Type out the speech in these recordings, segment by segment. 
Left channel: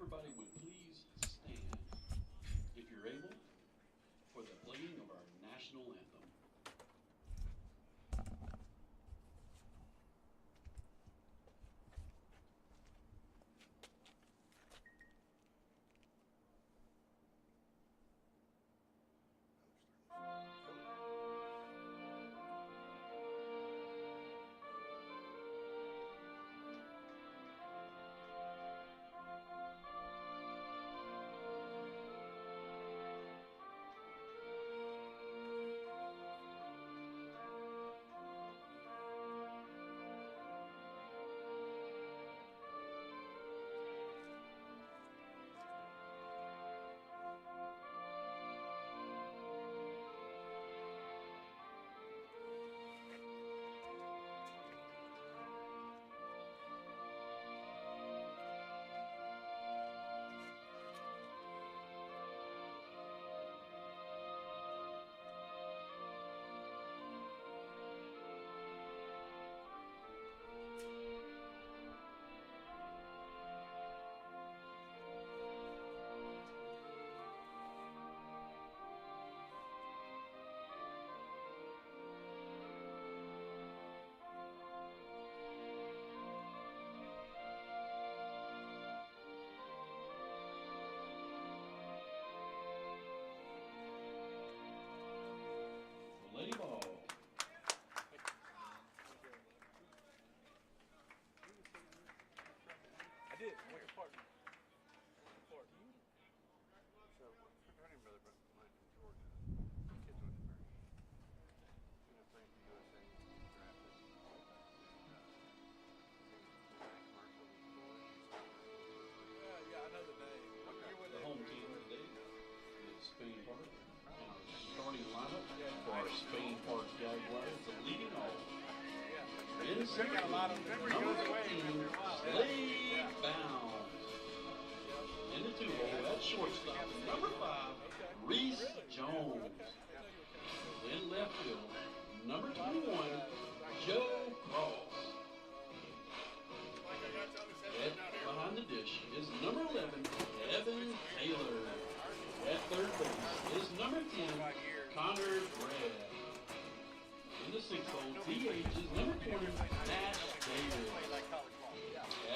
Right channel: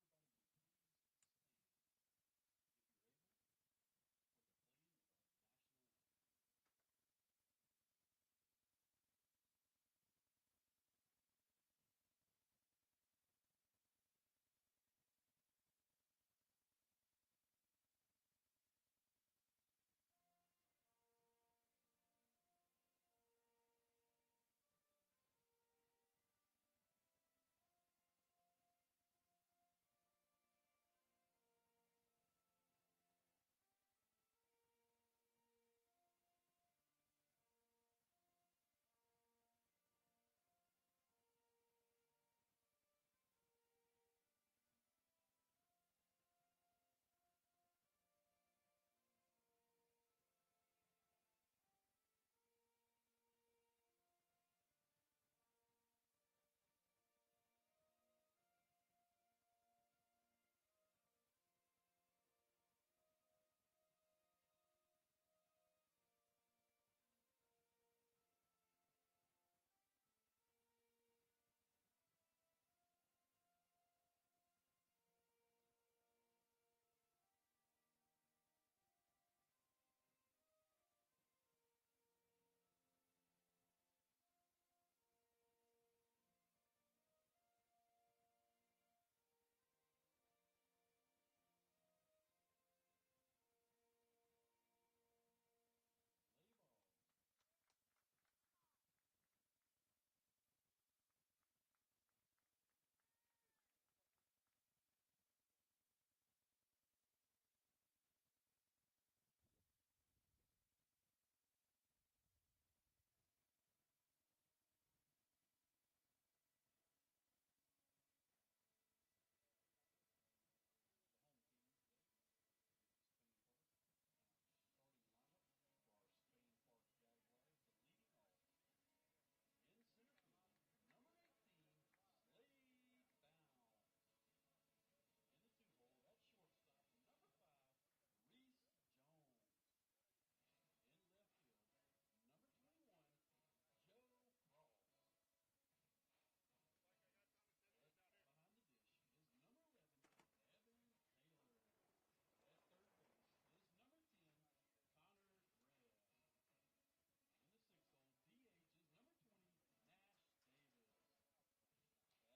everybody would please stand, if you're able, for the playing of our national anthem. Lady ball. I did. I want your partner. So, her name brother, but mine from Georgia. Kids went to Mary. She was playing for USA, drafted. Yeah, I know the name. The home team today is Spain Park. And our starting lineup for our Spain Park Jaguars, the leading off. In center, number 15, Slade Bounds. In the 2-hole at shortstop, number 5, Reese Jones. In left field, number 21, Joe Cross. Behind the dish is number 11, Evan Taylor. At third base is number 10, Connor Brad. In the 6-hole, DH is number 20, Nash Davis.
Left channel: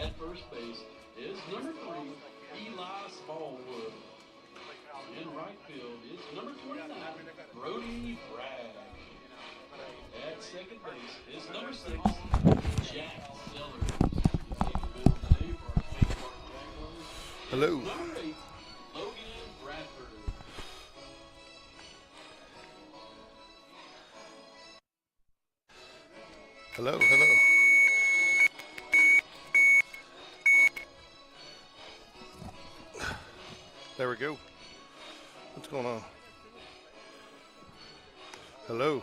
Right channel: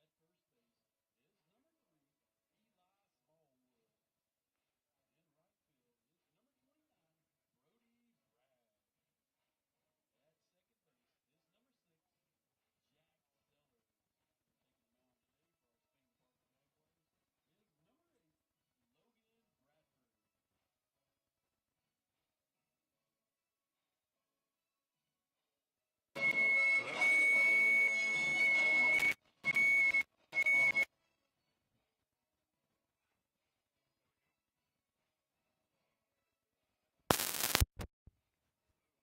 At first base is number 3, Eli Smallwood. In right field is number 29, Brody Bragg. At second base is number 6, Jack Sellers. Hello. Number 8, Logan Bradford. Hello, hello. There we go. What's going on? Hello.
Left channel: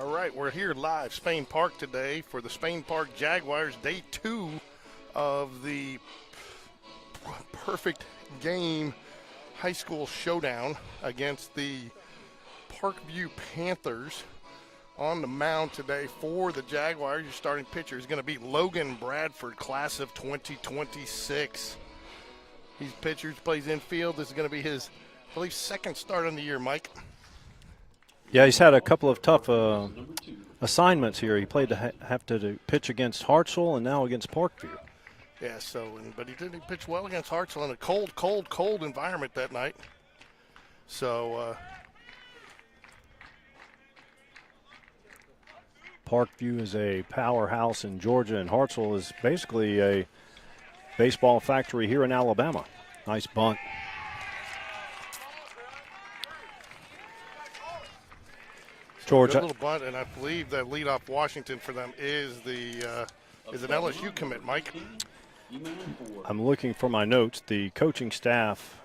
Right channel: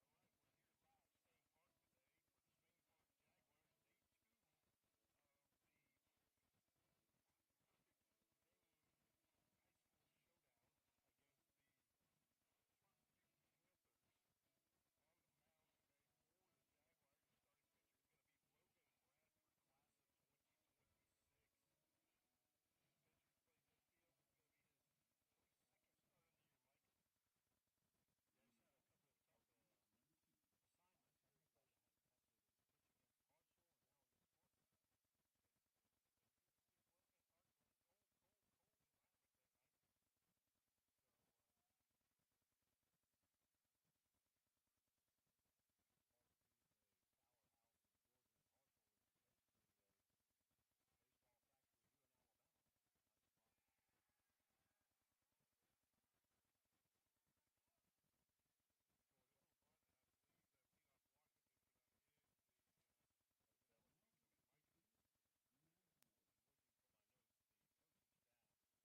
All right, we're here live, Spain Park today for the Spain Park Jaguars, day 2 of the perfect game high school showdown against the Parkview Panthers. On the mound today for the Jaguars, your starting pitcher is going to be Logan Bradford, class of 2026. He's pitcher, plays infield. This is going to be his, I believe, second start on the year, Mike. Yeah, he's had a couple of tough assignments here. He played to have to pitch against Hartsville and now against Parkview. Yeah, but he didn't pitch well against Hartsville in a cold environment that night. So, Parkview is a powerhouse in Georgia, and Hartsville is basically a baseball factory here in Alabama. Nice bunt. Georgia. Good little bunt, and I believe that leadoff Washington for them is an LSU commit, Mike. I'm looking for my notes. The coaching staff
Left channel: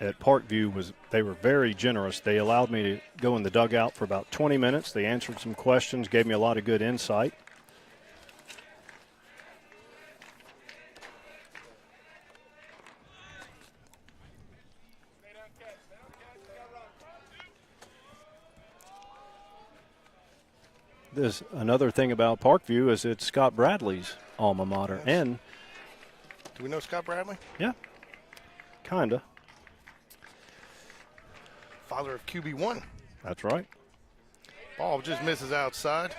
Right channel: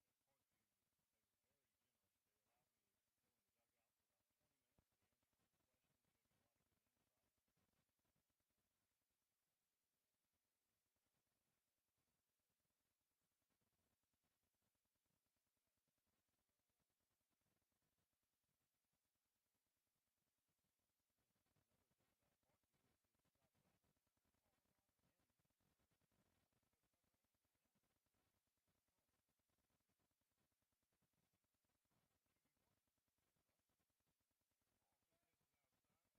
at Parkview they were very generous. They allowed me to go in the dugout for about 20 minutes. They answered some questions, gave me a lot of good insight. There's another thing about Parkview is it's Scott Bradley's alma mater. Yes. And Do we know Scott Bradley? yeah, kind of. Father of QB1. That's right. Ball just misses outside.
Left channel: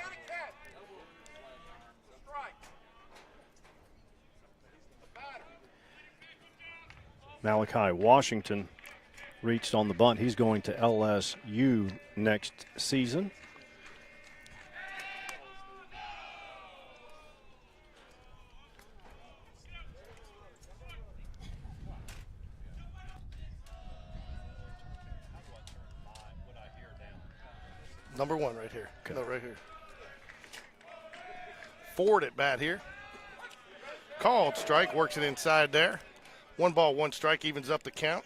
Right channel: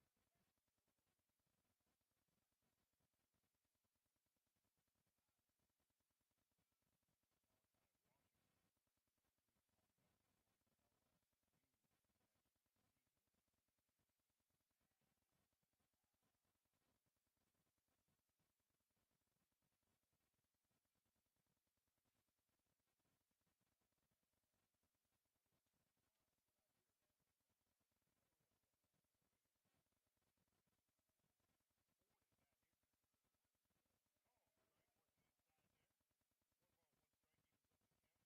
Malachi Washington reached on the bunt. He's going to LSU next season. Number 1 right here. Okay. No, right here. Ford at bat here. Called strike, works it inside there. 1 ball, 1 strike, evens up the count.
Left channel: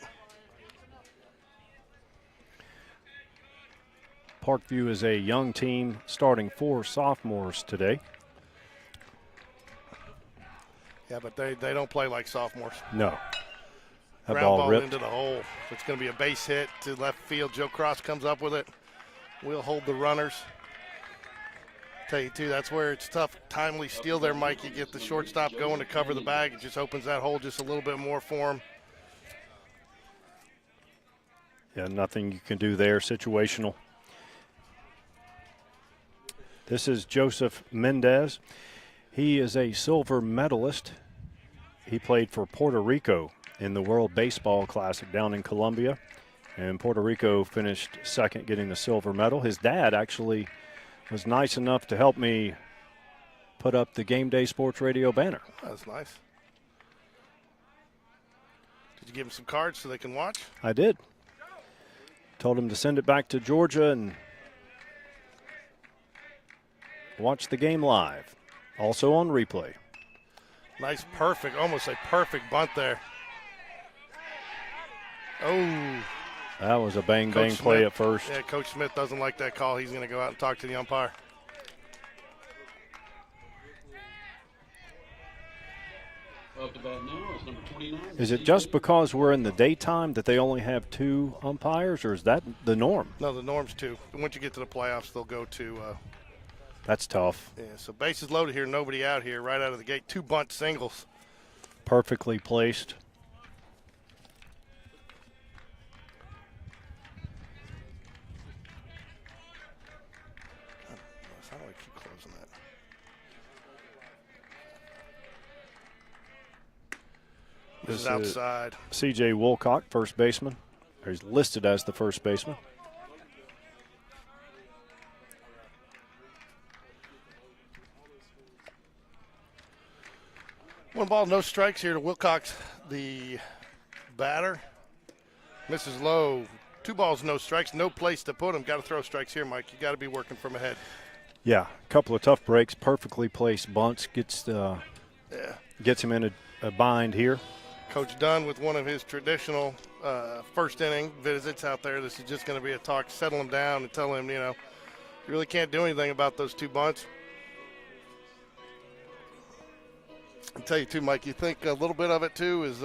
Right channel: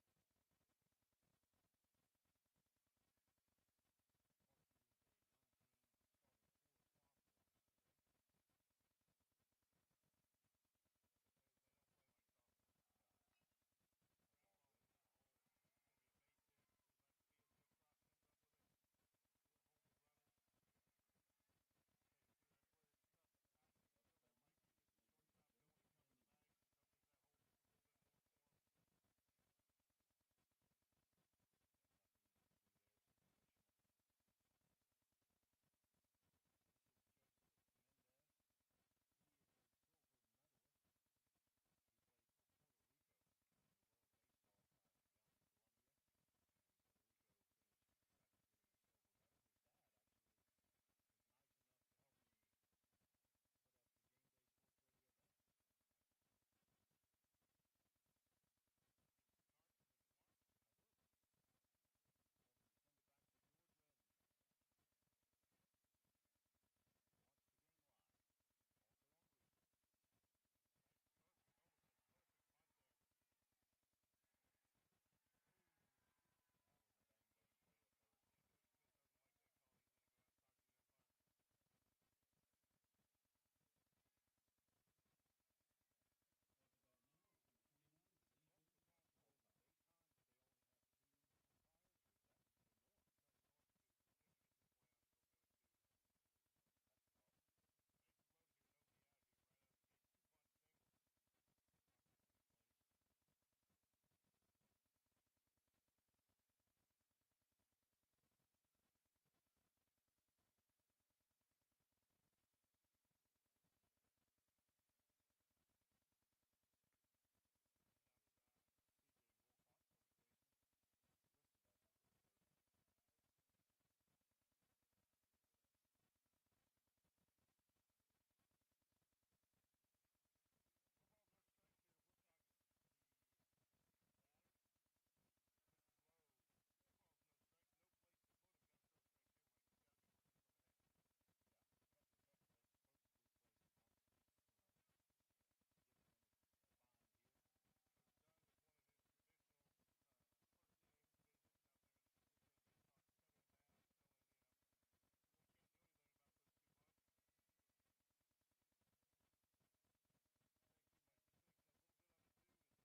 Parkview is a young team starting 4 sophomores today. Yeah, but they don't play like sophomores. No. That Ground ball ball ripped. into the hole. It's going to be a base hit to left field. Joe Cross comes up with it. We'll hold the runners. Tell you, too, that's where it's tough. Timely steal there, Mike. You get the shortstop going to cover the bag. It just opens that hole just a little bit more for him. Yeah, nothing you can do there. Situational. This is Joseph Mendez. He is a silver medalist. He played for Puerto Rico in the World Baseball Classic down in Colombia. And Puerto Rico finished second, getting the silver medal. His dad actually was nice enough to help me put up the Game Day Sports Radio banner. That's nice. Did you give them some cards so they can watch? I did. Told him to send it back to Georgia and watch the game live. Also on replay. Nice, perfect, almost a perfect bunt there. Oh. That was a bang-bang Coach play Smith. at first. Yeah, Coach Smith doesn't like that call. He's going to go out and talk to the umpire. Up to bat now is number 29. Is it just because we're in the daytime that they only have 2 umpires, or is that the norm? No, the norm's 2. Once you get to the playoffs, they'll go to That's tough. yeah, so bases loaded here, nobody out here right out of the gate. 2 bunt singles. Perfectly placed. How do I keep closing that? This is outside. C.J. Wilcock, first baseman. Or he's listed as the first baseman. One ball, no strikes here to Wilcox, the batter. Misses low. 2 balls, no strikes. No place to put him. Got to throw strikes here, Mike. You got to be working from ahead. Yeah, a couple of tough breaks, perfectly placed bunts. Gets him in a bind here. Coach Dunn with one of his traditional first inning visits out there. This is just going to be a talk, settle him down and tell him, you really can't do anything about those 2 bunts. I'll tell you, too, Mike, you think a little bit of it, too, is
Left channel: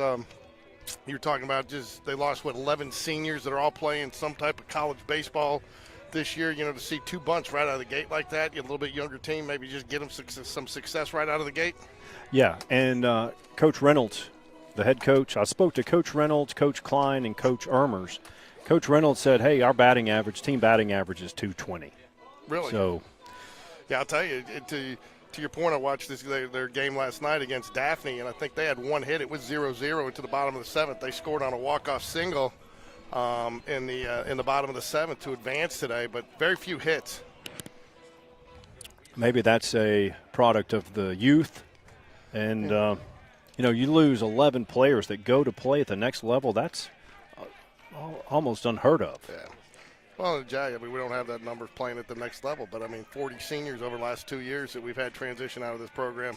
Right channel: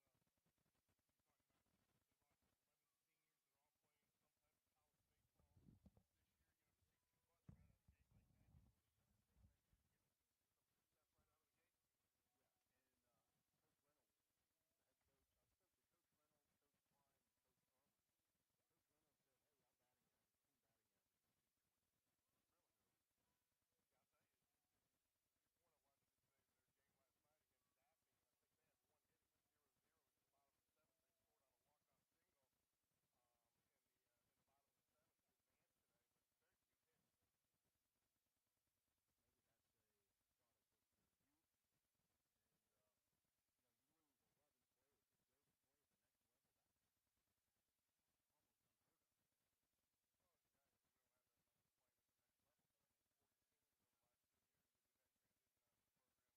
you were talking about just they lost, 11 seniors that are all playing some type of college baseball this year. To see 2 bunts right out of the gate like that, you have a little bit younger team, maybe just get them some success right out of the gate. Yeah, and Coach Reynolds, the head coach, I spoke to Coach Reynolds, Coach Klein, and Coach Ermers. Coach Reynolds said, hey, our team batting average is 220. Really? So, yeah, I'll tell you, to your point, I watched their game last night against Daphne, and I think they had 1 hit. It was 0-0 into the bottom of the 7th. They scored on a walk-off single in the bottom of the 7th to advance today, but very few hits. maybe that's a product of the youth. And, you lose 11 players that go to play at the next level. That's almost unheard of. Yeah. Well, Jag, we don't have that number playing at the next level, but 40 seniors over the last 2 years that we've had transition out of this program.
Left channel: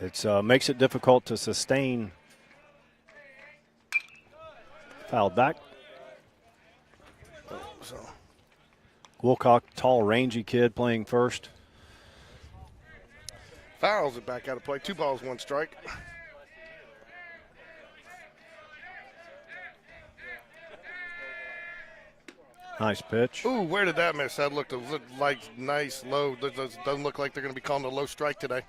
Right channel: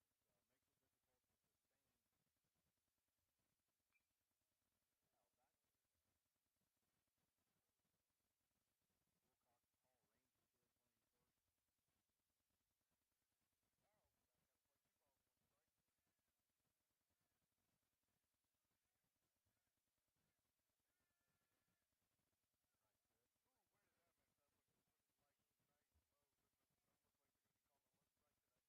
It makes it difficult to sustain. Fouled back. So Wilcock, tall, rangy kid playing first. fouls it back out of play. 2 balls, 1 strike. Nice pitch. Ooh, where did that miss? That looked like nice low. Doesn't look like they're going to be calling a low strike today.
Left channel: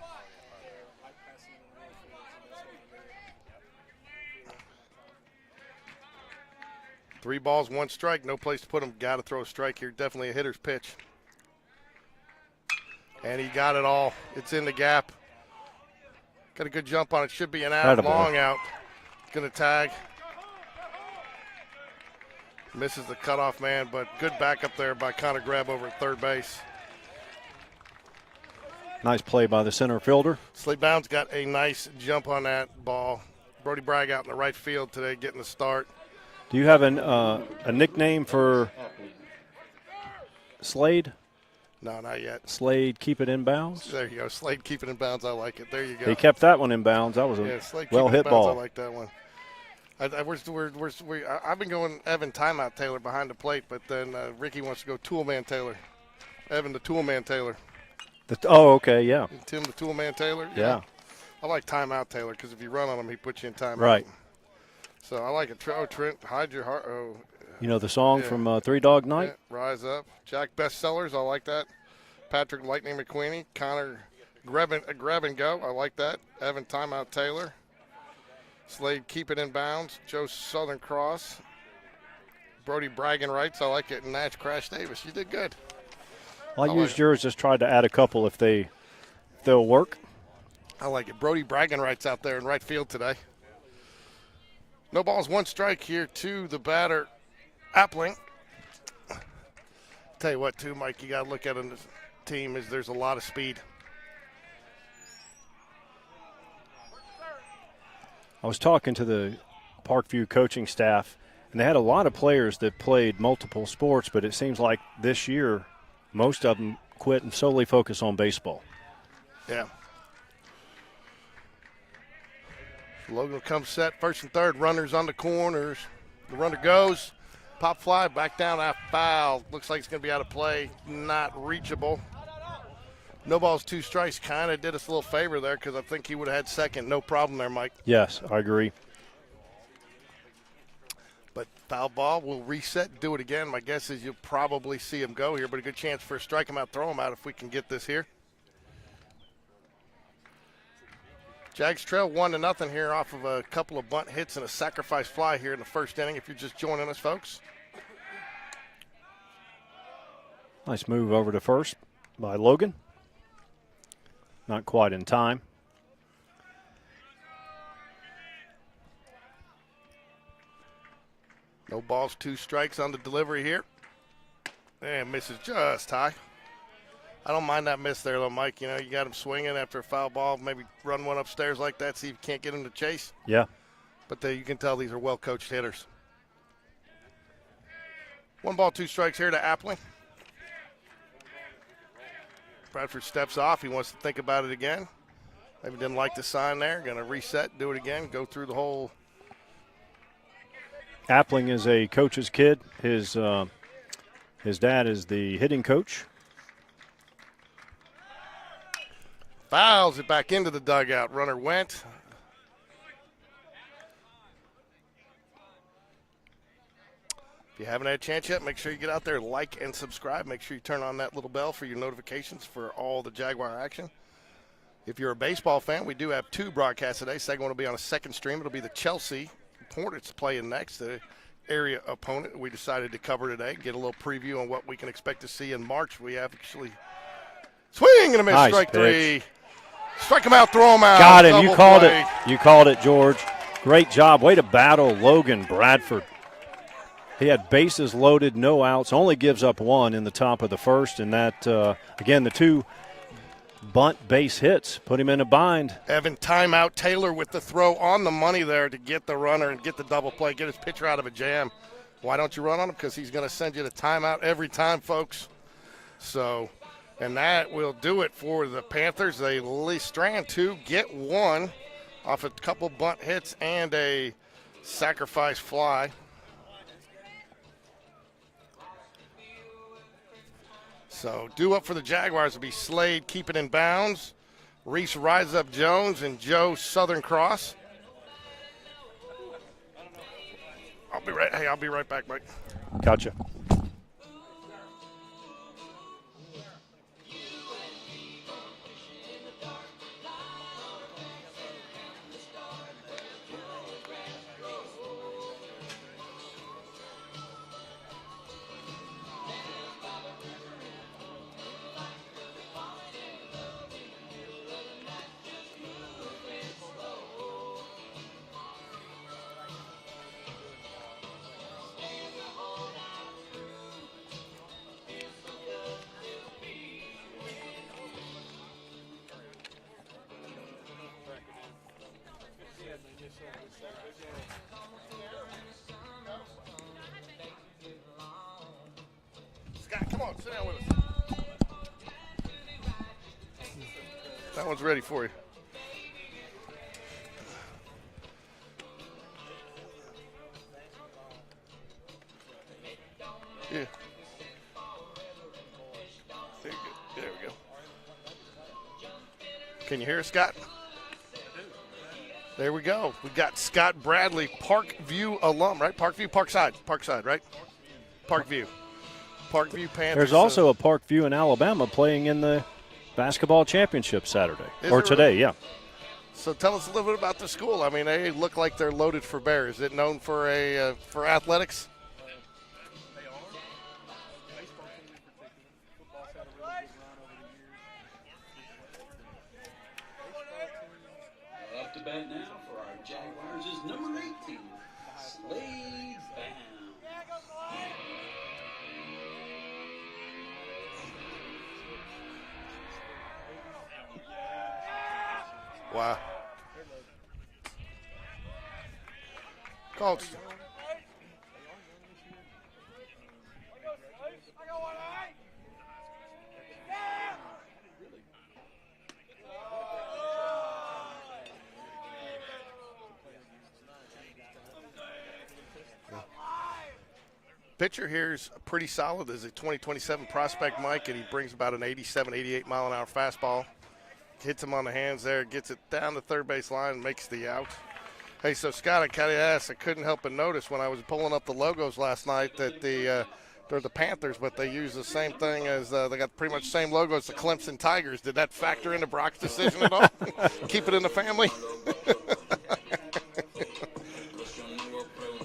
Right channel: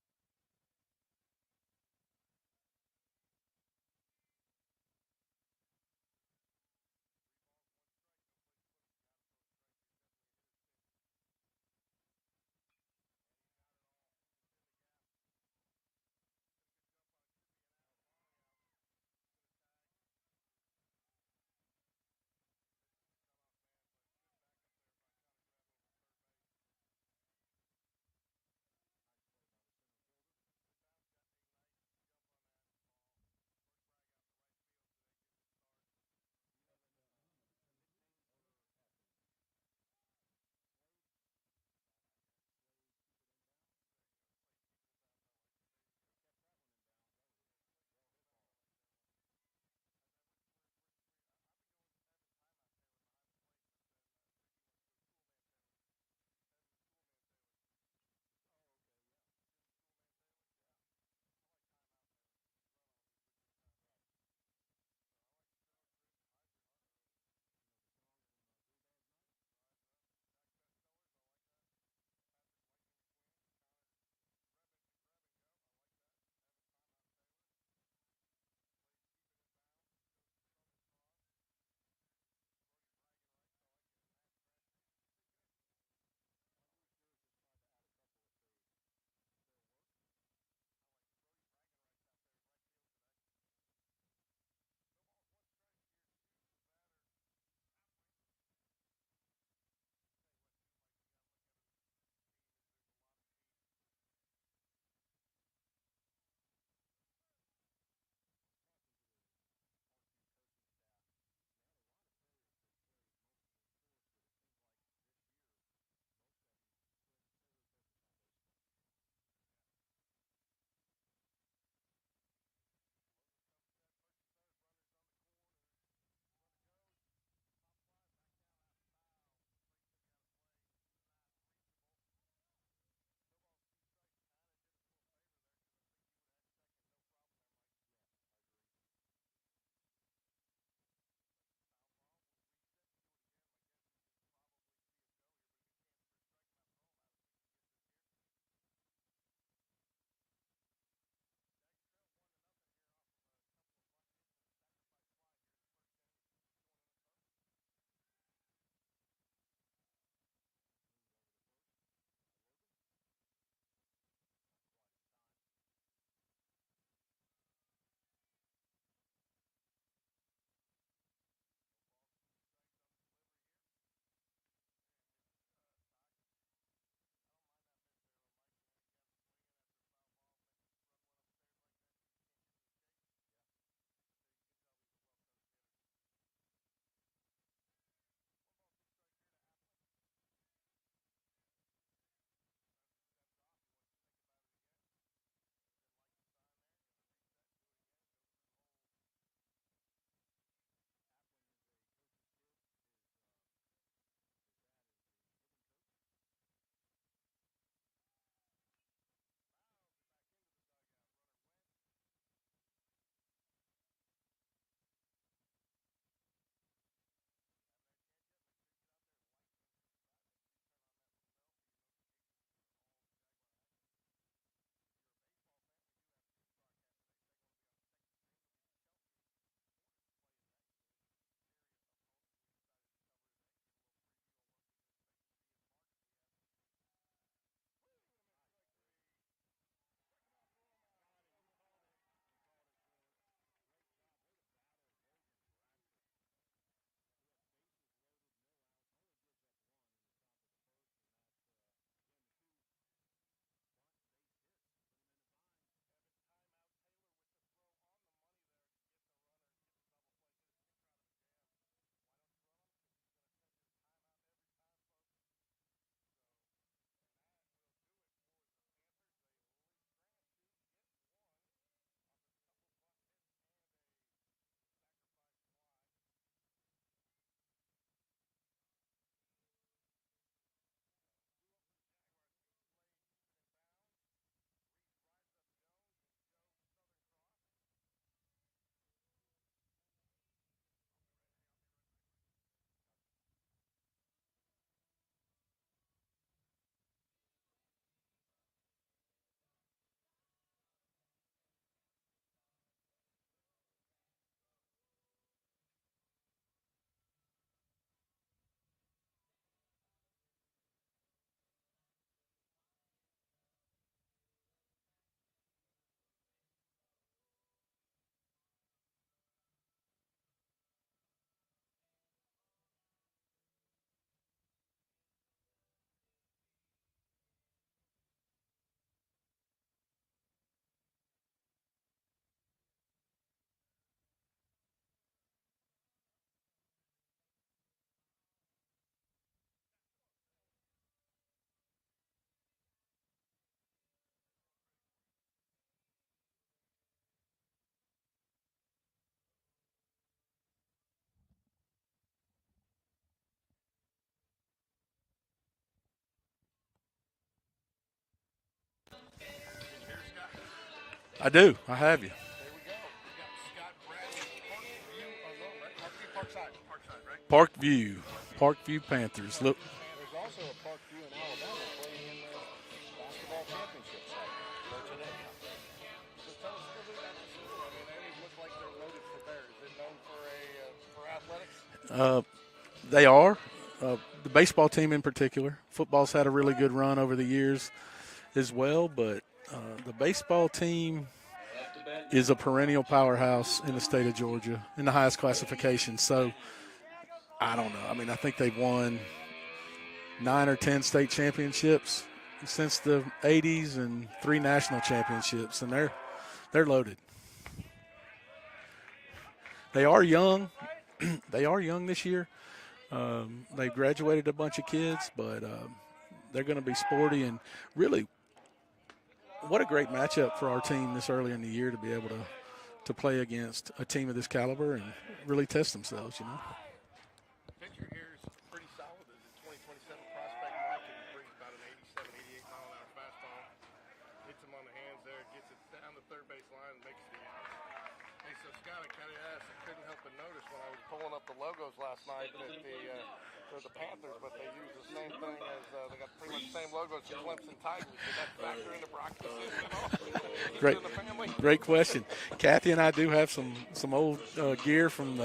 Three balls, one strike. No place to put them. Got to throw a strike here. Definitely a hitter's pitch. And he got it all. It's in the gap. Got a good jump on it. Should be an out. Long out. Going to tag. Misses the cutoff man, but good backup there by Connor Greb over at third base. Nice play by the center fielder. Slade Bounds got a nice jump on that ball. Brody Bragg out in the right field today getting the start. Do you have a nickname for Slade? No, not yet. Slade, keep it in bounds? There you go. Slade, keep it in bounds. I like it. There you go. He kept that one in bounds. That was a well-hit ball. I like that one. I've been going Evan Timeout Taylor behind the plate, but then Ricky wants to go Toolman Taylor. Evan the Toolman Taylor. Okay, yeah. And Tim the Toolman Taylor. Yeah. I like Timeout Taylor because if you run on him, he puts you in timeout. Right. So I like it. Trent, hide your heart. Oh. You know the song from Three Dog Night? Yeah, Rise Up. Jack Bestsellers, I like that. Patrick Lightning McQueenie. Connor Grab and Go, I like that. Evan Timeout Taylor. Slade, keep it in bounds. Joe Southern Cross. Brody bragging rights, I like it. And Nash Crash Davis, you did good. I used yours, just tried to add a couple if they'll work. I like it. Brody bragging rights out there in right field today. No balls, one strike here to the batter, Appling. Tell you what, too, Mike, you got to look at in the team is there's a lot of speed. I was talking to the Parkview coaching staff, and they had a lot of players that played multiple sports, but it seems like this year most of them quit and solely focus on baseball. Yeah. Logan comes set, first and third, runners on the corners. The runner goes, pop fly, back down, out foul. Looks like it's going to be out of play, not reachable. No balls, two strikes, kind of did us a little favor there because I think he would have had second. No problem there, Mike. Yes, I agree. But foul ball, we'll reset, do it again. My guess is you'll probably see him go here, but a good chance for a strike him out, throw him out if we can get this here. Jags trail 1-0 here off of a couple of bunt hits and a sacrifice fly here in the first inning if you're just joining us, folks. Nice move over to first by Logan. Not quite in time. No balls, two strikes on the delivery here. And misses just high. I don't mind that miss there, though, Mike. You know, you got him swinging after a foul ball, maybe run one upstairs like that, see if you can't get him to chase. Yeah. But you can tell these are well-coached hitters. 1 ball, 2 strikes here to Appling. Bradford steps off. He wants to think about it again. Maybe didn't like the sign there. Going to reset, do it again, go through the whole. Appling is a coach's kid. His dad is the hitting coach. Fouls it back into the dugout. Runner went. If you haven't had a chance yet, make sure you get out there, like and subscribe. Make sure you turn on that little bell for your notifications for all the Jaguar action. If you're a baseball fan, we do have 2 broadcasts today. Second one will be on a second stream. It'll be the Chelsea Hornets playing next, the area opponent we decided to cover today. Get a little preview on what we can expect to see in March. We have actually swing and a miss, nice strike pitch. 3. Strike him out, throw him out. Got him. You called play. it. You called it, George. Great job. Way to battle Logan Bradford. He had bases loaded, no outs, only gives up 1 in the top of the first, and that, again, the 2 bunt base hits put him in a bind. Evan Timeout Taylor with the throw on the money there to get the runner and get the double play, get his pitcher out of a jam. Why don't you run on him? Because he's going to send you to timeout every time, folks. So, and that will do it for the Panthers. They strand 2, get 1 off a couple bunt hits and a sacrifice fly. So due up for the Jaguars will be Slade, keep it in bounds. Reese Rise Up Jones and Joe Southern Cross. I'll be right back, Mike. Gotcha. Scott, come on, sit down with us. That one's ready for you. Yeah. There we go. Can you hear us, Scott? I do. I have you. There we go. We got Scott Bradley, Parkview alum, right? Parkview, Parkside, right? Parkview. Parkview Panthers. Parkview Panthers. There's also a Parkview in Alabama playing in the basketball championship Saturday or today, really? Yeah. So tell us a little bit about the school. I mean, they look like they're loaded for bear. Is it known for for athletics? They are. The baseball team in particular. Football's had a really good run over the years as well, but the baseball team is a perennial powerhouse in the state of Georgia in the highest classification. So I don't know. I mean, I think they've won 9 or 10 state championships since the 80s and 3 national championships, and they're loaded. They are young. They are young this year. They graduated a bunch of kids, but they're going to be sporty, and really what a great matchup for our team this early in the year to be able to play against a team of this caliber and really test themselves, you know. Pitcher here is pretty solid. There's a 2027 prospect, Mike, and he brings about an 87, 88 mile-an-hour fastball. Hits him on the hands there, gets it down the third base line, and makes the out. Hey, so Scott, I kind of asked, I couldn't help but notice when I was pulling up the logos last night that they're the Panthers, but they use the same thing as they got pretty much the same logo as the Clemson Tigers. Did that factor into Brock's decision at all? Keep it in the family? Great question. Kathy and I do have some old gear from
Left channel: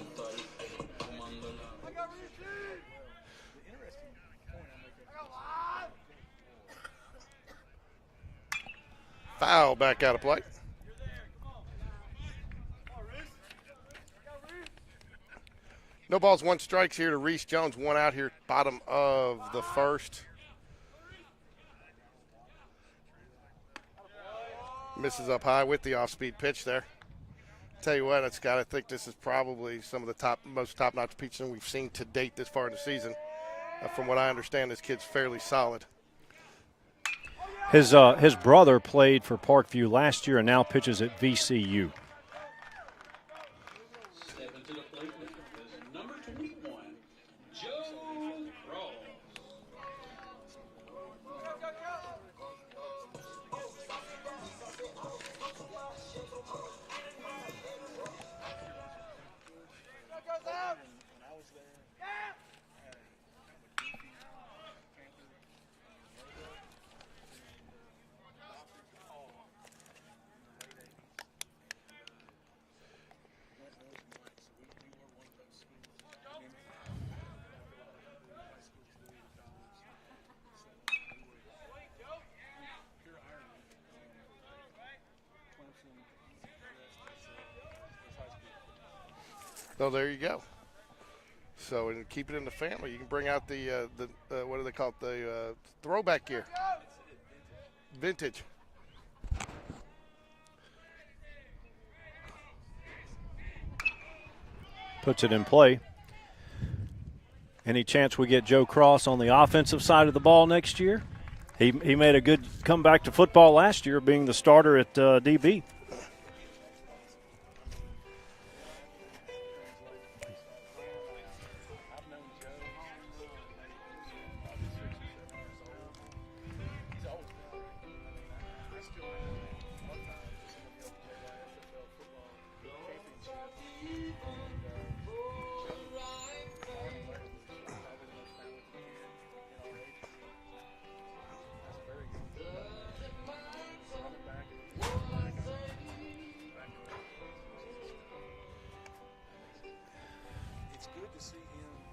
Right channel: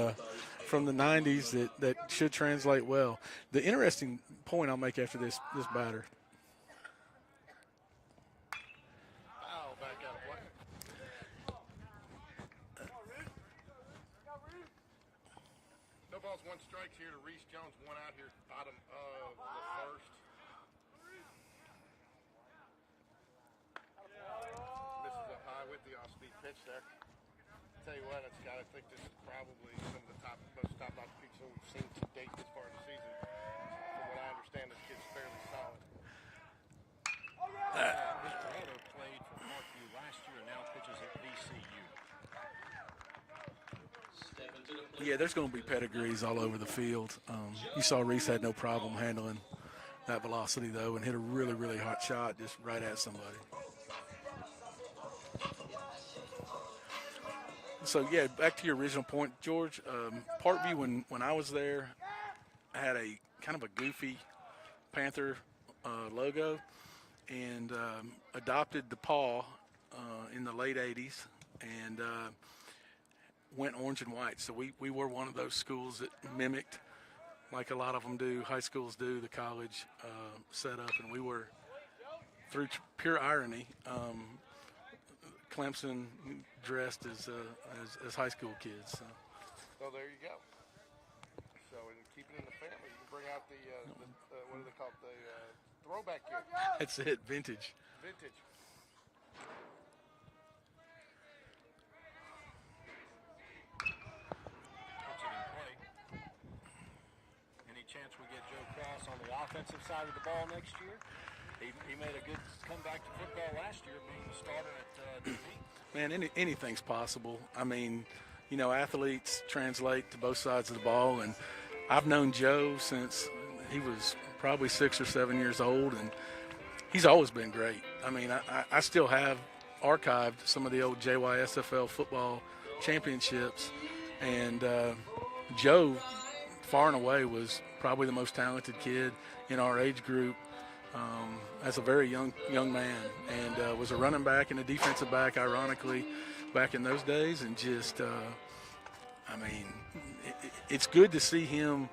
the 90s that should translate well. The interesting point I'll make after this batter. Foul back out of play. No balls, 1 strikes here to Reese Jones. 1 out here, bottom of the first. Misses up high with the off-speed pitch there. Tell you what, Scott, I think this is probably some of the most top-notch pitching we've seen to date this far in the season. From what I understand, this kid's fairly solid. His brother played for Parkview last year and now pitches at VCU. Yeah, there's going to be pedigrees all over the field. You saw Reese had no problem handling that velocity, though, and hit a really, really hot shot just right at somebody. So, yeah, back to your original point, George. Parkview, when I was there, had a kind of a goofy Panther logo and adopted the paw in the late 80s and went orange and white. So we were one of those schools that mimicked, like a lot of them do, high schools do, the college setup. And we were, through pure irony, Clemson dressed as high school kids. So there you go. So and keep it in the family. You can bring out the what do they call it? The throwback gear. That's it, vintage. Vintage. Puts it in play. Any chance we get Joe Cross on the offensive side of the ball next year? He made a good comeback to football last year, being the starter at DB. Man, anything's possible. I mean, you know, athletes translate to both sides of the ball, and I've known Joe since he was probably 6 or 7 years old, and he's always been great. I mean, I still have archived some of the old JYSFL football championships, and Joe, far and away, was probably the most talented kid in our age group as a very young man, and was a running back and a defensive back, ironically, back in those days. And just, I mean, it's good to see him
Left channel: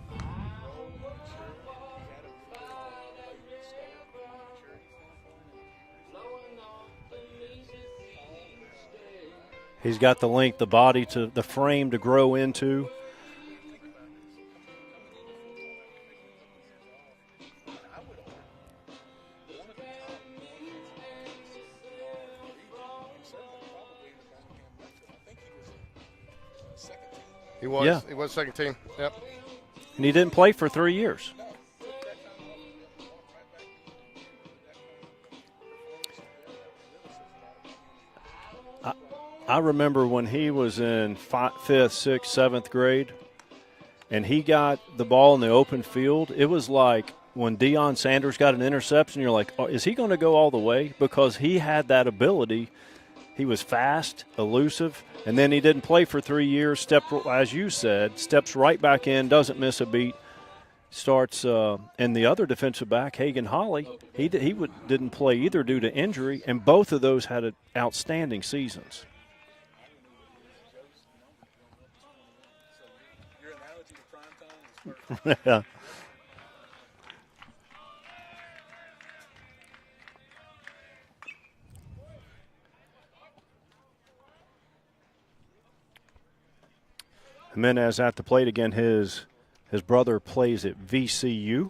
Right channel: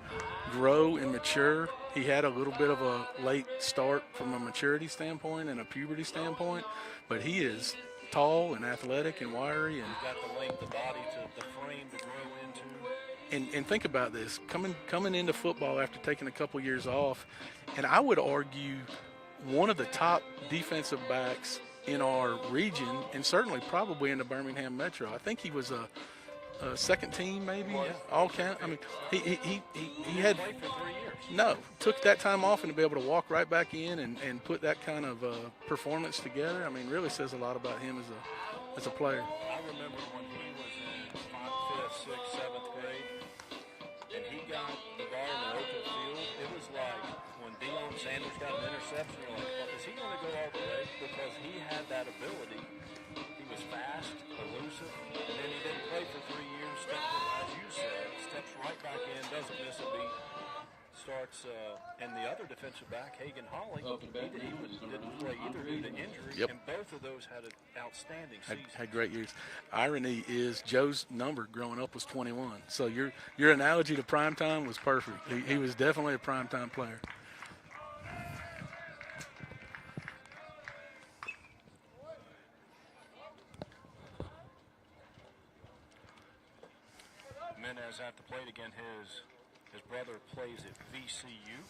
grow and mature. He had a little bit of a late start from a maturity standpoint and a puberty standpoint, but he is tall and athletic and wiry. And he's got the length, the body, to the frame to grow into. And think about this, coming into football after taking a couple years off, and I would argue one of the top defensive backs in our region, and certainly probably in the Birmingham Metro. I think he was second team maybe. He was. Yeah. He was second team. Yep. And he didn't play for 3 years. No, took that time off and to be able to walk right back in and put that kind of performance together. I mean, really says a lot about him as a player. I remember when he was in 5th, 6th, 7th grade, and he got the ball in the open field. It was like when Deion Sanders got an interception, you're like, oh, is he going to go all the way? Because he had that ability. He was fast, elusive, and then he didn't play for 3 years. As you said, steps right back in, doesn't miss a beat. Starts, and the other defensive back, Hagan Holly, didn't play either due to injury, and both of those had outstanding seasons. Had great years. Irony is Joe's number growing up was 21. So your analogy to primetime was perfect. He was definitely a primetime player. Jimenez at the plate again. His brother plays at VCU.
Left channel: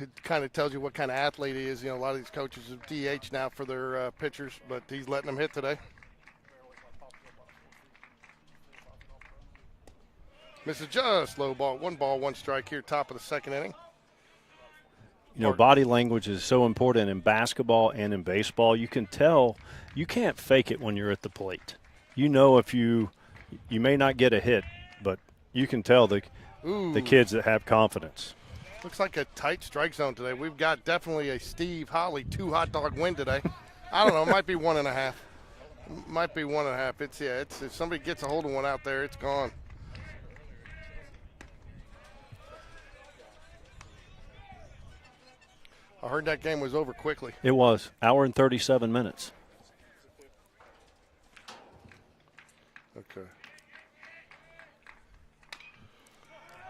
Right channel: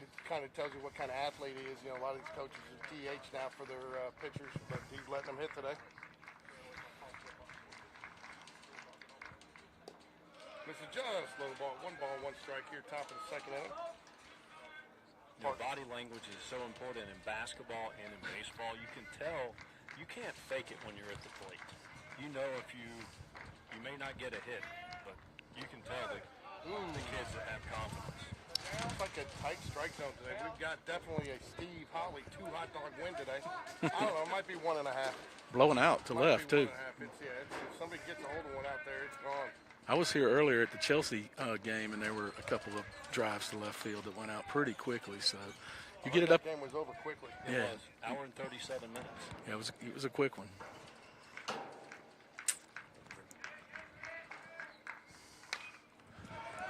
It kind of tells you what kind of athlete he is. You know, a lot of these coaches are DH now for their pitchers, but he's letting them hit today. Misses just low ball. 1 ball, 1 strike here, top of the second inning. You know, body language is so important in basketball and in baseball. You can tell you can't fake it when you're at the plate. You know, if you may not get a hit, but you can tell the kids that have confidence. Looks like a tight strike zone today. We've got definitely a Steve Holly 2 hot dog win today. I don't know. It might be 1.5. Blowing out. It might be 1.5. It's if somebody gets a hold of one out there, it's gone. I was here earlier at the Chelsea game, and there were a couple of drives to left field that went out pretty quickly. So I heard that game was over quickly. It was. Hour and 37 minutes. Yeah, it was a quick one. Okay.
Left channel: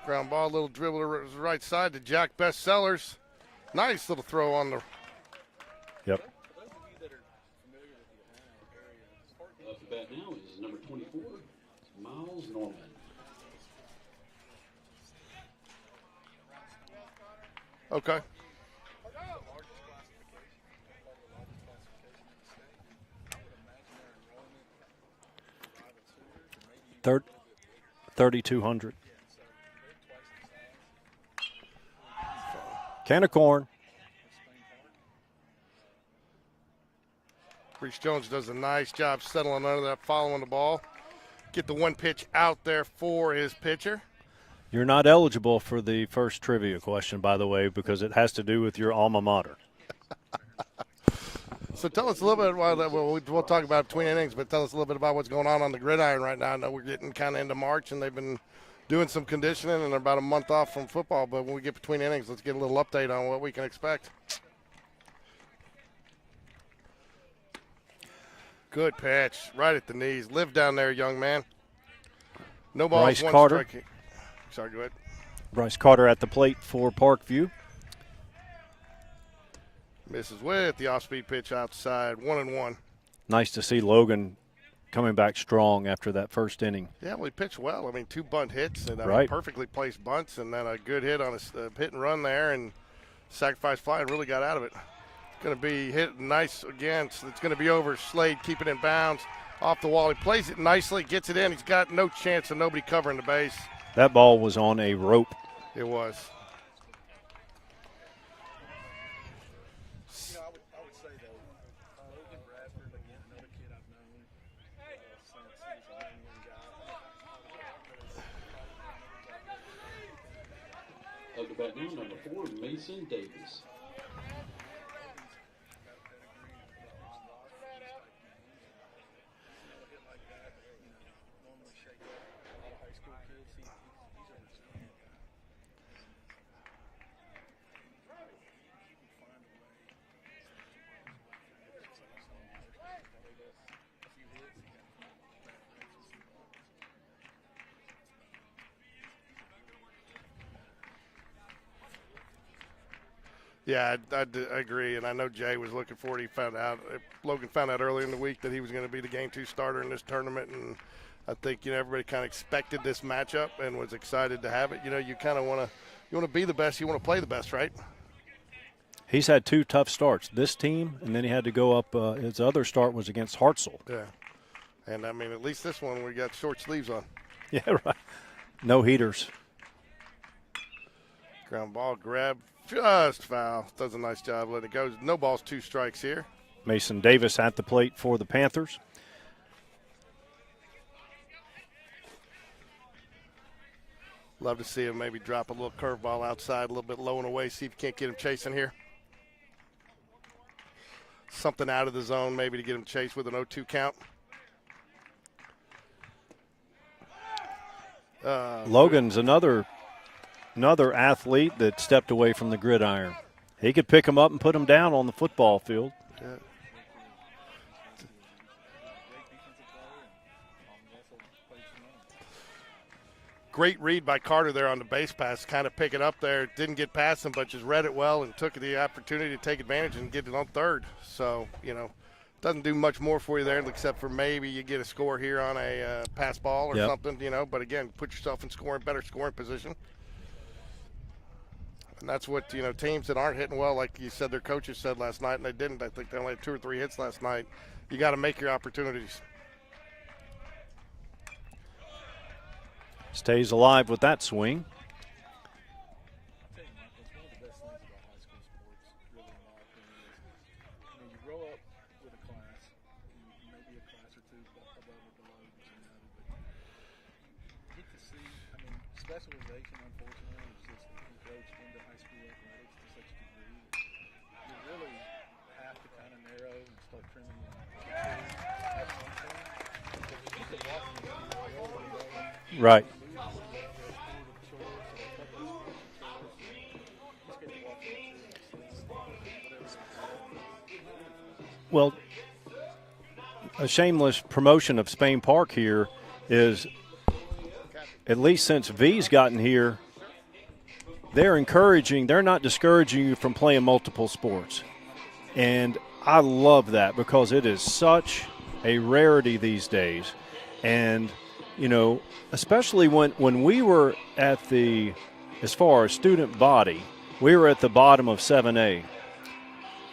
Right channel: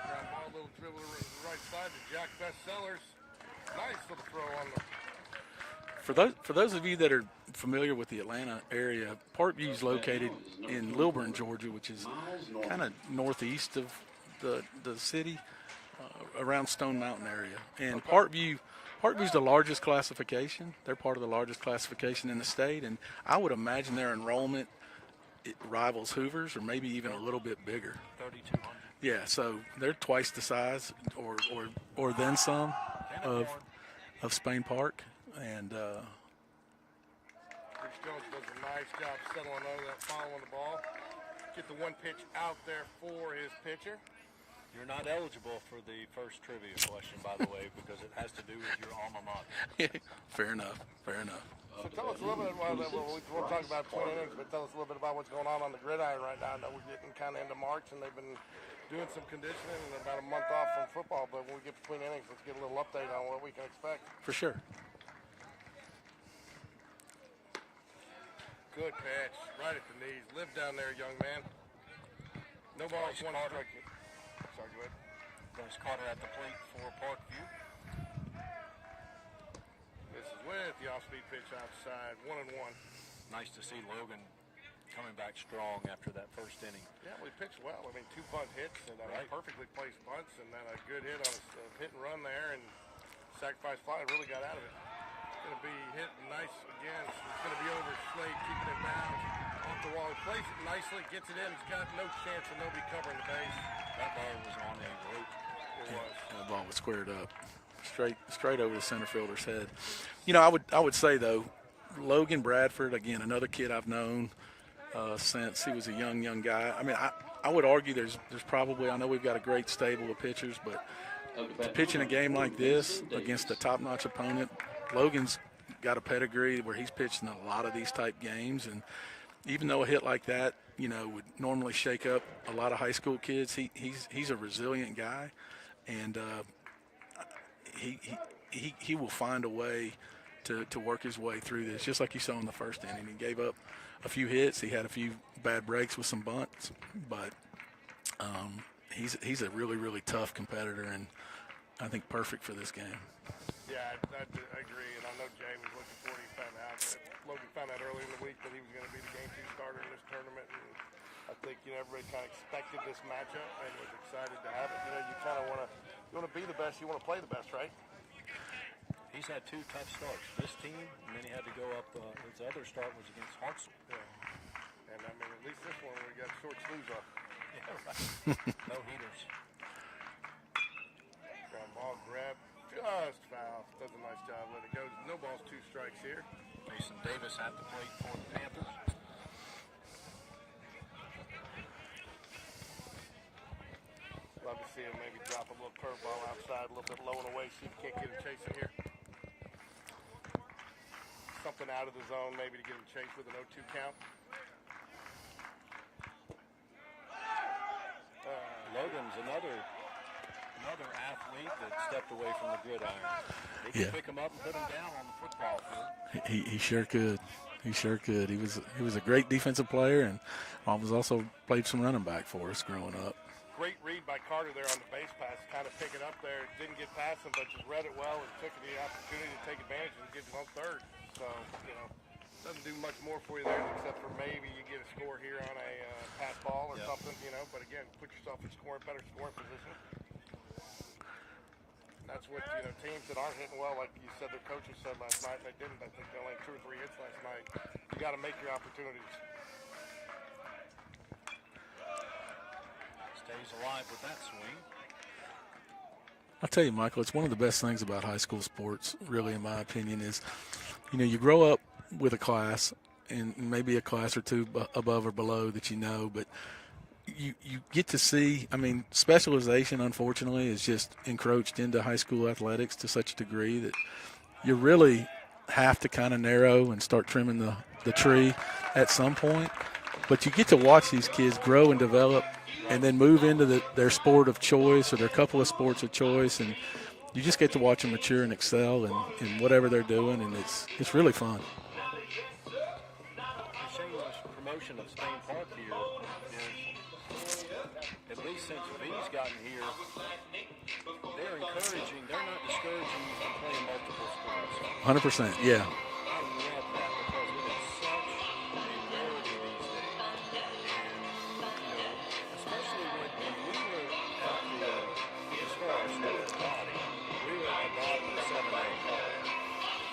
Ground ball, little dribble to the right side to Jack Bestsellers. Nice little throw on the. For those of you that are familiar with the Atlanta area, Parkview is located in Lilburn, Georgia, which is kind of northeast of the city, around Stone Mountain area. And Parkview's the largest classification. They're part of the largest classification in the state, and I would imagine their enrollment it rivals Hoover's, or maybe even a little bit bigger. 3,200. Yeah, so they're twice the size, or then some. Can of corn of Spain Park, and. Reese Jones does a nice job settling under that, following the ball. Get the 1 pitch out there for his pitcher. You're not eligible for the first trivia question, by the way, because it has to do with your alma mater. Fair enough. So tell us a little bit about, we'll talk about between innings, but tell us a little bit about what's going on the gridiron right now. I know we're getting kind of into March, and they've been doing some conditioning, and they're about a month off from football. But when we get between innings, let's get a little update on what we can expect. For sure. Good pitch, right at the knees. Live down there, young man. No balls, Bryce 1 Carter. strike. Sorry, go ahead. Bryce Carter at the plate for Parkview. Misses with the off-speed pitch outside, 1-1. Nice to see Logan coming back strong after that first inning. Yeah, well, he pitched well. I mean, 2 bunt hits and perfectly placed bunts, and then a good hit on a hit and run there, and sacrifice fly, and really got out of it. Going to be hit nice again. So it's going to be over. Slade keeping it in bounds off the wall. He plays it nicely, gets it in. He's got no chance of nobody covering the base. That ball was on a rope. It was. That ball was squared up, straight over the center fielder's head. You know, I would say though, Logan Bradford, again, another kid I've known since he was a young guy. I mean, I would argue there's probably, I know we've got a great stable of pitchers, but to pitch in a game like this against a top-notch opponent, Logan's got a pedigree where he's pitched in a lot of these type games, and even though a hit like that, you know, would normally shake up a lot of high school kids, he's a resilient guy, and he will find a way to work his way through this, just like you saw in the first inning. He gave up a few hits, he had a few bad breaks with some bunts, but he's a really tough competitor, and I think perfect for this game. Yeah, I agree, and I know Jay was looking for it. Logan found out early in the week that he was going to be the Game 2 starter in this tournament, and I think, you know, everybody kind of expected this matchup and was excited to have it. You know, you kind of want to be the best, you want to play the best, right? He's had 2 tough starts, this team, and then he had to go up. His other start was against Hartzell. Yeah. And, I mean, at least this one we got short sleeves on. Yeah, right. No heaters. Ground ball grab, just foul. Does a nice job letting it go. No balls, 2 strikes here. Mason Davis at the plate for the Panthers. Love to see him maybe drop a little curveball outside, a little bit low and away, see if you can't get him chasing here. Something out of the zone maybe to get him chased with an 0-2 count. Logan's another athlete that stepped away from the gridiron. He could pick him up and put him down on the football field. He sure could. He sure could. He was a great defensive player and was also played some running back for us growing up. Great read by Carter there on the base pass, kind of pick it up there. Didn't get past him, but just read it well and took the opportunity to take advantage and get it on third. So, doesn't do much more for you there except for maybe you get a score here on a pass ball or something, But, again, put yourself in better scoring position. And that's what, teams that aren't hitting well, like you said their coaches said last night, and they didn't. I think they only had 2 or 3 hits last night. You got to make your opportunities. Stays alive with that swing. I'll tell you, Michael, it's one of the best things about high school sports, really, in my opinion, is, you grow up with a class and maybe a class or 2 above or below that but you get to see, specialization, unfortunately, is just encroached into high school athletics to such a degree that you really have to kind of narrow and start trimming the tree at some point. But you get to watch these kids grow and develop and then move into their sport of choice or their couple of sports of choice, and you just get to watch them mature and excel in whatever they're doing, and it's really fun. Well, a shameless promotion of Spain Park here is, at least since V's gotten here, they're not discouraging you from playing multiple sports. 100%. And I love that because it is such a rarity these days. And, especially when we were as far as student body, we were at the bottom of 7A.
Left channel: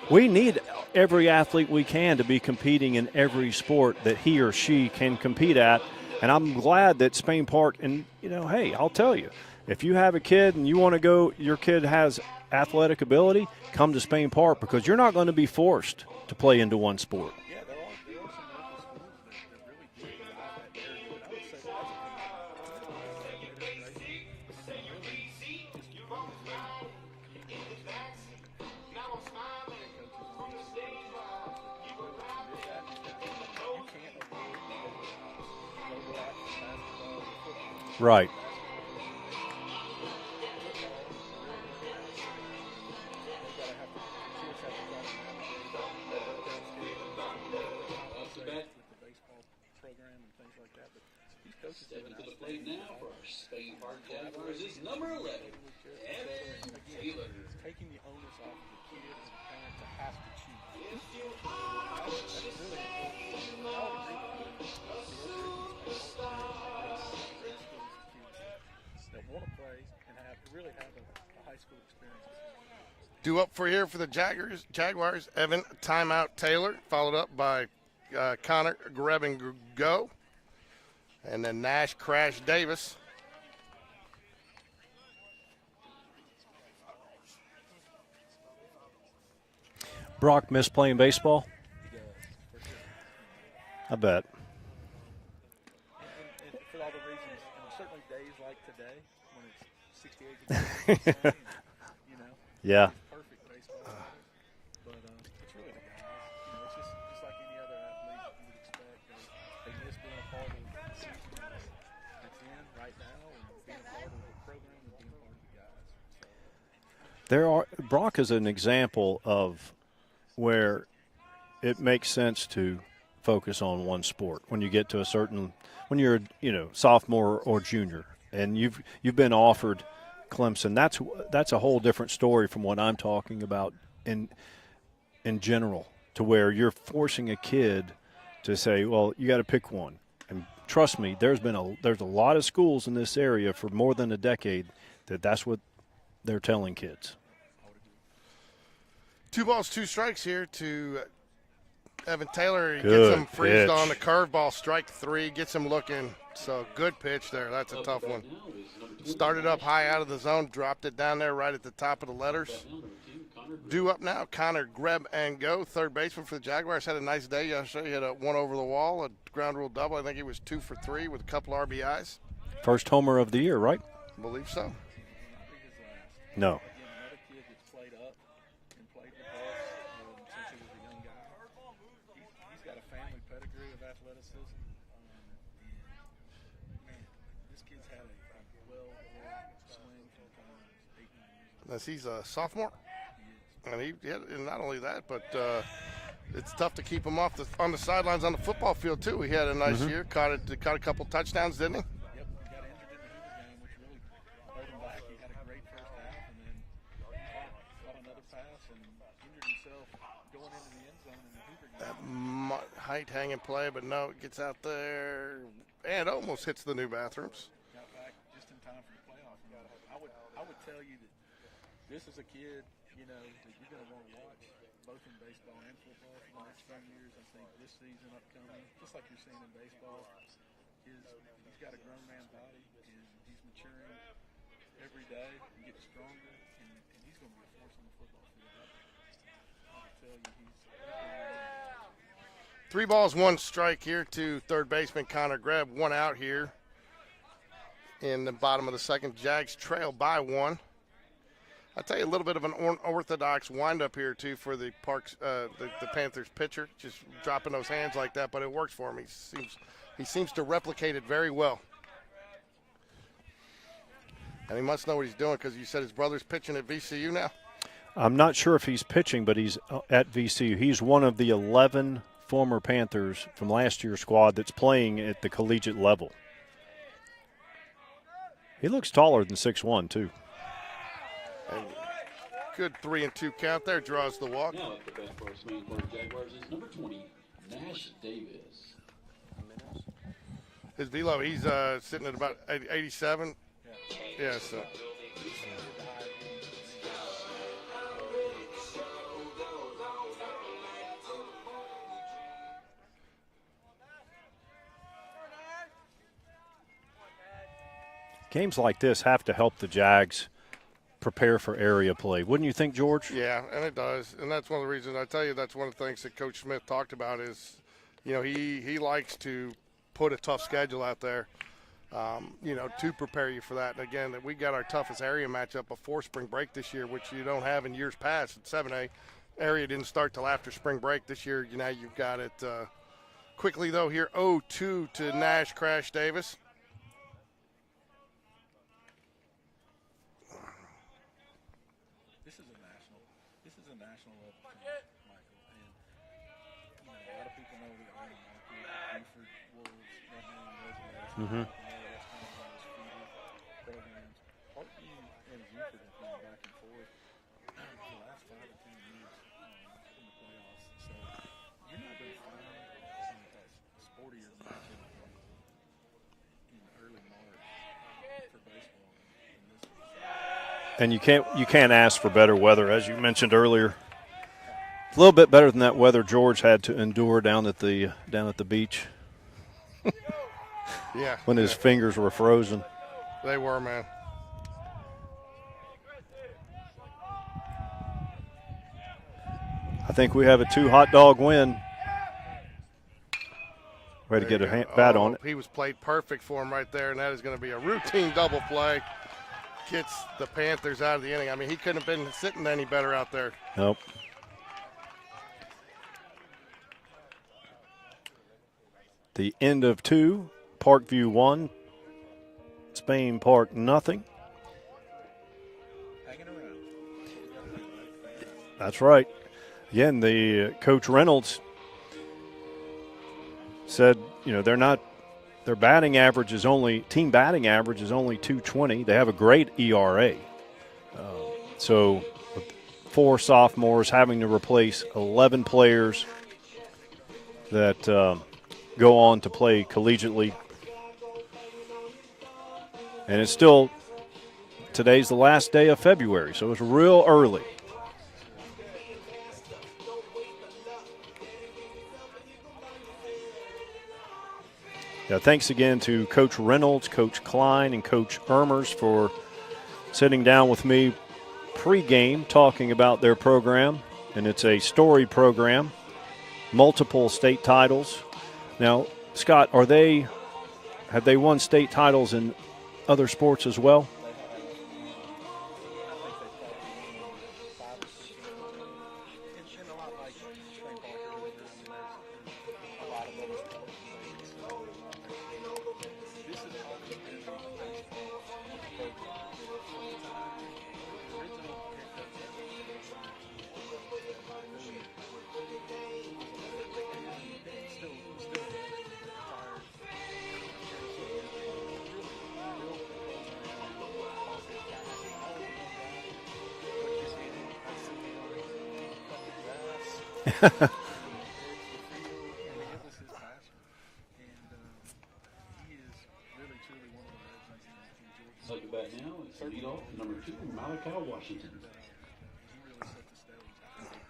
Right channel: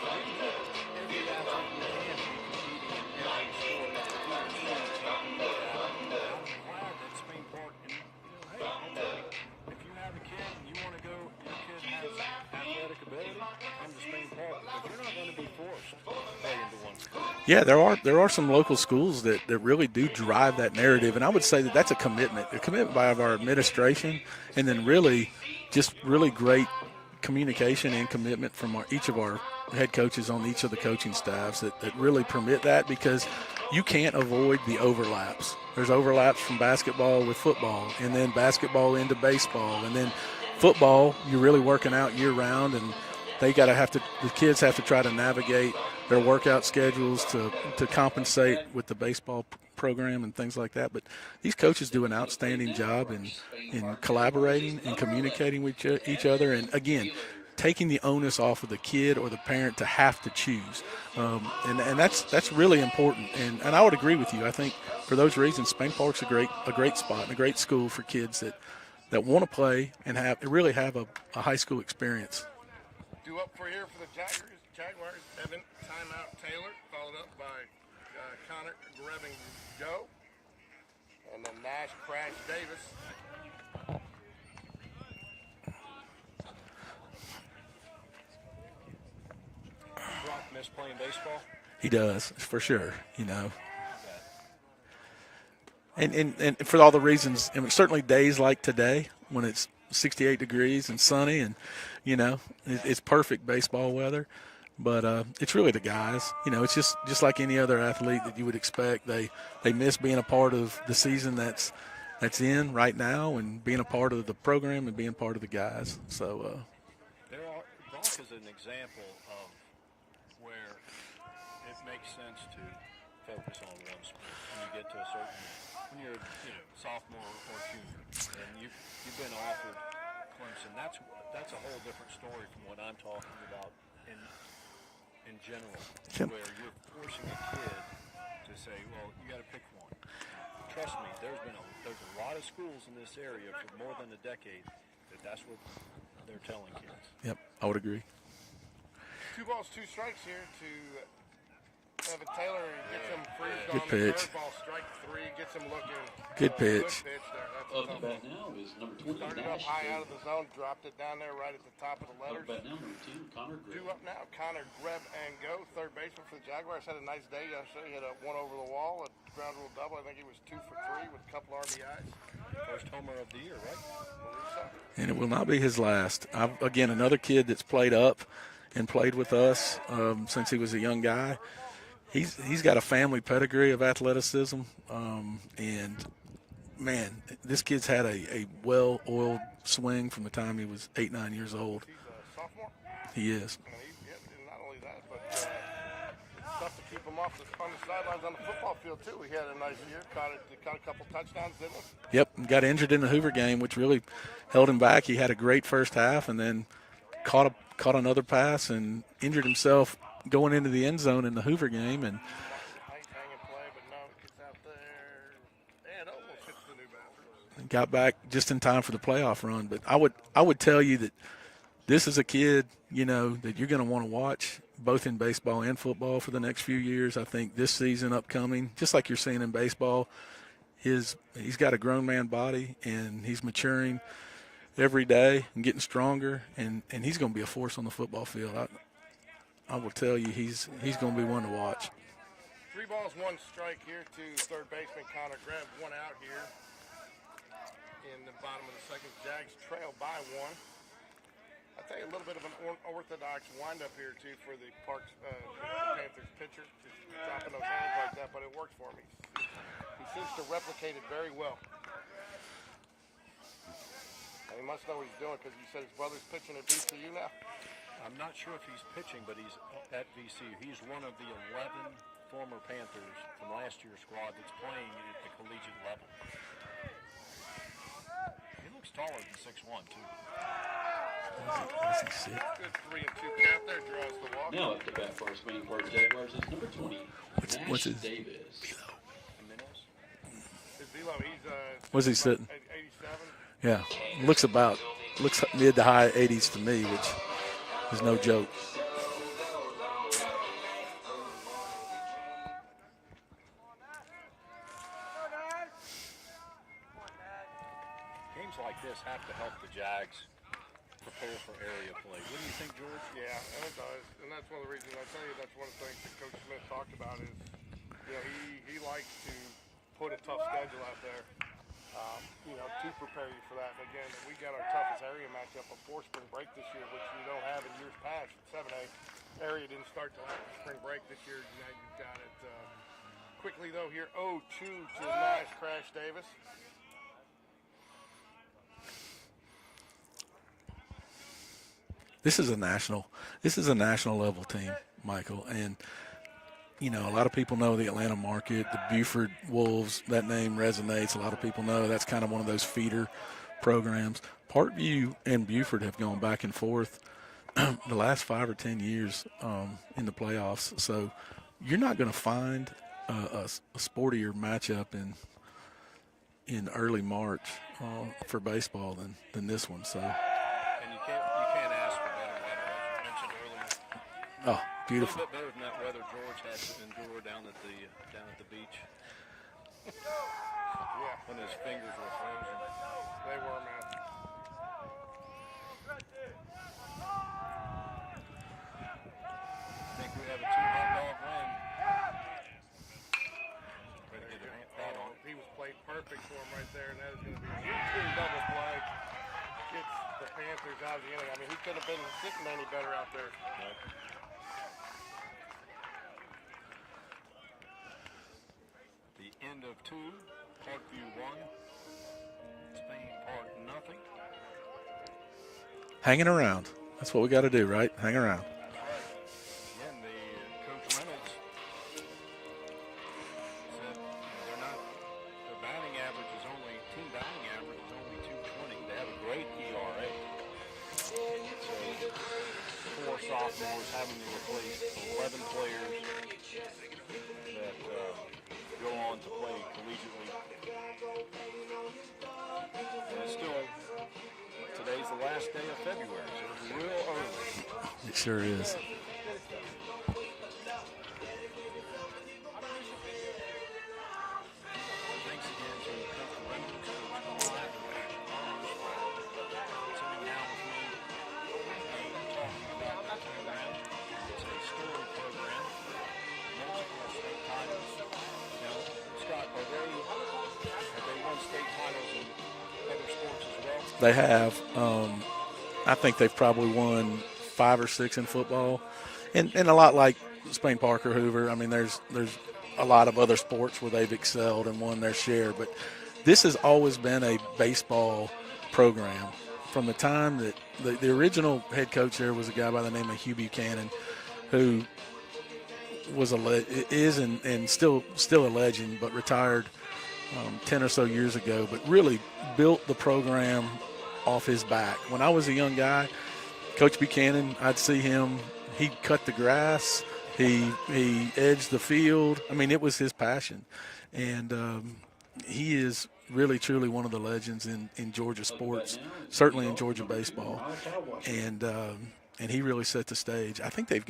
We need every athlete we can to be competing in every sport that he or she can compete at. And I'm glad that Spain Park, and, hey, I'll tell you, if you have a kid and you want to go, your kid has athletic ability, come to Spain Park because you're not going to be forced to play into one sport. Yeah, there are some local schools that really do drive that narrative, and I would say that's a commitment by our administration, and then really great communication and commitment from each of our head coaches on each of the coaching staffs that really permit that, because you can't avoid the overlaps. There's overlaps from basketball with football, and then basketball into baseball, and then football, you're really working out year-round, and the kids have to try to navigate their workout schedules to compensate with the baseball program and things like that. But these coaches do an outstanding job in collaborating and communicating with each other, and, again, taking the onus off of the kid or the parent to have to choose. And that's really important. And I would agree with you. I think for those reasons, Spain Park's a great spot and a great school for kids that want to play and really have a high school experience. Due up for here for the Jaguars, Evan Timeout Taylor, followed up by Connor Grab and Go, and then Nash Crash Davis. Brock miss playing baseball? He does, for sure, I bet. And for all the reasons, certainly days like today when it's 68 degrees and sunny and, it's perfect baseball weather. But it's really the guys. It's just like any other athlete that you would expect. They miss being a part of the season that's in right now and being a part of the program and being part of the guys. So Brock is an example of where it makes sense to focus on one sport when you get to when you're sophomore or junior and you've been offered Clemson. That's a whole different story from what I'm talking about in general, to where you're forcing a kid to say, well, you got to pick one. And trust me, there's a lot of schools in this area for more than a decade that's what they're telling kids. Yep, I would agree. 2 balls, 2 strikes here to Evan Taylor, he Good gets him freezed pitch. on the Pitch. curveball, strike 3, gets him looking. Good pitch. Good pitch there. That's a tough one. Now is number 20, Started up high out of the zone, dropped it down there right at the top of the letters. Now number 10, Connor Greb. Due up now, Connor Greb and go. Third baseman for the Jaguars. Had a nice day yesterday. He had a one over the wall, a ground rule double. I think he was 2 for 3 with a couple RBIs. First homer of the year, right? I believe so. And it will not be his last. No. Again, another kid that's played up and played with us since he was a young guy. He's got a family pedigree of athleticism, and man, this kid's had a well-oiled swing from the time he was 8, 9 years old. He's a sophomore, He is. and not only that, but it's tough to keep him on the sidelines on the football field too. He had a nice year, caught a couple touchdowns, didn't he? Yep, got injured in the Hoover game, which really held him back. He had a great first half, and then caught another pass and injured himself going into the end zone in the Hoover game. And Height hanging play, but no, it gets out there and almost hits the new bathrooms. got back just in time for the playoff run. But I would tell you that this is a kid, that you're going to want to watch both in baseball and football for the next few years. I think this season upcoming, just like you're seeing in baseball, he's got a grown man body, and he's maturing every day and getting stronger, and he's going to be a force on the football field. I will tell you, he's going to be one to watch. 3 balls, 1 strike here to third baseman Connor Greb. 1 out here in the bottom of the second. Jags trail by 1. I'll tell you a little bit of an unorthodox windup here too for the the Panthers pitcher, just dropping those hands like that, but it works for him. He seems to replicate it very well. And he must know what he's doing because you said his brother's pitching at VCU now. I'm not sure if he's pitching, but he's at VCU. He's one of the 11 former Panthers from last year's squad that's playing at the collegiate level. He looks taller than 6'1", too. Good 3-2 count there, draws the walk. Now at the bat for his main for the Jaguars is number 20, What's Nash his- Davis. His velo, he's What's he sitting about 87. Yeah, looks mid to high 80s to me, which is no joke. Games like this have to help the Jags prepare for area play. Wouldn't you think, George? Yeah, and it does. And that's one of the reasons I tell you that's one of the things that Coach Smith talked about is, he likes to put a tough schedule out there, to prepare you for that. And again, we got our toughest area matchup before spring break this year, which you don't have in years past. At 7A, area didn't start till after spring break this year. Now you've got it quickly, though, here 0-2 to Nash Crash Davis. This is a national level team, Michael, and a lot of people know the Atlanta market, the Buford Wolves. That name resonates. A lot of people know that's kind of one of those feeder programs. Parkview and Buford have gone back and forth the last 5 or 10 years in the playoffs. So you're not going to find a sportier matchup in early March for baseball than this one. So. And you can't ask for better weather, as you mentioned earlier. Oh, a little bit better than that weather George had to endure down at the beach. Yeah. When his fingers were frozen. They were, man. I think we have a 2 hot dog win. Way to get a bat on it. He was played perfect for him right there, and that is going to be a routine double play. Gets the Panthers out of the inning. I mean, he couldn't have been sitting any better out there. Nope. The end of 2, Parkview 1, Spain Park nothing. Hanging around. That's what we got to do, right? Hang around. That's right. Again, the Coach Reynolds said, their batting average is team batting average is only 220. They have a great ERA. So 4 sophomores having to replace 11 players that go on to play collegiately. And it's still, today's the last day of February, so it's real early. It sure is. Yeah, thanks again to Coach Reynolds, Coach Klein, and Coach Ermers for sitting down with me pregame talking about their program. And it's a story program, multiple state titles. Now, Scott, have they won state titles in other sports as well? They have. I think they've probably won 5 or 6 in football, and a lot like Spain Parker Hoover. I mean, there's a lot of other sports where they've excelled and won their share, but this has always been a baseball program. From the time that the original head coach there was a guy by the name of Hugh Buchanan, who was is and still a legend, but retired 10 or so years ago, but really built the program off his back. When I was a young guy, Coach Buchanan, I'd see him, he'd cut the grass, he edged the field. I mean, it was his passion. And he is really, truly one of the legends in Georgia sports, certainly in Georgia baseball. And he really set the stage. I think they've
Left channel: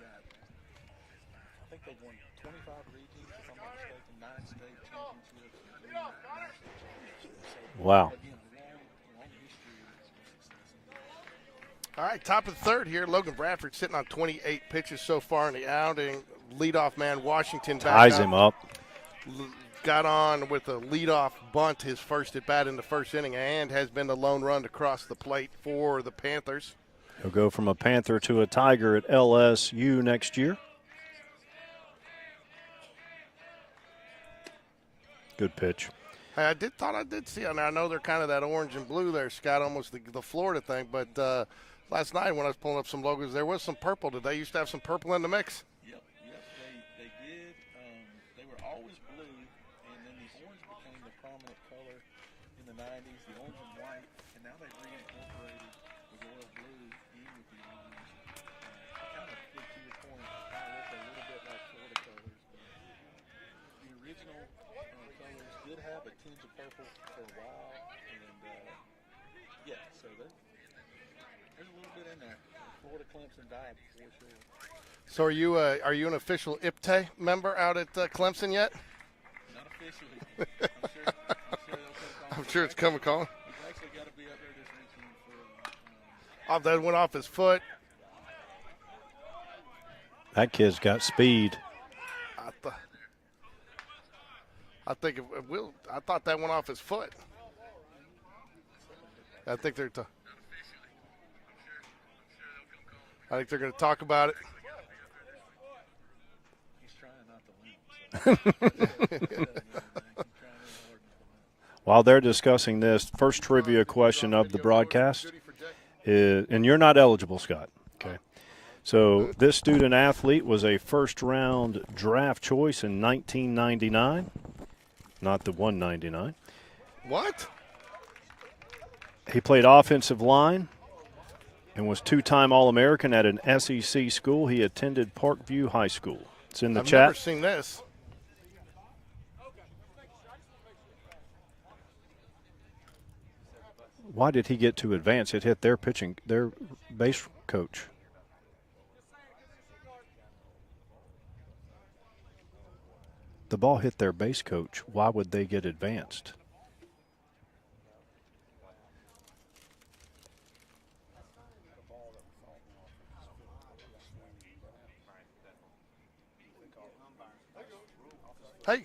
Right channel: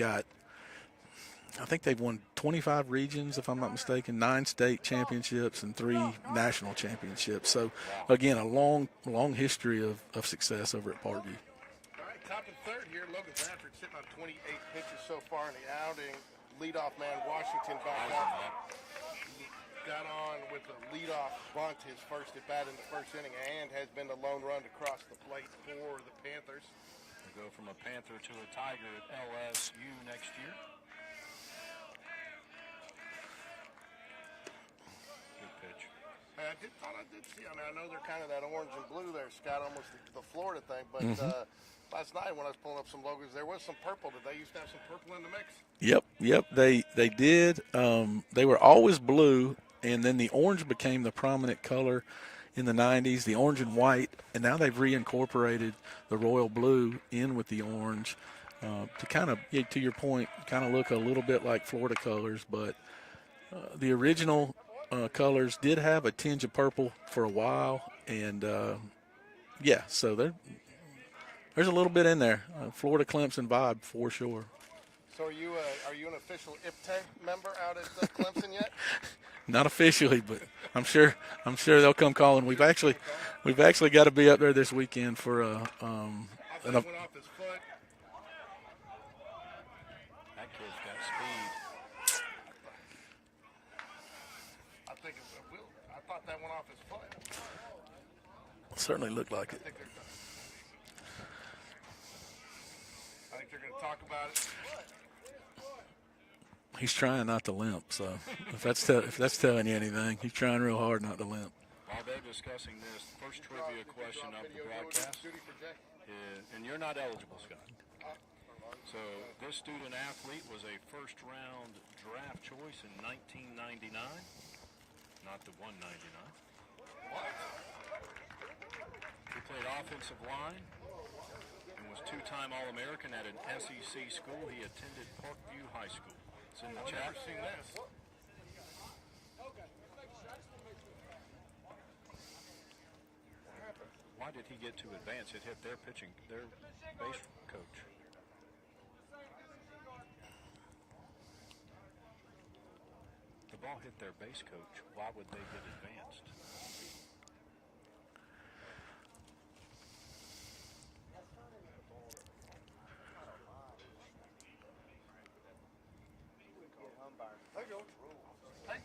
won 25 regions, if I'm not mistaken, 9 state championships and 3 national championships. So, wow. Again, a long history of success over at Parkview. All right, top of the third here. Logan Bradford sitting on 28 pitches so far in the outing. Leadoff man Washington ties him up. Got on with a leadoff bunt, his first at bat in the first inning, and has been the lone run to cross the plate for the Panthers. He'll go from a Panther to a Tiger at LSU next year. Good pitch. Hey, I did see. I know they're kind of that orange and blue there, Scott, almost the Florida thing. But last night when I was pulling up some logos, there was some purple. Did they used to have some purple in the mix? Yep. They did. They were always blue, and then the orange became the prominent color in the 90s, the orange and white, and now they've reincorporated the royal blue in with the orange to kind of, to your point, kind of look a little bit like Florida colors. But the original colors did have a tinge of purple for a while, and so there's a little bit in there, Florida Clemson vibe for sure. So are you an official IPTE member out at Clemson yet? Not officially, but I'm sure they'll come calling. We've actually got to be up there this weekend for that went off his foot. That kid's got speed. I think I thought that went off his foot. It certainly looked like I it. think they're going to talk about it. He's trying not to limp, so if that's telling you anything, he's trying real hard not to limp. While they're discussing this, first trivia question of the broadcast is, and you're not eligible, Scott. Okay. So this student athlete was a first-round draft choice in 1999. Not the 199. What? He played offensive line and was 2-time All-American at an SEC school. He attended Parkview High School. It's in the chat. I've never seen this. Why did he get to advance? It hit their base coach. The ball hit their base coach. Why would they get advanced? Hey.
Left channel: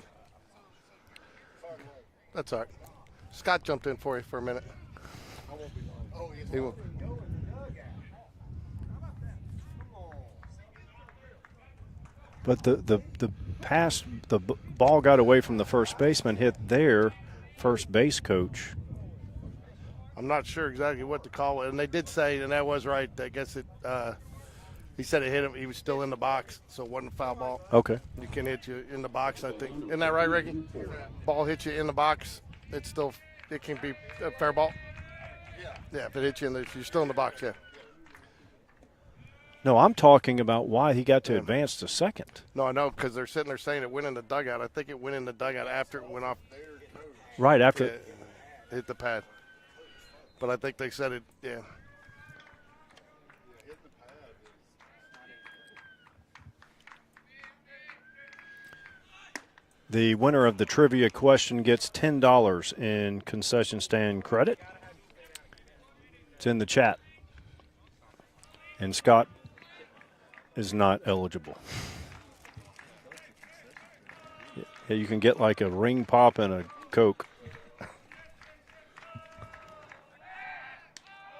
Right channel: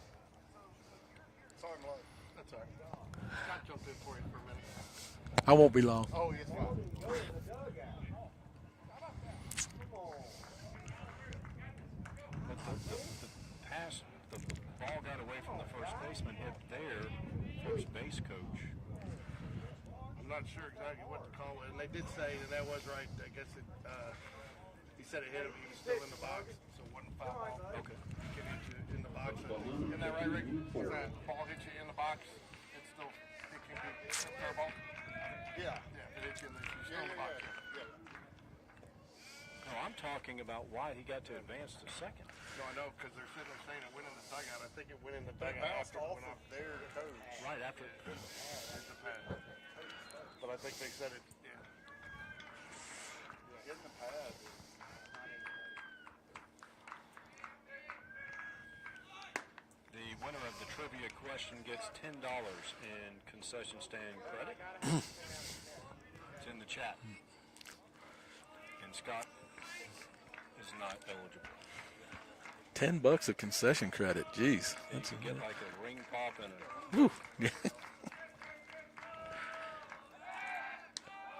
That's all right. Scott jumped in for you for a minute. I won't be long. He won't. But the ball got away from the first baseman, hit their first base coach. I'm not sure exactly what to call it, and they did say, and that was right. I guess it. He said it hit him. He was still in the box, so it wasn't a foul ball. Okay. You can hit you in the box, I think. Isn't that right, Ricky? Ball hits you in the box. It can be a fair ball. Yeah, if it hits you if you're still in the box, yeah. No, I'm talking about why he got to advance to second. No, I know, because they're sitting there saying it went in the dugout. I think it went in the dugout after it went off. Right after it hit the pad. But I think they said it, yeah. The winner of the trivia question gets $10 in concession stand credit. It's in the chat. And Scott is not eligible. $10 of concession credit. Jeez. Yeah, you can get like a ring pop and a Coke.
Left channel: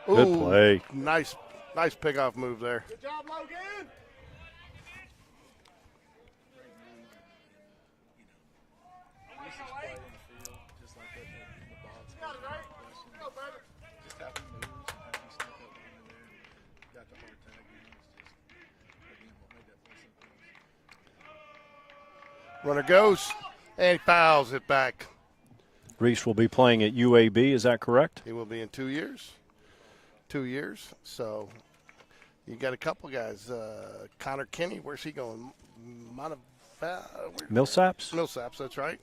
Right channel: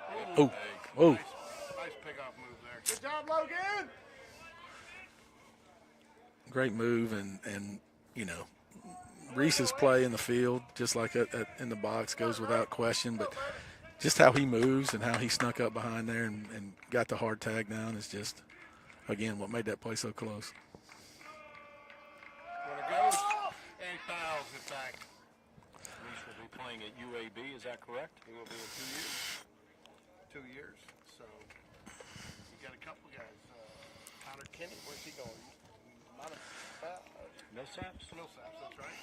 Good Ooh, play. Nice pickoff move there. Great move, and you know, Reese's play in the field, just like in the box, goes without question. But just how he moves and how he snuck up behind there and got the hard tag down is just, again, what made that play so close. Runner goes, and he fouls it back. Reese will be playing at UAB, is that correct? He will be in 2 years. 2 years. So you got a couple guys. Connor Kinney, where's he going? Millsaps? Millsaps, that's right.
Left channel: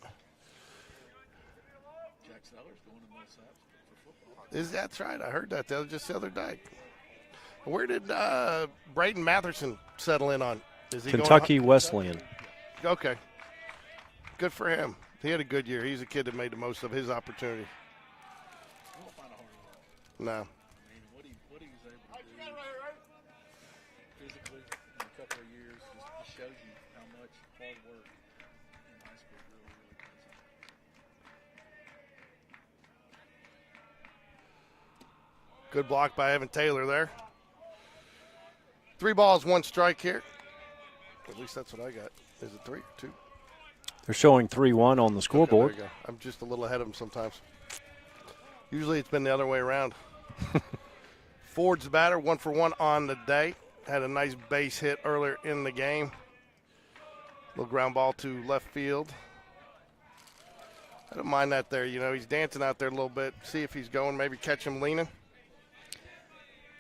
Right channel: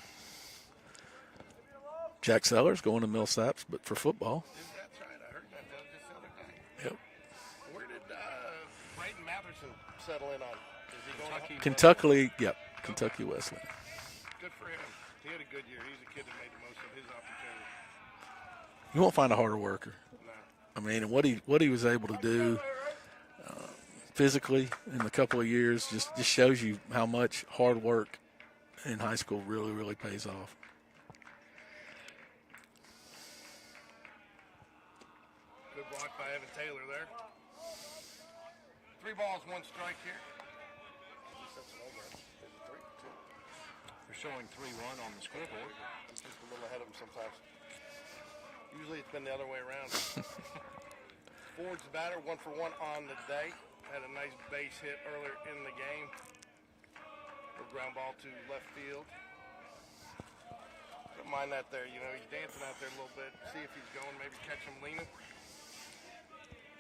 Jack Sellers going to Millsaps, but for football. That's right. I heard that just the other day. Yep. Where did Brayden Matherson settle in on? Is he Kentucky going Wesleyan. Kentucky, yep. Okay. Kentucky Wesleyan. Good for him. He had a good year. He's a kid that made the most of his opportunity. You won't find a harder worker. No. I mean, and what he was able to do physically in a couple of years just shows you how much hard work in high school really, really pays off. Good block by Evan Taylor there. 3 balls, 1 strike here. At least that's what I got. Is it 3 or 2? They're showing 3-1 on the scoreboard. Okay, there you go. I'm just a little ahead of them sometimes. Usually it's been the other way around. Ford's the batter, 1 for 1 on the day. Had a nice base hit earlier in the game. Little ground ball to left field. I don't mind that there. You know, he's dancing out there a little bit. See if he's going, maybe catch him leaning.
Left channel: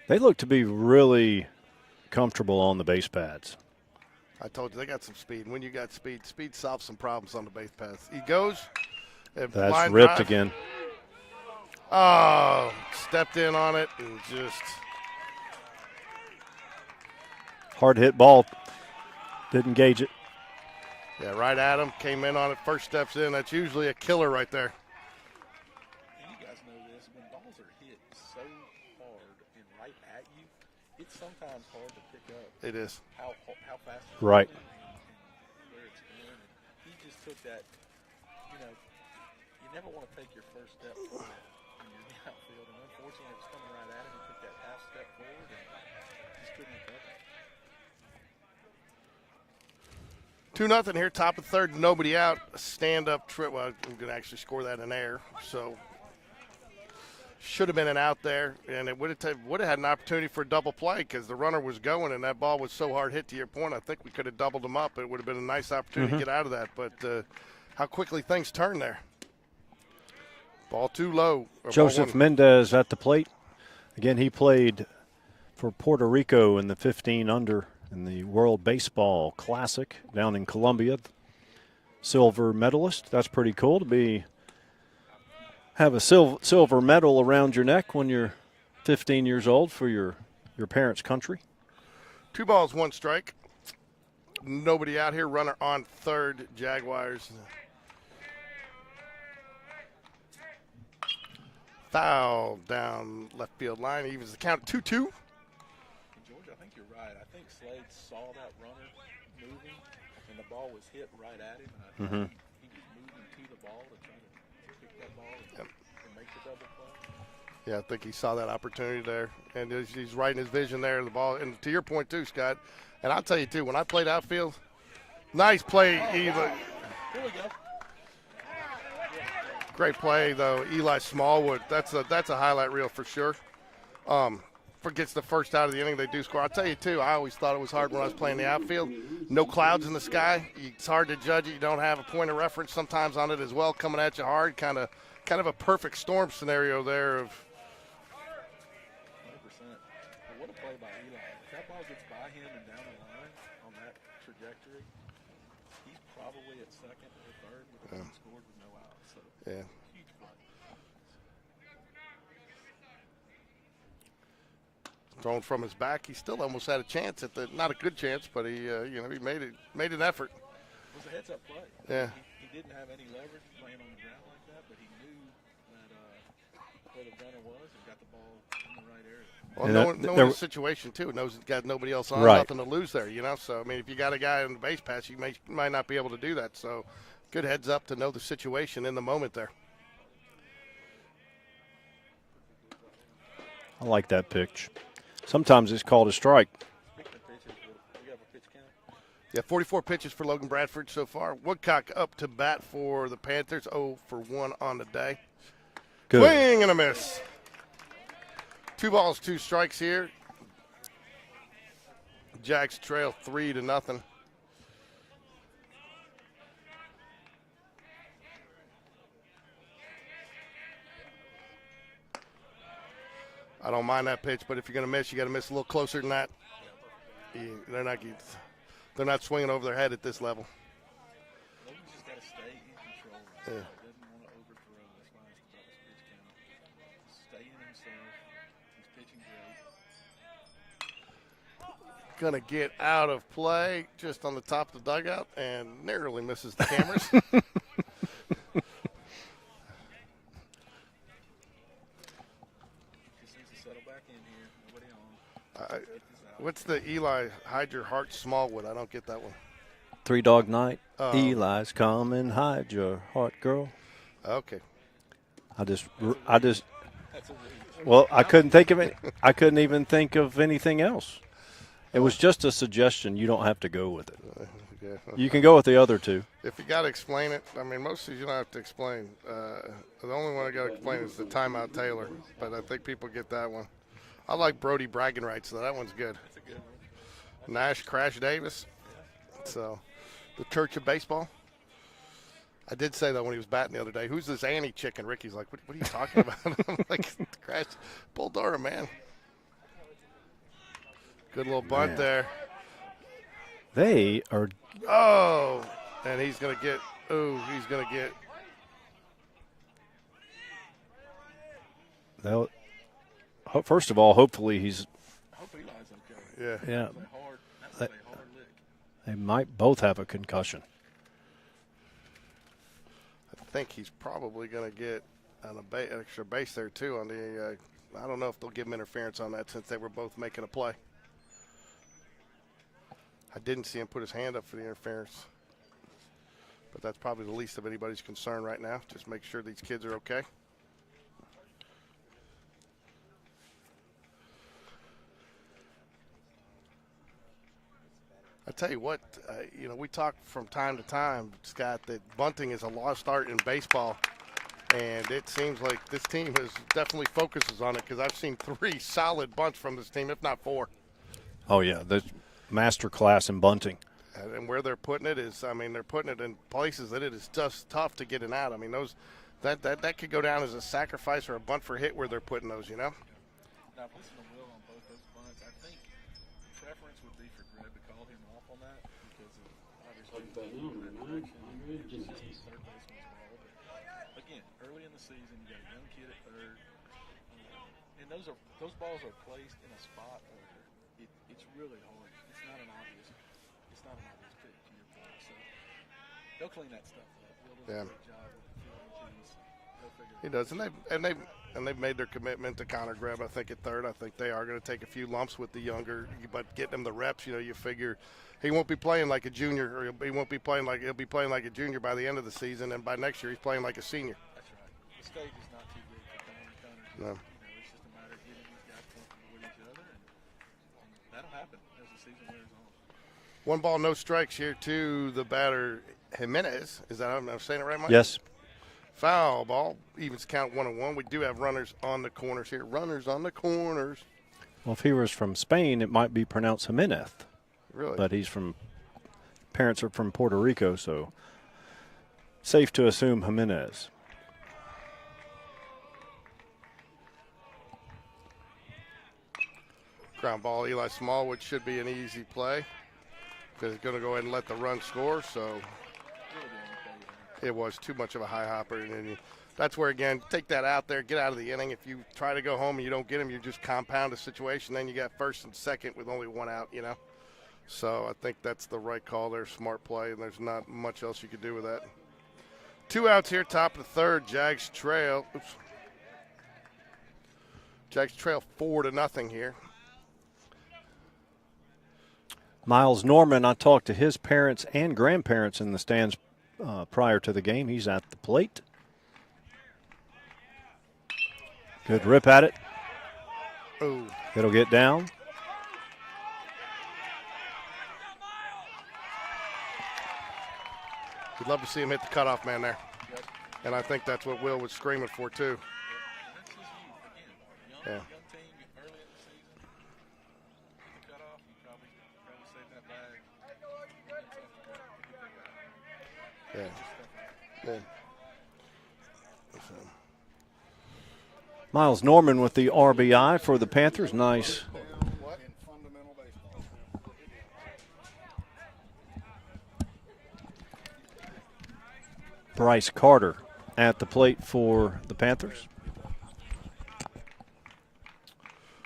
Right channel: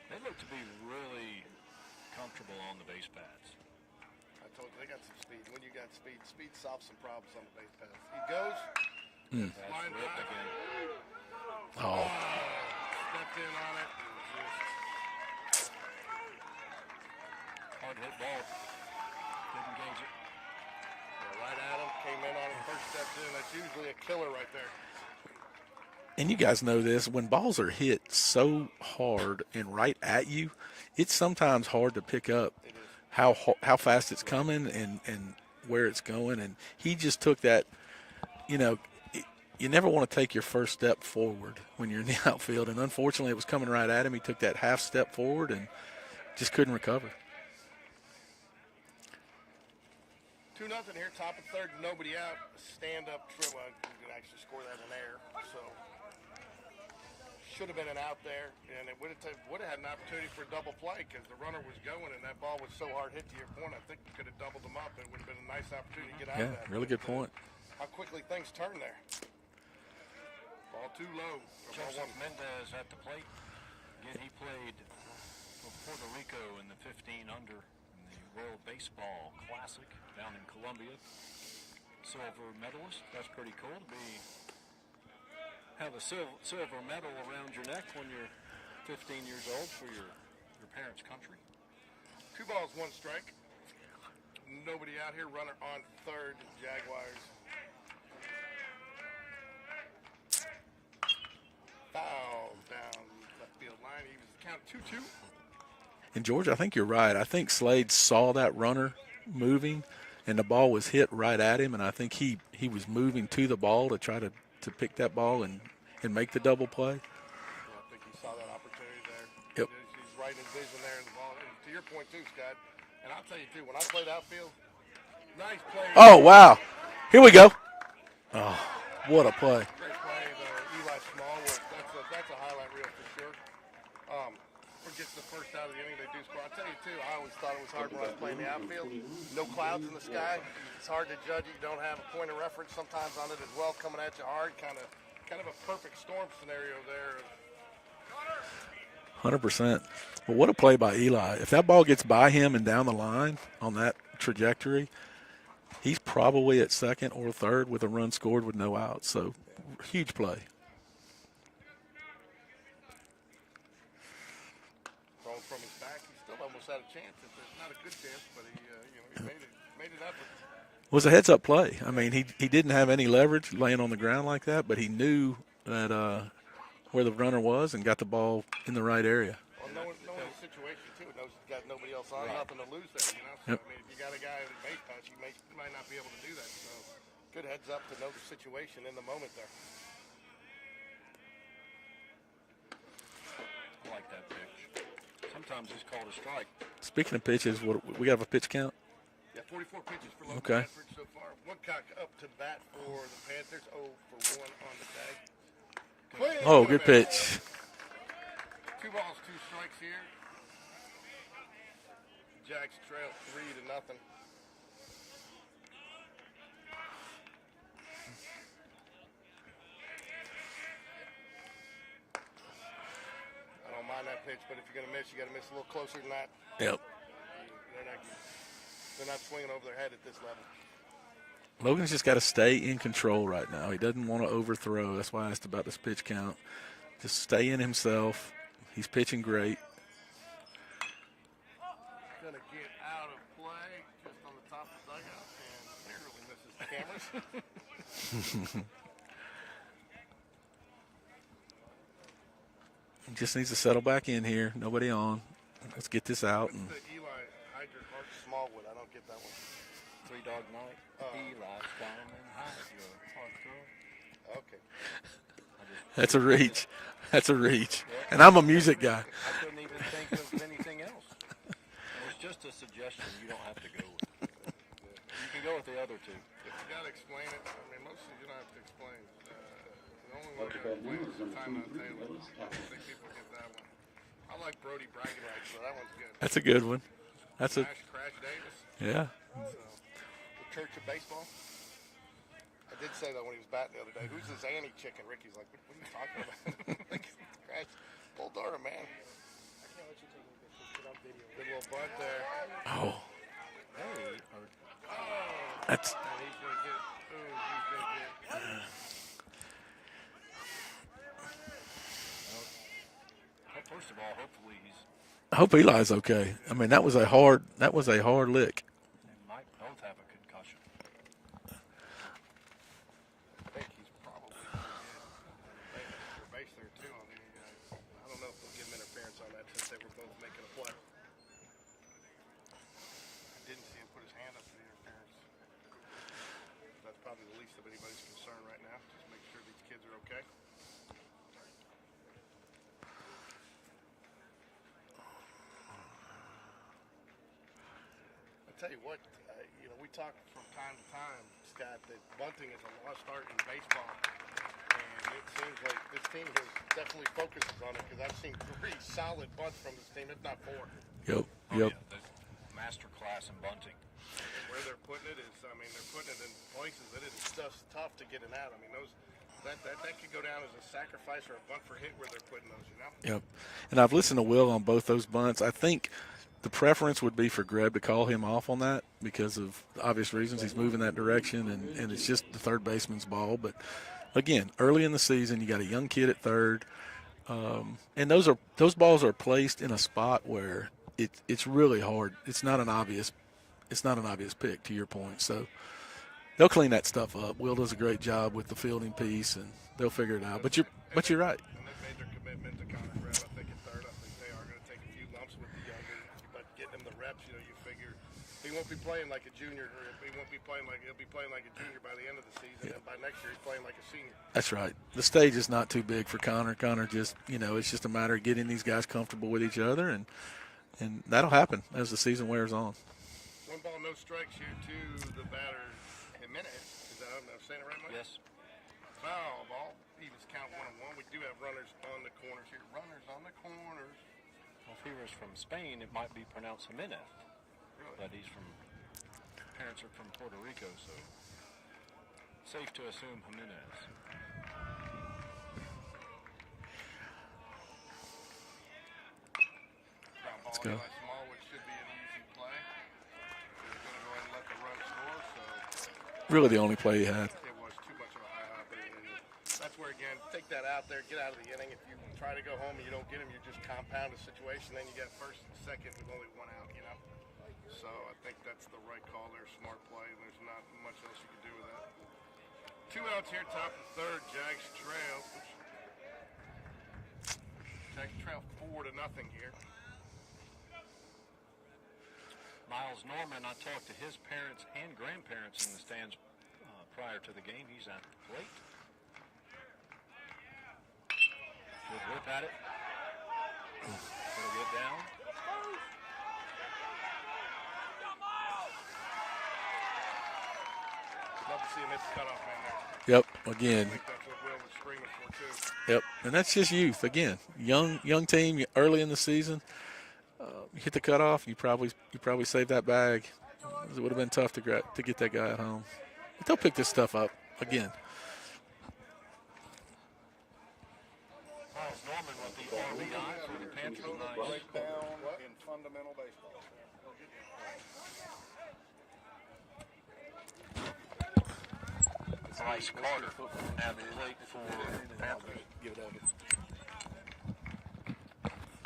They look to be really comfortable on the base pads. I told you, they got some speed. When you got speed, speed solves some problems on the base paths. He goes. That's ripped drive. Again. Oh, stepped in on it and just. Hard hit ball. Didn't gauge it. Yeah, right at him. Came in on it. First steps in. That's usually a killer right there. And you guys know this. When balls are hit so hard and right at you, it's sometimes hard to pick up. It is. How fast it's right. coming and where it's going. And he just took that, you know, you never want to take your first step forward when you're in the outfield. And unfortunately, it was coming right at him. He took that half step forward and just couldn't recover. 2-0 here, top of third, nobody out. Stand-up trip. Well, I'm going to actually score that in air. So should have been an out there, and it would have had an opportunity for a double play because the runner was going, and that ball was so hard hit. To your point, I think we could have doubled them up. It would have been a nice opportunity to get out of that. Really but good point. How quickly things turn there. Ball too low. Joseph Mendez at the plate. Again, he played for Puerto Rico in the 15 under in the World Baseball Classic down in Colombia. Silver medalist. That's pretty cool to have a silver medal around your neck when you're 15 years old for your parents' country. 2 balls, 1 strike. Nobody out here. Runner on third. Jaguars. Foul down left field line. He was the count 2-2. And, George, I think you're right. I think Slade saw that runner moving, and the ball was hit right at him, and I think he was moving to the ball to try to pick that ball and make the double play. Yeah, I think he saw that opportunity there. And he's right in his vision there, the ball. And to your point, too, Scott, and I'll tell you, too, when I played outfield, nice play. Oh, wow. Here we go. Oh, what a play. Great play, though. Eli Smallwood, that's a highlight reel for sure. Forgets the first out of the inning, they do score. I'll tell you, too, I always thought it was hard when I was playing the outfield. No clouds in the sky. It's hard to judge it. You don't have a point of reference sometimes on it as well, coming at you hard. Kind of a perfect storm scenario there. Of 100%. But what a play by Eli. If that ball gets by him and down the line on that trajectory, he's probably at second or third with a run scored with no outs. So, huge play. Thrown from his back, he still almost had a chance at not a good chance, but he made an effort. was a heads-up play. I mean, he didn't have any leverage laying on the ground like that, but he knew that where the runner was and got the ball in the right area. Well, knowing the situation, too, knows he's got nobody else on, nothing to lose there, you know. So, I mean, if you got a guy on the base pass, you might not be able to do that. So, good heads up to know the situation in the moment there. I like that pitch. Sometimes it's called a strike. Speaking of pitches, we have a pitch count? Yeah, 44 pitches for Logan Bradford so far. Woodcock up to bat for the Panthers, 0 for 1 on the day. Good. Swing and a good miss. pitch. 2 balls, 2 strikes here. Jags trail 3-0. I don't mind that pitch, but if you're going to miss, you got to miss a little closer than that. Yep. They're not swinging over their head at this level. Logan's just got to stay in control right now. He doesn't want to overthrow. That's why I asked about this pitch count. Just stay in himself. He's pitching great. Going to get out of play just on the top of the dugout and narrowly misses the cameras. He just needs to settle back in here. Nobody on. Let's get this out. What's the Eli Hide Your Heart Smallwood? I don't get that one. 3 Dog Night. Eli's come and hide your heart, girl. Okay. That's a reach. That's a reach. Well, I'm a music guy. I couldn't even think of anything else. It was just a suggestion. You don't have to go with it. You can go with the other 2. If you got to explain it, I mean, most of these you don't have to explain. The only one I got to explain is the Timeout Taylor, but I think people get that one. I like Brody bragging rights, so that one's good. That's a good one. Nash Crash Davis. Yeah. So, the Church of Baseball. I did say that when he was batting the other day. Who's this Annie chicken? Ricky's like, what are you talking about? I'm like, Crash, Bull Durham, man. Good little bunt there. Oh. They are. Oh. And he's going to get. Well, first of all, hopefully he's. I hope Eli's okay. Yeah. I mean, that was a hard lick. They might both have a concussion. I think he's probably going to get an extra base there, too. On the, I don't know if they'll give him interference on that since they were both making a play. I didn't see him put his hand up for the interference. But that's probably the least of anybody's concern right now. Just make sure these kids are okay. I tell you what, we talk from time to time, Scott, that bunting is a lost art in baseball, and it seems like this team has definitely focuses on it because I've seen 3 solid bunts from this team, if not 4. Yep. Oh yeah, the master class in bunting. And where they're putting it is, I mean, they're putting it in places that it is just tough to get it out. I mean, that could go down as a sacrifice or a bunt for hit where they're putting those, Yep. And I've listened to Will on both those bunts. I think the preference would be for Greb to call him off on that because of obvious reasons. He's moving that direction, and it's just the third baseman's ball. But, again, early in the season, you got a young kid at third, and those balls are placed in a spot where it's really hard. It's not an obvious pick, to your point. So they'll clean that stuff up. Will does a great job with the fielding piece, and they'll figure it out. But you're right. And they've made their commitment to Connor Greb, I think, at third. I think they are going to take a few lumps with the younger, but getting him the reps, you figure he won't be playing like a junior, or he'll be playing like a junior by the end of the season, and by next year he's playing like a senior. That's right. The stage is not too big for Connor. Connor just, it's just a matter of getting these guys comfortable with each other, and that'll happen as the season wears on. 1 ball, no strikes here to the batter, Jimenez. Is that, I'm saying it right, Mike? Yes. Foul ball, evens count 1-1. We do have runners on the corners here. Runners on the corners. Well, if he was from Spain, it might be pronounced Jimenez. Really? But parents are from Puerto Rico, so safe to assume Jimenez. Ground ball, Eli Smallwood should be an easy play because he's going to go ahead and let the run score. So really the only play he had. It was too much of a high hopper. And that's where, again, take that out there, get out of the inning. If you try to go home and you don't get him, you just compound the situation. Then you got first and second with only 1 out, So I think that's the right call there, smart play, and there's not much else you could do with that. 2 outs here, top of the third. Jags trail. Oops. Jags trail 4-0 here. Miles Norman, I talked to his parents and grandparents in the stands prior to the game. He's at the plate. Good rip at it. Ooh. It'll get down. We'd love to see him hit the cutoff man there. Yep, again. And I think that's what Will was screaming for, too. Yep, and that's just youth. Again, young team, early in the season. You hit the cutoff, you probably saved that bag. It would have been tough to get that guy at home. But they'll pick this stuff up again. Miles Norman with the RBI for the Panthers. Nice. Bryce Carter at the plate for the Panthers.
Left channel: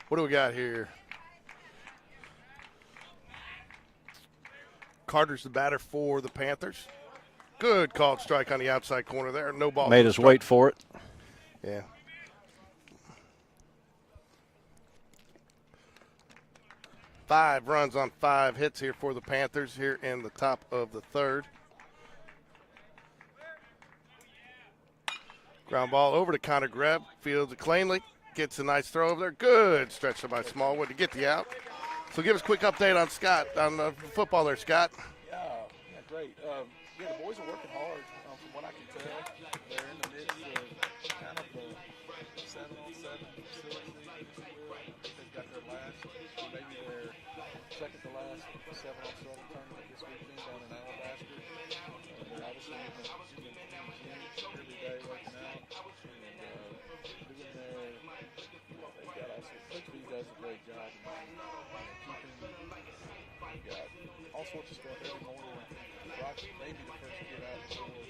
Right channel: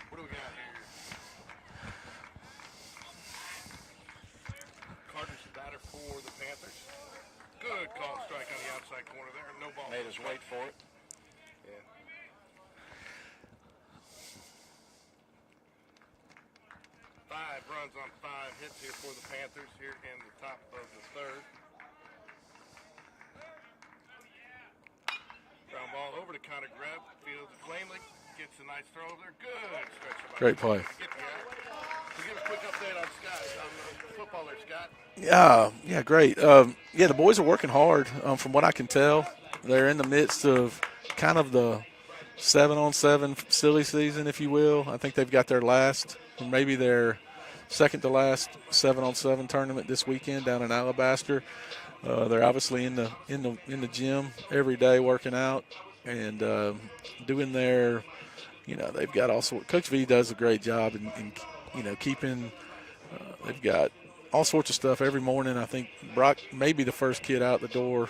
What do we got here? Carter's the batter for the Panthers. Good called strike on the outside corner there. No ball. Made us wait for it. Yeah. Five runs on 5 hits here for the Panthers here in the top of the third. Ground ball over to Connor Greb. Fields it cleanly. Gets a nice throw over there. Good stretch by Smallwood to get the out. So give us a quick update on Scott, on the football there, Scott. Yeah, great. The boys are working hard. From what I can tell, they're in the midst of kind of the 7-on-7 silly season, if you will. I think they've got their last, maybe their second to last 7-on-7 tournament this weekend down in Alabaster. They're obviously in the gym every day working out and doing their, they've got all sorts. Coach V does a great job in keeping. They've got all sorts of stuff every morning. I think Brock may be the first kid out the door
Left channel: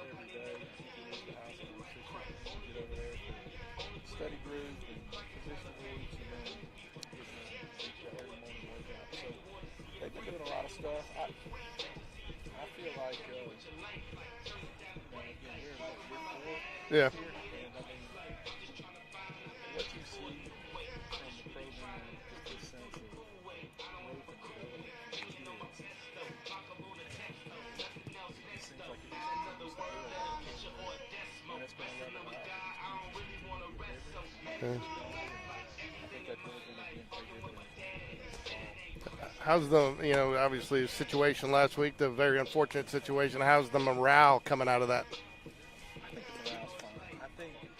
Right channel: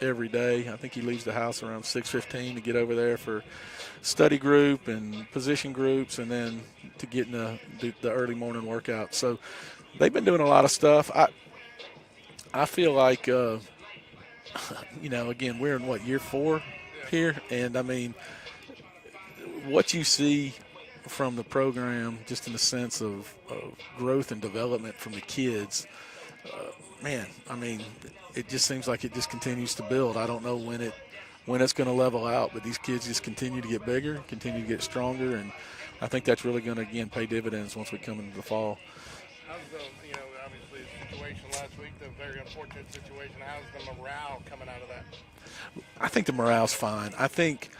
every day. I think he leaves the house around 6:15 to get over there for study group and position groups, and then to get in the early morning workout. So they've been doing a lot of stuff. I feel like, again, we're in year 4 here, and I mean, what you see from the program, just in the sense of growth and development from the kids, it just seems like it just continues to build. I don't know when it's going to level out, but these kids just continue to get bigger, continue to get stronger, and I think that's really going to, again, pay dividends once we come into the fall. How's the, obviously the situation last week, the very unfortunate situation, how's the morale coming out of that? I think the morale's fine. I think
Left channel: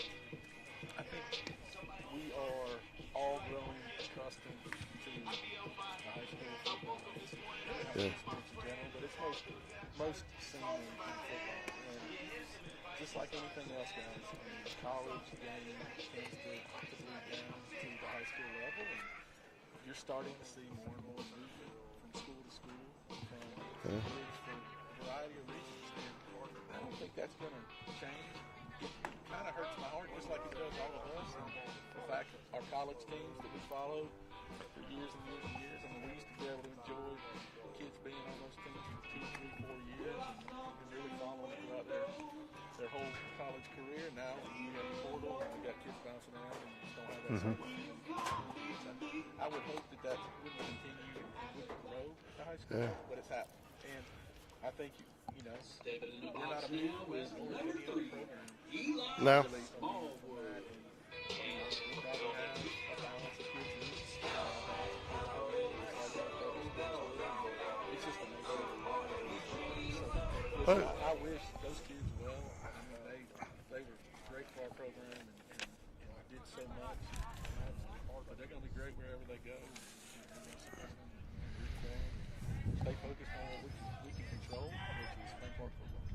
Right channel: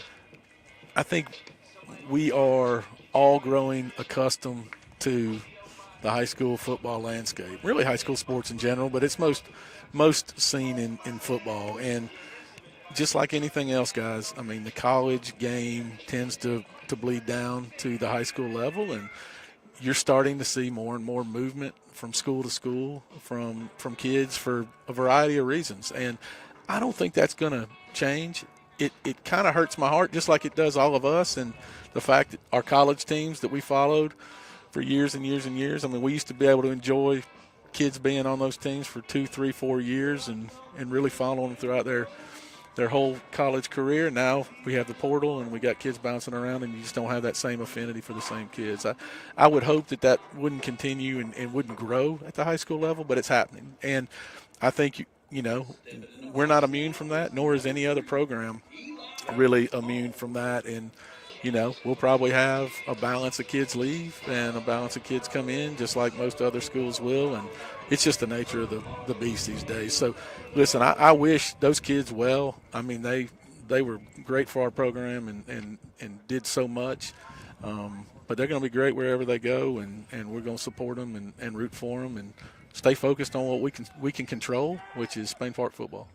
we are all growing accustomed to the high school football landscape, really high school sports in general, but it's most seen in football. And just like anything else, guys, I mean, the college game tends to bleed down to the high school level, and you're starting to see more and more movement from school to school from kids for a variety of reasons. And I don't think that's going to change. It kind of hurts my heart, just like it does all of us, and the fact that our college teams that we followed for years and years and years, I mean, we used to be able to enjoy kids being on those teams for 2, 3, 4 years and really following them throughout their whole college career. Now we have the portal and we got kids bouncing around, and you just don't have that same affinity for the same kids. I would hope that wouldn't continue and wouldn't grow at the high school level, but it's happening. And I think, we're not immune from that, nor is any other program really immune from that. And, we'll probably have a balance of kids leave and a balance of kids come in, just like most other schools will. And it's just the nature of the beast these days. So, listen, I wish those kids well. I mean, they were great for our program and did so much. But they're going to be great wherever they go, and we're going to support them and root for them and stay focused on what we can control, which is Spain Park football.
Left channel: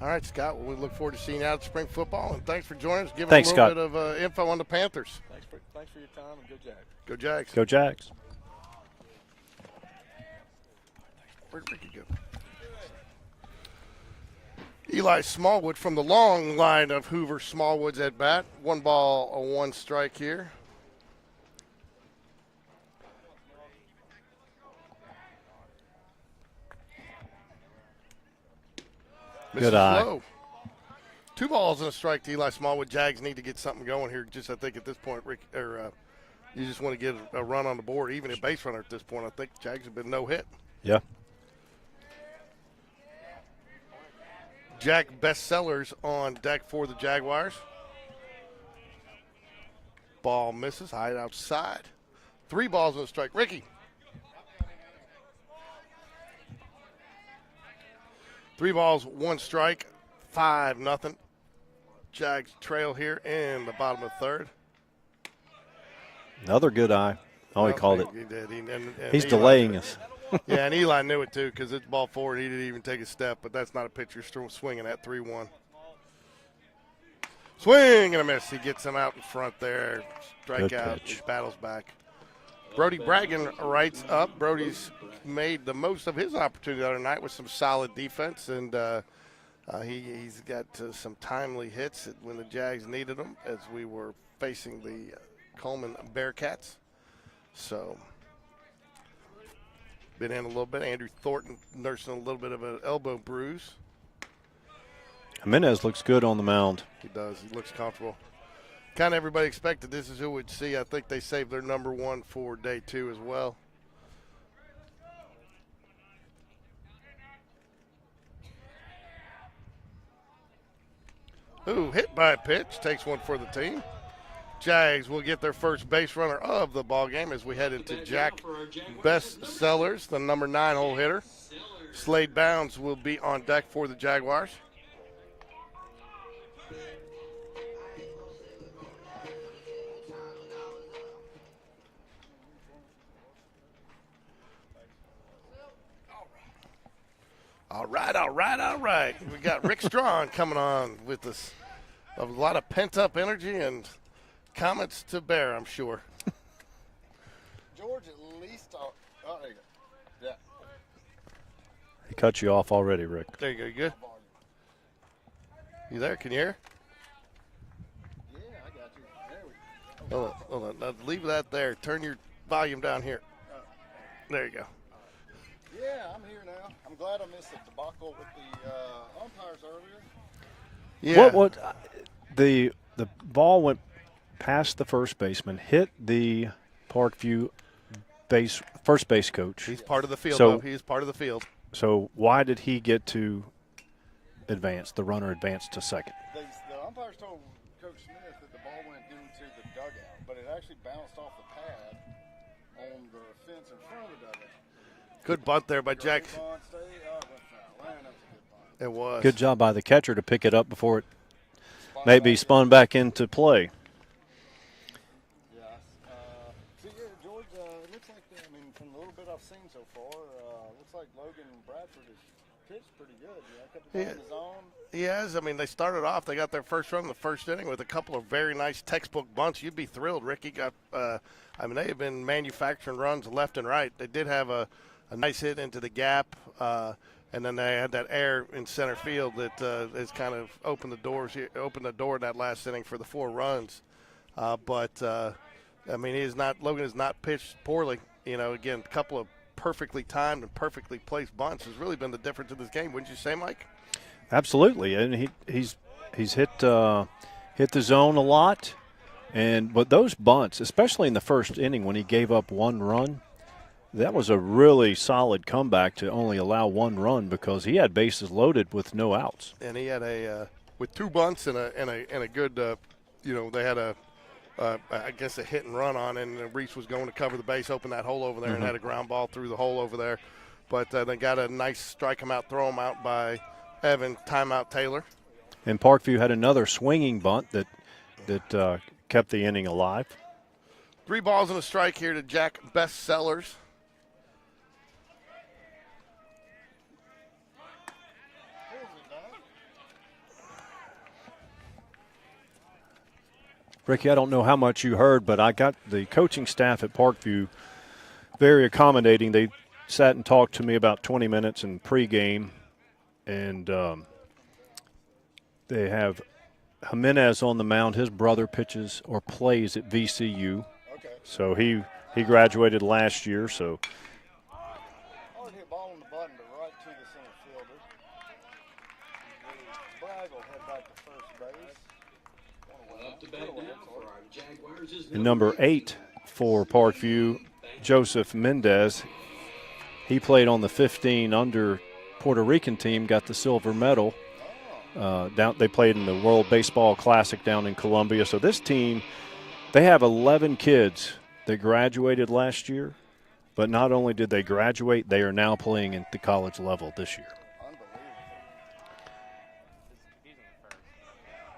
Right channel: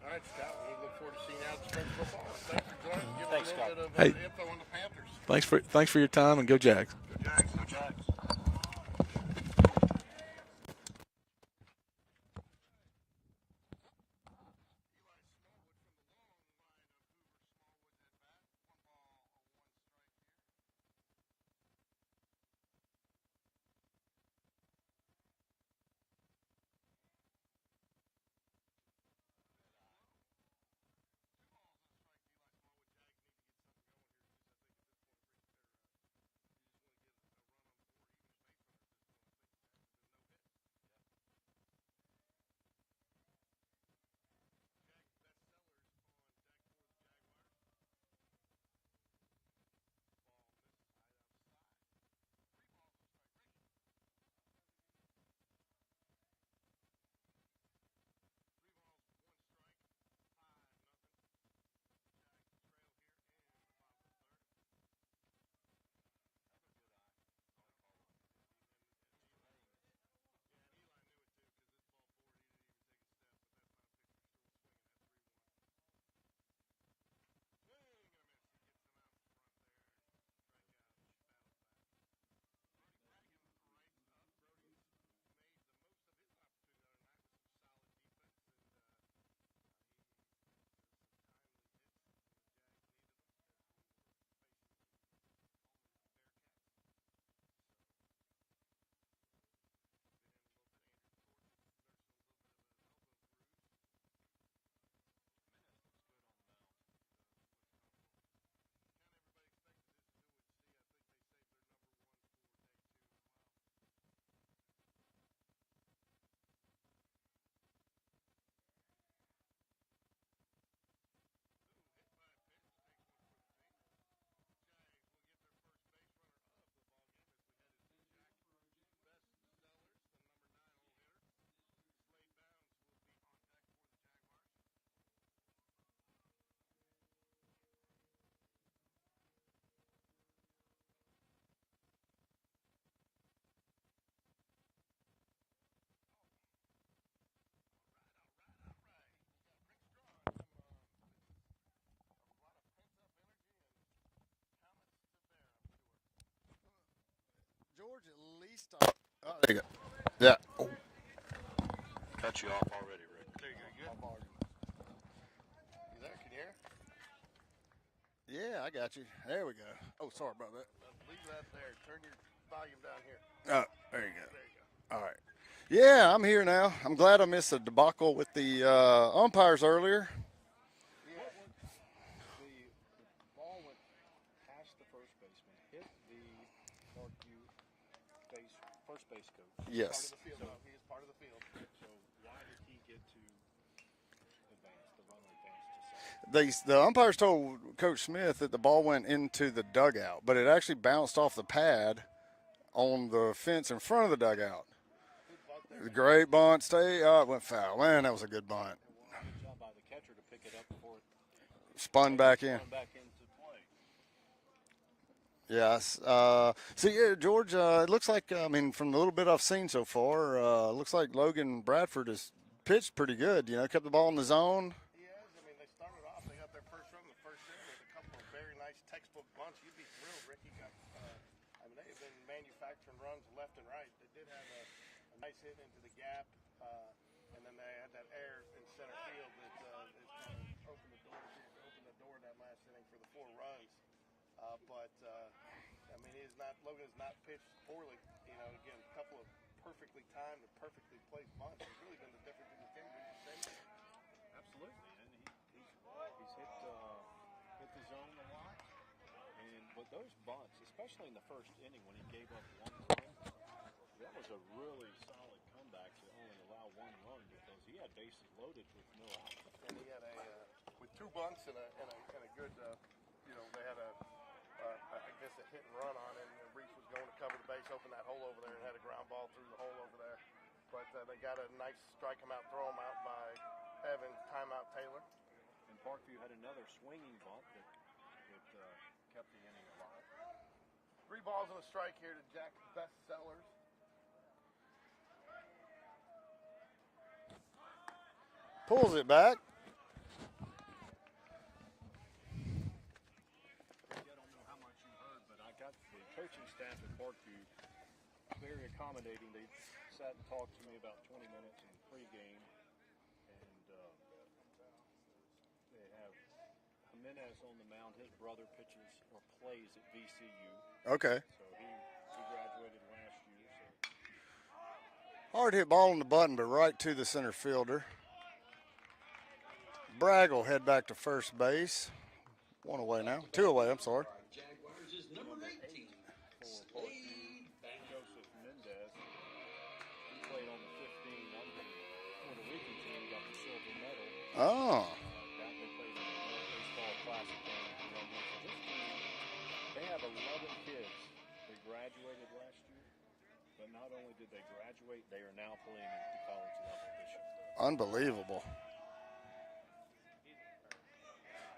All right, Scott. Well, we look forward to seeing you out at spring football, and thanks for joining us. Give Thanks, us a little Scott. bit of info on the Panthers. Thanks for your time, and go Jags. Go Jags. Go Jags. Where'd Ricky go? Eli Smallwood from the long line of Hoover Smallwoods at bat. 1 ball, 1 strike here. Misses Good eye. low. 2 balls and a strike to Eli Smallwood. Jags need to get something going here. Just I think at this point, Rick, you just want to get a run on the board, even a base runner at this point. I think Jags have been no hit. Yeah. Jack Bestsellers on deck for the Jaguars. Ball misses, high outside. 3 balls and a strike. Ricky. 3 balls, 1 strike, 5-0. Jags trail here in the bottom of the 3rd. Another good eye. Oh, he called it. He did. And He's Eli delaying did. us. Yeah, and Eli knew it too because it's ball forward. He didn't even take a step, but that's not a pitcher swinging at 3-1. Swing and a miss. He gets him out in front there. Good Strikeout. pitch. He battles back. Brody Bragan writes up. Brody's made the most of his opportunity the other night with some solid defense, and he's got some timely hits when the Jags needed them as we were facing the Coleman Bearcats. So, been in a little bit. Andrew Thornton nursing a little bit of an elbow bruise. Jimenez looks good on the mound. He does. He looks comfortable. Kind of everybody expected this is who we'd see. I think they saved their number 1 for day 2 as well. Ooh, hit by a pitch. Takes one for the team. Jags will get their first base runner of the ball game as we head into Jack Bestsellers, the number 9 hole hitter. Slade Bounds will be on deck for the Jaguars. All right. We got Rick Strawn coming on with us. A lot of pent-up energy and comments to bear, I'm sure. George, at least. There you go. Yeah. He cut you off already, Rick. There you go. You good? You there? Can you hear? Yeah, I got you. There we go. Hold on. Now leave that there. Turn your volume down here. Oh, there you go. There you go. All right. Yeah, I'm here now. I'm glad I missed the debacle with the umpires earlier. Yeah. The ball went past the first baseman, hit the Parkview first base coach. He's Yes. part of the field. So- though. He's part of the field. So why did he get to advance? The runner advanced to second. The umpires told Coach Smith that the ball went into the dugout, but it actually bounced off the pad on the fence in front of the dugout. Good bunt there by Great Jack. bunt. It went foul. Man, that was a good bunt. It was. Good job by the catcher to pick it up before it Spun maybe back in. spun back into play. Yes. So, yeah, George, it looks like, from the little bit I've seen so far, looks like Logan Bradford has pitched pretty good. Kept the ball in the zone. He has. They started off. They got their first run in the first inning with a couple of very nice textbook bunts. You'd be thrilled. Ricky got. They have been manufacturing runs left and right. They did have a nice hit into the gap, and then they had that air in center field that has kind of opened the door in that last inning for the 4 runs. Logan has not pitched poorly. Again, a couple of perfectly timed and perfectly placed bunts has really been the difference in this game. Wouldn't you say, Mike? Absolutely, and he's hit the zone a lot, but those bunts, especially in the first inning when he gave up 1 run, that was a really solid comeback to only allow 1 run because he had bases loaded with no outs. And he had with 2 bunts and a good, they had a hit and run on, and Reese was going to cover the base, open that hole over there, and had a ground ball through the hole over there. But they got a nice strike him out, throw him out by Evan, timeout Taylor. And Parkview had another swinging bunt that kept the inning alive. 3 balls and a strike here to Jack Bestsellers. Pulls it back. Ricky, I don't know how much you heard, but I got the coaching staff at Parkview very accommodating. They sat and talked to me about 20 minutes in pregame, and they have Jimenez on the mound. His brother pitches or plays at VCU. Okay. So he graduated last year. So Hard hit ball on the button, but right to the center fielder. Bragg will head back to first base. 1 away now. 2 away, I'm sorry. And number 8 for Parkview, Joseph Mendez. He played on the 15 under Puerto Rican team, got the silver medal. Oh. They played in the World Baseball Classic down in Colombia. So this team, they have 11 kids that graduated last year. But not only did they graduate, they are now playing at the college level this year. Unbelievable.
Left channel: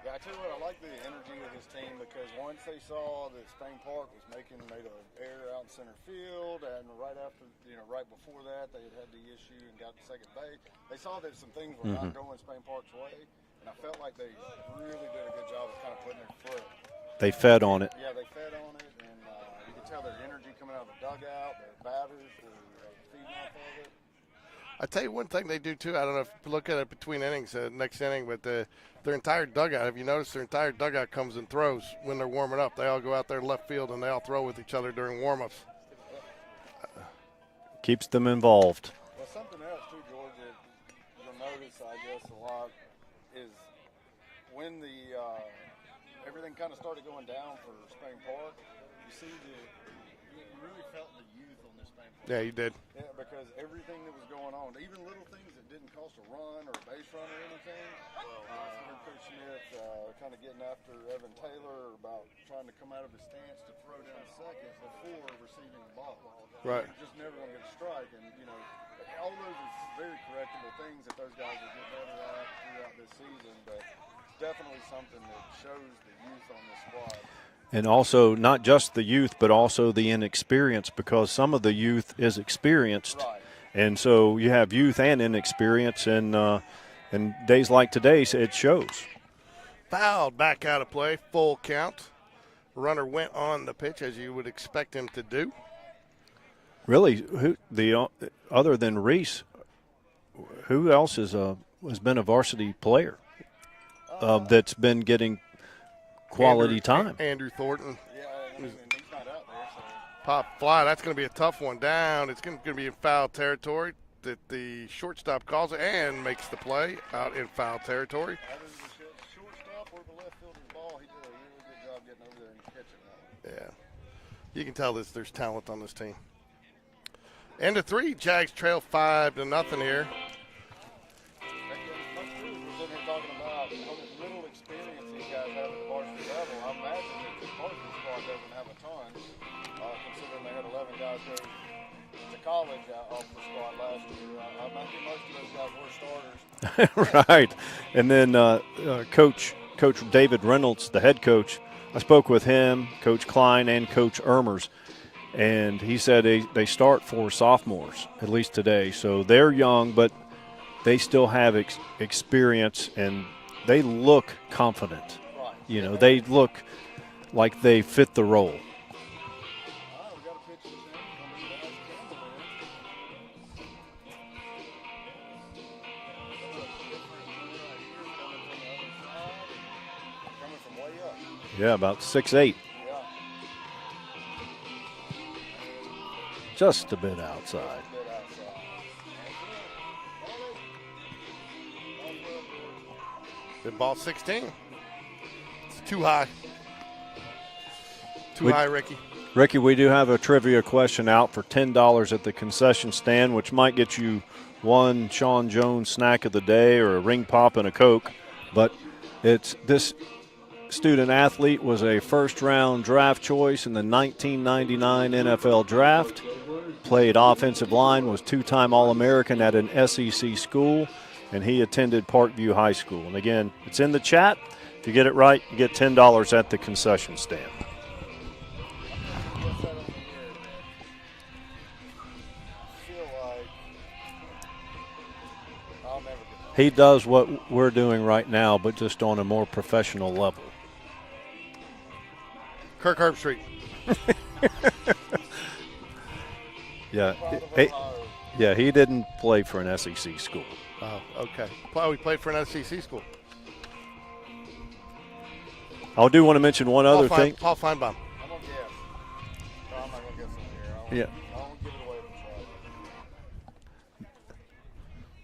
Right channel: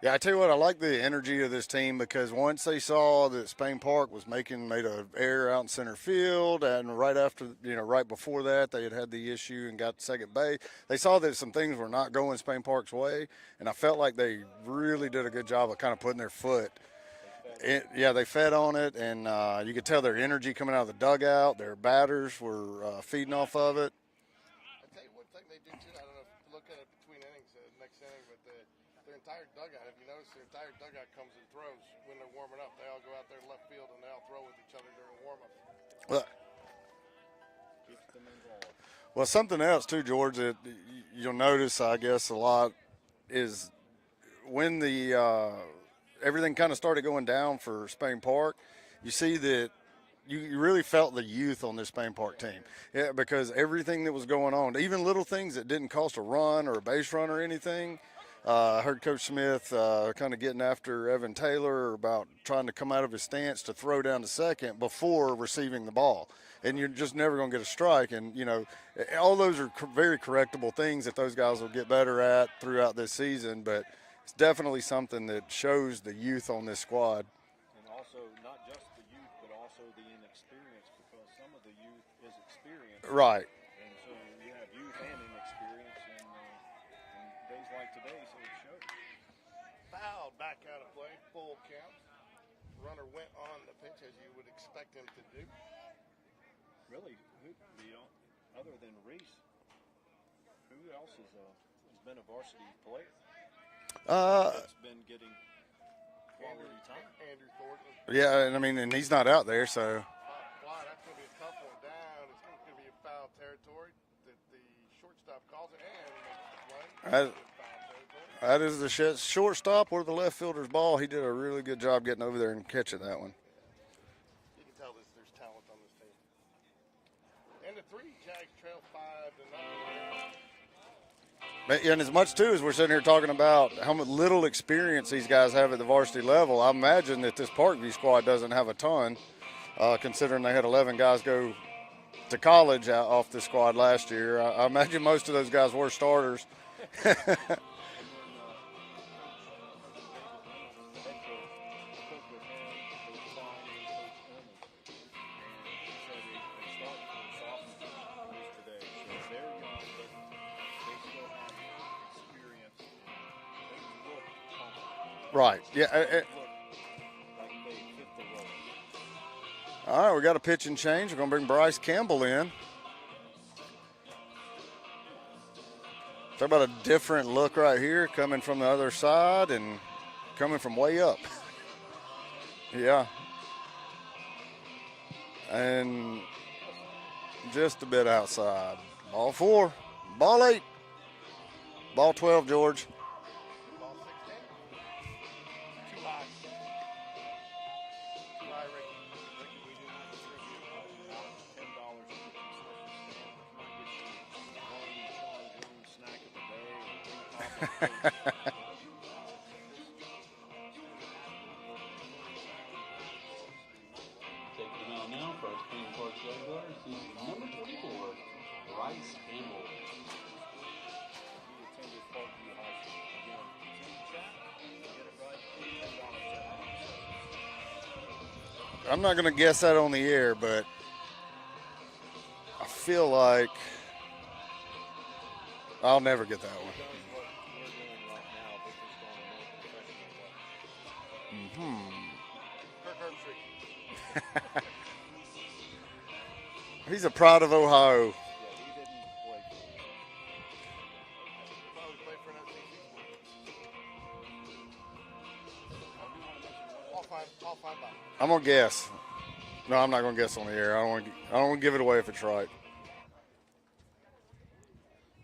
Yeah, I tell you what, I like the energy of this team because once they saw that Spain Park was made an error out in center field, and right before that, they had the issue and got to second base. They saw that some things were not going Spain Park's way, and I felt like they really did a good job of kind of putting their foot. They fed on it. Yeah, they fed on it, and you could tell their energy coming out of the dugout. Their batters were feeding off of it. I tell you one thing they do too. I don't know if you look at it between innings, next inning, but their entire dugout. Have you noticed their entire dugout comes and throws when they're warming up? They all go out there left field and they all throw with each other during warm-ups. Well, keeps them involved. Well, something else too, George, that you'll notice, I guess, a lot is when the everything kind of started going down for Spain Park. You see that. You really felt the youth on this Spain Park team. Yeah, you did. Yeah, because everything that was going on, even little things that didn't cost a run or a base run or anything. I heard Coach Smith kind of getting after Evan Taylor about trying to come out of his stance to throw down to second before receiving the ball. And Right. you're just never going to get a strike. And, all those are very correctable things that those guys will get better at throughout this season. But it's definitely something that shows the youth on this squad. And also not just the youth, but also the inexperience, because some of the youth is experienced. Right. And so you have youth and inexperience, and days like today, it shows. Fouled back out of play, full count. Runner went on the pitch as you would expect him to do. Really, other than Reese, who else has been a varsity player that's been getting quality time? Andrew Thornton. Yeah, and he's not out there, so. Pop fly, that's going to be a tough one down. It's going to be in foul territory. That the shortstop calls it and makes the play out in foul territory. That is the shortstop or the left fielder's ball. He did a really good job getting over there and catching that one. Yeah. You can tell there's talent on this team. End of 3, Jags trail 5-0 here. And as much, too, as we're sitting here talking about how much little experience these guys have at the varsity level, I imagine that this Parkview squad doesn't have a ton, considering they had 11 guys go to college off the squad last year. I imagine most of those guys were starters. Right. And then Coach David Reynolds, the head coach, I spoke with him, Coach Klein, and Coach Ermers, and he said they start for sophomores, at least today. So they're young, but they still have experience, and they look confident. Right. They look like they fit the role. All right, we got a pitch and change. We're going to bring Bryce Campbell in. Talk about a different look right here, coming from the other side and coming from way up. Yeah, about 6'8". Yeah. And just a bit outside. Just a bit outside. Ball 4. Ball 8. Ball 12, George. Then ball 16. It's too high. Too high, Ricky. Ricky, we do have a trivia question out for $10 at the concession stand, which might get you one Sean Jones snack of the day or a ring pop and a Coke. But this student athlete was a first-round draft choice in the 1999 NFL Draft. Played offensive line, was two-time All-American at an SEC school, and he attended Parkview High School. And again, it's in the chat. If you get it right, you get $10 at the concession stand. I'm not going to guess that on the air, but I feel like I'll never get that. He does what we're doing right now, but just on a more professional level. Kirk Herbstreit. He's a pride of Ohio. Yeah, he didn't play for an SEC school. Oh, okay. Well, we played for an SEC school. I do want to mention one other thing. Paul Feinbaum. I'm going to guess. No, I'm not going to guess on the air. I don't want to give it away if it's right.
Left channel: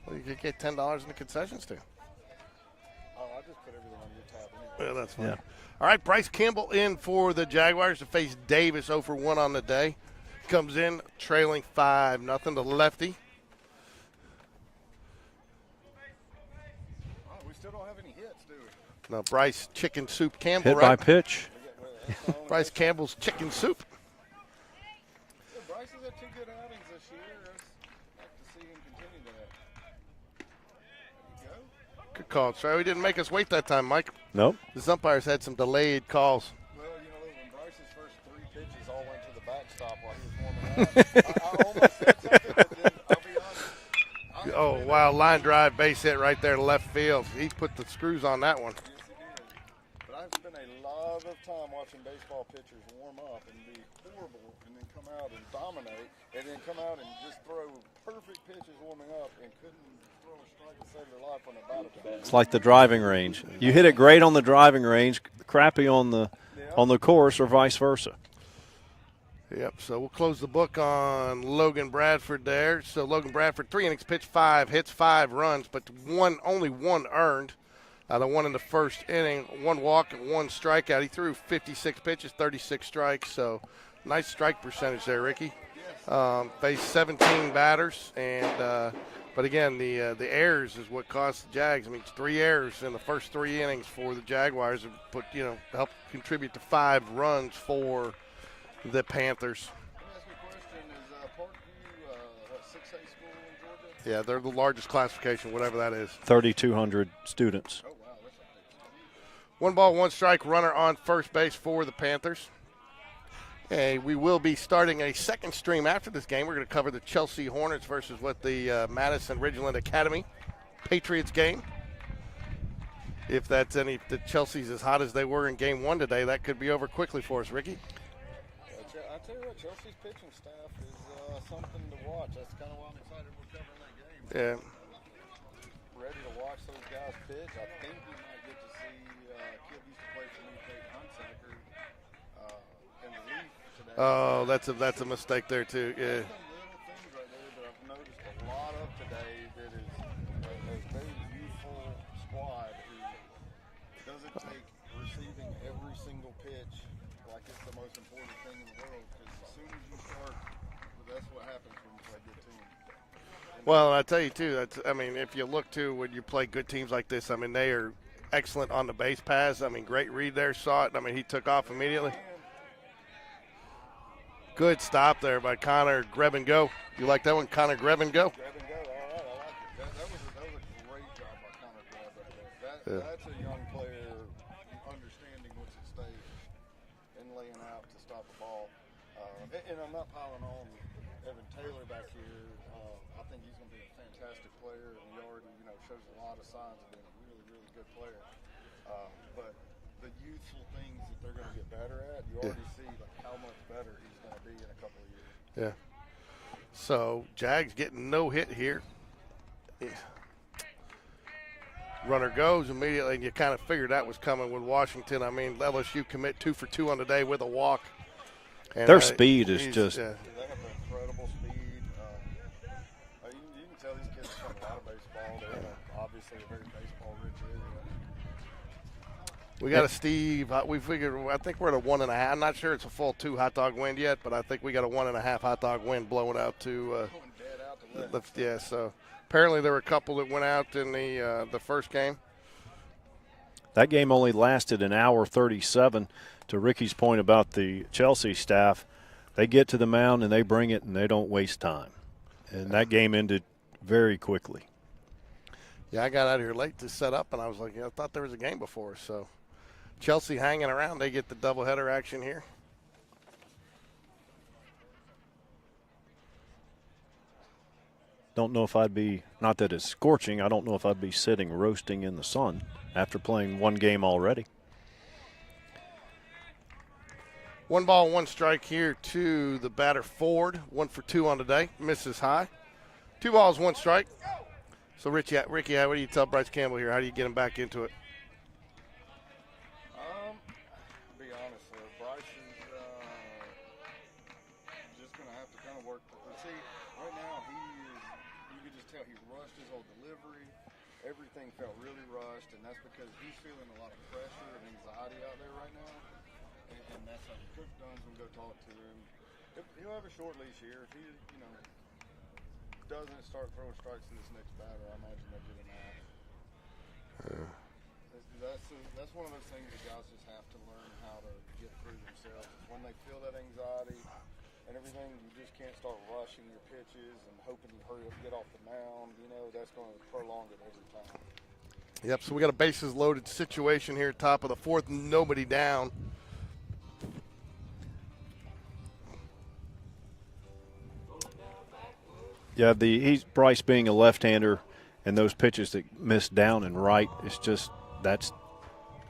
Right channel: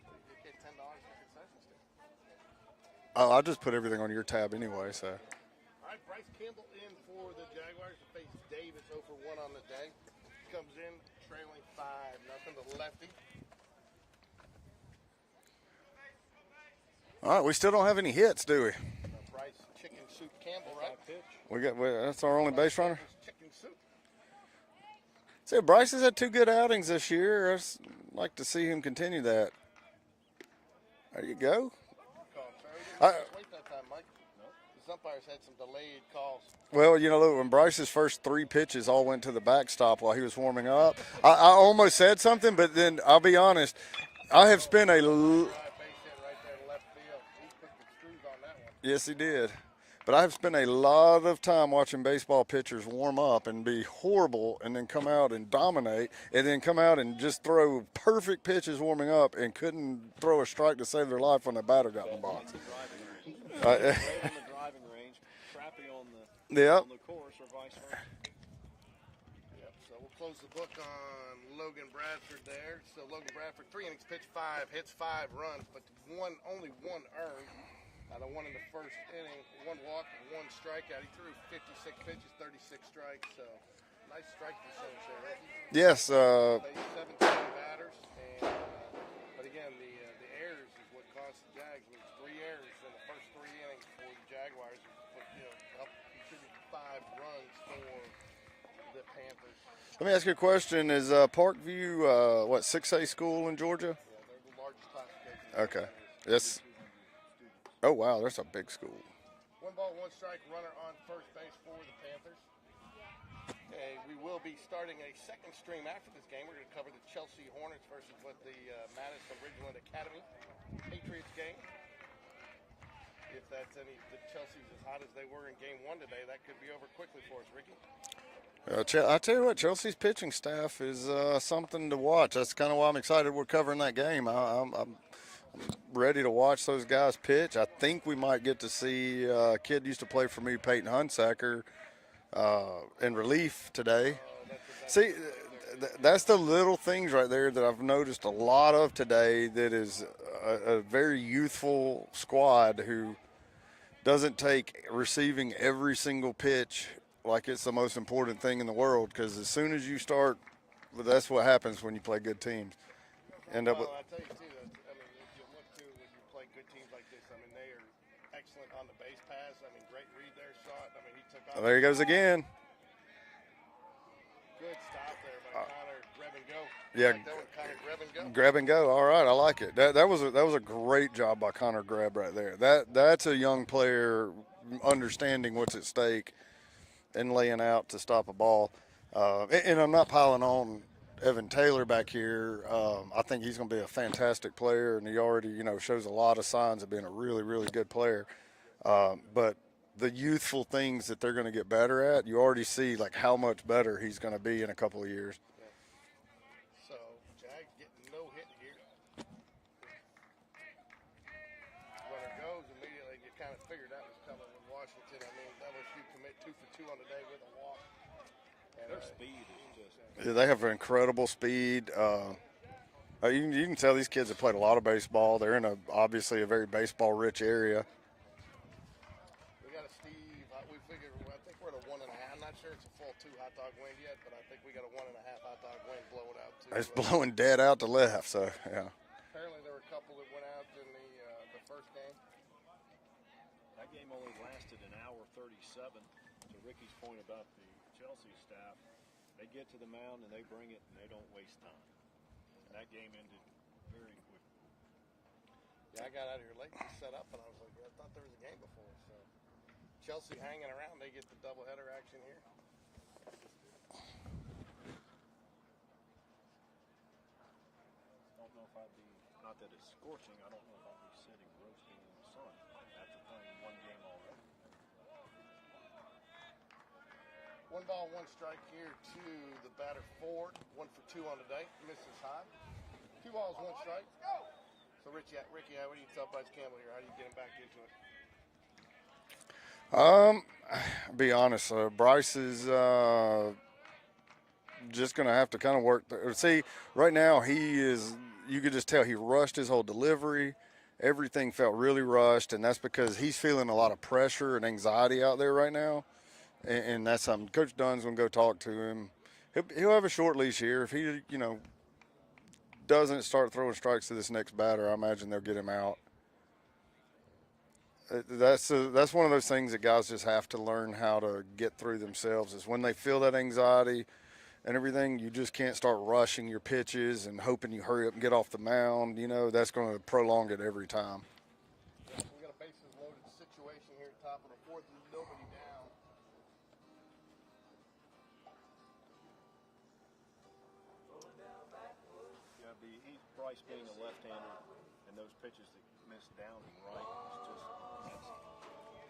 Well, you could get $10 in the concession stand. Oh, I'll just put everything on your tab anyway. Yeah, so. that's fine. All right, Bryce Campbell in for the Jaguars to face Davis 0 for 1 on the day. Comes in trailing 5-0 to lefty. All right, we still don't have any hits, do we? No, Bryce Chicken Soup Campbell, Hit right? by pitch. That's our only Bryce base runner? Campbell's Chicken Soup. See, Bryce has had 2 good outings this year. I'd like to see him continue that. There you go. Good call. Sorry we didn't make us wait that time, Mike. Nope. The umpires had some delayed calls. Well, you know, look, when Bryce's first 3 pitches all went to the backstop while he was warming up, I almost said something, but then I'll be honest. I have spent a line drive base hit right there to left field. He put the screws on that one. Yes, he did. But I have spent a lot of time watching baseball pitchers warm up and be horrible and then come out and dominate and then come out and just throw perfect pitches warming up and couldn't throw a strike to save their life when the batter got the ball. It's like the driving range. You hit it great on the driving range, crappy on the course, or vice versa. Yep, so we'll close the book on Logan Bradford there. So Logan Bradford, 3 innings pitched, 5 hits, 5 runs, but only 1 earned. The 1 in the first inning, 1 walk and 1 strikeout. He threw 56 pitches, 36 strikes, so nice strike percentage there, Ricky. Yes. Faced 17 batters, and but again, the errors is what cost the Jags. I mean, 3 errors in the first 3 innings for the Jaguars and helped contribute to 5 runs for the Panthers. Let me ask you a question. Is Parkview, 6A school in Georgia? Yeah, they're the largest classification, whatever that is. 3,200 students. Oh, wow, that's a big school. 1 ball, 1 strike, runner on first base for the Panthers. Okay, we will be starting a second stream after this game. We're going to cover the Chelsea Hornets versus the Madison Ridgeland Academy Patriots game. If the Chelsea's as hot as they were in game 1 today, that could be over quickly for us, Ricky. I tell you what, Chelsea's pitching staff is something to watch. That's kind of why I'm excited we're covering that game. Yeah. I'm ready to watch those guys pitch. I think we might get to see a kid used to play for me, Peyton Hunsaker, in relief today. Oh, that's a mistake there too. Yeah. That's the little things right there that I've noticed a lot of today. That is a very youthful squad who doesn't take receiving every single pitch like it's the most important thing in the world, because as soon as you start, that's what happens when you play good teams. And I tell you too, if you look to when you play good teams like this, they are excellent on the base paths. Great read there, saw it. He took off. There he goes again. Good stop there by Connor Grab and Go. You like that one, Connor Grab and Go? Grab and go. All right, I like it. That was a great job by Connor Grab right there. That's a young player understanding what's at stake and laying out to stop a ball. And I'm not piling on Evan Taylor back here. I think he's going to be a fantastic player, and he already, shows a lot of signs of being a really, really good player. But the youthful things that they're going to get better at, you already see like how much better he's going to be in a couple of years. Yeah. So Jags getting no hit here. Yeah. Runner goes immediately, and you kind of figured that was coming with Washington. LSU commit 2 for 2 on the day with a walk. And their speed is just. Yeah, they have incredible speed. You can tell these kids have played a lot of baseball. They're in obviously a very baseball-rich area. We got a Steve. We figured. I think we're at a 1.5. I'm not sure it's a full 2 hot dog wind yet, but I think we got a 1.5 hot dog wind blowing out to. It's blowing dead out to left. So. Yeah. So apparently there were a couple that went out in the first game. That game only lasted an hour 37. To Ricky's point about the Chelsea staff, they get to the mound and they bring it and they don't waste time. And that game ended very quickly. Yeah, I got out here late to set up, and I was like, I thought there was a game before. So Chelsea hanging around. They get the doubleheader action here. Don't know if I'd be, not that it's scorching, I don't know if I'd be sitting roasting in the sun after playing 1 game already. 1 ball, 1 strike here to the batter Ford. 1 for 2 on the day. Misses high. 2 balls, 1 strike. So, Ricky, what do you tell Bryce Campbell here? How do you get him back into it? I'll be honest. Bryce is just going to have to kind of work. See, right now he is. You could just tell he rushed his whole delivery. everything felt really rushed, and that's because he's feeling a lot of pressure and anxiety out there right now, and that's something Coach Dunn's going to go talk to him. He'll have a short leash here. If he, doesn't start throwing strikes to this next batter, I imagine they'll get him out. That's one of those things that guys just have to learn how to get through themselves, is when they feel that anxiety and everything, you just can't start rushing your pitches and hoping you hurry up and get off the mound. That's going to prolong it every time. Yep, so we got a bases loaded situation here, top of the fourth, nobody down. Yeah, Bryce being a left-hander, and those pitches that miss down and right, that's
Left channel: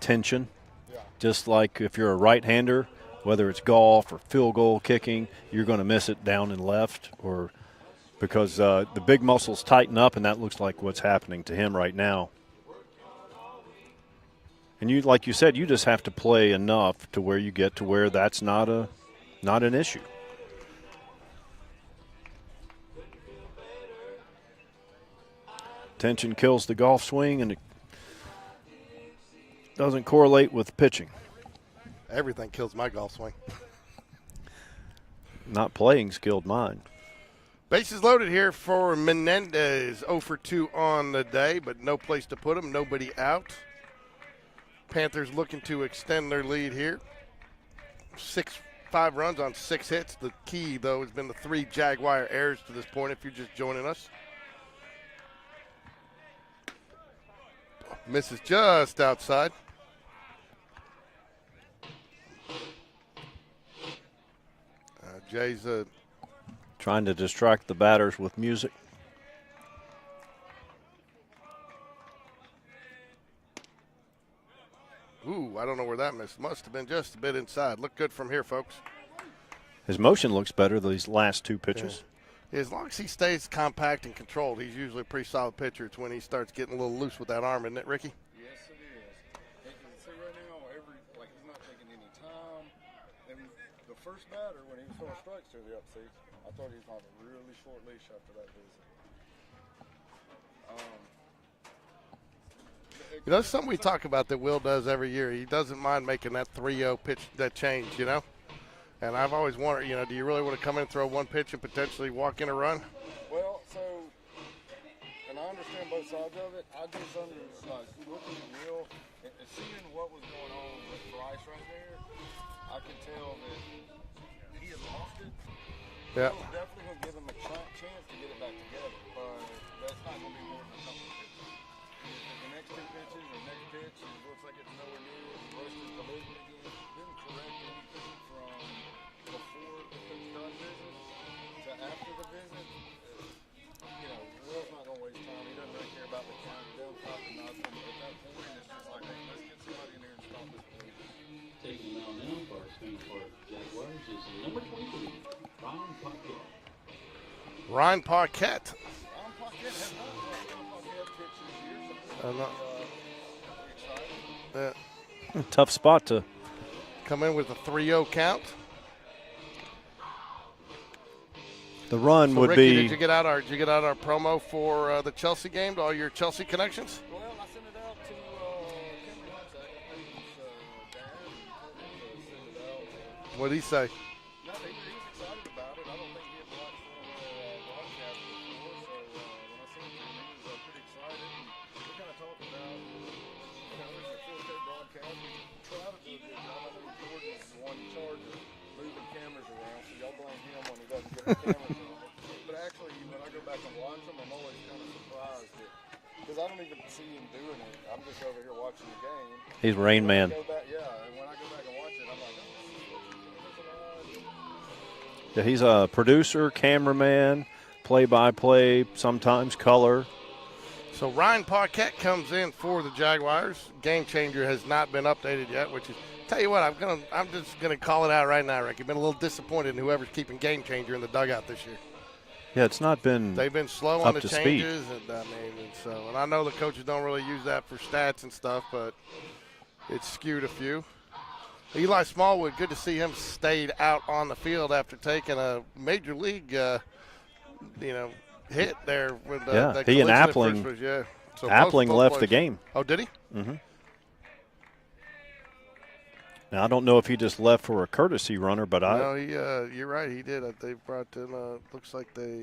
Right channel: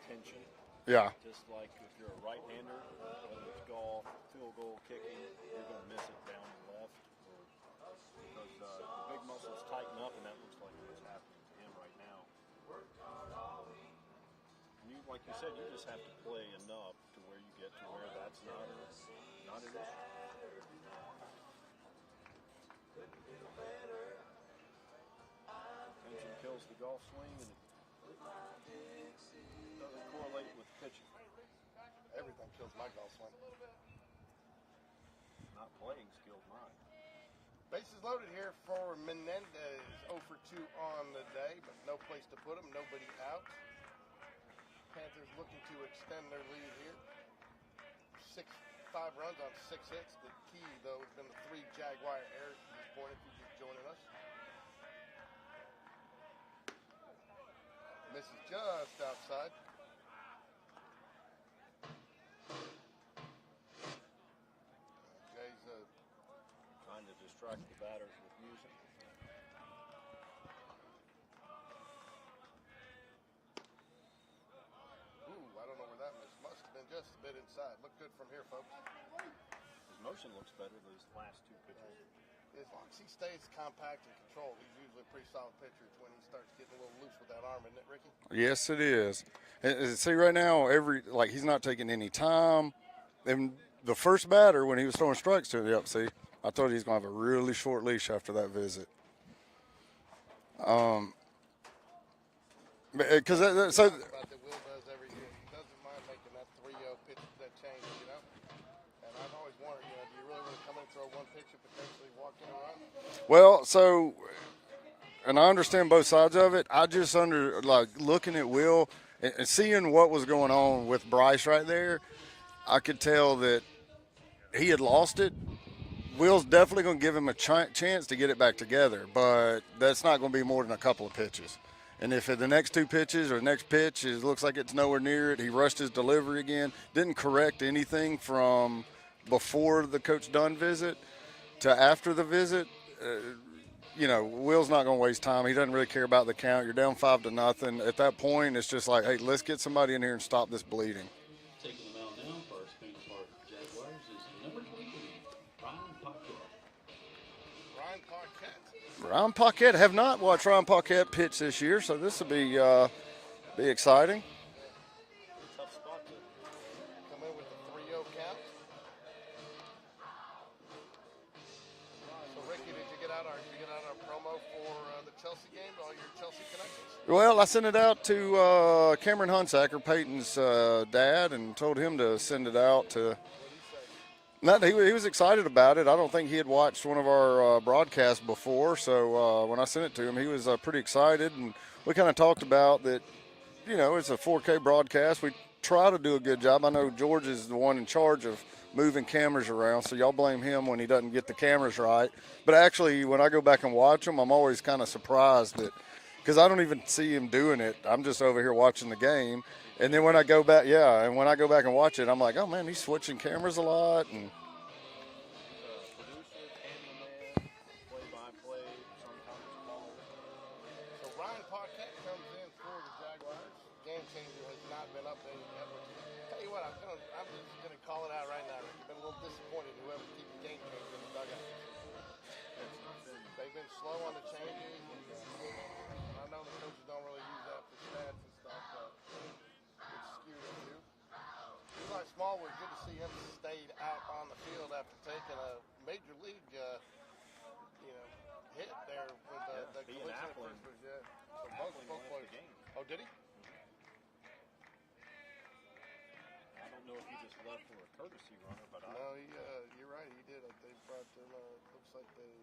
tension. Yeah. Just like if you're a right-hander, whether it's golf or field goal kicking, you're going to miss it down and left, or because the big muscles tighten up, and that looks like what's happening to him right now. And like you said, you just have to play enough to where you get to where that's not an issue. Tension kills the golf swing, and it doesn't correlate with pitching. Everything kills my golf swing. Not playing's killed mine. Bases loaded here for Menendez. 0 for 2 on the day, but no place to put him. Nobody out. Panthers looking to extend their lead here. 5 runs on 6 hits. The key, though, has been the 3 Jaguar errors to this point, if you're just joining us. Misses just outside. Jay's trying to distract the batters with music. Ooh, I don't know where that missed. Must have been just a bit inside. Look good from here, folks. His motion looks better these last 2 pitches. Yeah. As long as he stays compact and controlled, he's usually a pretty solid pitcher. It's when he starts getting a little loose with that arm, isn't it, Ricky? Yes, it is. And see, right now, he's not taking any time. And the first batter, when he was throwing strikes to him, see, I thought he was going to have a really short leash after that visit. That's something we talk about that Will does every year. He doesn't mind making that 3-0 pitch, that change, And I've always wondered, do you really want to come in and throw one pitch and potentially walk in a run? Well, and I understand both sides of it. I just looking at Will and seeing what was going on with Bryce right there, I could tell that he had lost it. Yeah. Will's definitely going to give him a chance to get it back together, but that's not going to be more than a couple of pitches. And if the next 2 pitches or the next pitch looks like it's nowhere near it, he rushed his delivery again, didn't correct anything from before the Coach Dunn visit to after the visit, Will's not going to waste time. He doesn't really care about the count. You're down 5-0. At that point, it's just like, hey, let's get somebody in here and stop this bleeding. Taking the mound now for Spring Park Jaguars is number 23, Ryan Paquette. Ryan Paquette. Have not watched Ryan Paquette pitch this year, so this will be exciting. Yeah. Tough spot to come in with a 3-0 count. The run so would Ricky, be. Did you get out our promo for the Chelsea game to all your Chelsea connections? Well, I sent it out to Cameron Hunsacker, Peyton's dad, and told him to send it out to. What did he say? He was excited about it. I don't think he had watched one of our broadcasts before, so when I sent it to him, he was pretty excited. And we kind of talked about that, it's a 4K broadcast. We try to do a good job. I know George is the one in charge of moving cameras around, so y'all blame him when he doesn't get the cameras right. But actually, when I go back and watch them, I'm always kind of surprised that, because I don't even see him doing it. I'm just over here watching the game. He's and Rain then when Man. I go back, and when I go back and watch it, I'm like, oh man, he's switching cameras a lot. And Yeah, he's a producer, cameraman, play-by-play, sometimes color. So Ryan Paquette comes in for the Jaguars. Game Changer has not been updated yet, which is, tell you what, I'm just gonna call it out right now, Rick. You've been a little disappointed in whoever's keeping Game Changer in the dugout this year. Yeah, it's not been. They've been slow on the changes, and I know the coaches don't really use that for stats and stuff, but it's skewed a few. Eli Smallwood, good to see him stayed out on the field after taking a major league, hit there with yeah, that he and collision at Appling first base, yeah. So Appling both left plays. the game. Oh, did he? Mm-hmm. Now, I don't know if he just left for a courtesy runner, but No, you're right. He did. They brought in. Looks like they.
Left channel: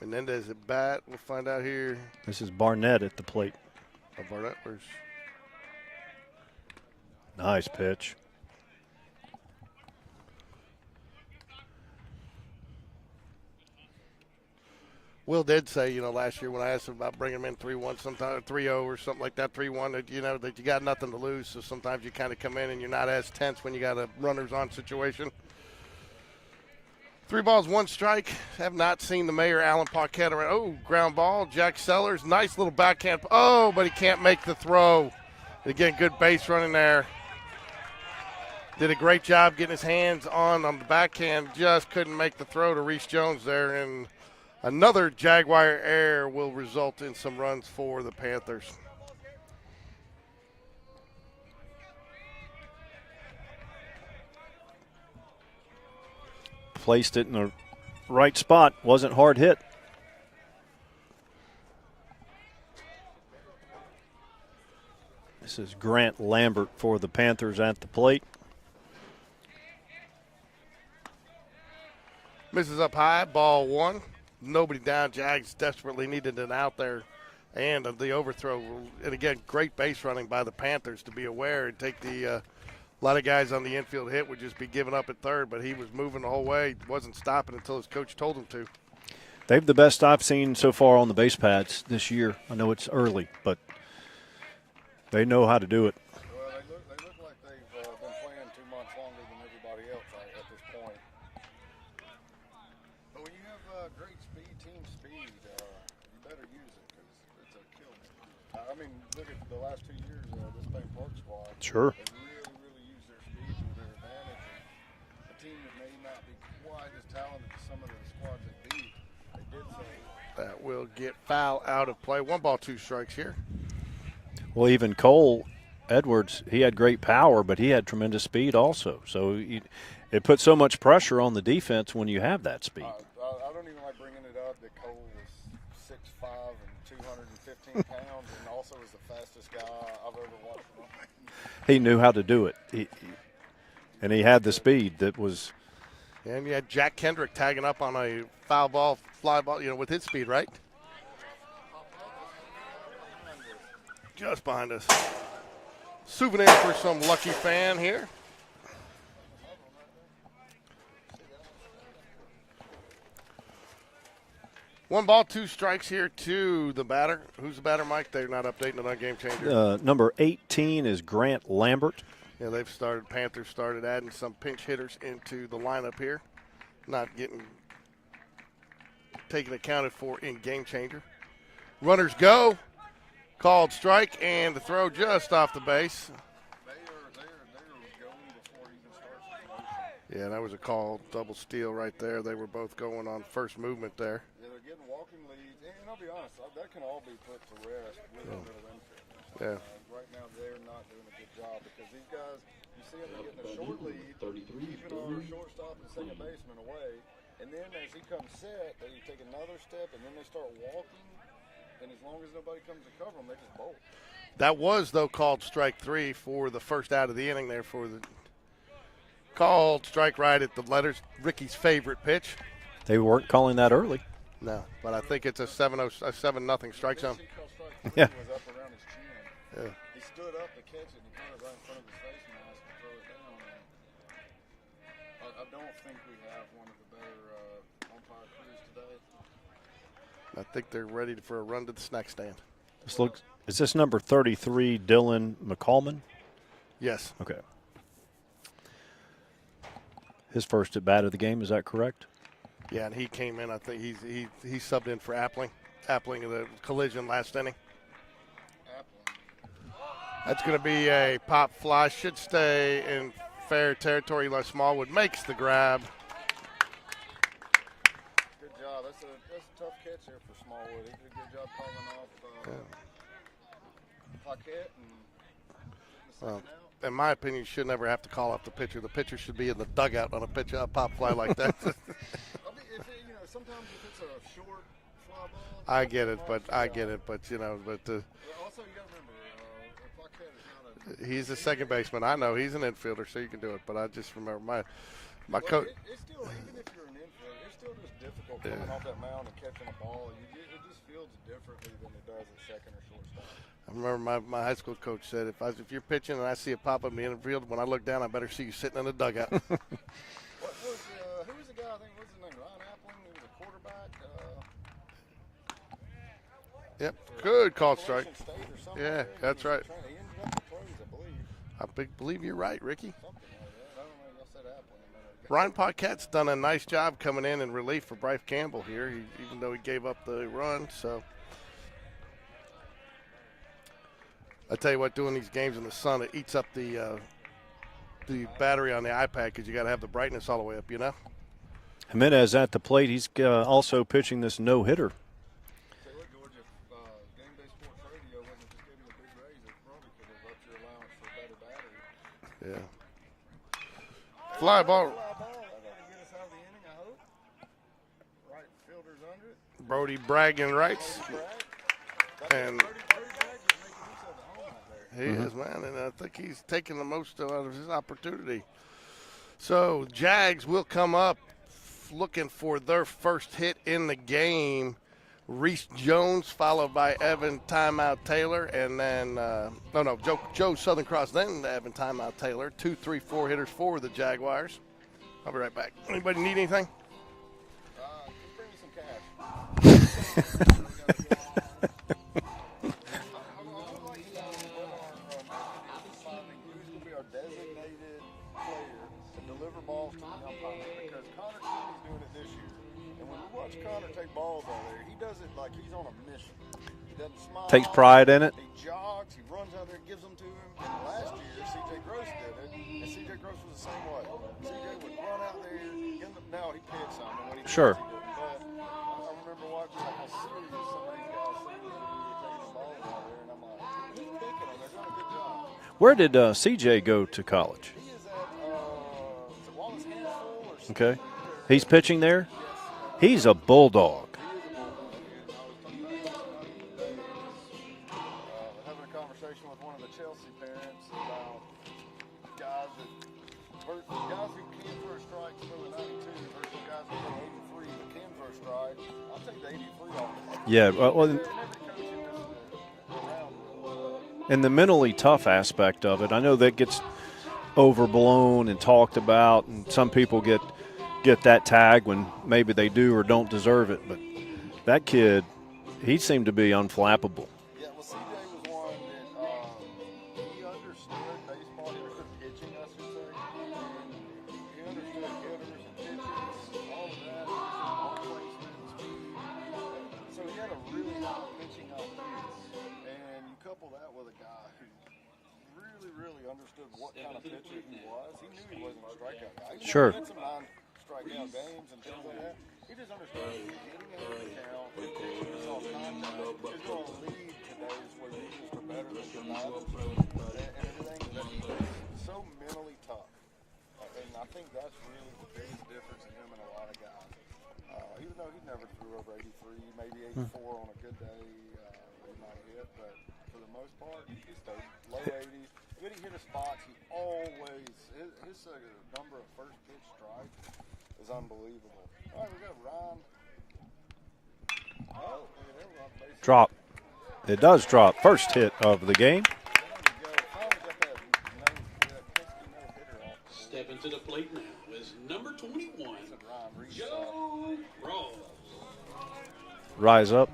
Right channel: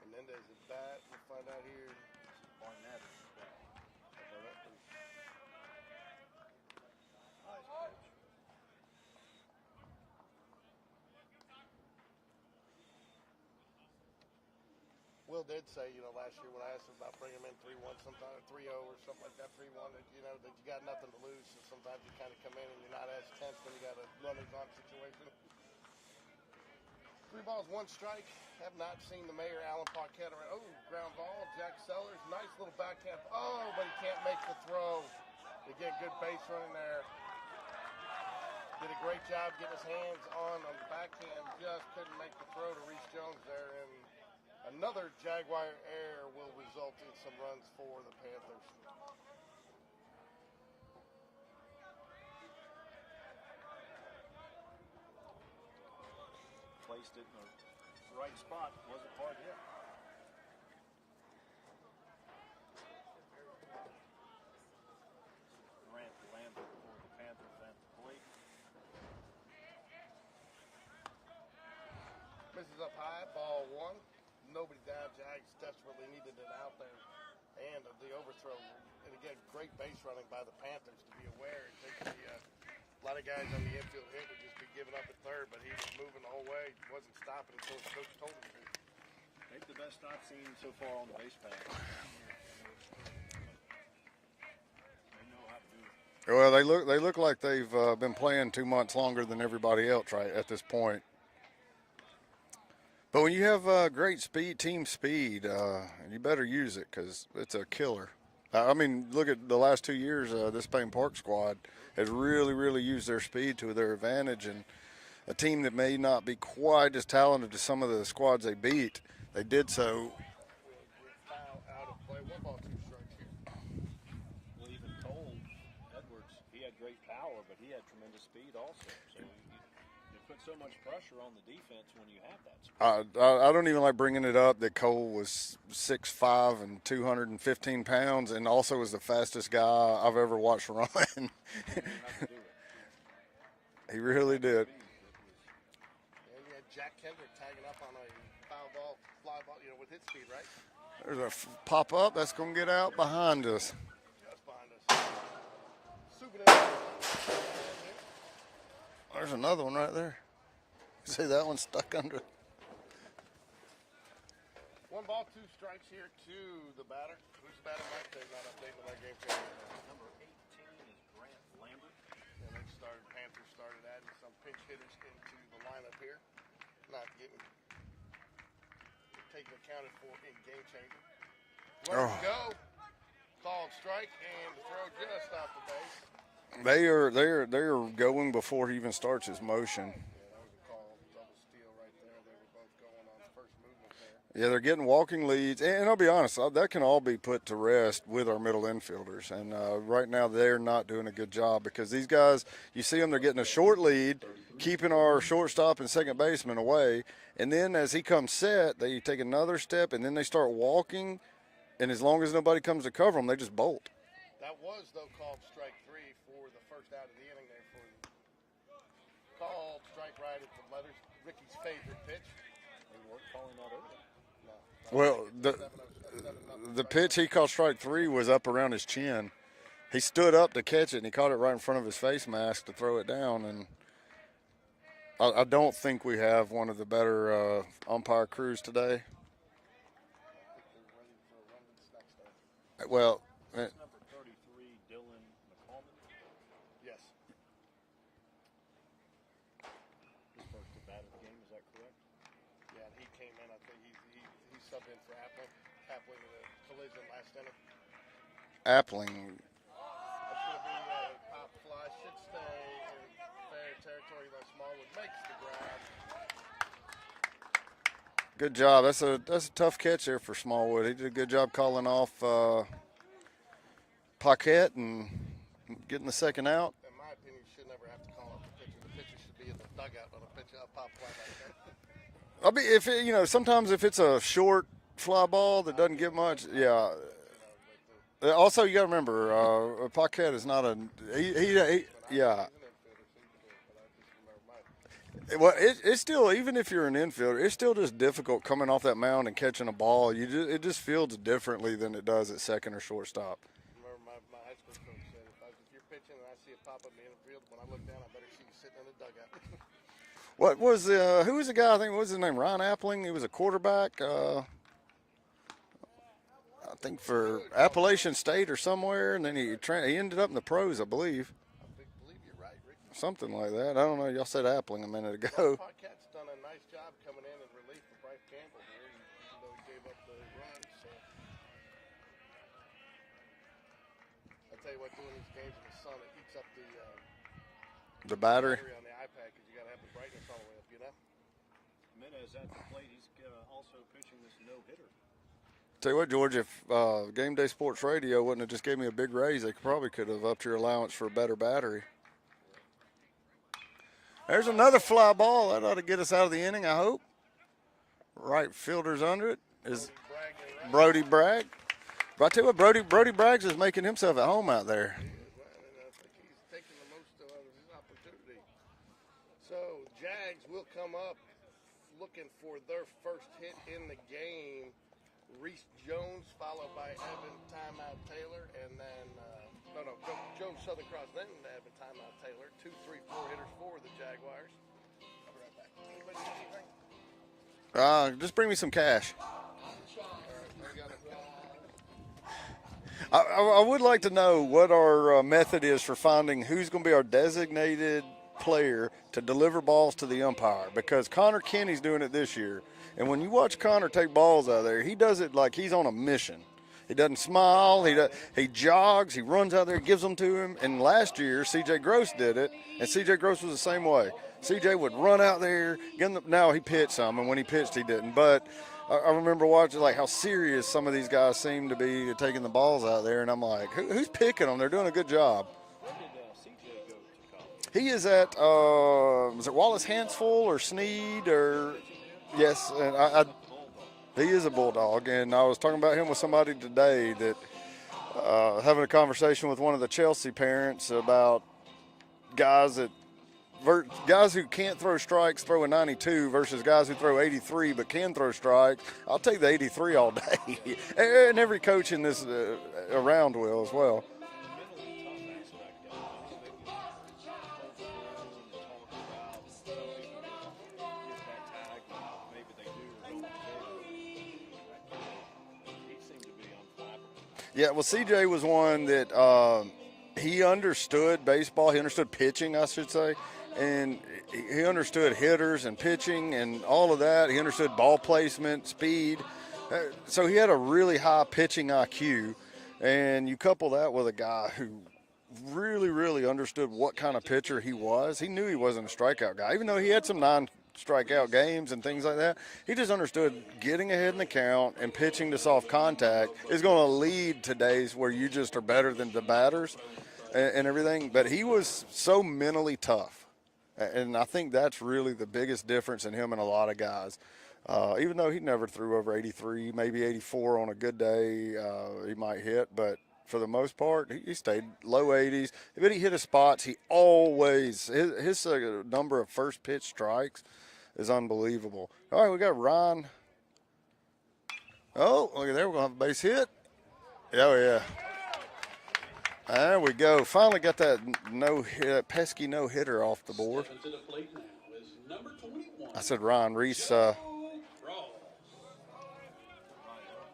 Menendez at bat. We'll find out here. This is Barnett at the plate. Oh, Barnett. Nice pitch. Will did say, last year when I asked him about bringing him in 3-1, sometimes 3-0 or something like that, 3-1, that that you got nothing to lose. So sometimes you kind of come in and you're not as tense when you got a runners on situation. 3 balls, 1 strike. Have not seen the mayor, Alan Paquette. Oh, ground ball. Jack Sellers, nice little backhand. Oh, but he can't make the throw. Again, good base running there. Did a great job getting his hands on the backhand. Just couldn't make the throw to Reese Jones there. And another Jaguar error will result in some runs for the Panthers. Placed it in the right spot. Wasn't hard hit. This is Grant Lambert for the Panthers at the plate. Misses up high, ball 1. Nobody down. Jags desperately needed an out there. And the overthrow. And again, great base running by the Panthers to be aware and take the a lot of guys on the infield hit would just be giving up at third, but he was moving the whole way. Wasn't stopping until his coach told him to. They've the best I've seen so far on the base pads this year. I know it's early, but they know how to do it. Well, they look like they've been playing 2 months longer than everybody else right at this point. But when you have great speed, team speed, you better use it because it's a killer. I mean, look at the last 2 years, this Payne Park squad has really, really used their speed to their advantage. And a team that may not be quite as talented as some of the squads they beat, they did so. That will get foul out of play. 1 ball, 2 strikes here. Well, even Cole Edwards, he had great power, but he had tremendous speed also. So it puts so much pressure on the defense when you have that speed. I don't even like bringing it up that Cole was 6'5" and 215 pounds and also was the fastest guy I've ever watched run. He knew how to do it. He really had did. the speed that was. And you had Jack Kendrick tagging up on a foul ball, fly ball, with his speed, right? There's a pop-up that's going to get out behind us. Just behind us. Souvenir for some lucky fan here. There's another one right there. See that one stuck under it? 1 ball, 2 strikes here to the batter. Who's the batter, Mike? They're not updating it on Game Changer. Number 18 is Grant Lambert. Yeah, Panthers started adding some pinch hitters into the lineup here. Not getting taken accounted for in Game Changer. Runners go. Called strike, and the throw just off the base. They're going before he even starts his motion. Yeah, that was a call double steal right there. They were both going on first movement there. Yeah, they're getting walking leads, and I'll be honest, that can all be put to rest with our middle infielders. And right now they're not doing a good job because these guys, you see them, they're getting a short lead, keeping our shortstop and second baseman away, and then as he comes set, they take another step, and then they start walking, and as long as nobody comes to cover them, they just bolt. That was, though, called strike 3 for the first out of the inning there for the called strike right at the letters. Ricky's favorite pitch. They weren't calling that early. No, but I think it's a 7-0 strike. The pitch he called strike 3 was up around his chin. Yeah. He stood up to catch it, and he caught it right in front of his face mask to throw it down. And I don't think we have one of the better umpire crews today. I think they're ready for a run to the snack stand. Well, is this number 33 Dylan McCallman? Yes. Okay. His first at bat of the game, is that correct? Yeah, and he came in. I think he subbed in for Appling. Appling in the collision last inning. Appling. That's going to be a pop fly. Should stay in fair territory. Les Smallwood makes the grab. Good job. That's a tough catch there for Smallwood. He did a good job calling off Paquette and getting the second out. In my opinion, you should never have to call off the pitcher. The pitcher should be in the dugout on a pop fly like that. Sometimes if it's a short fly ball that I doesn't get get it, much. but I get it, but you know, but also you got to remember, Paquette is not a. he's a second baseman. I know he's an infielder, so you can do it. But I just remember my well, it's still, even if you're an infielder, it's still just difficult coming off that mound and catching a ball. It just feels differently than it does at second or shortstop. I remember my high school coach said, if you're pitching and I see it pop up in the infield, when I look down, I better see you sitting in the dugout. What was who was the guy? I think what was his name? Ryan Appling. He was a quarterback. I think for Appalachian State or somewhere, and then he ended up in the pros, I believe. I believe you're right, Ricky. Something like that. I don't know. Y'all said Appling a minute ago. Ryan Paquette's done a nice job coming in relief for Bryce Campbell here, even though he gave up the run. So I tell you what, doing these games in the sun, it eats up the battery on the iPad because you got to have the brightness all the way up, you know. Jimenez at the plate. He's also pitching this no-hitter. Tell you what, George, if Game Day Sports Radio wouldn't have just gave me a big raise, they probably could have upped your allowance for a better battery. Yeah. There's another fly ball. That ought to get us out of the inning, I hope. Right fielder's under it. Brody Bragg and right. Brody Bragg. But I tell you what, Brody Braggs is making himself at home out there. He is, man, and I think he's taking the most out of his opportunity. So Jags will come up looking for their first hit in the game. Reese Jones, followed by Evan Timeout Taylor, and then Joe Southern Cross, then Evan Timeout Taylor. 2, 3, 4 hitters for the Jaguars. I'll be right back. Anybody need anything? Just bring me some cash. I would like to know what our method is for finding who's going to be our designated player to deliver balls to the umpire, because Connor Kenny's doing it this year. And when you watch Connor take balls out there, he does it like he's on a mission. He doesn't smile. Takes pride in it. He jogs. He runs out there, gives them to him. And last year, C.J. Gross did it, and C.J. Gross was the same way. C.J. would run out there. Now he pitched some, and when he pitched, he didn't. But I remember watching like how serious some of these guys seem to be taking the balls out there, and I'm like, who's picking them? They're doing a good job. Where did C.J. go to college? He is at is it Wallace Hansful or Sneed? Okay. Or he's pitching there? Yes. And he's a bulldog. He is a bulldog, and I was talking about him with somebody today that having a conversation with one of the Chelsea parents about guys who can't throw strikes throwing 92 versus guys who throw 83 but can throw strikes. I'll take the 83 all day. Yeah. And every coach in this around will as well. And the mentally tough aspect of it, I know that gets overblown and talked about, and some people get that tag when maybe they do or don't deserve it. But that kid, he seemed to be unflappable. Yeah, well, CJ was one that he understood baseball. He understood pitching, I should say. And he understood hitters and pitching and all of that. He understood ball placement, speed. So he had a really high pitching IQ. And you couple that with a guy who really, really understood what kind of pitcher he was. He knew he wasn't a strikeout guy. Even though he had some non-strikeout games and things like that, he just understood getting ahead in the count and pitching to soft contact is going to lead to days where you just are better than the batters and everything. But he was so mentally tough. And I think that's really the biggest difference in him and a lot of guys. Even though he never threw over 83, maybe 84 on a good day, he might hit. But for the most part, he stayed low 80s. But he hit his spots. He always – his number of first pitch strikes is unbelievable. All right, we got Ron. Oh, look at there. We're going to have a base hit. Drop. It does drop. First hit of the game. There we go. Finally got that pesky no-hitter off the board. Stepping to the plate now is number 21. I said Ron Reese. Rise up.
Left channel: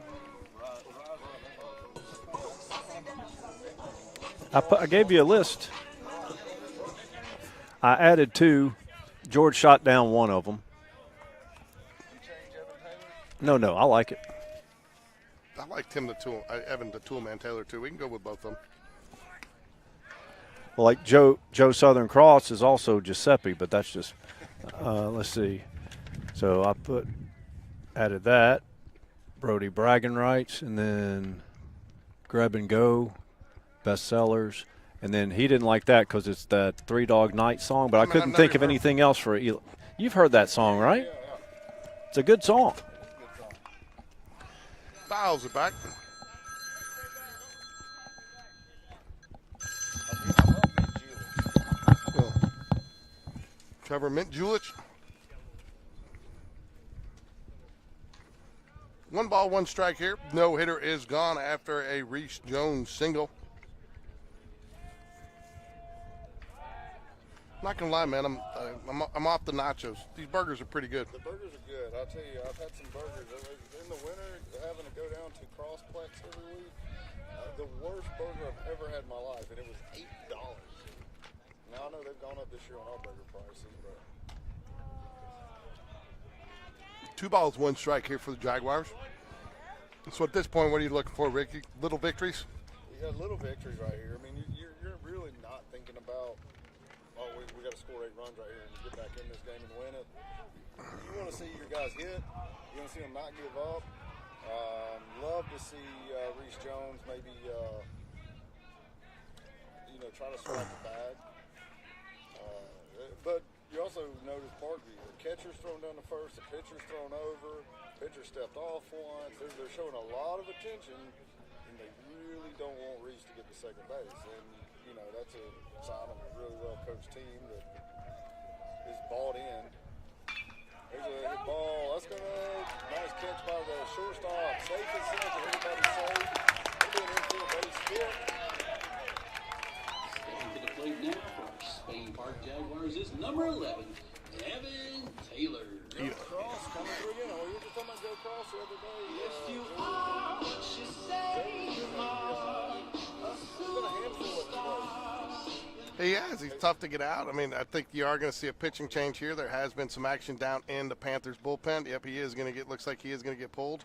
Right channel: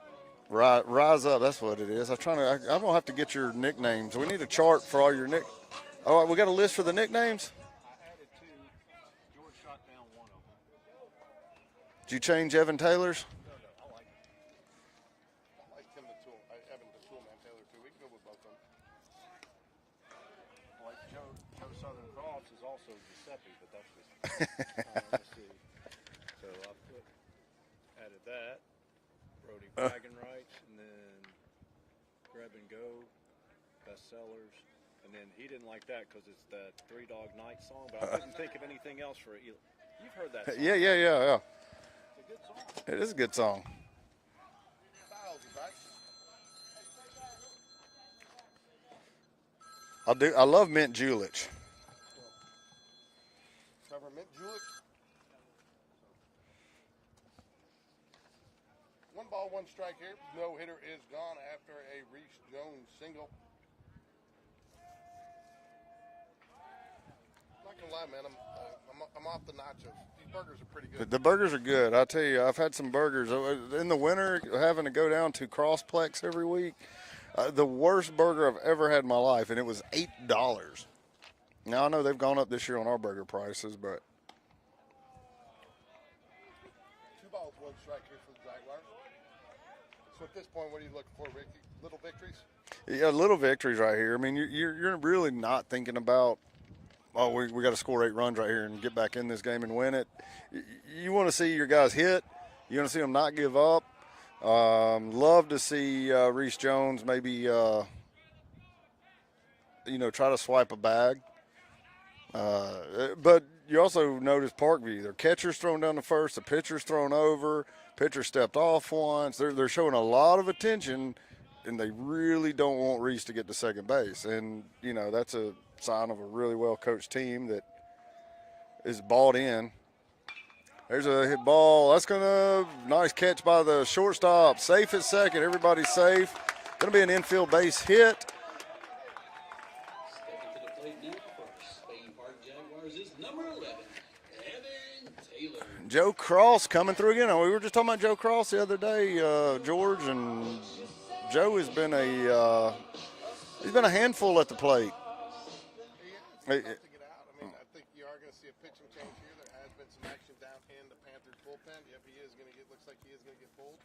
Rise up. That's what it is. I'm gonna have to get your nicknames. We need a chart. I gave you a list. All right, we got a list for the nicknames. I added 2. George shot down one of them. Did you change Evan Taylor's? No, I like it. I like Evan the Toolman Taylor too. We can go with both of them. Well, like Joe Southern Cross is also Giuseppe, but that's just let's see. So I added that. Brody bragging rights, and then grab and go, bestsellers, and then he didn't like that because it's that Three Dog Night song. But I couldn't think of anything else for it. You've heard that song, right? Yeah. It's a good song. It is a good song. Fouls it back. I love Mint Julich. Trevor Mint Julich. 1 ball, 1 strike here. No hitter is gone after a Reese Jones single. Not gonna lie, man. I'm off the nachos. These burgers are pretty good. The burgers are good. I tell you, I've had some burgers in the winter. Having to go down to Crossplex every week, the worst burger I've ever had in my life, and it was $8. Now I know they've gone up this year on our burger prices, but 2 balls, 1 strike here for the Jaguars. So at this point, what are you looking for, Ricky? Little victories? Yeah, little victories right here. I mean, you're really not thinking about, oh, we got to score 8 runs right here and get back in this game and win it. You want to see your guys hit. You want to see them not give up. Love to see Reese Jones maybe, try to swipe a bag. But you also notice Parkview. Their catcher's thrown down the first, the pitcher's thrown over, pitcher stepped off once. They're showing a lot of attention, and they really don't want Reese to get to second base. And, that's a sign of a really well-coached team that is bought in. There's a hit ball. That's nice catch by the shortstop. Safe at second. Everybody's safe. Going to be an infield base hit. Joe Cross coming through again. We were just talking about Joe Cross the other day, George, and Joe has been a handful at the plate. He has. He's tough to get out. I mean, I think you are going to see a pitching change here. There has been some action down in the Panthers bullpen. Yep, he is going to looks like he is going to get pulled.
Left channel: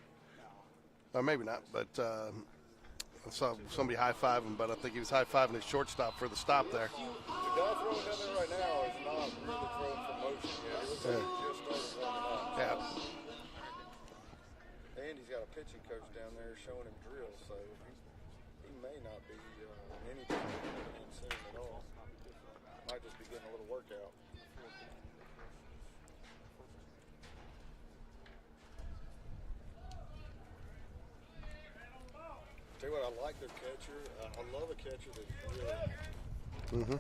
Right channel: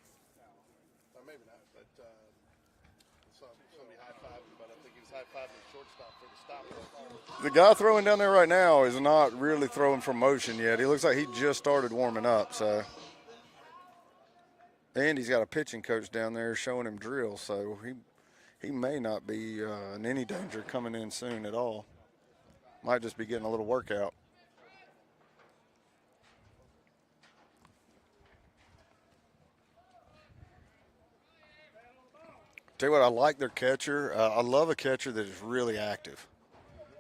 Or maybe not, but I saw somebody high-fiving, but I think he was high-fiving his shortstop for the stop there. The guy throwing down there right now is not really throwing from motion yet. He looks like he just started warming up. So, and he's got a pitching coach down there showing him drills, so he may not be in any danger coming in soon at all. Might just be getting a little workout. Tell you what, I like their catcher. I love a catcher that is really active. Mm-hmm.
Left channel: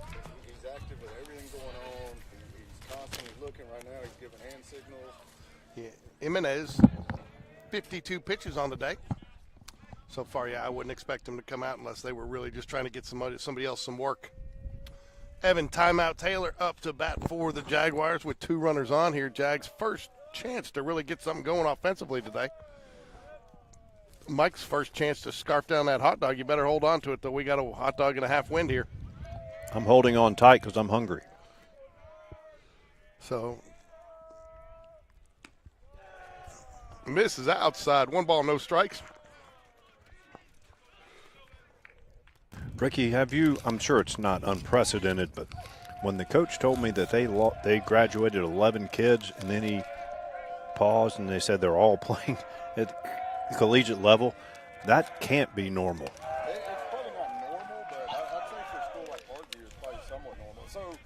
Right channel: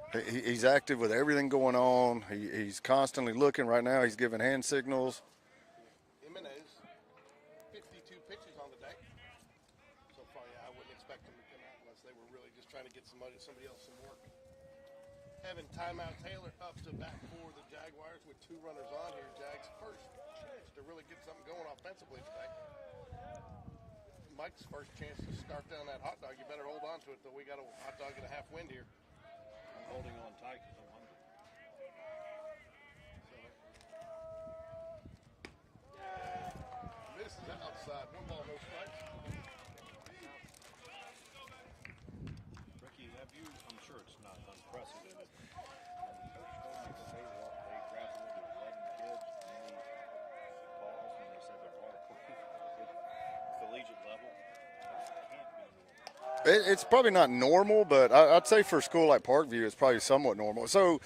He's active with everything going on. He's constantly looking. Right now, he's giving hand signals. Yeah. Jimenez, 52 pitches on the day. So far, I wouldn't expect him to come out unless they were really just trying to get somebody else some work. Evan Timeout Taylor up to bat for the Jaguars with 2 runners on here. Jags' first chance to really get something going offensively today. Mike's first chance to scarf down that hot dog. You better hold on to it, though. We got a hot dog and a half wind here. I'm holding on tight because I'm hungry. So, misses outside. 1 ball, no strikes. Ricky, I'm sure it's not unprecedented, but when the coach told me that they graduated 11 kids, and then he paused and they said they're all playing at the collegiate level, that can't be normal. It's probably not normal, but I'd say for a school like Parkview, it's probably somewhat normal. So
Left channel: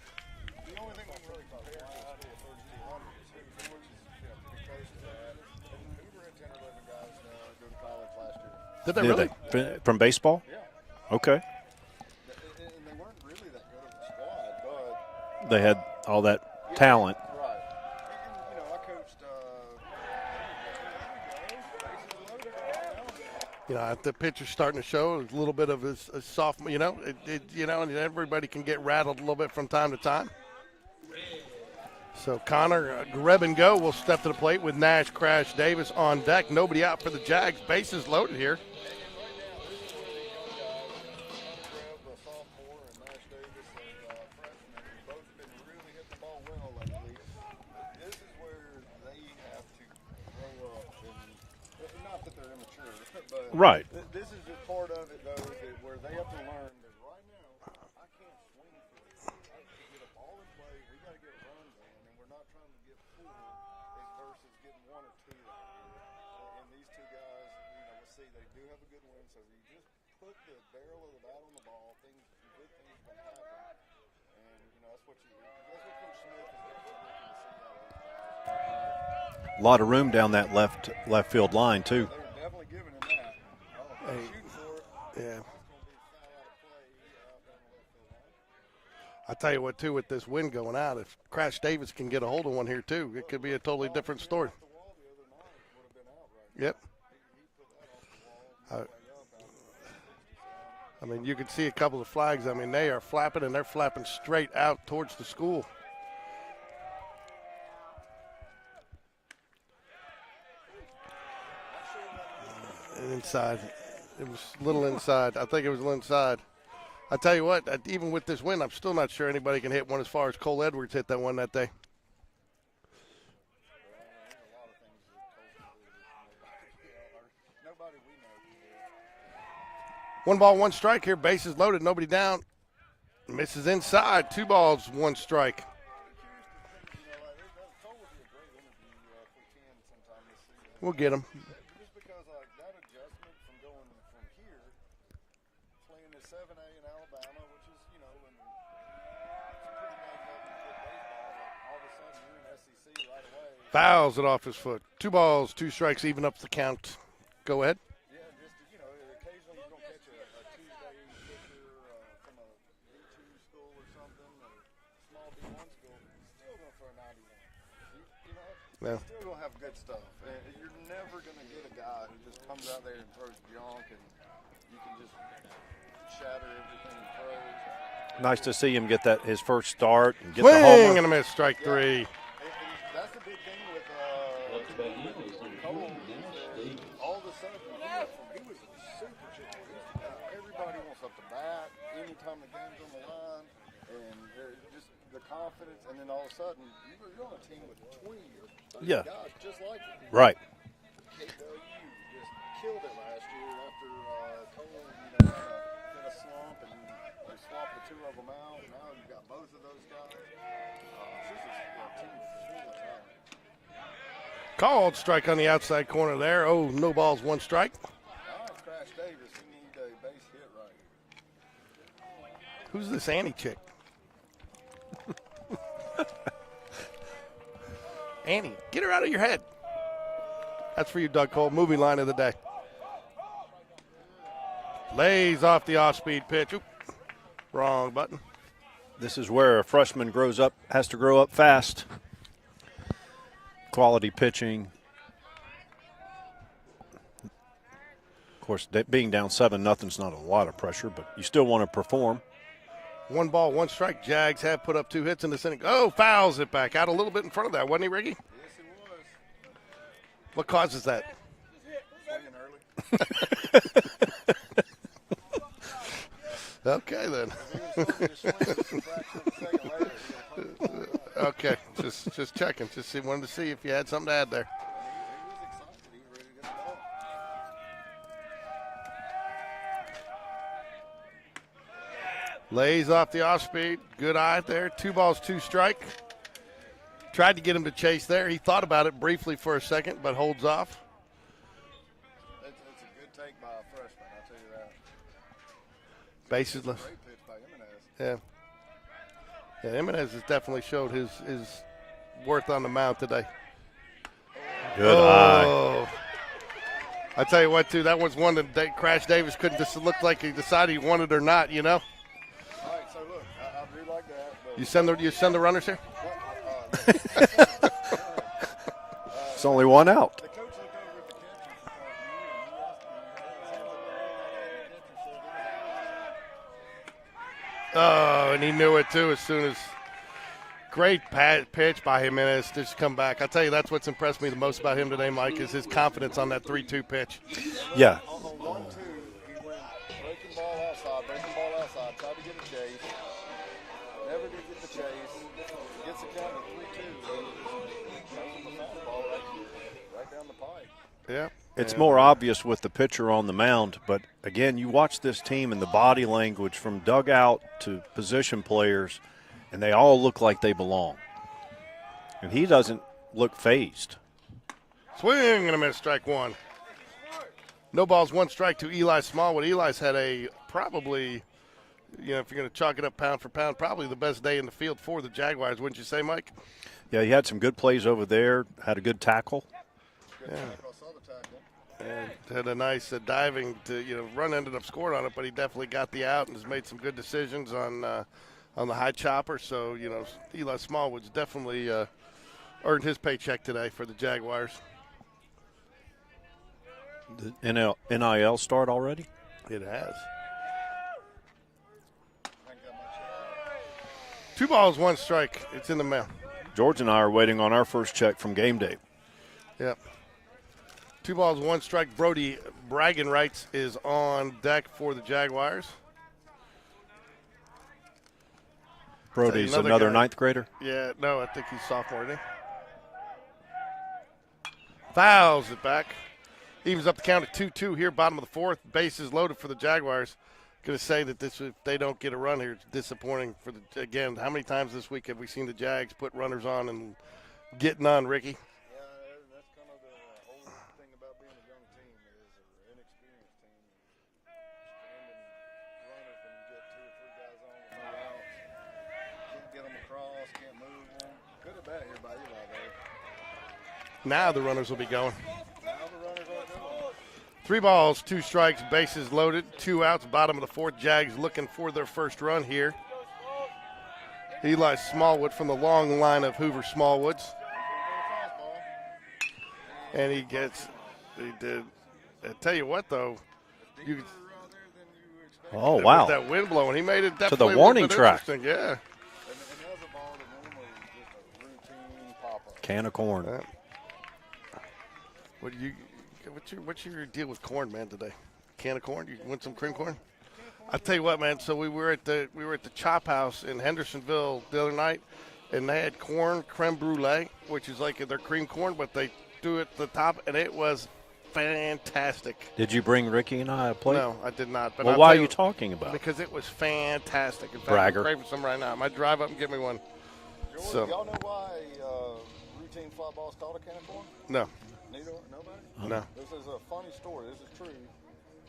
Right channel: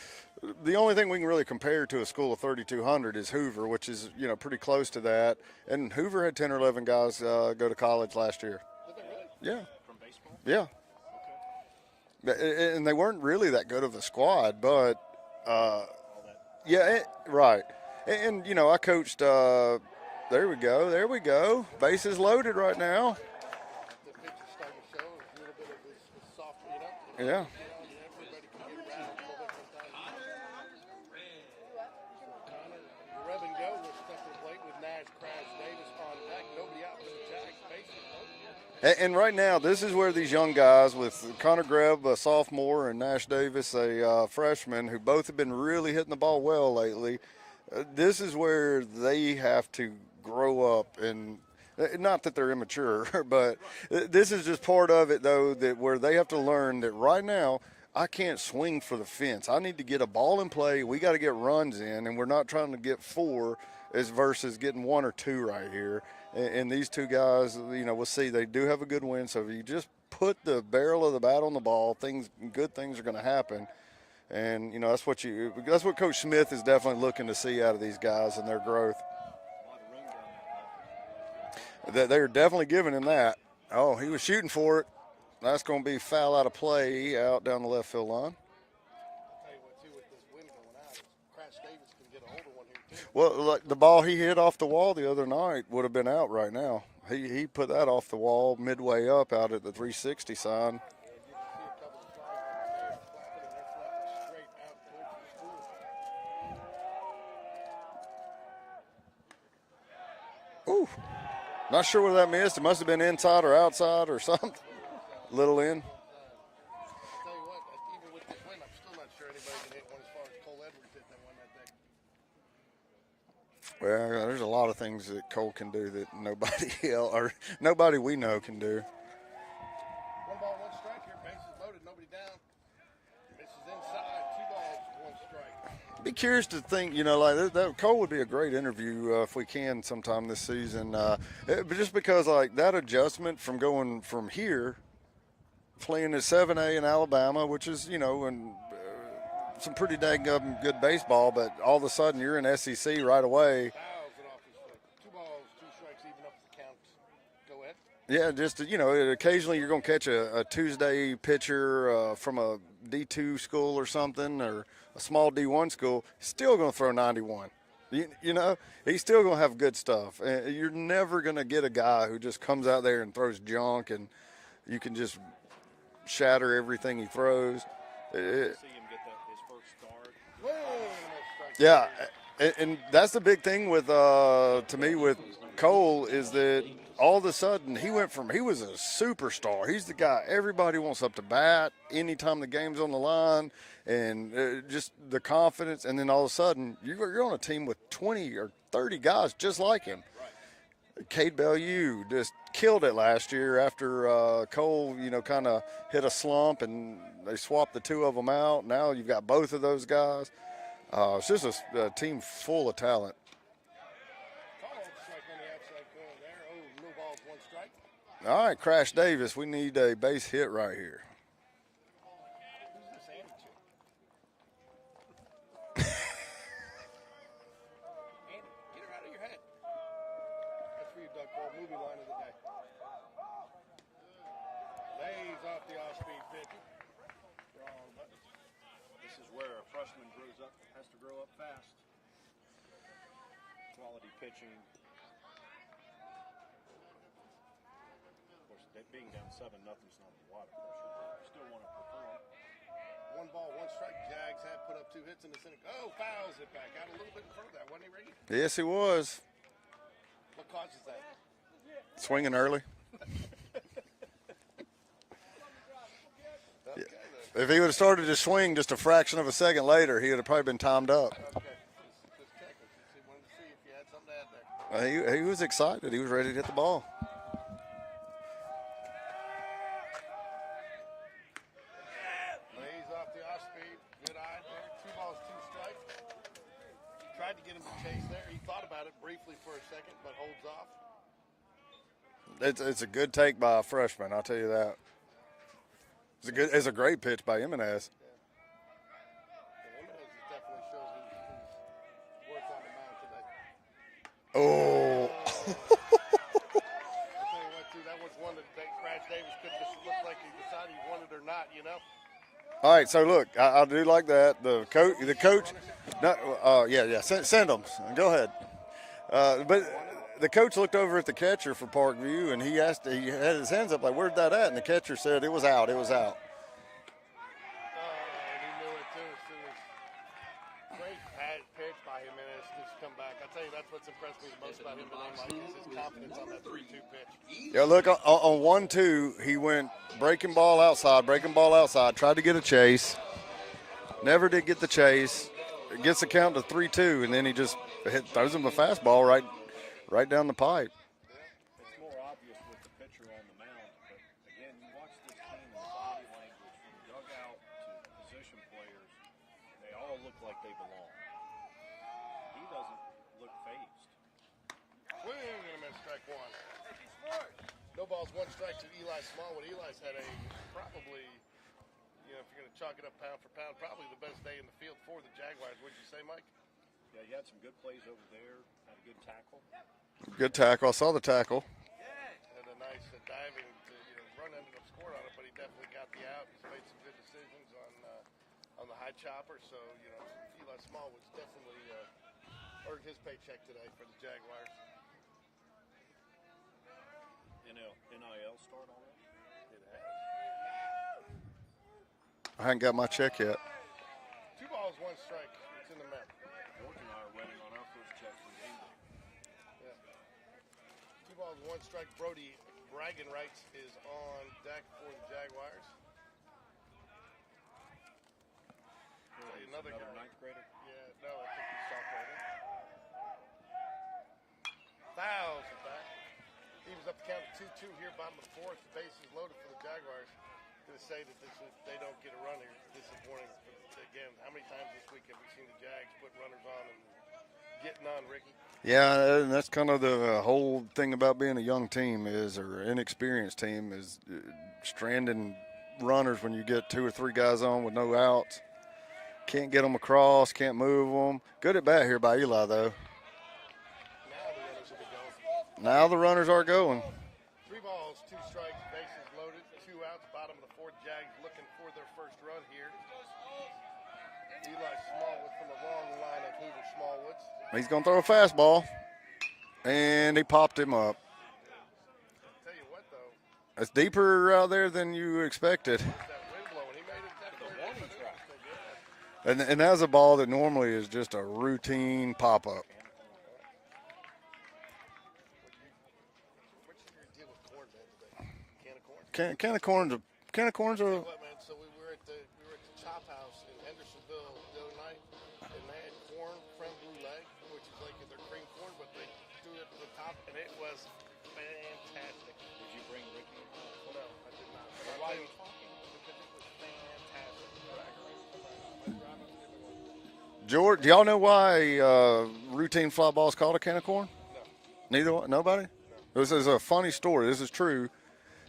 the only thing we can really compare to a school of 3,200 is Hoover, which is, pretty close to that. And Hoover had 10 or 11 guys go to college last year. Did they really? Yeah. From baseball? Yeah. Okay. And they weren't really that good of a squad, but they had all that talent. Right. And I coached there we go. Bases loaded right now. The pitcher's starting to show a little bit of his sophomore, and everybody can get rattled a little bit from time to time. So Connor, grab and go, will step to the plate with Nash, Crash, Davis on deck. Nobody out for the Jags. Bases loaded here. And right now, this is where these young guys with Connor Greb, a sophomore, and Nash Davis, a freshman, who both have been really hitting the ball well lately, this is where they have to grow up. And not that they're immature, but right. This is just part of it, though, that where they have to learn that right now, I can't swing for the fence. I need to get a ball in play. We got to get runs in, and we're not trying to get 4 as versus getting 1 or 2 right here. And these 2 guys, we'll see. They do have a good win. So if you just put the barrel of the bat on the ball, good things are going to happen. And that's what Coach Smith is definitely looking to see out of these guys and their growth. A lot of room down that left field line, too. Yeah, they were definitely giving him that. Oh, he was shooting for it. Yeah. That's going to be foul out of play out down the left field line. I tell you what, too, with this wind going out, if Crash Davis can get a hold of one here, too, Well, it could be a look, totally the ball different he hit story. off the wall the other night would have been out right now. Yep. He put that off the wall midway up out at the 360 sign. I mean, you can see a couple of flags. I mean, they are flapping, and they're flapping straight out towards the school. Ooh. Not sure where that missed. It must have been inside or outside or something. A little inside. Little I think it in. was a little inside. I tell you what, even with this wind, I'm still not sure anybody can hit one as far as Cole Edwards hit that one that day. Well, there's a lot of things that Cole can do that nobody we know can do. 1 ball, 1 strike here. Bases loaded, nobody down. Misses inside. 2 balls, 1 strike. Be curious to think, like that Cole would be a great interview if we can sometime this season. We'll get him. But just because like that adjustment from going from here, playing at 7A in Alabama, which is and some pretty dang good baseball, but all of a sudden you're in SEC right away. Fouls it off his foot. 2 balls, 2 strikes, even up the count. Go ahead. Yeah, just occasionally you're going to catch a Tuesday pitcher from a D2 school or something, or a small D1 school, still going to throw 91. He's still going to have good stuff. You're never going to get a guy who just comes out there and throws junk and you can just shatter everything he throws. Nice to see him get his first start and get Swing the homer. and a miss, strike 3. And that's the big thing with to me with Cole is that all of a sudden he was a superstar. He's the guy everybody wants up to bat anytime the game's on the line, and just the confidence. And then all of a sudden you're on a team with 20 or 30 guys just like him. Right. Cade Bellew just killed it last year after Cole, kind of hit a slump and they swapped the 2 of them out. Now you've got both of those guys. It's just a team full of talent. Called strike on the outside corner there. Oh, no balls, 1 strike. All right, Crash Davis, we need a base hit right here. Who's this Annie chick? Annie, get her out of your head. That's for you, Doug Cole. Movie line of the day. Lays off the off-speed pitch. Oop. Wrong button. This is where a freshman has to grow up fast. Quality pitching. Of course, being down 7-0's not a lot of pressure, but you still want to perform. 1 ball, 1 strike. Jags have put up 2 hits in this inning. Oh, fouls it back out a little bit in front of that, wasn't he, Ricky? Yes, he was. What causes that? Swinging early. Okay, then. If he would have started to swing just a fraction of a second later, he would have probably been timed up. Okay, just checking. Wanted to see if you had something to add there. He was excited. He was ready to hit the ball. Lays off the off-speed. Good eye there. 2 balls, 2 strike. Tried to get him to chase there. He thought about it briefly for a second, but holds off. It's a good take by a freshman, I'll tell you that. It's a great pitch by Jimenez. Yeah. Yeah, Jimenez has definitely showed his worth on the mound today. Oh. Good eye. I tell you what, too, that was one that Crash Davis couldn't just look like he decided he wanted or not, All right, so look, I do like that. You send the runners here? No, yeah. Send them. Go ahead. It's only 1 out. The coach looked over at the catcher for Parkview, and he had his hands up like, "Where's that at?" And the catcher said, "It was out. It was out." Oh, and he knew it, too, as soon as great pitch by him and just come back. I tell you, that's what's impressed me the most about him today, Mike, is his confidence on that 3-2 pitch. Yeah, look, on 1-2, he went breaking ball outside, tried to get a chase. Never did get the chase. Gets the count to 3-2, and then he just throws him a fastball right down the pipe. Yeah. It's more obvious with the pitcher on the mound, but again, you watch this team and the body language from dugout to position players, and they all look like they belong. And he doesn't look phased. Swing and a miss, strike 1. No balls, 1 strike to Eli Smallwood. Eli's had a probably, if you're going to chalk it up pound for pound, probably the best day in the field for the Jaguars, wouldn't you say, Mike? Yeah, he had some good plays over there, had a good tackle. Good tackle. I saw the tackle. And had a nice diving to, run ended up scoring on it, but he definitely got the out and has made some good decisions on the high chopper. So, Eli Smallwood's definitely earned his paycheck today for the Jaguars. The NIL start already? It has. I haven't got my check yet. 2 balls, 1 strike. It's in the mail. George and I are waiting on our first check from GameDay. Yep. 2 balls, 1 strike. Brody bragging rights is on deck for the Jaguars. Brody's another guy. 9th grader? Yeah, no, I think he's sophomore, isn't he? Fouls it back. Evens up the count at 2-2 here, bottom of the 4th. Bases loaded for the Jaguars. Going to say that if they don't get a run here, it's disappointing for again. How many times this week have we seen the Jags put runners on and get none, Ricky? Yeah, and that's kind of the whole thing about being a young team or inexperienced team is stranding runners when you get 2 or 3 guys on with no outs. Can't get them across, can't move them. Good at bat here by Eli, though. Now the runners will be going. Now the runners are going. 3 balls, 2 strikes, bases loaded, 2 outs, bottom of the 4th. Jags looking for their first run here. Eli Smallwood from the long line of Hoover Smallwoods. He's going to throw a fastball, and he popped him up. He did. I tell you what, though. It's deeper out there than you expected. Oh, wow. With that wind blowing, he made it definitely to the warning track. Yeah. And that's a ball that normally is just a routine pop-up. Can of corn. What's your deal with corn, man, today? Can of corn? Can of corn. I'll tell you what, man. So we were at the Chop House in Hendersonville the other night, and they had corn creme brulee, which is like their cream corn, but they do it at the top, and it was fantastic. Did you bring Ricky and I a plate? No, I did not. But Well, why are you talking about it? Because it was fantastic. In fact, Bragger. I'm craving some right now. I might drive up and get me one. George, do y'all know why routine fly ball is called a can of corn? No. Neither one? Nobody? No. This is a funny story. This is true.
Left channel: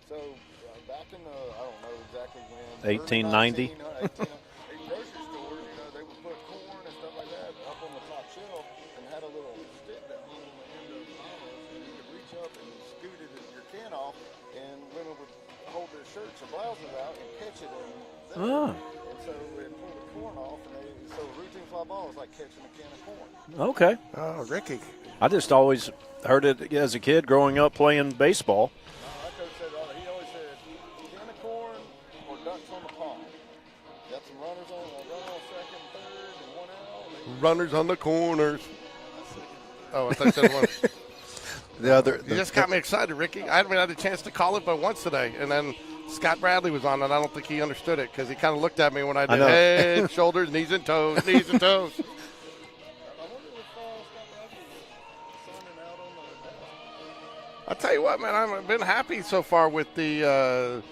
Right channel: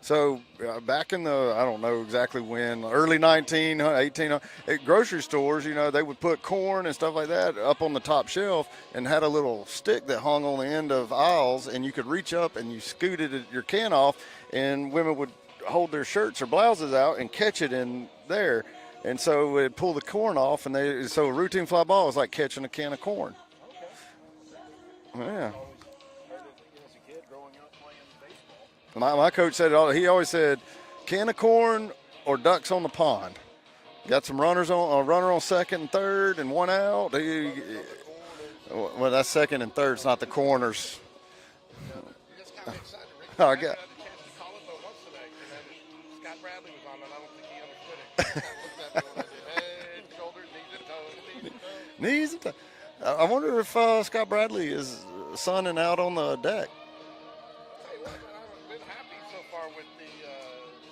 So back in the, I don't know exactly when, early 1800, at grocery stores, they would put corn and stuff like that up on the top shelf and had a little stick that hung on the end of aisles, and you could reach up and you scooted your can off, and women would hold their shirts or blouses out and catch it in there. Oh. And so it'd pull the corn off, and so a routine fly ball is like catching a can of corn. Okay. Oh, Ricky. I just always heard it as a kid growing up playing baseball. My coach said, he always said, can of corn or ducks on the pond. Got some runners on, a runner on second and third and 1 out. Runners on the corners. Well, that's second and third, it's not the corners. You just got me excited, Ricky. I haven't had a chance to call it but once today. And then Scott Bradley was on, and I don't think he understood it because he kind of looked at me when I did head, shoulders, knees and toes, knees and toes. Knees and toes. I wonder if Scott Bradley is sunning out on the deck. I'll tell you what, man, I've been happy so far with the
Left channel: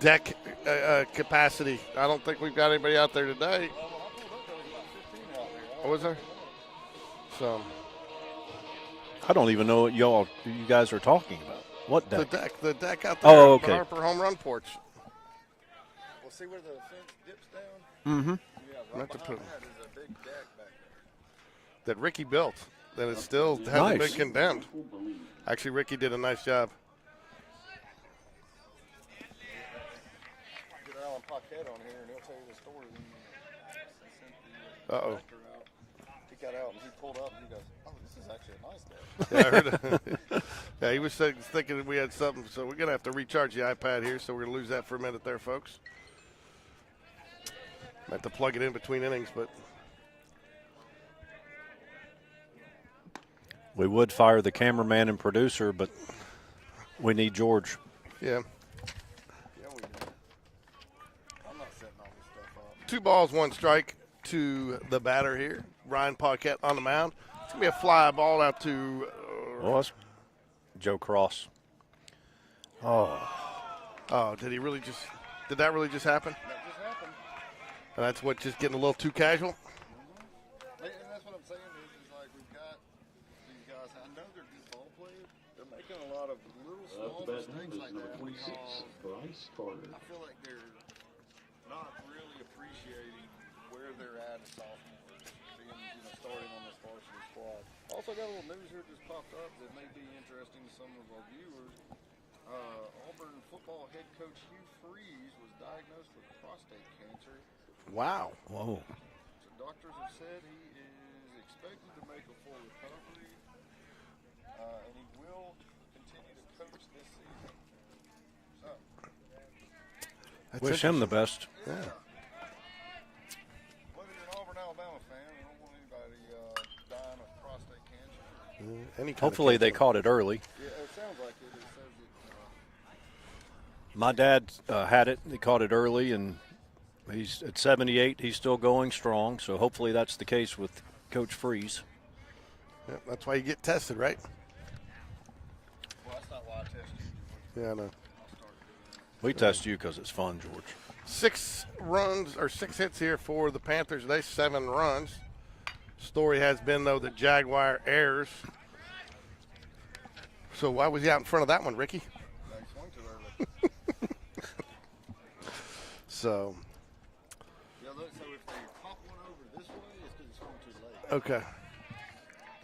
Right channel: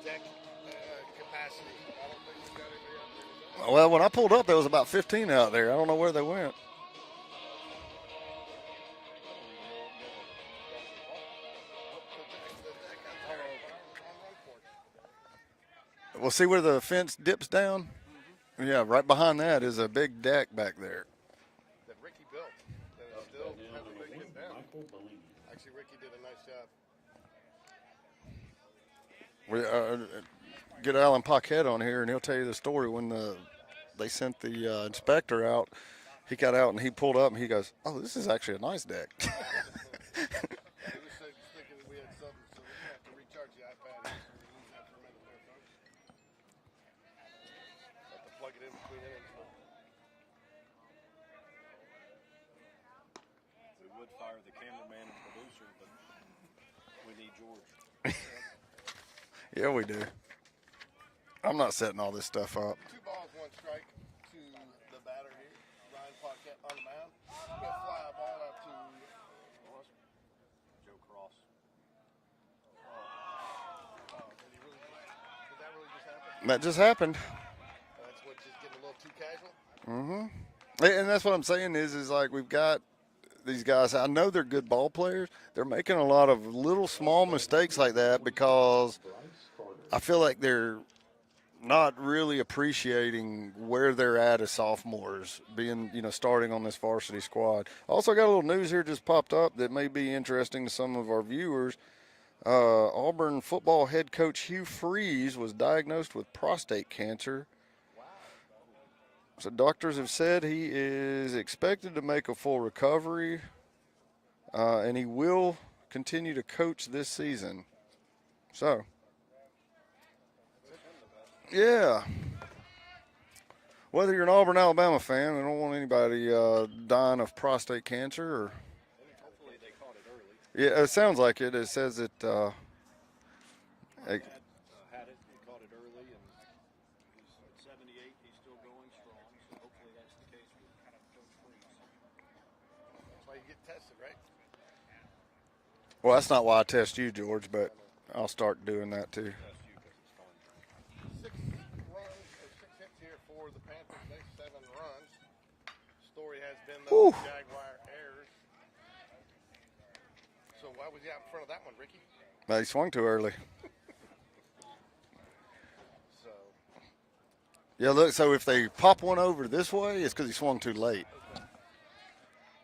deck capacity. I don't think we've got anybody out there today. Well, when I pulled up, there was about 15 out there. I don't know where they went. So I don't even know what you guys are talking about. What deck? The deck out there. Oh, okay. Harper home run porch. Well, see where the fence dips down? Mm-hmm. Yeah, right behind that is a big deck back there. That Ricky built. That it still hasn't been condemned. Actually, Ricky did a nice job. We get Alan Paquette on here, and he'll tell you the story when they sent the inspector out. He got out, and he pulled up, and he goes, "Oh, this is actually a nice deck." Yeah, I heard it. Yeah, he was thinking that we had something, so we're going to have to recharge the iPad here, so we're going to lose that for a minute there, folks. I have to plug it in between innings, but We would fire the cameraman and producer, but we need George. yeah. Yeah, we do. I'm not setting all this stuff up. 2 balls, 1 strike to the batter here. Ryan Paquette on the mound. It's going to be a fly ball out to That's Joe Cross. Oh, did that really just happen? That just happened. And that's what, just getting a little too casual? Mm-hmm. And that's what I'm saying is like we've got these guys. I know they're good ball players. They're making a lot of little small mistakes like that because I feel like they're not really appreciating where they're at as sophomores, being, starting on this varsity squad. Also got a little news here just popped up that may be interesting to some of our viewers. Auburn football head coach Hugh Freeze was diagnosed with prostate cancer. Wow. Whoa. So doctors have said he is expected to make a full recovery, and he will continue to coach this season. So, wish him the best. Yeah. Whether you're an Auburn, Alabama fan, I don't want anybody dying of prostate cancer or any kind Hopefully of they caught it early. Yeah, it sounds like it. It says it. My dad had it. He caught it early, and he's at 78. He's still going strong. So hopefully that's the case with Coach Freeze. Yeah, that's why you get tested, right? Well, that's not why I test you, George, but Yeah, I know. I'll start doing that too. We test you because it's fun, George. 6 hits here for the Panthers today, 7 runs. Story has been, though, the Jaguar errors. So why was he out in front of that one, Ricky? He swung too early. So, Yeah, look, so if they pop one over this way, it's because he swung too late. okay.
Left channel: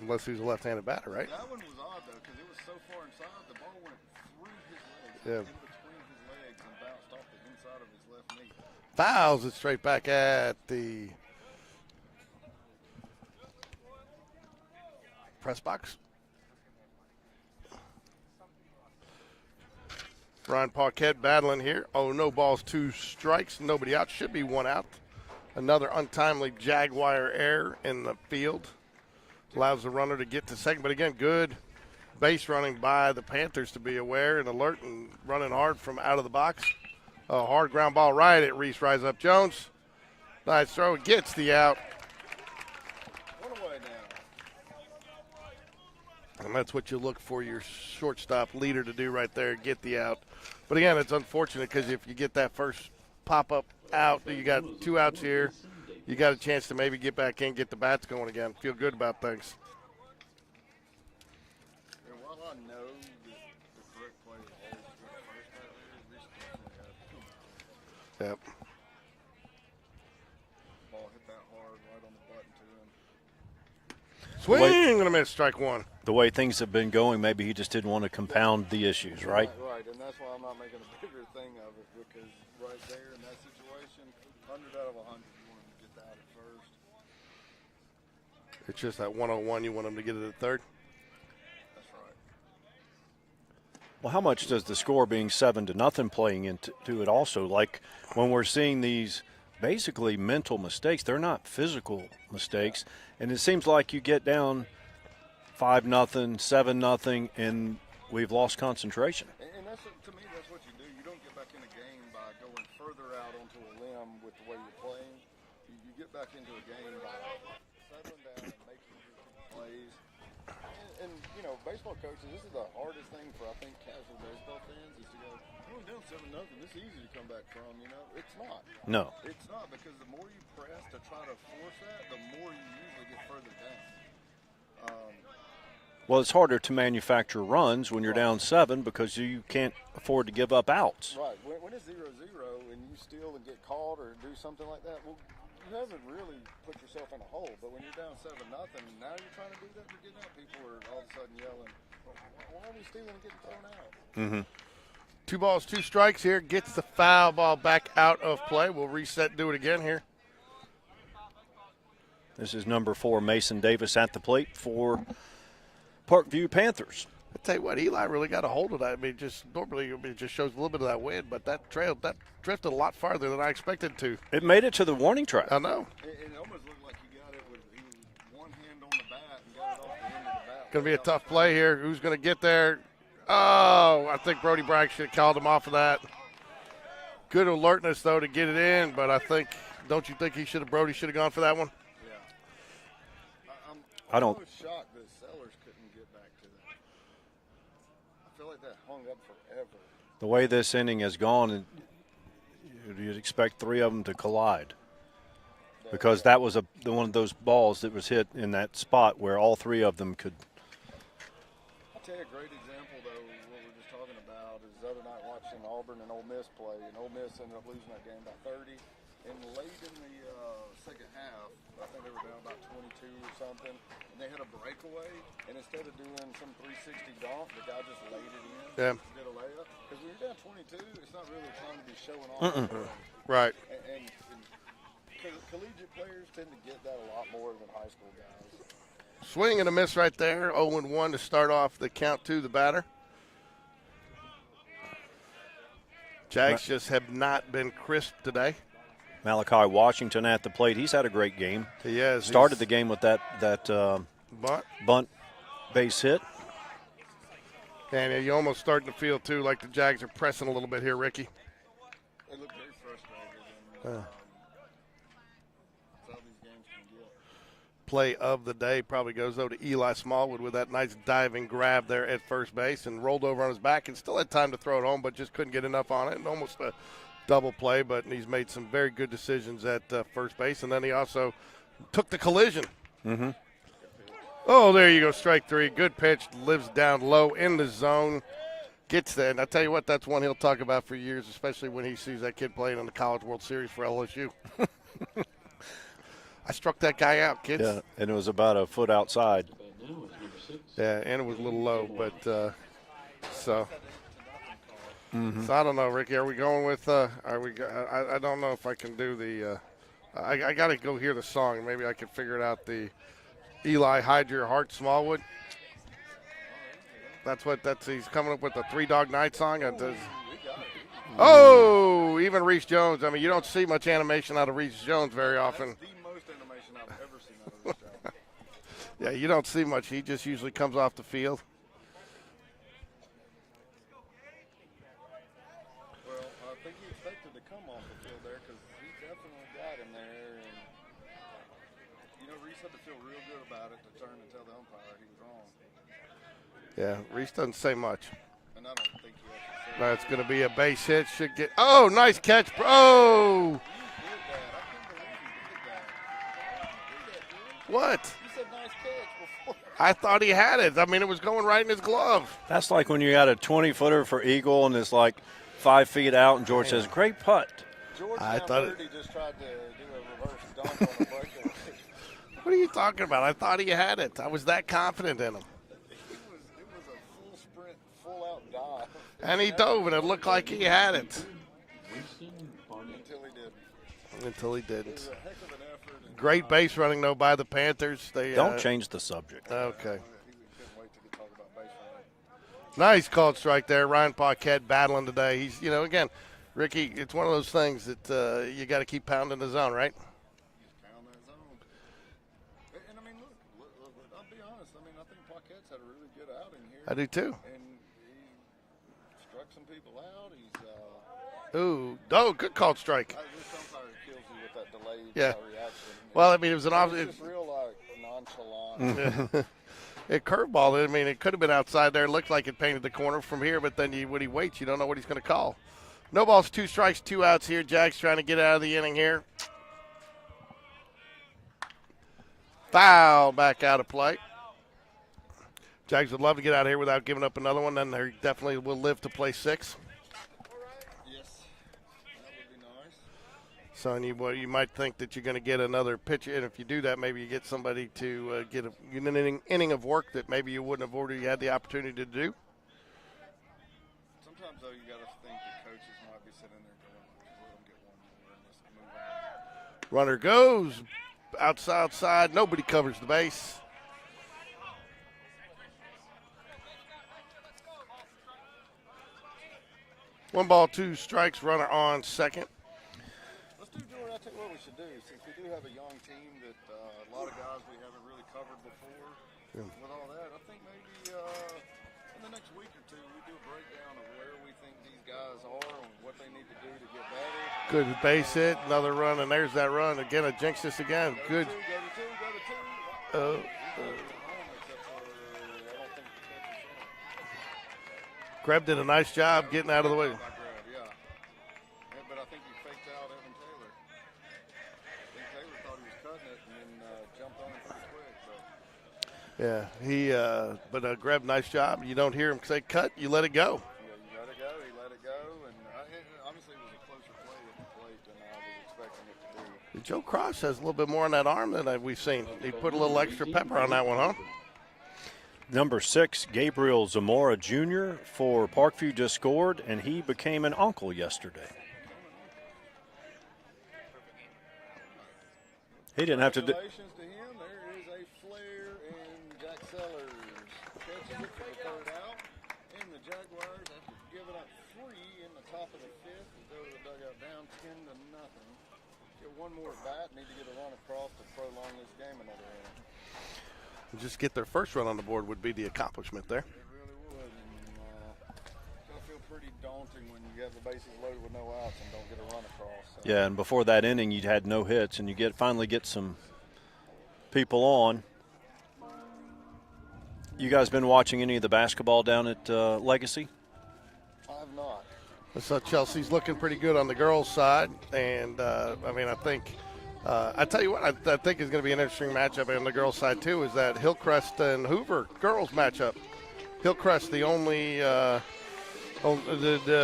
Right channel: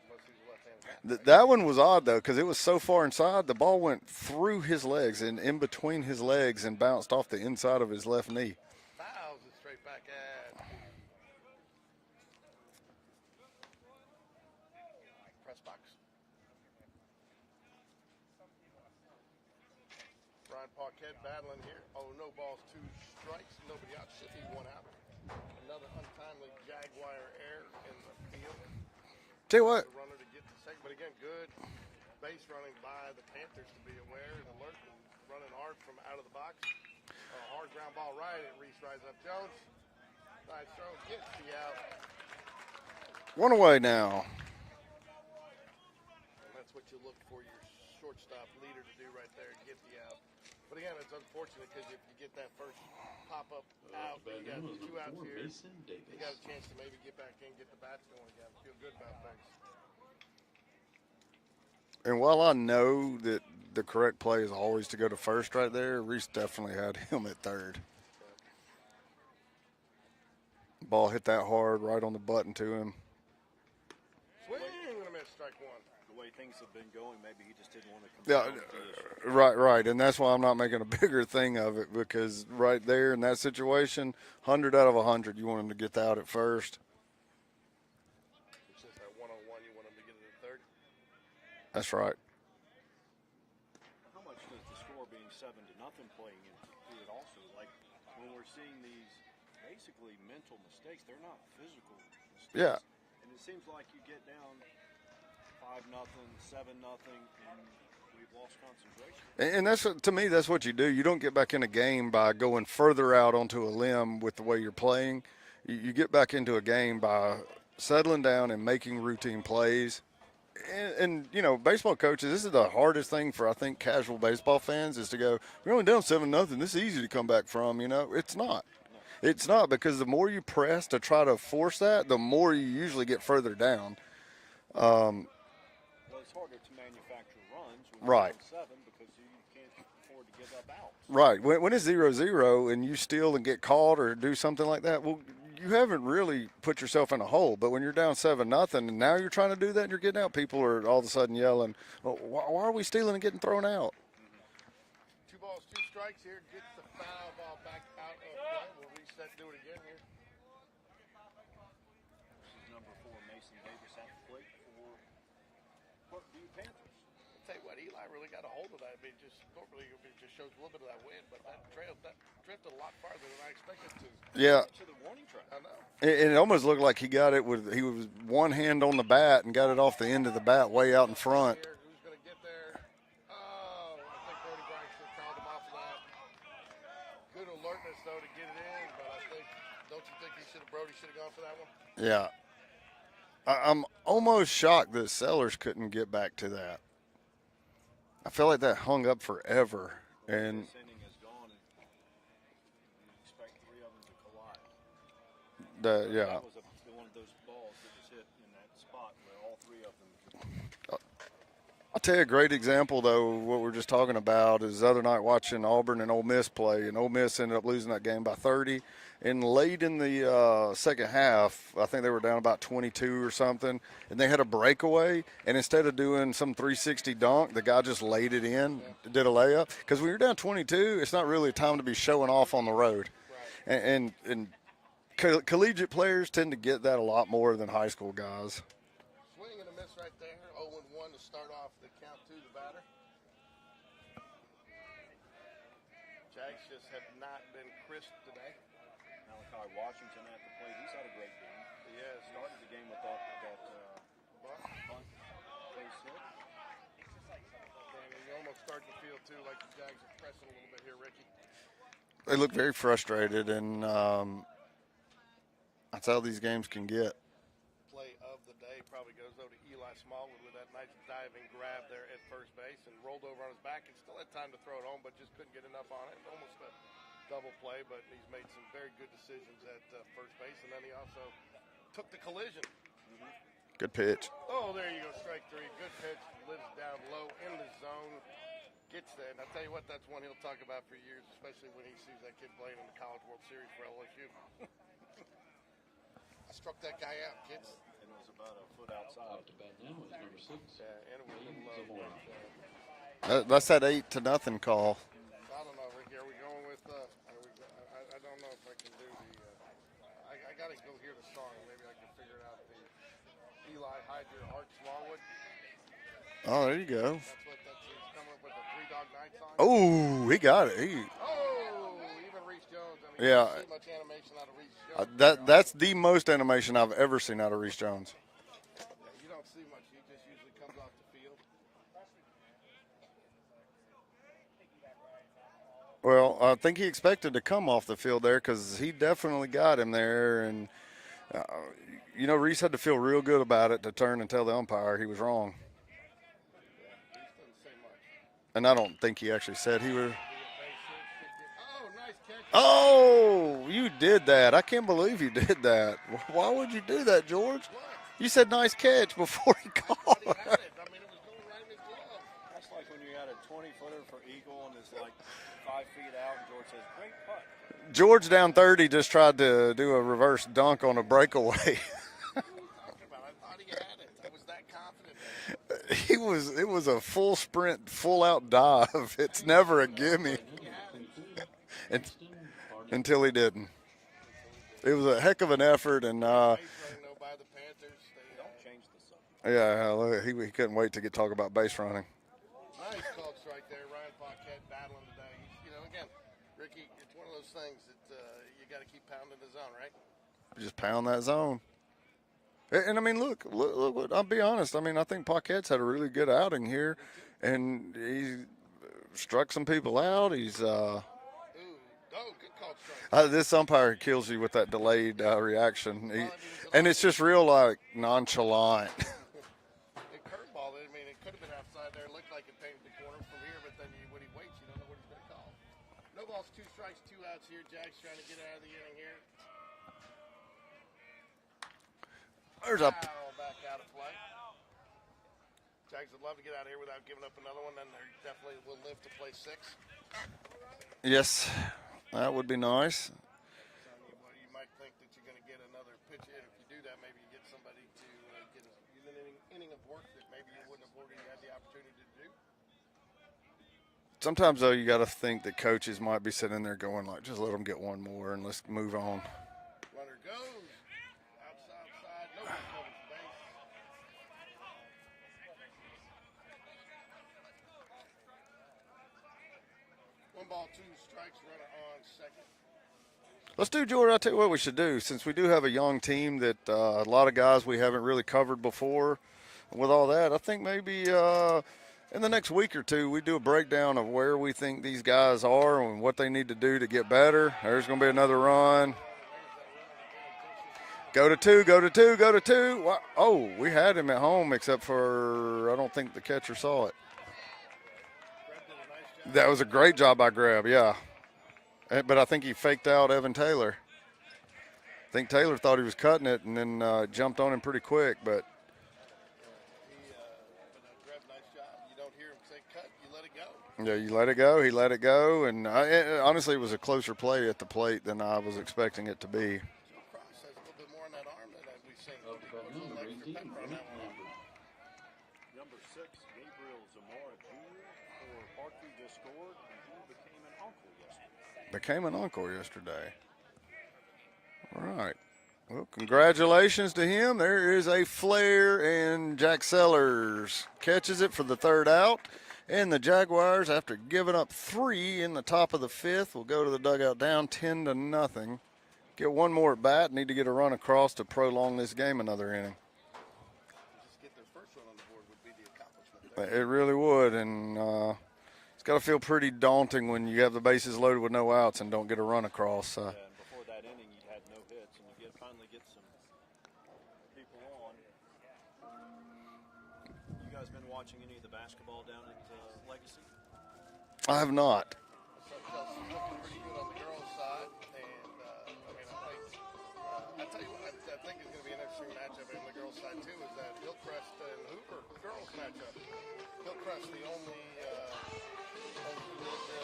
Unless he's a left-handed batter, right? That one was odd, though, because it was so far inside, the ball went through his legs and in between his legs and bounced off the inside of his left knee. Fouls it straight back at the press box. Ryan Paquette battling here. Oh, no balls, 2 strikes. Nobody out. Should be 1 out. Another untimely Jaguar error in the field. Allows the runner to get to second. But again, good base running by the Panthers to be aware and alert and running hard from out of the box. A hard ground ball right at Reese Rise Up Jones. Nice throw. Gets the out. 1 away now. And that's what you look for your shortstop leader to do right there, get the out. But again, it's unfortunate because if you get that first pop-up out, you got 2 outs here. You got a chance to maybe get back in, get the bats going again. Feel good about things. And while I know that the correct play is always to go to first right there, Reese definitely had him at third. Yep. Ball hit that hard right on the button to him. Swing and a miss, strike 1. The way things have been going, maybe he just didn't want to compound the issues, right? Right. And that's why I'm not making a bigger thing of it, because right there in that situation, 100 out of 100, you want him to get the out at first. It's just that 101, you want him to get it at third. That's right. Well, how much does the score being 7-0 playing into it also? Like when we're seeing these basically mental mistakes, they're not physical mistakes. Yeah. And it seems like you get down 5-0, 7-0, and we've lost concentration. And that's, to me, that's what you do. You don't get back in a game by going further out onto a limb with the way you're playing. You get back into a game by settling down and making routine plays. And baseball coaches, this is the hardest thing for, I think, casual baseball fans is to go, we're only down 7-0. This is easy to come back from, It's not. No. It's not, because the more you press to try to force that, the more you usually get further down. Well, it's harder to manufacture runs when you're down 7 because you can't afford to give up outs. Right. When it's 0-0 and you steal and get caught or do something like that, well, you haven't really put yourself in a hole. But when you're down 7-0 and now you're trying to do that and you're getting out, people are all of a sudden yelling, well, why are we stealing and getting thrown out? Mm-hmm. 2 balls, 2 strikes here. Gets the foul ball back out of play. We'll reset and do it again here. This is number 4, Mason Davis at the plate for Parkview Panthers. I tell you what, Eli really got a hold of that. I mean, normally it just shows a little bit of that wind, but that drifted a lot farther than I expected to. It made it to the warning track. I know. And it almost looked like he got it he was one hand on the bat and got it off the end of the bat way out in tough front. play here. Who's going to get there? Oh, I think Brody Bragg should have called him off of that. Good alertness, though, to get it in, but don't you think Brody should have gone for that one? Yeah. I'm almost shocked that Sellers couldn't get back to that. I feel like that hung up forever. The way this inning has gone, you'd expect 3 of them to collide. Because that was one of those balls that was hit in that spot where all 3 of them could. I'll tell you a great example, though, what we're just talking about is the other night watching Auburn and Ole Miss play, and Ole Miss ended up losing that game by 30. And late in the second half, I think they were down about 22 or something, and they had a breakaway. And instead of doing some 360 dunk, the guy just laid it in, did a layup. Because when you're down 22, it's not really time to be showing off on the road. Right. And collegiate players tend to get that a lot more than high school guys. Swing and a miss right there. 0-1 to start off the count to the batter. Jags just have not been crisp today. Malachi Washington at the plate. He's had a great game. He has. Started the game with that bunt base hit. And you're almost starting to feel, too, like the Jags are pressing a little bit here, Ricky. They look very frustrated, and that's how these games can get. Play of the day probably goes, though, to Eli Smallwood with that nice diving grab there at first base and rolled over on his back and still had time to throw it home, but just couldn't get enough on it. And almost a double play, but he's made some very good decisions at first base. And then he also took the collision. Mm-hmm. Good pitch. Oh, there you go, strike three. Good pitch, lives down low in the zone, gets there. And I tell you what, that's one he'll talk about for years, especially when he sees that kid playing in the College World Series for LSU. I struck that guy out, kids. Yeah, and it was about a foot outside. Yeah, and it was a little low, but that's that 8-0 call. Mm-hmm. So I don't know, Ricky. Are we going with? Are we? I don't know if I can do the. I got to go hear the song. Maybe I can figure it out. The Eli Hide Your Heart Smallwood. Oh, there you go. He's coming up with the Three Dog Night song. Oh, he got it. Even Reese Jones. I mean, you don't see much animation out of Reese Jones very often. That's the most animation I've ever seen out of Reese Jones. Yeah, you don't see much. He just usually comes off the field. Well, I think he expected to come off the field there because he definitely got him there. And, Reese had to feel real good about it to turn and tell the umpire he was wrong. Yeah, Reese doesn't say much. And I don't think he actually said that's going to be a base hit. Should get. Oh, nice catch. Oh, you did that. I can't believe you did that. Why would you do that, George? What? You said nice catch before he called. I thought he had it. I mean, it was going right in his glove. That's like when you got a 20-footer for Eagle and it's like 5 feet out, and George says, great putt. George down 30 just tried to do a reverse dunk on a breakaway. What are you talking about? I thought he had it. I was that confident in him. It was a full sprint, full out dive. And he dove, and it looked like he had it. Until he didn't. It was a heck of an effort. And great base running, though, by the Panthers. Don't change the subject. Yeah, okay. He couldn't wait to talk about base running. Nice called strike there. Ryan Paquette battling today. He's, again, Ricky, it's one of those things that you got to keep pounding the zone, right? Just pound that zone. And I mean, look, I'll be honest. I mean, I think Paquette's had a really good outing here. I do too. And he struck some people out. He's good called strike. This umpire kills you with that delayed reaction. Well, I mean, it was it's just real like nonchalant. A curveball. I mean, it could have been outside there. It looked like it painted the corner from here, but then when he waits, you don't know what he's going to call. No balls, 2 strikes, 2 outs here. Jack's trying to get out of the inning here. Foul back out of play. Jags would love to get out of here without giving up another one. Then they definitely will live to play 6. Yes, that would be nice. So you might think that you're going to get another pitcher, and if you do that, maybe you get somebody to get an inning of work that maybe you wouldn't have already had the opportunity to do. Sometimes, though, you got to think that coaches might be sitting there going, like, just let them get one more and let's move on. Runner goes. Outside, nobody covers the base. One ball, 2 strikes, runner on second. Let's do, George, I'll tell you what we should do. Since we do have a young team that a lot of guys we haven't really covered before, with all that, I think maybe in the next week or two we do a breakdown of where we think these guys are and what they need to do to get better. There's going to be another run. And there's that run. Again, I jinxed this again. Go to 2, go to 2, go to 2. Oh, we had him at home except for I don't think the catcher saw it. Greb did a nice job. That was a great job by Greb, yeah. But I think he faked out Evan Taylor. I think Taylor thought he was cutting it and then jumped on him pretty quick. But Yeah, he but Greb, nice job. You don't hear him say cut, you let it go. Yeah, you let it go. He let it go, and honestly, it was a closer play at the plate than I was expecting it to be. Joe Cross has a little bit more on that arm than we've seen. He put a little extra pepper on that one, huh? Number 6, Gabriel Zamora Jr. for Parkview just scored, and he became an uncle yesterday. Became an uncle yesterday. All right. Well, He didn't have to congratulations to him. There is a flare, and Jack Sellers catches it for the third out. And the Jaguars, after giving up 3 in the top of the 5th, will go to the dugout down 10-0. Get one more at bat. Need to get a run across to prolong this game another inning. Just get their first run on the board would be the accomplishment there. It really would, and it's got to feel pretty daunting when you have the bases loaded with no outs and don't get a run across. So. Yeah, and before that inning, you'd had no hits, and you finally get some people on. You guys been watching any of the basketball down at Legacy? I have not. So Chelsea's looking pretty good on the girls' side, and I think I tell you what, I think is going to be an interesting matchup on the girls' side too. Is that Hillcrest and Hoover girls matchup? Hillcrest the only the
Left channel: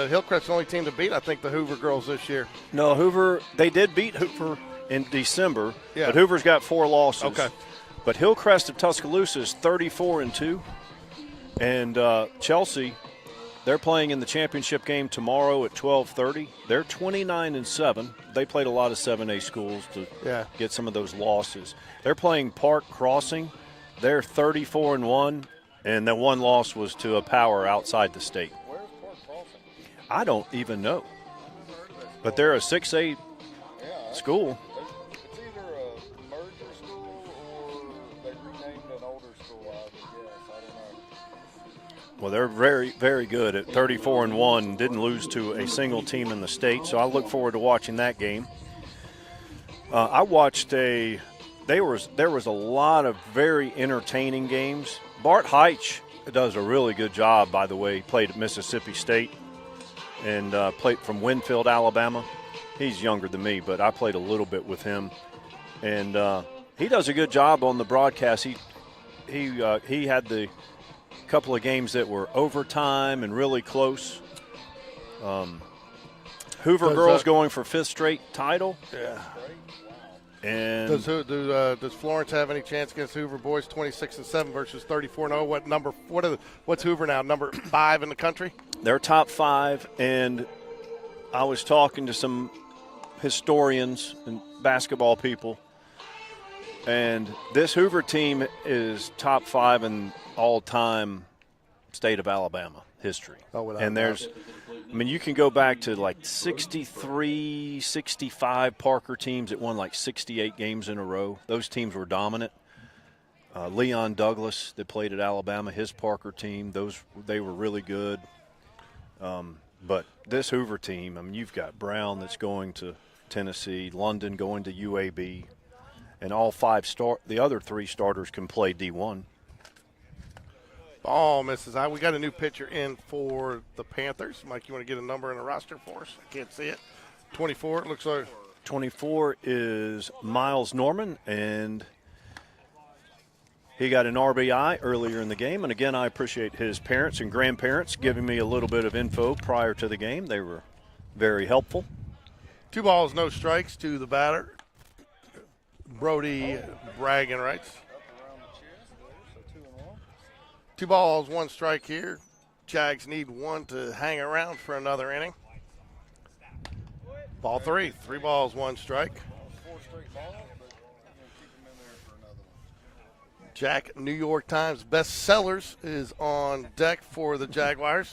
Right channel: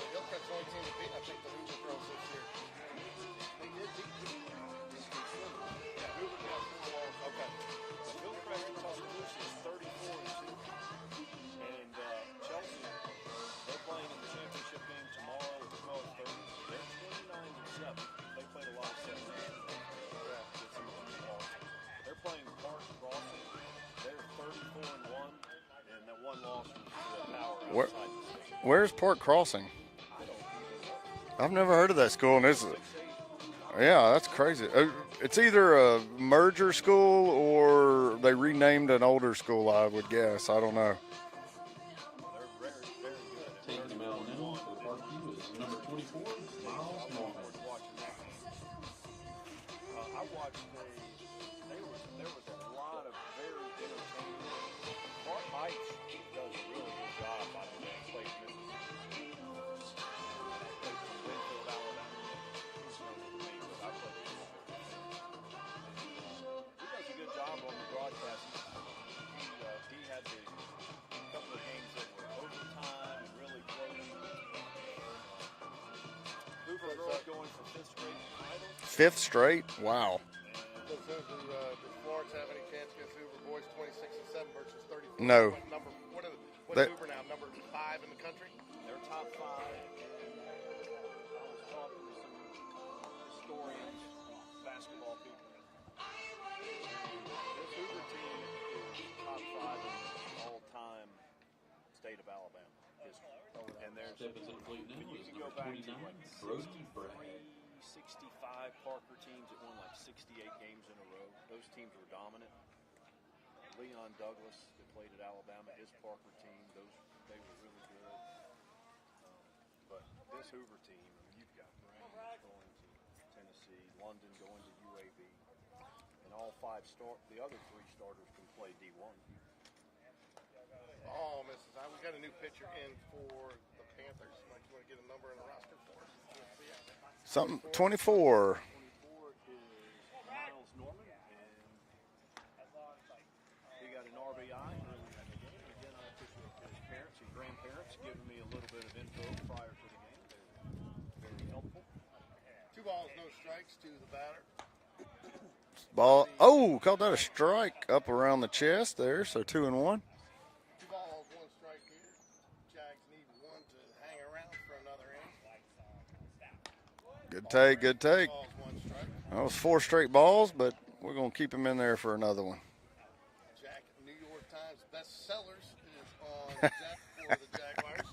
Hillcrest the only team to beat I think the Hoover girls this year. No, Hoover, they did beat Hoover in December, Yeah. but Hoover's got 4 losses. Okay. But Hillcrest of Tuscaloosa is 34-2, and Chelsea, they're playing in the championship game tomorrow at 12:30. They're 29-7. They played a lot of 7A schools to get some of those losses. They're playing Park Crossing. They're 34-1, and the one loss was to a power outside the state. Where's Park Crossing? I don't even know. I've never heard of that school. But they're a 6A that's school. crazy. It's either a merger school or they renamed an older school, I would guess. I don't know. Well, they're very, very good at 34-1. Didn't lose to a single team in the state, so I look forward to watching that game. I watched there was a lot of very entertaining games. Bart Heitch does a really good job, by the way. He played at Mississippi State and played from Winfield, Alabama. He's younger than me, but I played a little bit with him, and he does a good job on the broadcast. He had the couple of games that were overtime and really close. Hoover girls going for 5th straight title. 5th straight? Wow. And does Florence have any chance against Hoover boys? 26-7 versus 34. No. Now, what's Hoover now? Number 5 in the country. They're top 5, and I was talking to some historians and basketball people, and this Hoover team is top 5 in all-time state of Alabama history. And you can go back to like 63, 65 Parker teams that won like 68 games in a row. Those teams were dominant. Leon Douglas that played at Alabama, his Parker team, they were really good. But this Hoover team, you've got Brown that's going to Tennessee, London going to UAB, and all 5 the other 3 starters can play D1. Ball misses out. We got a new pitcher in for the Panthers. Mike, you want to get a number in a roster for us? I can't see it. 24. 24. 24 is Miles Norman, and he got an RBI earlier in the game. And, again, I appreciate his parents and grandparents giving me a little bit of info prior to the game. They were very helpful. 2 balls, no strikes to the batter. Brody caught that strike strike up around the chest there, so 2-1. 2 balls, 1 strike here. Jags need 1 to hang around for another inning. Good Ball take, 3. good take. 3 balls, 1 strike. That was 4 straight balls, but we're going to keep him in there for another one. Jack, New York Times bestsellers, is on deck for the Jaguars.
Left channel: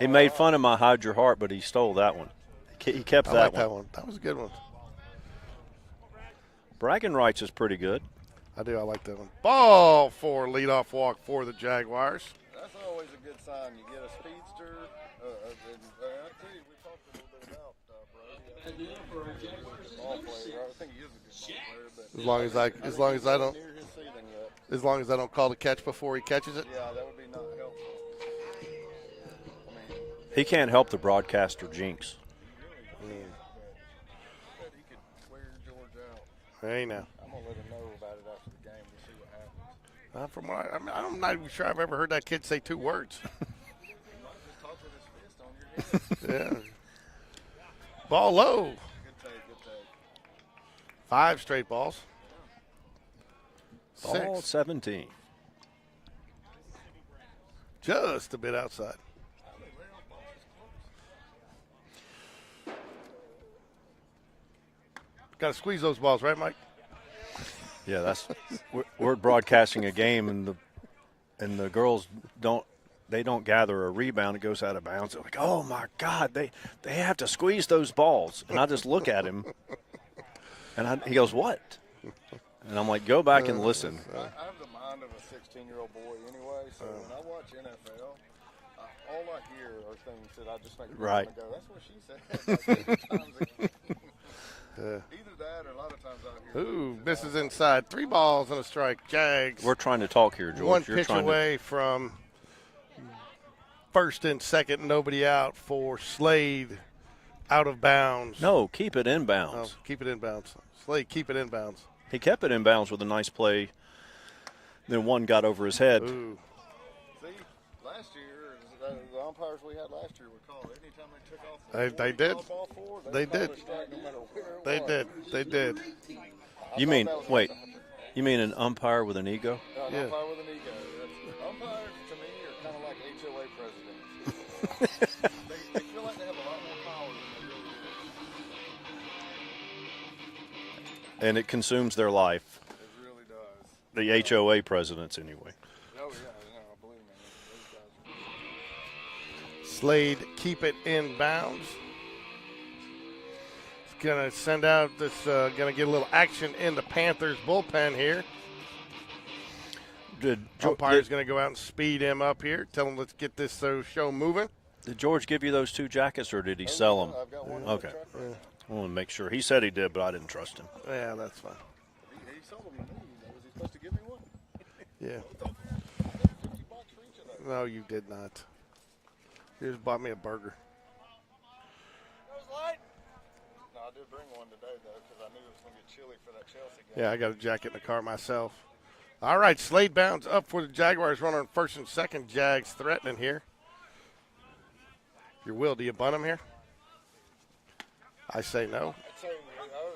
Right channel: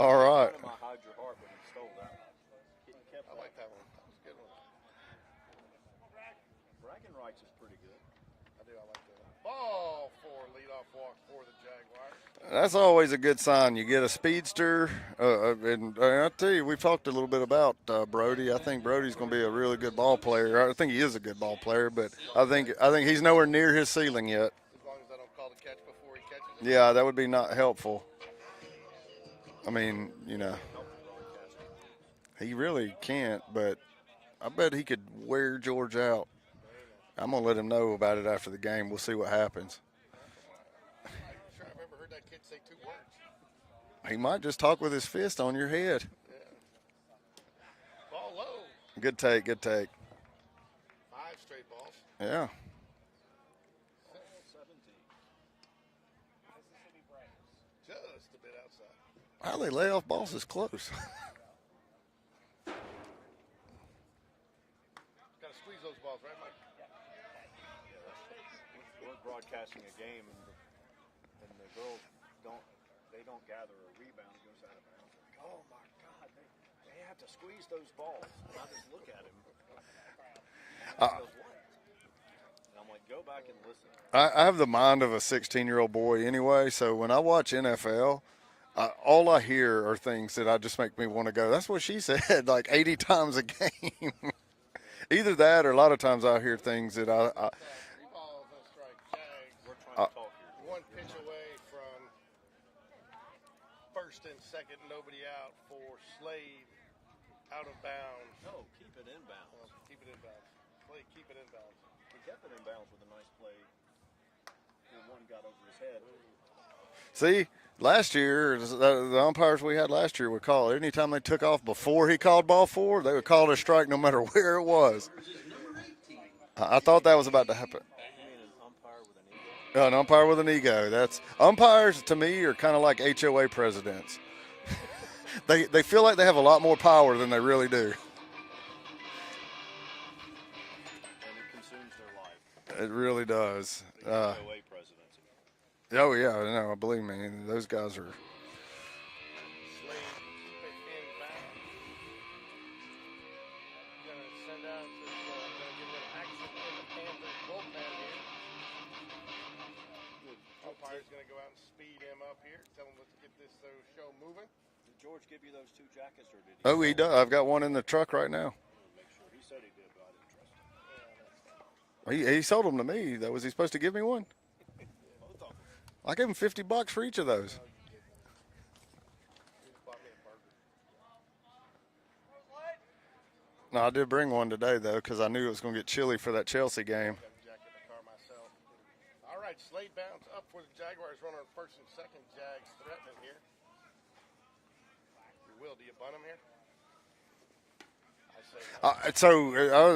He made fun of my Hide Your Heart, but he stole that one. He kept that one. That one. That was a good one. Bragging rights is pretty good. I do. I like that one. Ball 4, leadoff walk for the Jaguars. That's always a good sign. You get a speedster, and I tell you, we've talked a little bit about Brody. I think Brody's going to be a really good ball player. I think he is a good ball player, but I think he's nowhere near his ceiling yet. As long as I don't call the catch before he catches it. Yeah, that would be not helpful. He can't help the broadcaster jinx. He really can't, but I bet he could wear George out. Hey, now. I'm going to let him know about it after the game. We'll see what happens. From what I'm not even sure I've ever heard that kid say 2 words. He might just talk with his fist on your head. Yeah. Ball low. Good take, good take. 5 straight balls. Yeah. Ball 6. 17. Just a bit outside. How they lay off balls is close. Got to squeeze those balls, right, Mike? Yeah, that's we're broadcasting a game, and the girls don't gather a rebound. It goes out of bounds. They're like, oh my God, they have to squeeze those balls. And I just look at him, and he goes, what? And I'm like, go back and listen. I have the mind of a 16-year-old boy anyway, so when I watch NFL, all I hear are things that I just make me want to go. That's what she said, like 80 times a game. Either that or a lot of times I hear things that this is inside. 3 balls and a strike. Jags. We're trying to talk here, George. 1 You're pitch trying away from first and second, nobody out for Slade out of bounds. No, keep it inbounds. Oh, keep it inbounds. Slade, keep it inbounds. He kept it inbounds with a nice play. Then one got over his head. Ooh. See, last year, the umpires we had last year would call it. Anytime they took off before they he did. called ball 4, they would call it a strike no matter where it was. They did. I thought that was about to happen. You mean an umpire with an ego? An umpire with an ego. That's umpires to me are kind of like HOA presidents. they feel like they have a lot more power than they really do. And it consumes their life. It really does. The HOA presidents, anyway. Oh yeah, no, believe me, those guys are. Slade, keep it inbounds. It's gonna send out this. Gonna get a little action in the Panthers bullpen here. Umpire's going to go out and speed him up here. Tell him let's get this show moving. Did George give you those 2 jackets, or did he sell them? I've got one in the truck right now. I want to make sure. He said he did, but I didn't trust him. Yeah, that's fine. He sold them to me. Was he supposed to give me one? Yeah. I gave him $50 for each of those. No, you did not. You just bought me a burger. No, I did bring one today, though, because I knew it was going to get chilly for that Chelsea game. Yeah, I got a jacket in the car myself. All right, Slade bounds up for the Jaguars. Runner on first and second. Jags threatening here. Your will, do you bunt him here? I say no. So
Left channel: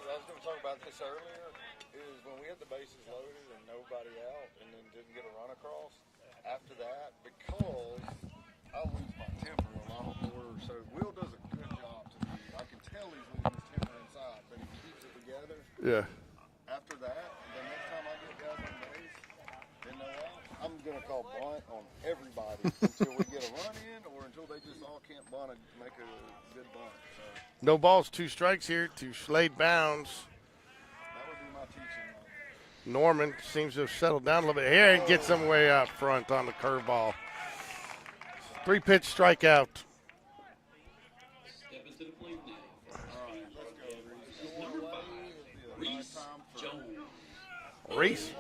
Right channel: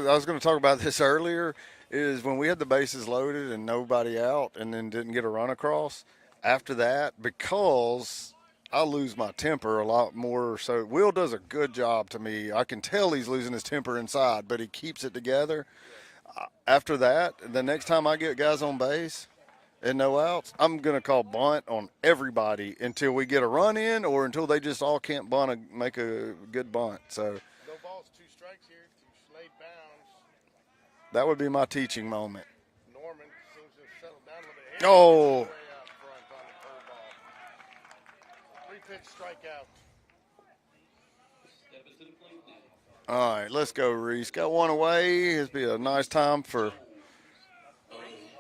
I was going to talk about this earlier, is when we had the bases loaded and nobody out and then didn't get a run across, after that, because I lose my temper a lot more. So Will does a good job to me. I can tell he's losing his temper inside, but he keeps it together. Yeah. After that, the next time I get guys on base and no outs, I'm going to call bunt on everybody until we get a run in or until they just all can't bunt make a good bunt. So no balls, 2 strikes here to Slade bounds. That would be my teaching moment. Norman seems to have settled down a little bit here and gets him way out front on the curveball. 3-pitch strikeout. All right, let's go, Reese. Got one away. This will be a nice time for Reese.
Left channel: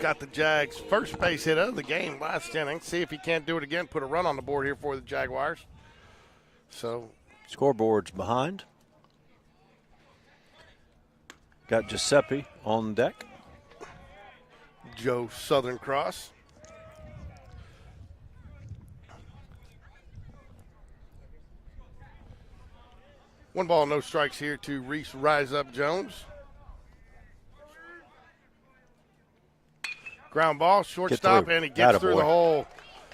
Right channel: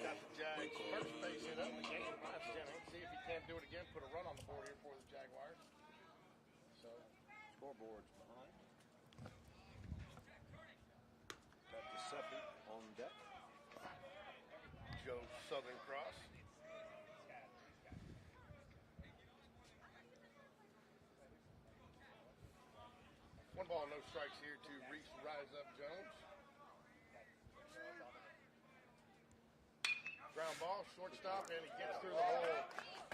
Got the Jags' first base hit of the game last inning. See if he can't do it again. Put a run on the board here for the Jaguars. So, scoreboard's behind. Got Giuseppe on deck. Joe Southern Cross. One ball, no strikes here to Reese Rise Up Jones. Ground ball, shortstop, and he gets through the hole.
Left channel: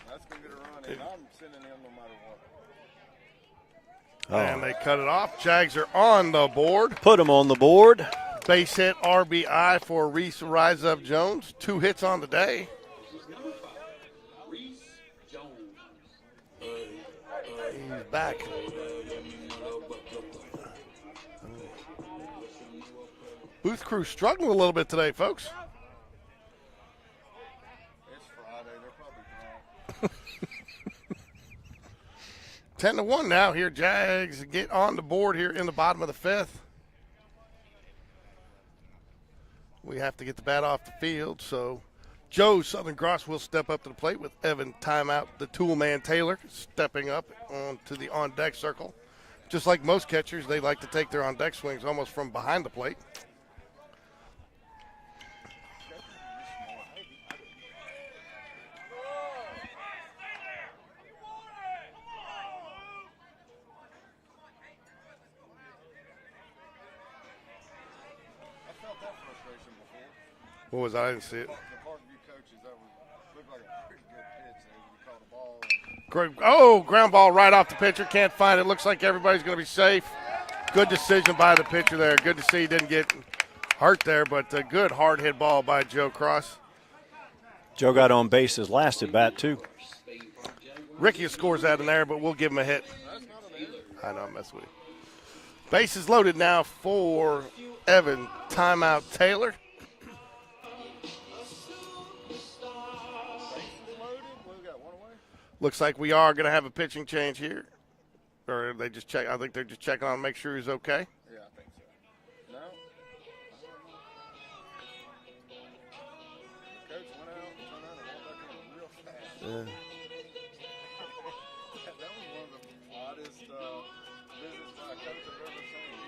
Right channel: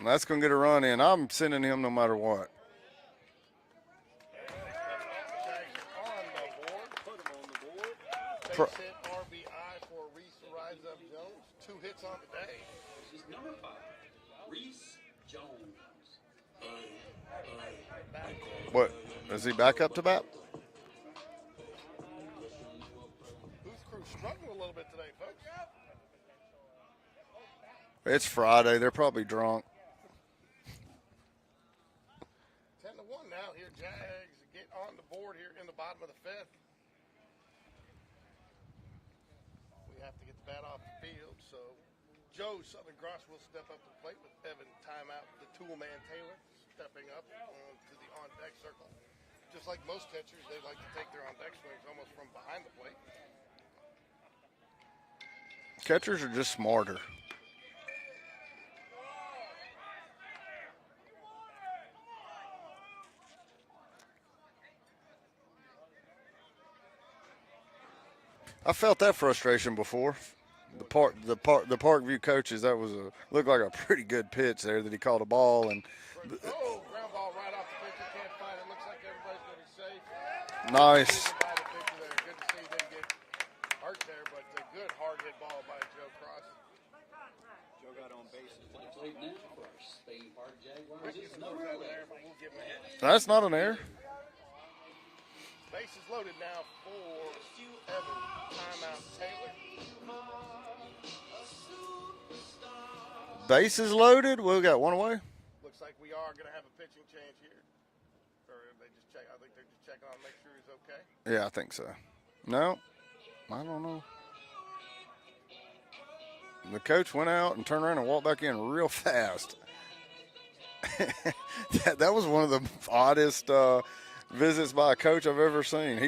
That's going to get a run in. I'm sending him no matter what. And they cut it off. Jags are on the board. Put him on the board. Base hit RBI for Reese Rise Up Jones. 2 hits on the day. He's back. What? Is he back up to bat? Booth crew struggling a little bit today, folks. It's Friday. They're probably drunk. 10-1 now here. Jags get on the board here in the bottom of the 5th. We have to get the bat off the field, so Joe Southern Cross will step up to the plate with Evan Timeout, the tool man Taylor, stepping up onto the on-deck circle. Just like most catchers, they like to take their on-deck swings almost from behind the plate. Catchers are just smarter. I felt that frustration before. What was The Parkview coaches, that was looked like a pretty good pitch there that he called a ball. And Great. Ground ball right off the pitcher. Can't find it. Looks like everybody's going to be safe. Good Nice. decision by the pitcher there. Good to see he didn't get hurt there, but a good hard hit ball by Joe Cross. Joe got on base his last at bat, too. Ricky scores that in there, but we'll give him a hit. That's not an error. I know, I'm messing with you. Bases loaded now for Evan. Timeout Taylor. Bases loaded. We got one away. Looks like we are going to have a pitching change here. Or they just check. I think they're just checking on to make sure he's okay. Yeah, I think so. No, I don't know. The coach went out and turned around and walked back in real fast. Yeah. that was one of the oddest visits by a coach I've ever seen.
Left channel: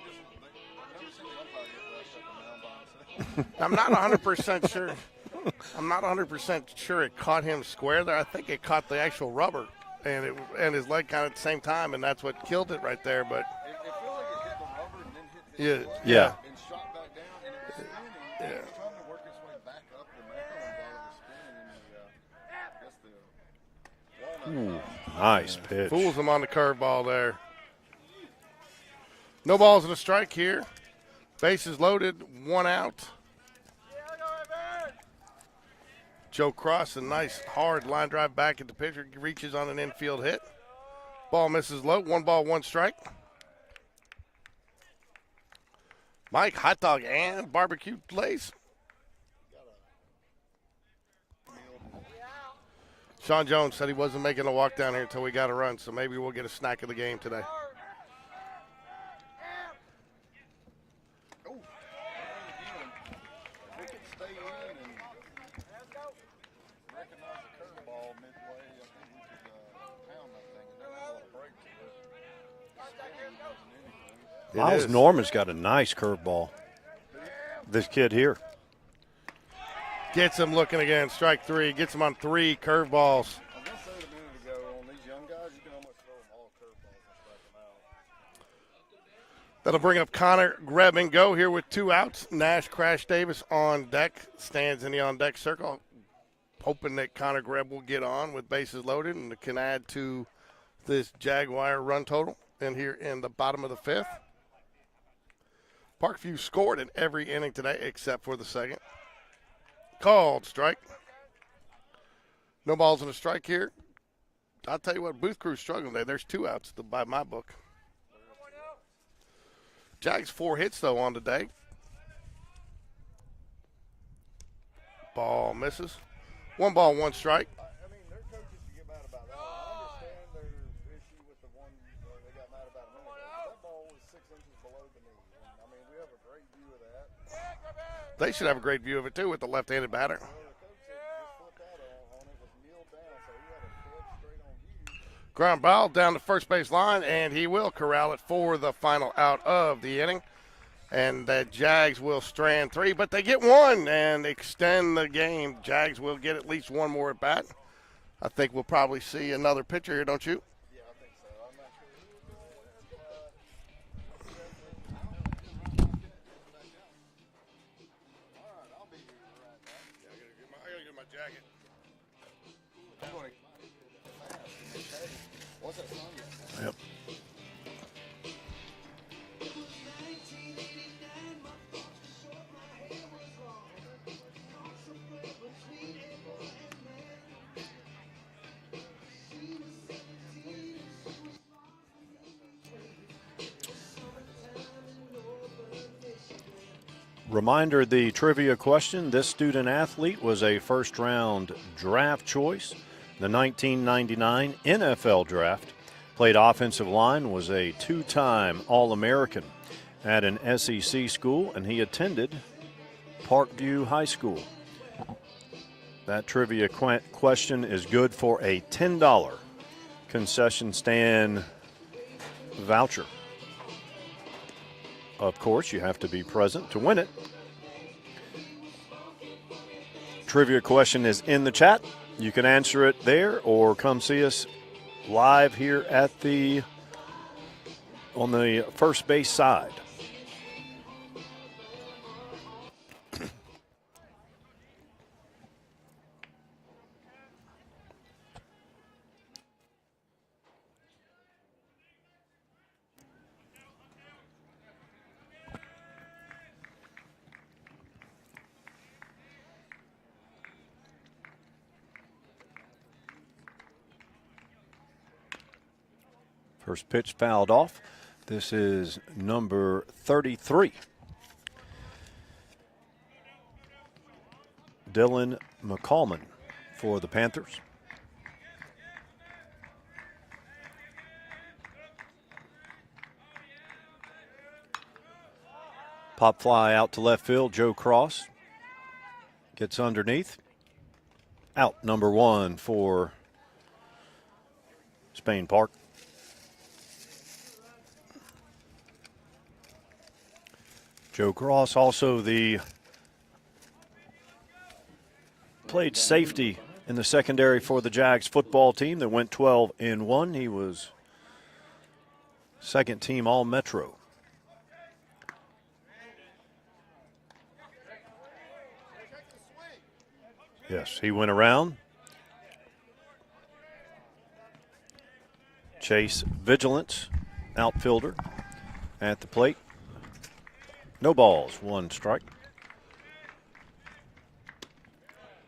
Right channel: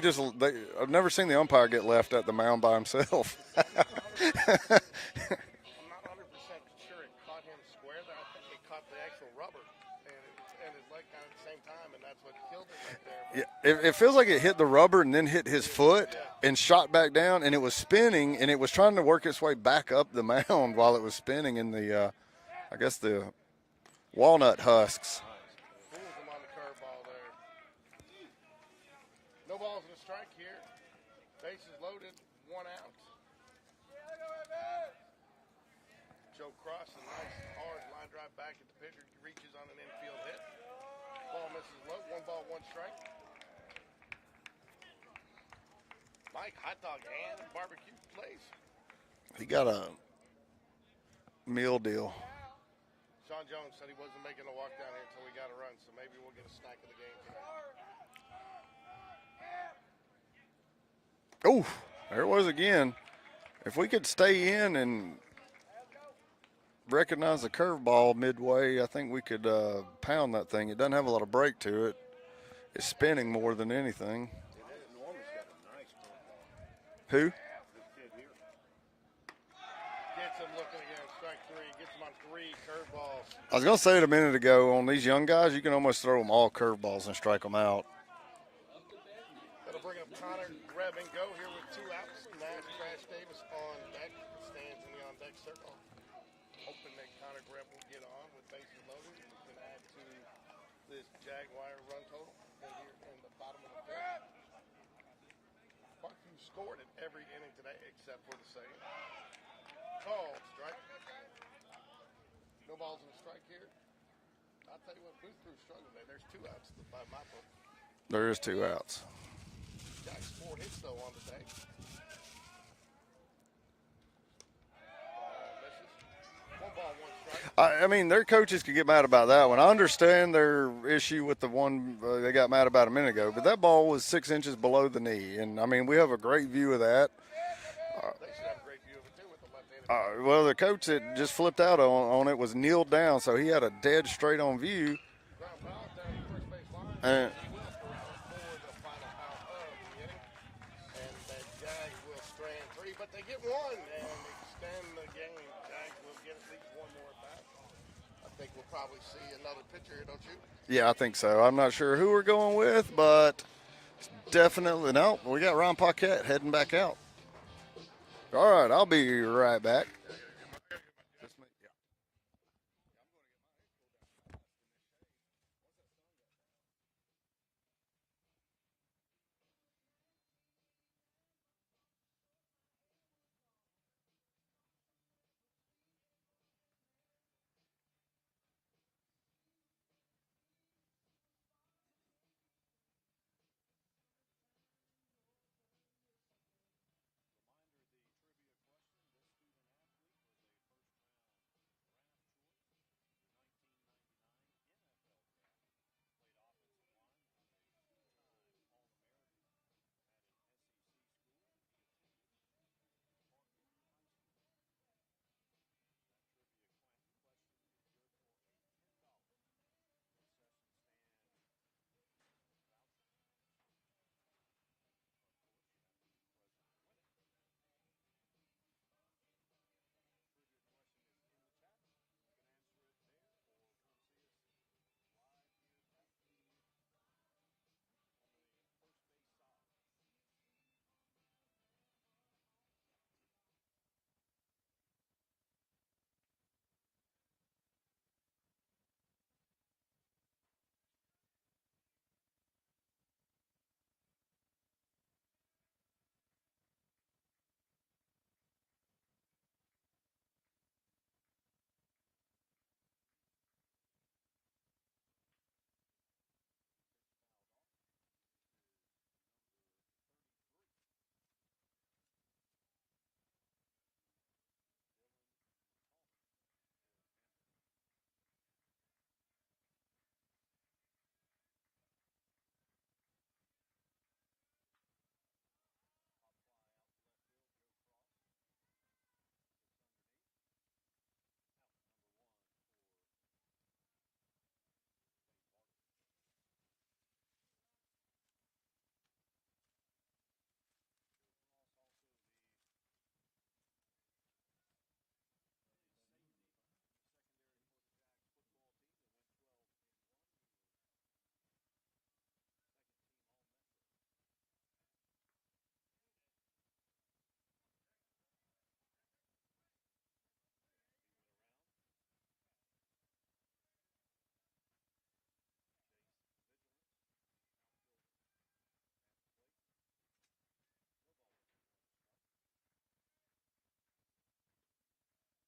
I've never seen the umpire get left at the mound by himself. I'm not 100% sure. I'm not 100% sure it caught him square there. I think it caught the actual rubber and his leg kind of at the same time, and that's what killed it right there. But it feels like it hit the rubber and then hit his foot and shot back down, and it was spinning, and it was trying to work its way back up the mound while it was spinning in the, I guess, the walnut husks. Nice pitch. Fools him on the curveball there. No balls and a strike here. Bases loaded, one out. Joe Cross, a nice hard line drive back at the pitcher, reaches on an infield hit. Ball misses low, 1 ball, 1 strike. Mike, hot dog and barbecue glaze. He got a meal deal. Sean Jones said he wasn't making a walk down here until we got a run, so maybe we'll get a snack of the game today. Oh, there it was again. If we could stay in and recognize the curveball midway, I think we could pound that thing. It doesn't have a lot of break to it. It's spinning more than anything. Miles Norman's got a nice curveball. Who? This kid here. Gets him looking again, strike 3. Gets him on 3 curveballs. I was going to say it a minute ago, on these young guys, you can almost throw them all curveballs and strike them out. That'll bring up Connor Greb-and-Go here with 2 outs. Nash Crash Davis on deck, stands in the on-deck circle, hoping that Connor Greb will get on with bases loaded and can add to this Jaguar run total in here in the bottom of the 5th. Parkview scored in every inning today except for the second. Called strike. No balls in a strike here. I'll tell you what, Booth Crew's struggling today. There's 2 outs by my book. There is 2 outs. Jags 4 hits, though, on today. Ball misses. 1 ball, 1 strike. I mean, their coaches could get mad about that one. I understand their issue with the one they got mad about a minute ago, but that ball was 6 inches below the knee. And, I mean, we have a great view of that. They should have a great view of it, too, with the left-handed batter. Well, the coach that just flipped out on it was kneeled down, so he had a dead straight-on view. Ground ball down the first base line, and he will corral it for the final out of the inning. And the Jags will strand 3, but they get 1 and extend the game. Jags will get at least 1 more at bat. I think we'll probably see another pitcher here, don't you? Yeah, I think so. I'm not sure who we're going with, but definitely no. We got Ron Paquette heading back out. All right, I'll be right back. Yep. Reminder, the trivia question, this student athlete was a first-round draft choice. The 1999 NFL draft. Played offensive line, was a 2-time All-American at an SEC school, and he attended Parkview High School. That trivia question is good for a $10 concession stand voucher. Of course, you have to be present to win it. trivia question is in the chat. You can answer it there or come see us live here at on the first base side. First pitch fouled off. This is number 33. Dylan McCallman for the Panthers. Pop fly out to left field. Joe Cross gets underneath. Out, number 1 for Spain Park. Joe Cross also played safety in the secondary for the Jags football team that went 12-1. He was second team All-Metro. Yes, he went around. Chase Vigilance, outfielder, at the plate. No balls, 1 strike.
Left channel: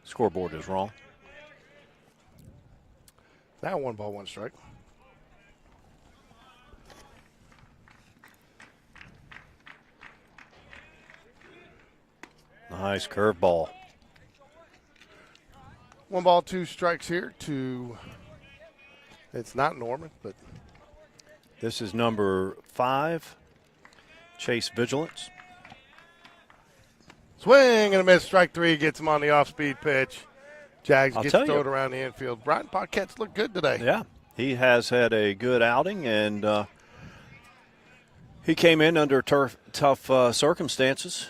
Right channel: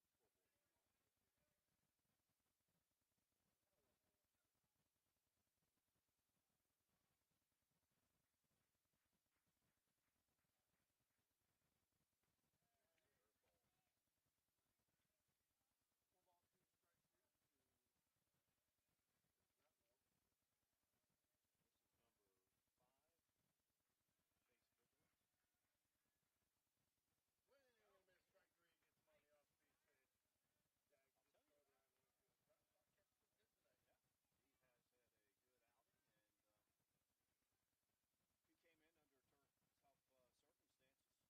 Scoreboard is wrong. Now 1 ball, 1 strike. Nice curveball. 1 ball, 2 strikes here to, it's not Norman, but. This is number 5, Chase Vigilance. Swing and a miss, strike 3, gets him on the off-speed pitch. Jags gets to throw it around the infield. Brian Paquette's looked good today. Yeah, he has had a good outing, and he came in under tough circumstances.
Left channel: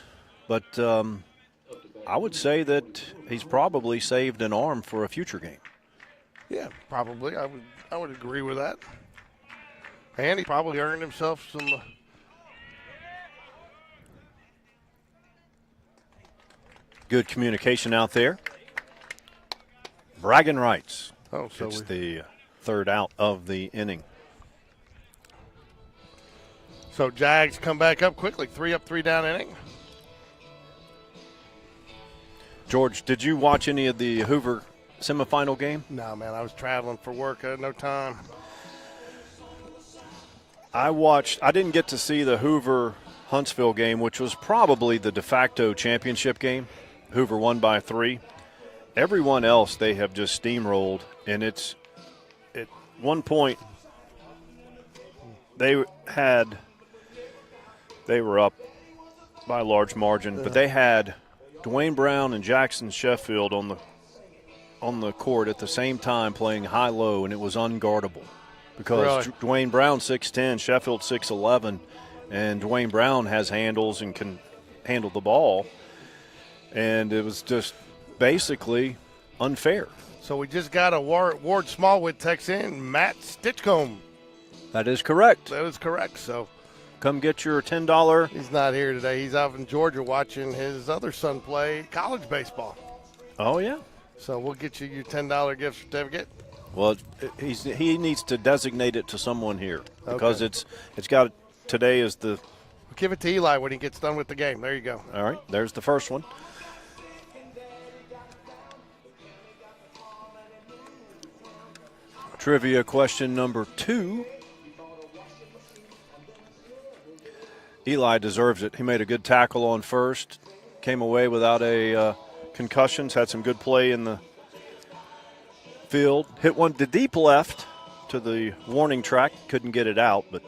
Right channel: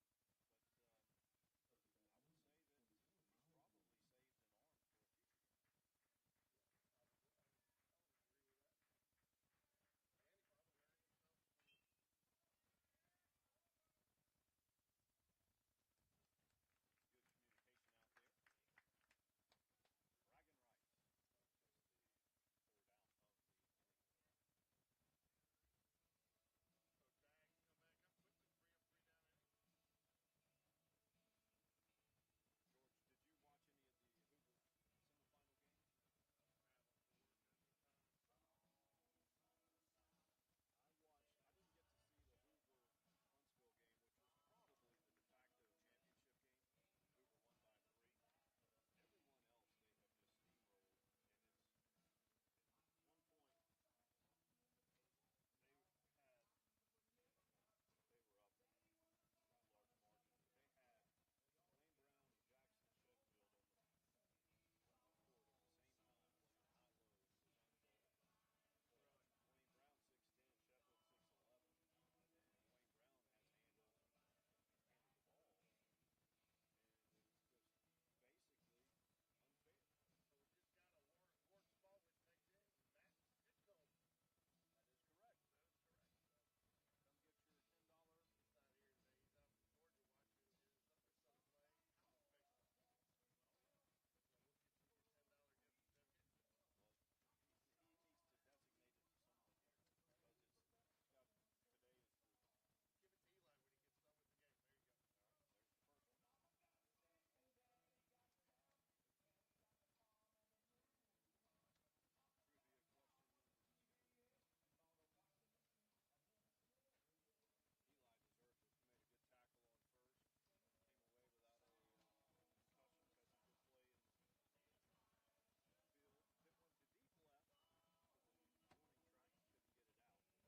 But I would say that he's probably saved an arm for a future game. Yeah, probably. I would agree with that. And he probably earned himself some. Good communication out there. Bragging rights. Oh, so it's the 3rd out of the inning. So Jags come back up quickly. 3 up, 3 down inning. George, did you watch any of the Hoover semifinal game? No, man. I was traveling for work. I had no time. I didn't get to see the Hoover-Huntsville game, which was probably the de facto championship game. Hoover won by 3. Everyone else they have just steamrolled, and it's at one point they were up by a large margin, but they had Dwayne Brown and Jackson Sheffield on the court at the same time playing high-low, and it was unguardable because Dwayne Brown 6'10", Sheffield 6'11", and Dwayne Brown has handles and can handle the ball. And it was just basically unfair. So we just got a Ward Smallwood text in, Matt Stitchcomb. That is correct. That is correct. So come get your $10. He's not here today. He's out in Georgia watching his other son play college baseball. Oh, yeah. So we'll get you your $10 gift certificate. Well, he needs to designate it to someone here because it's got today is the. Give it to Eli when he gets done with the game. There you go. All right, there's the first one. Trivia question number 2. Eli deserves it. He made a good tackle on first, came away without a concussions, had some good play in the field. Hit one to deep left to the warning track, couldn't get it out, but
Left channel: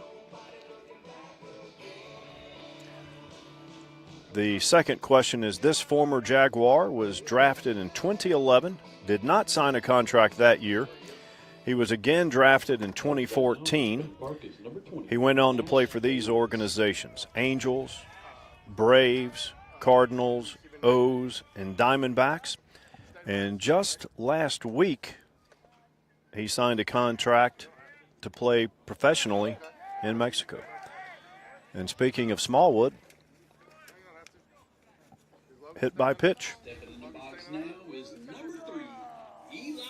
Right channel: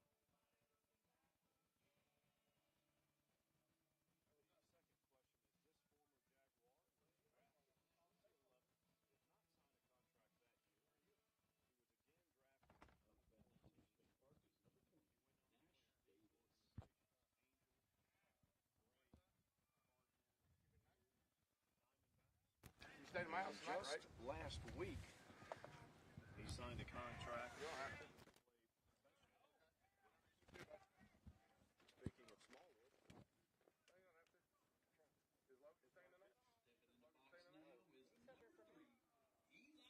the second question is this former Jaguar was drafted in 2011, did not sign a contract that year. He was again drafted in 2014. He went on to play for these organizations: Angels, Braves, Cardinals, O's, and Diamondbacks. And just last week, he signed a contract to play professionally in Mexico. And speaking of Smallwood, hit by pitch. Stepping in the box now is number 3, Eli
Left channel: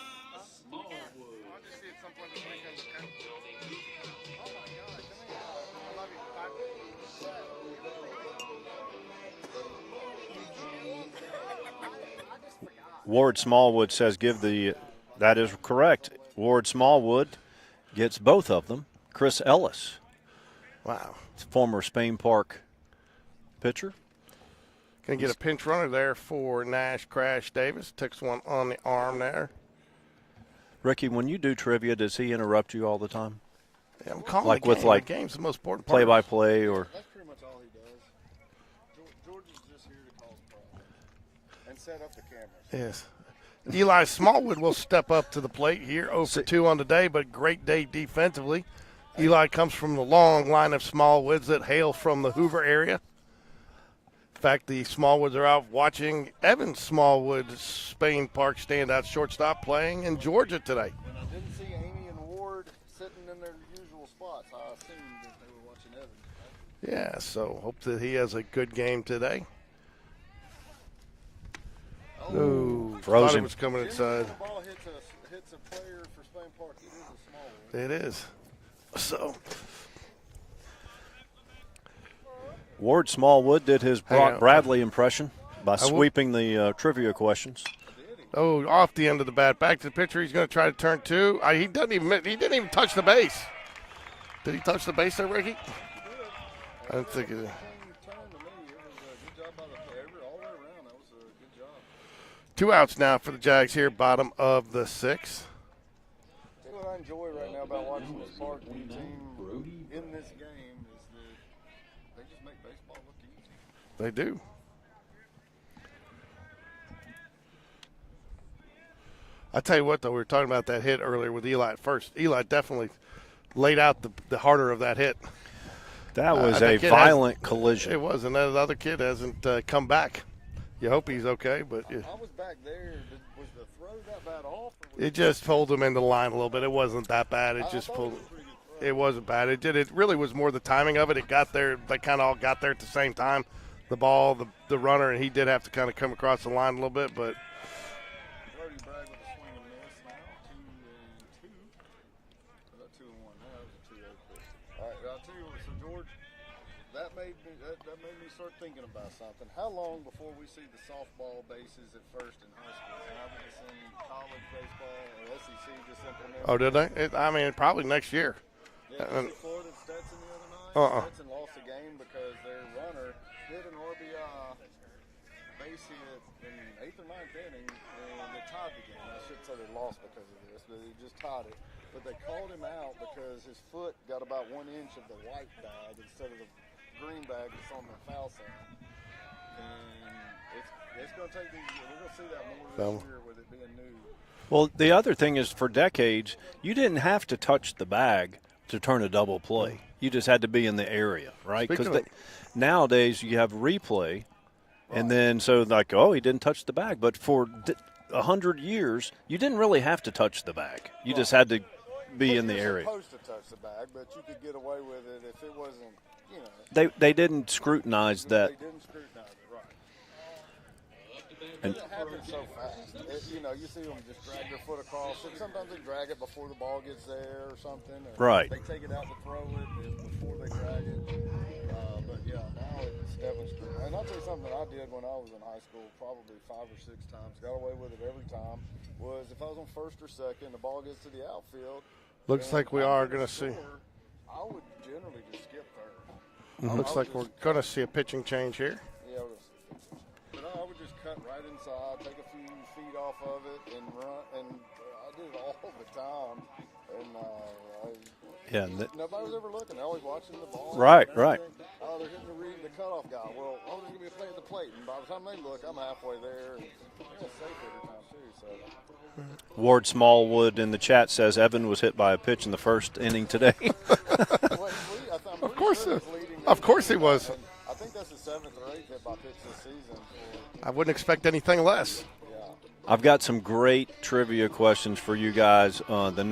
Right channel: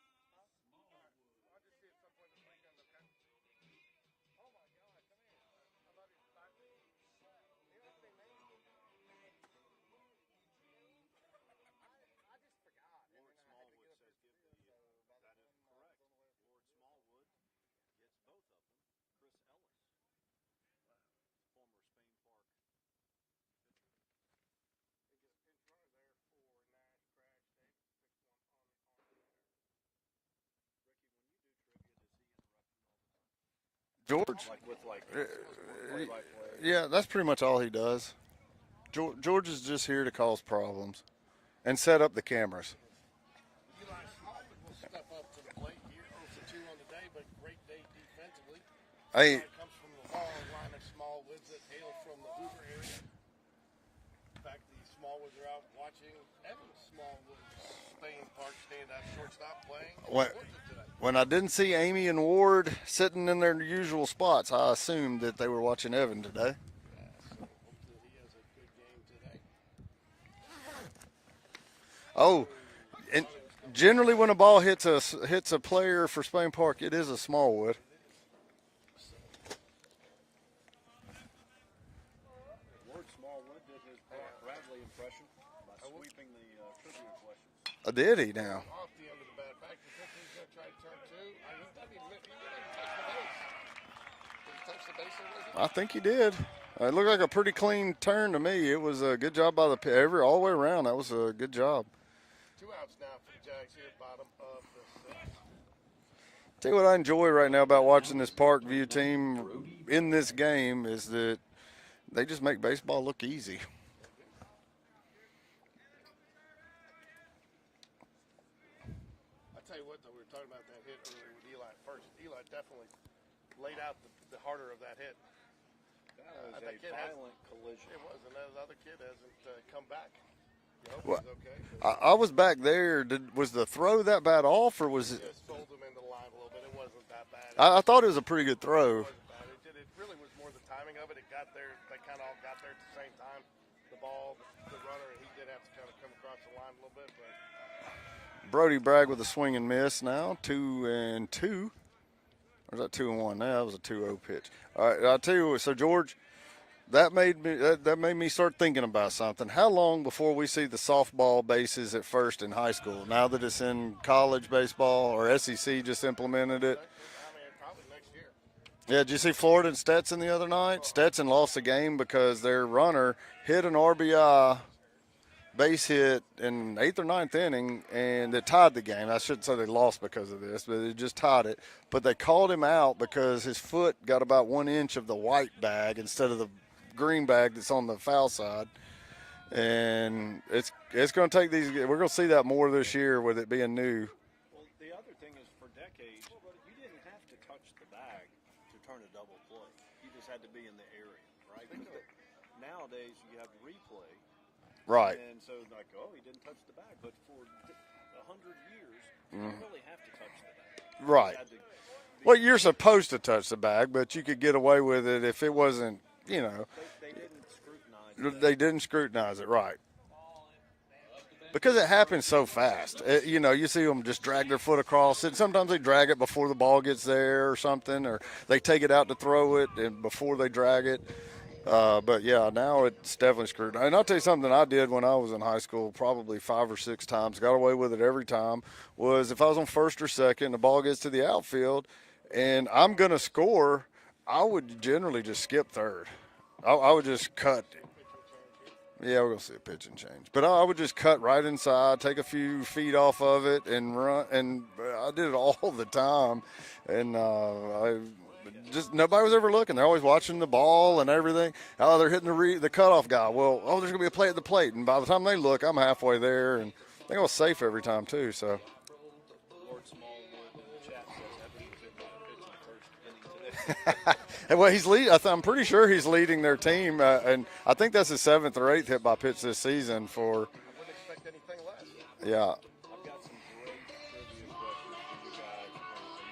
Smallwood. Ward Smallwood says that is correct. Ward Smallwood gets both of them. Chris Ellis, Wow. former Spain Park pitcher. Going to get a pinch runner there for Nash Crash Davis. Takes one on the arm there. Ricky, when you do trivia, does he interrupt you all the time? I'm calling Like the with, game. like, The game's the most important part. Play-by-play? Yeah, Or that's pretty much all he does. George is just here to cause problems and set up the cameras. Yes. Eli Smallwood will step up to the plate here, 0 for 2 on the day, but great day defensively. Hey. Eli comes from the long line of Smallwoods that hail from the Hoover area. In fact, the Smallwoods are out watching Evan Smallwood, Spain Park standout shortstop, playing in Georgia today. When I didn't see Amy and Ward sitting in their usual spots, I assumed that they were watching Evan today. Yeah, so hope that he has a good game today. Oh, Ooh, Frozen. thought it was coming generally inside. when a ball hits a player for Spain Park, it is a Smallwood. It is. So, Ward Smallwood did his Hang Brock on. Bradley impression by will- sweeping the trivia questions. Did he? oh, off the end of the bat. Back to the pitcher. He's going to try to turn 2. He didn't even touch the base. Did he touch the base there, Ricky? I think he did. It looked like a pretty clean turn to me. It was a good job by the all the way around. That was a good job. 2 outs now for the Jags here, bottom of the 6th. Tell you what I enjoy right now about watching this Parkview team in this game is that they just make baseball look easy. They do. I tell you what, though, we were talking about that hit earlier with Eli at first. Eli definitely laid out the harder of that hit. That was that a kid violent collision. It was, and that other kid hasn't come back. You hope he's okay, but I was back there. Was the throw that bad off, or was it just pulled him into the line a little bit. It wasn't that bad. I just thought it pulled- was a pretty good throw. It wasn't bad. It really was more the timing of it. It got there. They kind of all got there at the same time. The ball, the runner, and he did have to kind of come across the line a little bit. But Brody Bragg with a swing and miss now, 2-2. Or is that 2-1? No, that was a 2-0 pitch. All right, I'll tell you what. So George, that made me start thinking about something. How long before we see the softball bases at first in high school? Now that it's in college baseball or SEC just implemented. oh, did it? they? Probably next year. Yeah, did you see Florida and Stetson the other night? Stetson lost the game because their runner hit an RBI base hit in 8th or 9th inning, and it tied the game. I shouldn't say they lost because of this, but they just tied it. But they called him out because his foot got about 1 inch of the white bag instead of the green bag that's on the foul side. And it's going to take these – we're going to see that more this year with it being new. Well, the other thing is for decades, you didn't have to touch the bag to turn a double play. You just had to be in the area, right? Because nowadays you have replay, Right. and then so like, oh, he didn't touch the bag. But for 100 years, you didn't really have to touch the bag. You just Right. had to be Well, in you're the area. supposed to touch the bag, but you could get away with it if it wasn't, you know. They didn't scrutinize that. They didn't scrutinize it, right. Because it happens so fast. You see them just drag their foot across it. Sometimes they drag it before the ball gets there or something, or Right. they take it out to throw it before they drag it. But, yeah, now it's definitely scrutinized. And I'll tell you something I did when I was in high school probably 5 or 6 times, got away with it every time, was if I was on first or second, the ball gets to the outfield, Looks and like we I'm are going to gonna see- score, I would generally just skip third. I Looks would like just we're gonna cut. see a pitching change here. Yeah, we're going to see a pitch and change. But I would just cut right inside, take a few feet off of it, and run. And I did it all the time. And nobody was ever looking. They're always watching the ball Right, and everything. Oh, they're hitting the cutoff guy. Well, there's going to be a play at the plate. And by the time they look, I'm halfway there. And I think I was safe every time, too. So Ward Smallwood in the chat says Evan was hit by a pitch in the first inning today. well, he's leading. I'm pretty sure he's leading their team. Of course he was. And I think that's his 7th or 8th hit by pitch this season for. I wouldn't expect anything less. Yeah. I've got some great trivia questions for you guys. The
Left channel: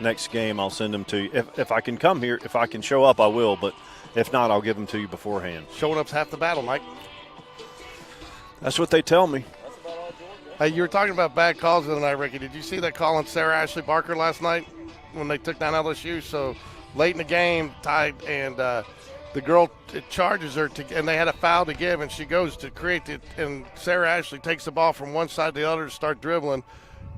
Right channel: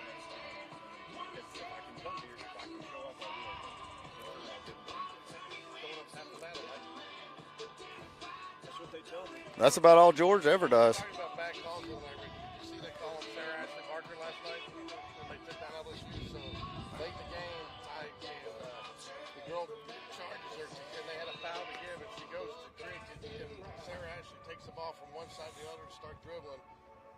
next game, I'll send them to you. If I can come here, if I can show up, I will. But if not, I'll give them to you beforehand. Showing up's half the battle, Mike. That's what they tell me. That's about all George ever Hey, does. you were talking about bad calls the other night, Ricky. Did you see that call on Sarah Ashley Barker last night when they took down LSU? So late in the game, tied, and the girl charges her, and they had a foul to give, and she goes to create it, and Sarah Ashley takes the ball from one side to the other to start dribbling.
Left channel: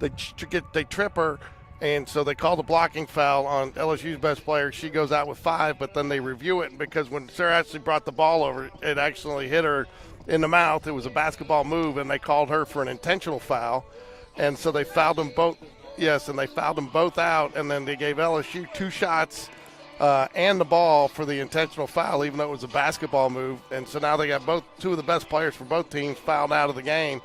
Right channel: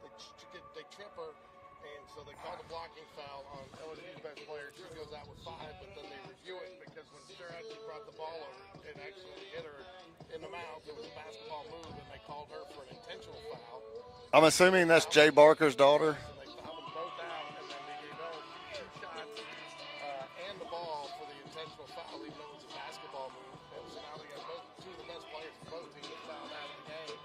They trip her, and so they call the blocking foul on LSU's best player. She goes out with 5, but then they review it because when Sarah Ashley brought the ball over, it actually hit her in the mouth. It was a basketball move, and they called her for an intentional foul. I'm And so assuming they that's fouled Jay them both- Barker's daughter? Yes, and they fouled them both out, and then they gave LSU 2 shots and the ball for the intentional foul, even though it was a basketball move. And so now they got 2 of the best players for both teams fouled out of the game.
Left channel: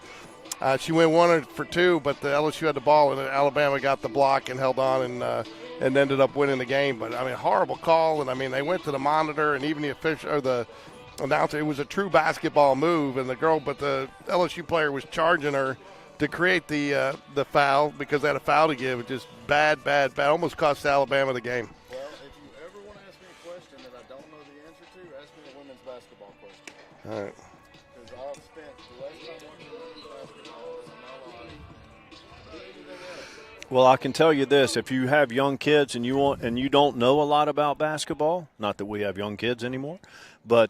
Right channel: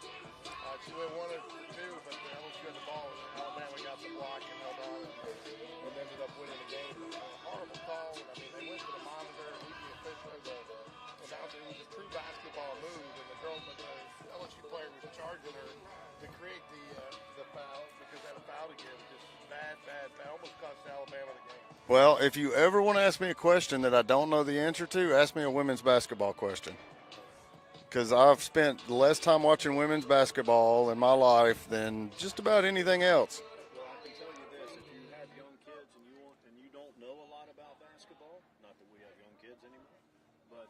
She went 1 for 2, but the LSU had the ball, and Alabama got the block and held on and ended up winning the game. But, I mean, horrible call. And, I mean, they went to the monitor, and even the official or the announcer, it was a true basketball move, and but the LSU player was charging her to create the foul because they had a foul to give. It just bad. Almost cost Alabama the game. Well, if you ever want to ask me a question that I don't know the answer to, ask me a women's basketball question. All right. Because I've spent less time watching women's basketball in my life than just about anything else. Well, I can tell you this: if you have young kids and you don't know a lot about basketball, not that we have young kids anymore, but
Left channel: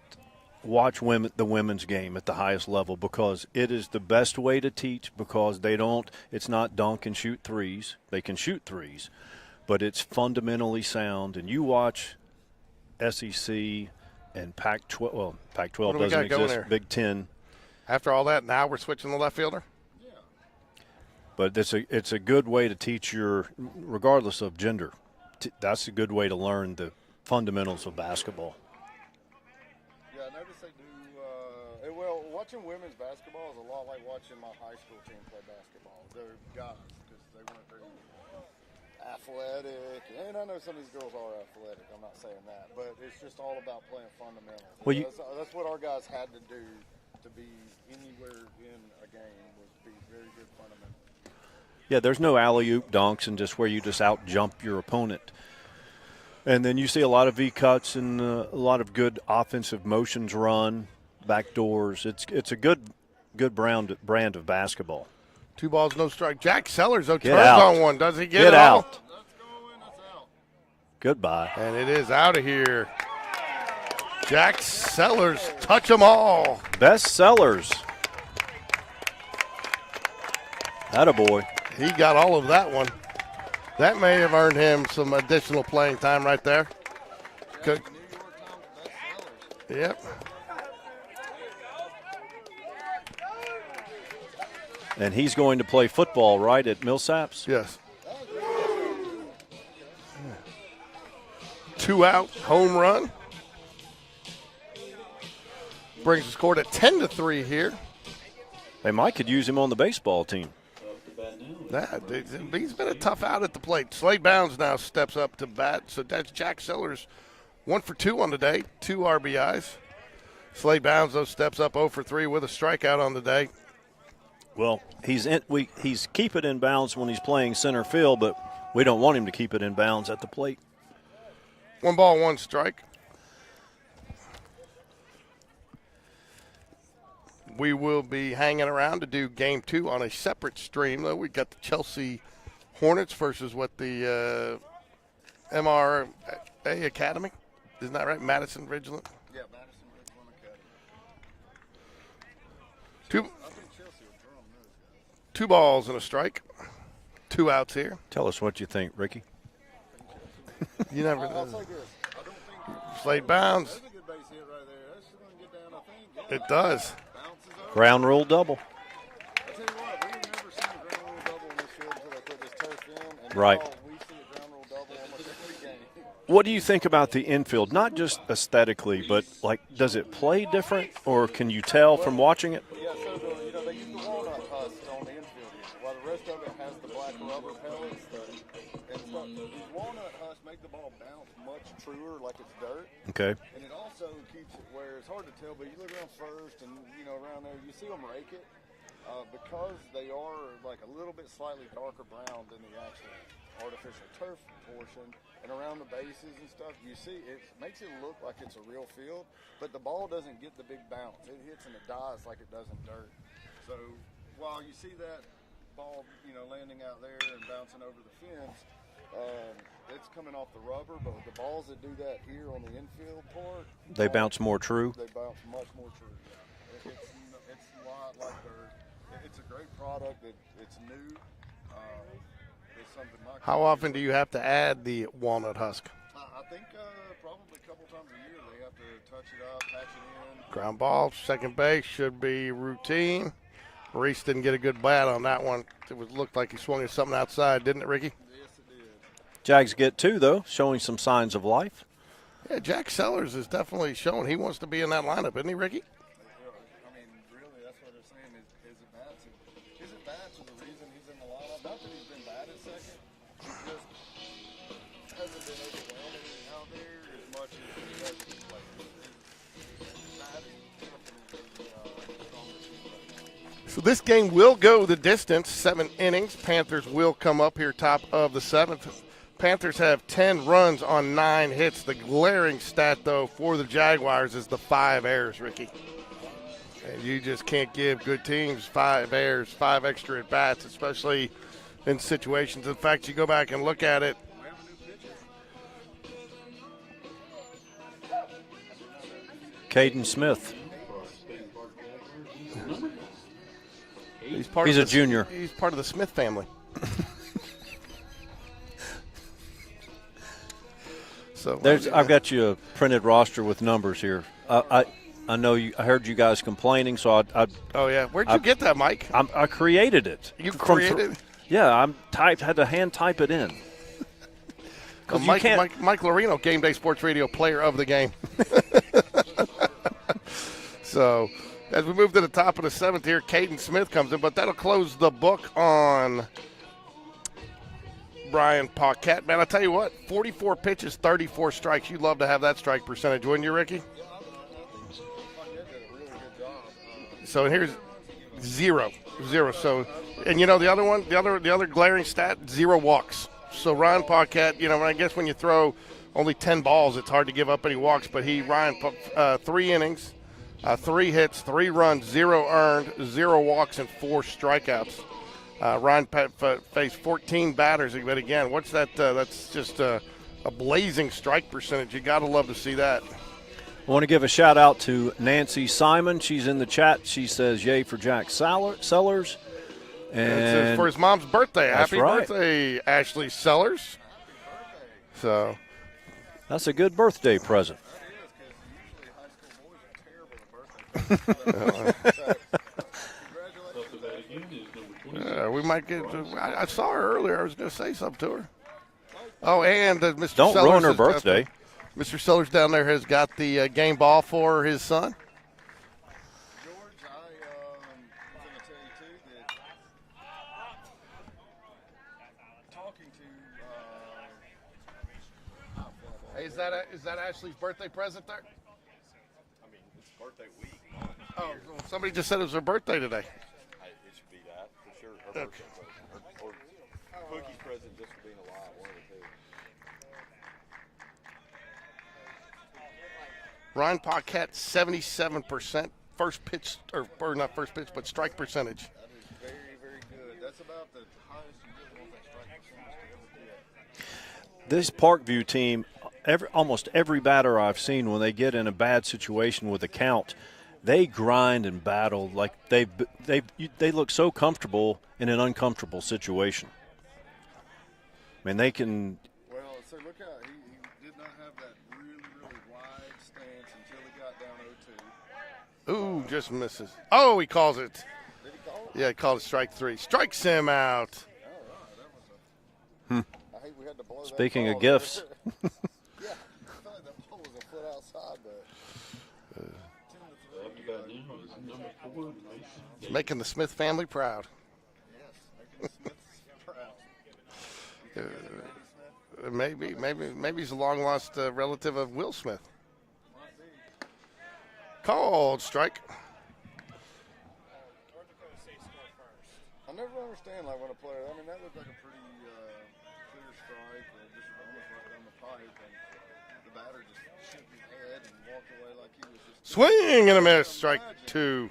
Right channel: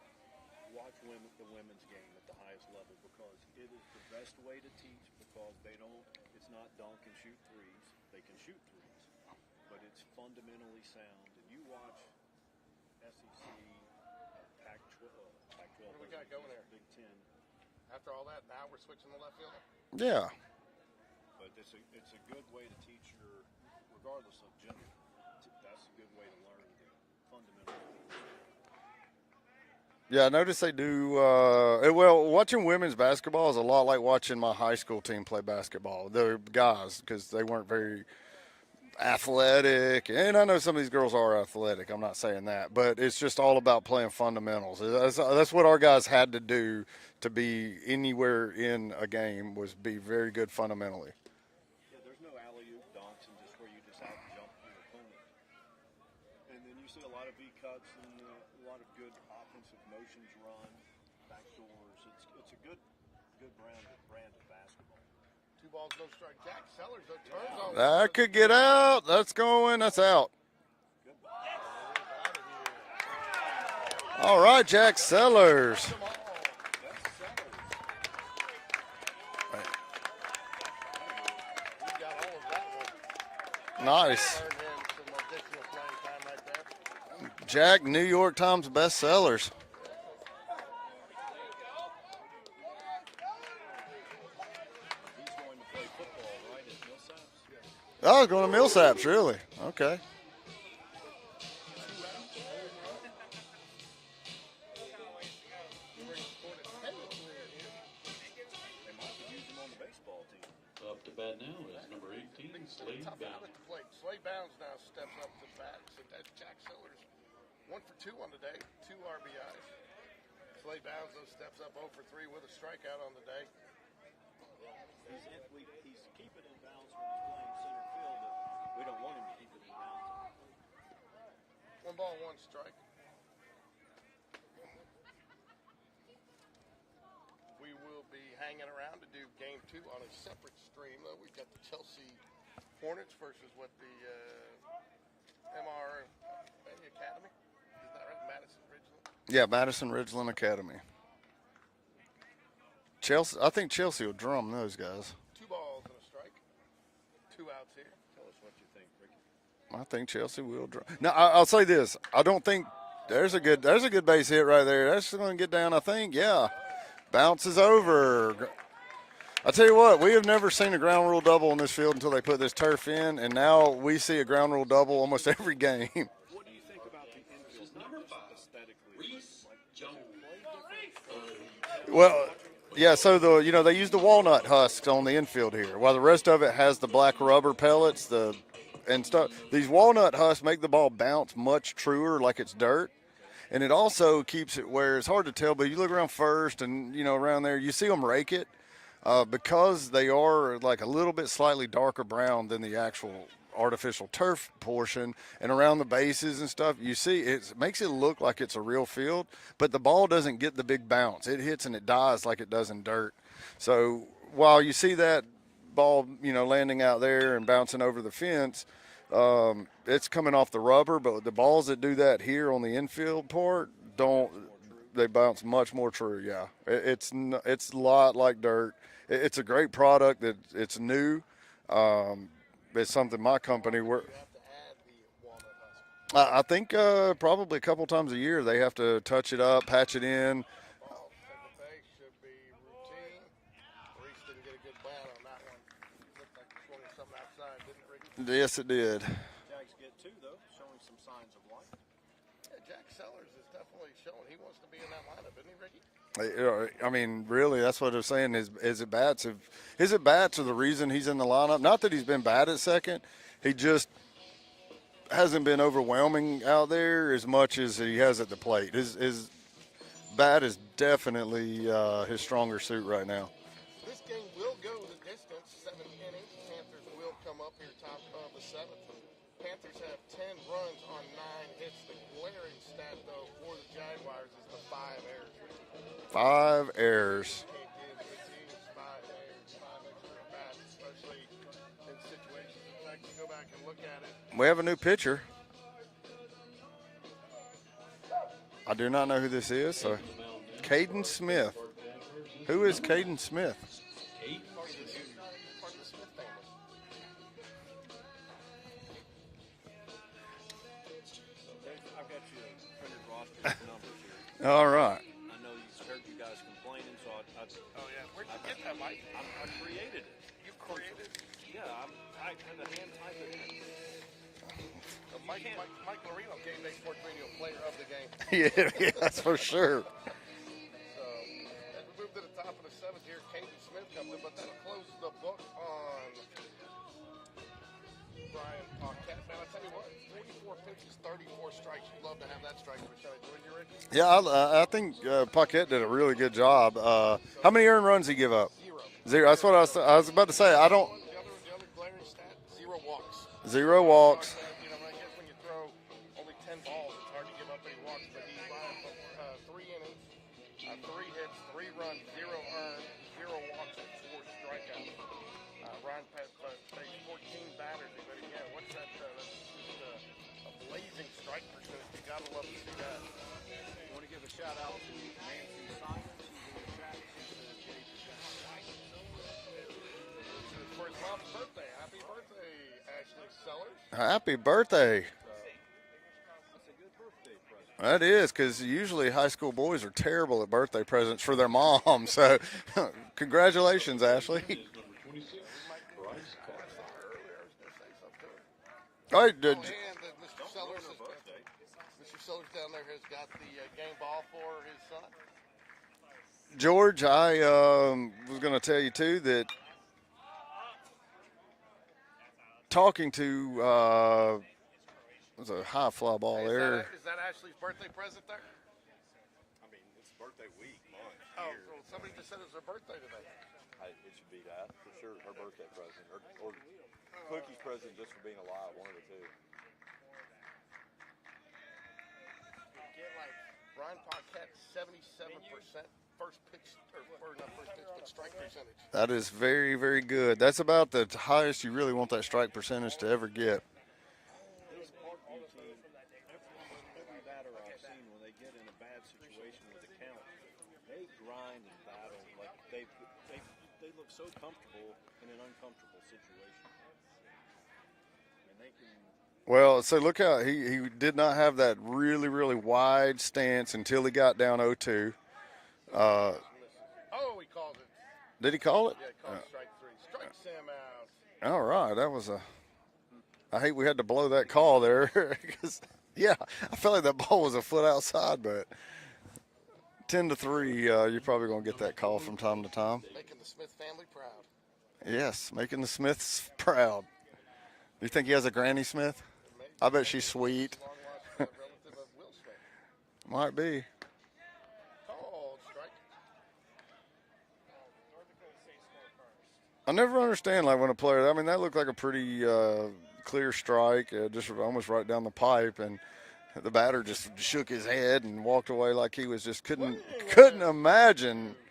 watch the women's game at the highest level, because it is the best way to teach, because it's not dunk and shoot threes. They can shoot threes, but it's fundamentally sound. And you watch SEC and Pac-12, well, Pac-12 doesn't exist, Big Ten. After all that, now we're switching the left fielder? Yeah. But it's a good way to teach regardless of gender. That's a good way to learn the fundamentals of basketball. Yeah, I noticed they do. Well, watching women's basketball is a lot like watching my high school team play basketball. They're guys, because they weren't very athletic. And I know some of these girls are athletic. I'm not saying that. But it's just all about playing fundamentals. Well, that's what our guys had to do to be anywhere in a game, was be very good fundamentally. Yeah, there's no alley-oop dunks and just where you just out-jump your opponent. And then you see a lot of V-cuts and a lot of good offensive motions run, back doors. It's a good brand of basketball. 2 balls, no strike. Jack Sellers, Get turns out. on one. Does he Get out. That's going. That's out. Goodbye. And it is out of here. All right, Jack Sellers. Touch them all. Best sellers. Attaboy. He got all of that one. That may Nice. have earned him some additional playing time right there. Jack, New York Times bestsellers. Yep. And he's going to play football, right, at Millsaps? Yes. Oh, going to Millsaps, really? Okay. 2 out, home run. Brings the score to 10-3 here. They might could use him on the baseball team. Up to bat now. He's been a tough out at the plate. Slade Bounds now steps up to bat. So that's Jack Sellers, 1 for 2 on the day, 2 RBIs. Slade Bounds, though, steps up 0 for 3 with a strikeout on the day. Well, he's keep it in bounds when he's playing center field, but we don't want him to keep it in bounds at the plate. 1 ball, 1 strike. We will be hanging around to do game 2 on a separate stream, though. We've got the Chelsea Hornets versus the MRA Academy. Isn't that right? Madison Ridgeland? Yeah, Madison Ridgeland Academy. Chelsea, I think Chelsea will drum those guys. 2 balls and a strike. 2 outs here. Tell us what you think, Ricky. I think Chelsea will drum. You know, I'll say this. I don't think Slade there's Bounds. a good base hit right there. That's going to get down, I think. Yeah. It does. Bounces over. Ground rule double. I tell you what, we have never seen a ground rule double in this field until they put this turf in, and now we see a ground rule double almost every game. What do you think about the infield? Not just aesthetically, but does it play different, or can you tell from watching it? Yeah, so they use the walnut husks on the infield here, while the rest of it has the black rubber pellets, and stuff. These walnut husks make the ball bounce much truer, like it's dirt. Okay. And it also keeps it where it's hard to tell, but you look around first and around there, you see them rake it. because they are like a little bit slightly darker brown than the actual artificial turf portion, and around the bases and stuff, you see it makes it look like it's a real field, but the ball doesn't get the big bounce. It hits and it dies like it does in dirt. So while you see that ball, landing out there and bouncing over the fence, it's coming off the rubber, but the balls that do that here on the infield part, They bounce more true? They bounce much more true, yeah. It's a lot like dirt. It's a great product. It's new. It's something my company. How often do you have to add the walnut husk? I think probably a couple times a year they have to touch it up, patch it in. Ground ball, second base should be routine. Reese didn't get a good bat on that one. It looked like he swung at something outside, didn't it, Ricky? Yes, it did. Jags get 2, though, showing some signs of life. Yeah, Jack Sellers is definitely showing he wants to be in that lineup, isn't he, Ricky? I mean, really, that's what they're saying. His bats are the reason he's in the lineup. Not that he's been bad at second. He just hasn't been overwhelming out there as much as he has at the plate. His bat is definitely his stronger suit right now. So this game will go the distance, 7 innings. Panthers will come up here top of the 7th. Panthers have 10 runs on 9 hits. The glaring stat, though, for the Jaguars is the 5 errors, Ricky. 5 errors. You just can't give good teams 5 errors, 5 extra at-bats, especially in situations. In fact, you go back and look at it. We have a new pitcher. I do not know who this is. Caden Smith. Caden Smith. Who is Caden Smith? He's a junior. He's part of the Smith family. So I've got you a printed roster with numbers here. All right. I know you. I heard you guys complaining, so Oh yeah, where'd you get that, Mike? I created it. You created? Yeah, had to hand type it in. Well, Mike Lorino, Game Day Sports Radio player of the game. yeah, that's for sure. So, as we move to the top of the 7th here, Caden Smith comes in, but that'll close the book on Brian Paquette. Man, I'll tell you what, 44 pitches, 34 strikes. You'd love to have that strike percentage, wouldn't you, Ricky? Yeah, I think Paquette did a really good job. So how many earned runs did he give up? Zero. That's what I was about to say. And the other one, the other glaring stat, 0 walks. So Ryan Paquette, I guess when you throw only 10 balls, it's hard to give up any walks. But Ryan, 3 innings, 3 hits, 3 runs, 0 earned, 0 walks, and 4 strikeouts. Ryan faced 14 batters, but again, what's that? That's just a blazing strike percentage. You got to love to see that. I want to give a shout out to Nancy Simon. She's in the chat. She says, "Yay for Jack Sellers." And for his mom's birthday. That's Happy right. birthday, Ashley Sellers. Happy birthday. So that's a good birthday present. That is, because usually high school boys are terrible at birthday presents for their mom. So congratulations, Ashley. We might get I saw her earlier. I was going to say something to her. All right, And Mr. Don't Sellers ruin her birthday. Mr. Sellers down there has got the game ball for his son. George, I was going to tell you, too, that talking to was a high fly ball there. Is that Ashley's birthday present there? I mean, it's birthday week. Oh, somebody just said it was her birthday today. It should be that, for sure. Her birthday. Monkey's present just for being alive, one of the two. Ryan Paquette, 77% first pitch, or not first pitch, but strike percentage. That is very, very good. That's about the highest you really want that strike percentage to ever get. This Parkview team, almost every batter I've seen, when they get in a bad situation with a count, they grind and battle like they look so comfortable in an uncomfortable situation. I mean, they can. Well, so look how he did not have that really, really wide stance until he got down 0-2. Ooh, just misses. Oh, he calls it. Did he call it? Yeah, he called it strike 3. Strikes him out. All right, that was I hate we had to blow that Speaking call of there. gifts. Yeah, I felt like that ball was a foot outside, but 10-3, you're probably going to get that call from time to time. Making the Smith family proud. Yes, making the Smiths proud. You think he has a Granny Smith? Maybe. I bet she's sweet. Maybe he's a long-lost relative of Will Smith. Might be. Called strike. I never understand, like, when a player, I mean, that looked like a pretty clear strike, just almost right down the pipe, and the batter just shook his head and walked away like he was just Swing and a miss. imagine. Strike 2.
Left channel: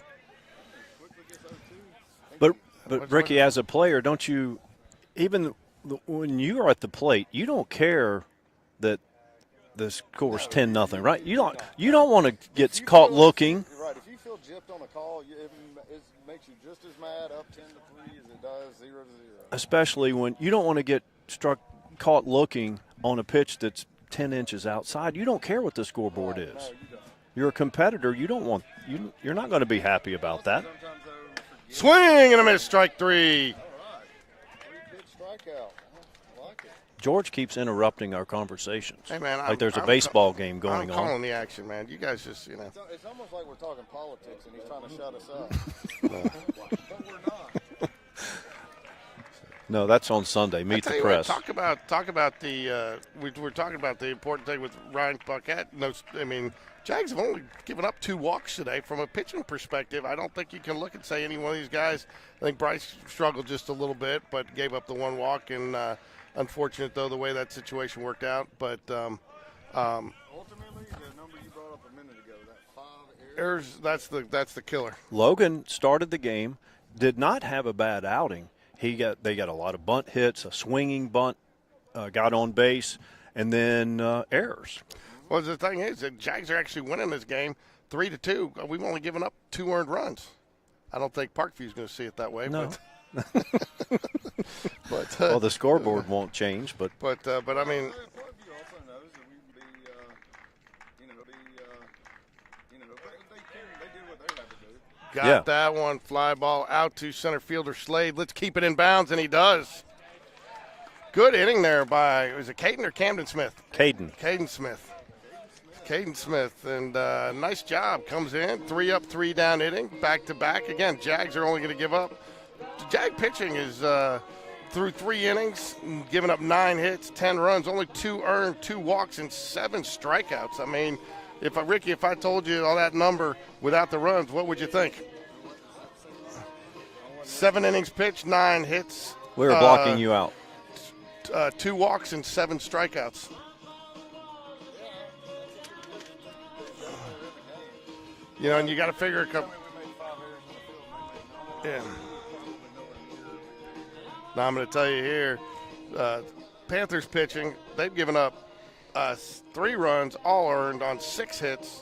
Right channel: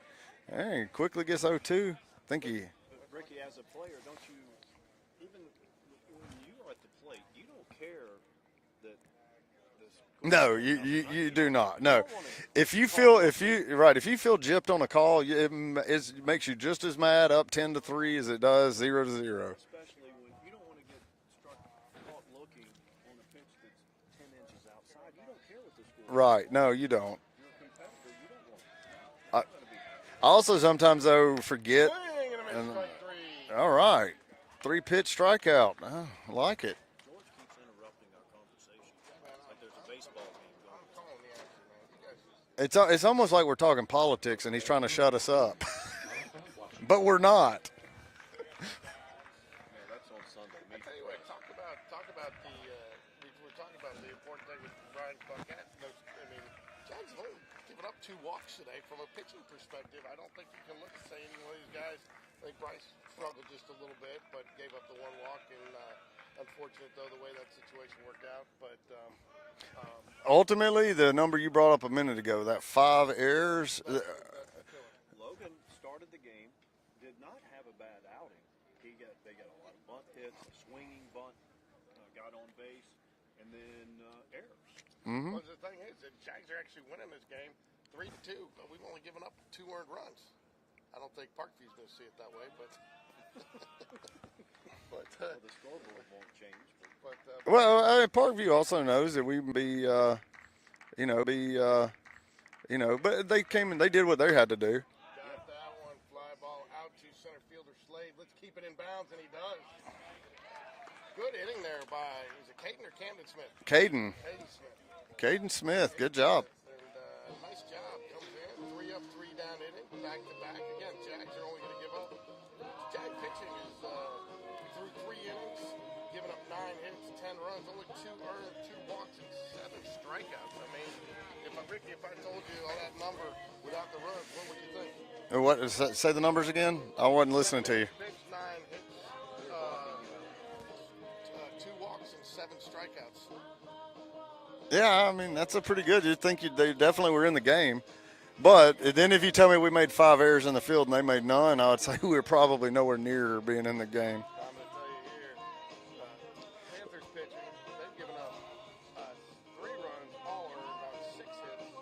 Hey, quickly gets 0-2. But Ricky, as a player, don't you, even when you are at the plate, you don't care that the score is 10-0, right? You do not. You don't want to get caught looking. If you feel gypped on a call, it makes you just as mad up 10-3 as it does 0-0. Especially when you don't want to get caught looking on a pitch that's 10 inches outside. You don't care what the scoreboard is. Right, no, you don't. You're a competitor. You don't want you're not going to be happy about that. Also, sometimes, though, forget. Swing and a miss, strike 3. All right. 3-pitch strikeout. I like it. George keeps interrupting our conversations. Hey, man. Like there's a baseball game going on. I'm calling the action, man. You guys just, It's almost like we're talking politics, and he's trying to shut us up. But we're not. No, that's on Sunday. Meet the press. Talk about the we're talking about the important thing with Ryan Paquette. No, I mean, Jags have only given up 2 walks today. From a pitching perspective, I don't think you can look and say any one of these guys. I think Bryce struggled just a little bit, but gave up the 1 walk. And unfortunate, though, the way that situation worked out. But ultimately, the number you brought up a minute ago, that 5 errors, that's the killer. Logan started the game, did not have a bad outing. They got a lot of bunt hits, a swinging bunt, got on base, and then errors. Mm-hmm. Well, the thing is, the Jags are actually winning this game 3-2. We've only given up 2 earned runs. I don't think Parkview's going to see it that way. No. But well, the scoreboard won't change, but well, I mean, Parkview also knows that we be, but they came and they did what they had to do. Got that one. Fly ball out to center fielder Slade. Let's keep it in bounds, and he does. Good inning there by, was it Caden or Camden Smith? Caden Smith. Caden Smith. Good job. And nice job. Comes in. 3 up, 3 down inning. Back to back. Again, Jags are only going to give up. Jag pitching is through 3 innings, giving up 9 hits, 10 runs, only 2 earned, 2 walks, and 7 strikeouts. I mean, if I told you all that number without the runs, what would you think? What? Say the numbers again. I wasn't listening. 7 innings pitched, 9 hits. We were blocking you out. 2 walks and 7 strikeouts. Yeah, I mean that's a pretty good. You'd think they definitely were in the game. Yeah, but then if you tell me we made 5 errors in the field and they made none, I would say we were probably nowhere near being in the game. Now I'm going to tell you here, Panthers pitching, they've given up 3 runs, all earned on 6 hits,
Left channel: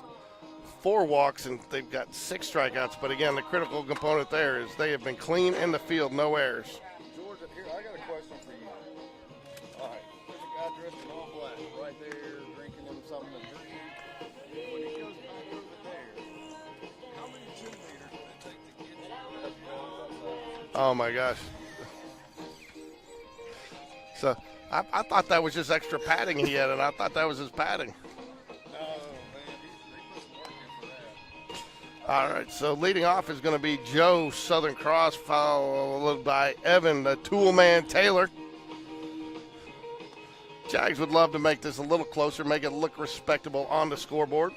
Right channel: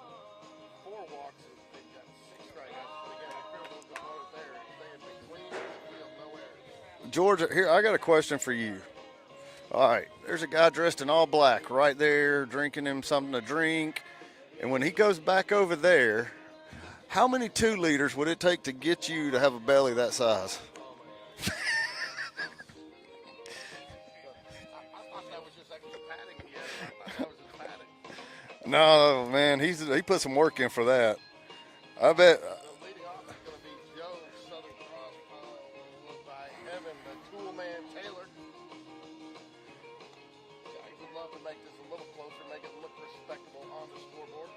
4 walks, and they've got 6 strikeouts. But again, the critical component there is they have been clean in the field, no errors. George, here I got a question for you. All right, there's a guy dressed in all black right there, drinking him something to drink. And when he goes back over there, how many 2-liters would it take to get you to have a belly that size? Oh, my gosh. So I thought that was just extra padding he had, and I thought that was his padding. No, man, he put some work in for that. I bet. Right, so leading off is going to be Joe Southern Cross, followed by Evan, the tool man Taylor. Jags would love to make this a little closer, make it look respectable on the scoreboard.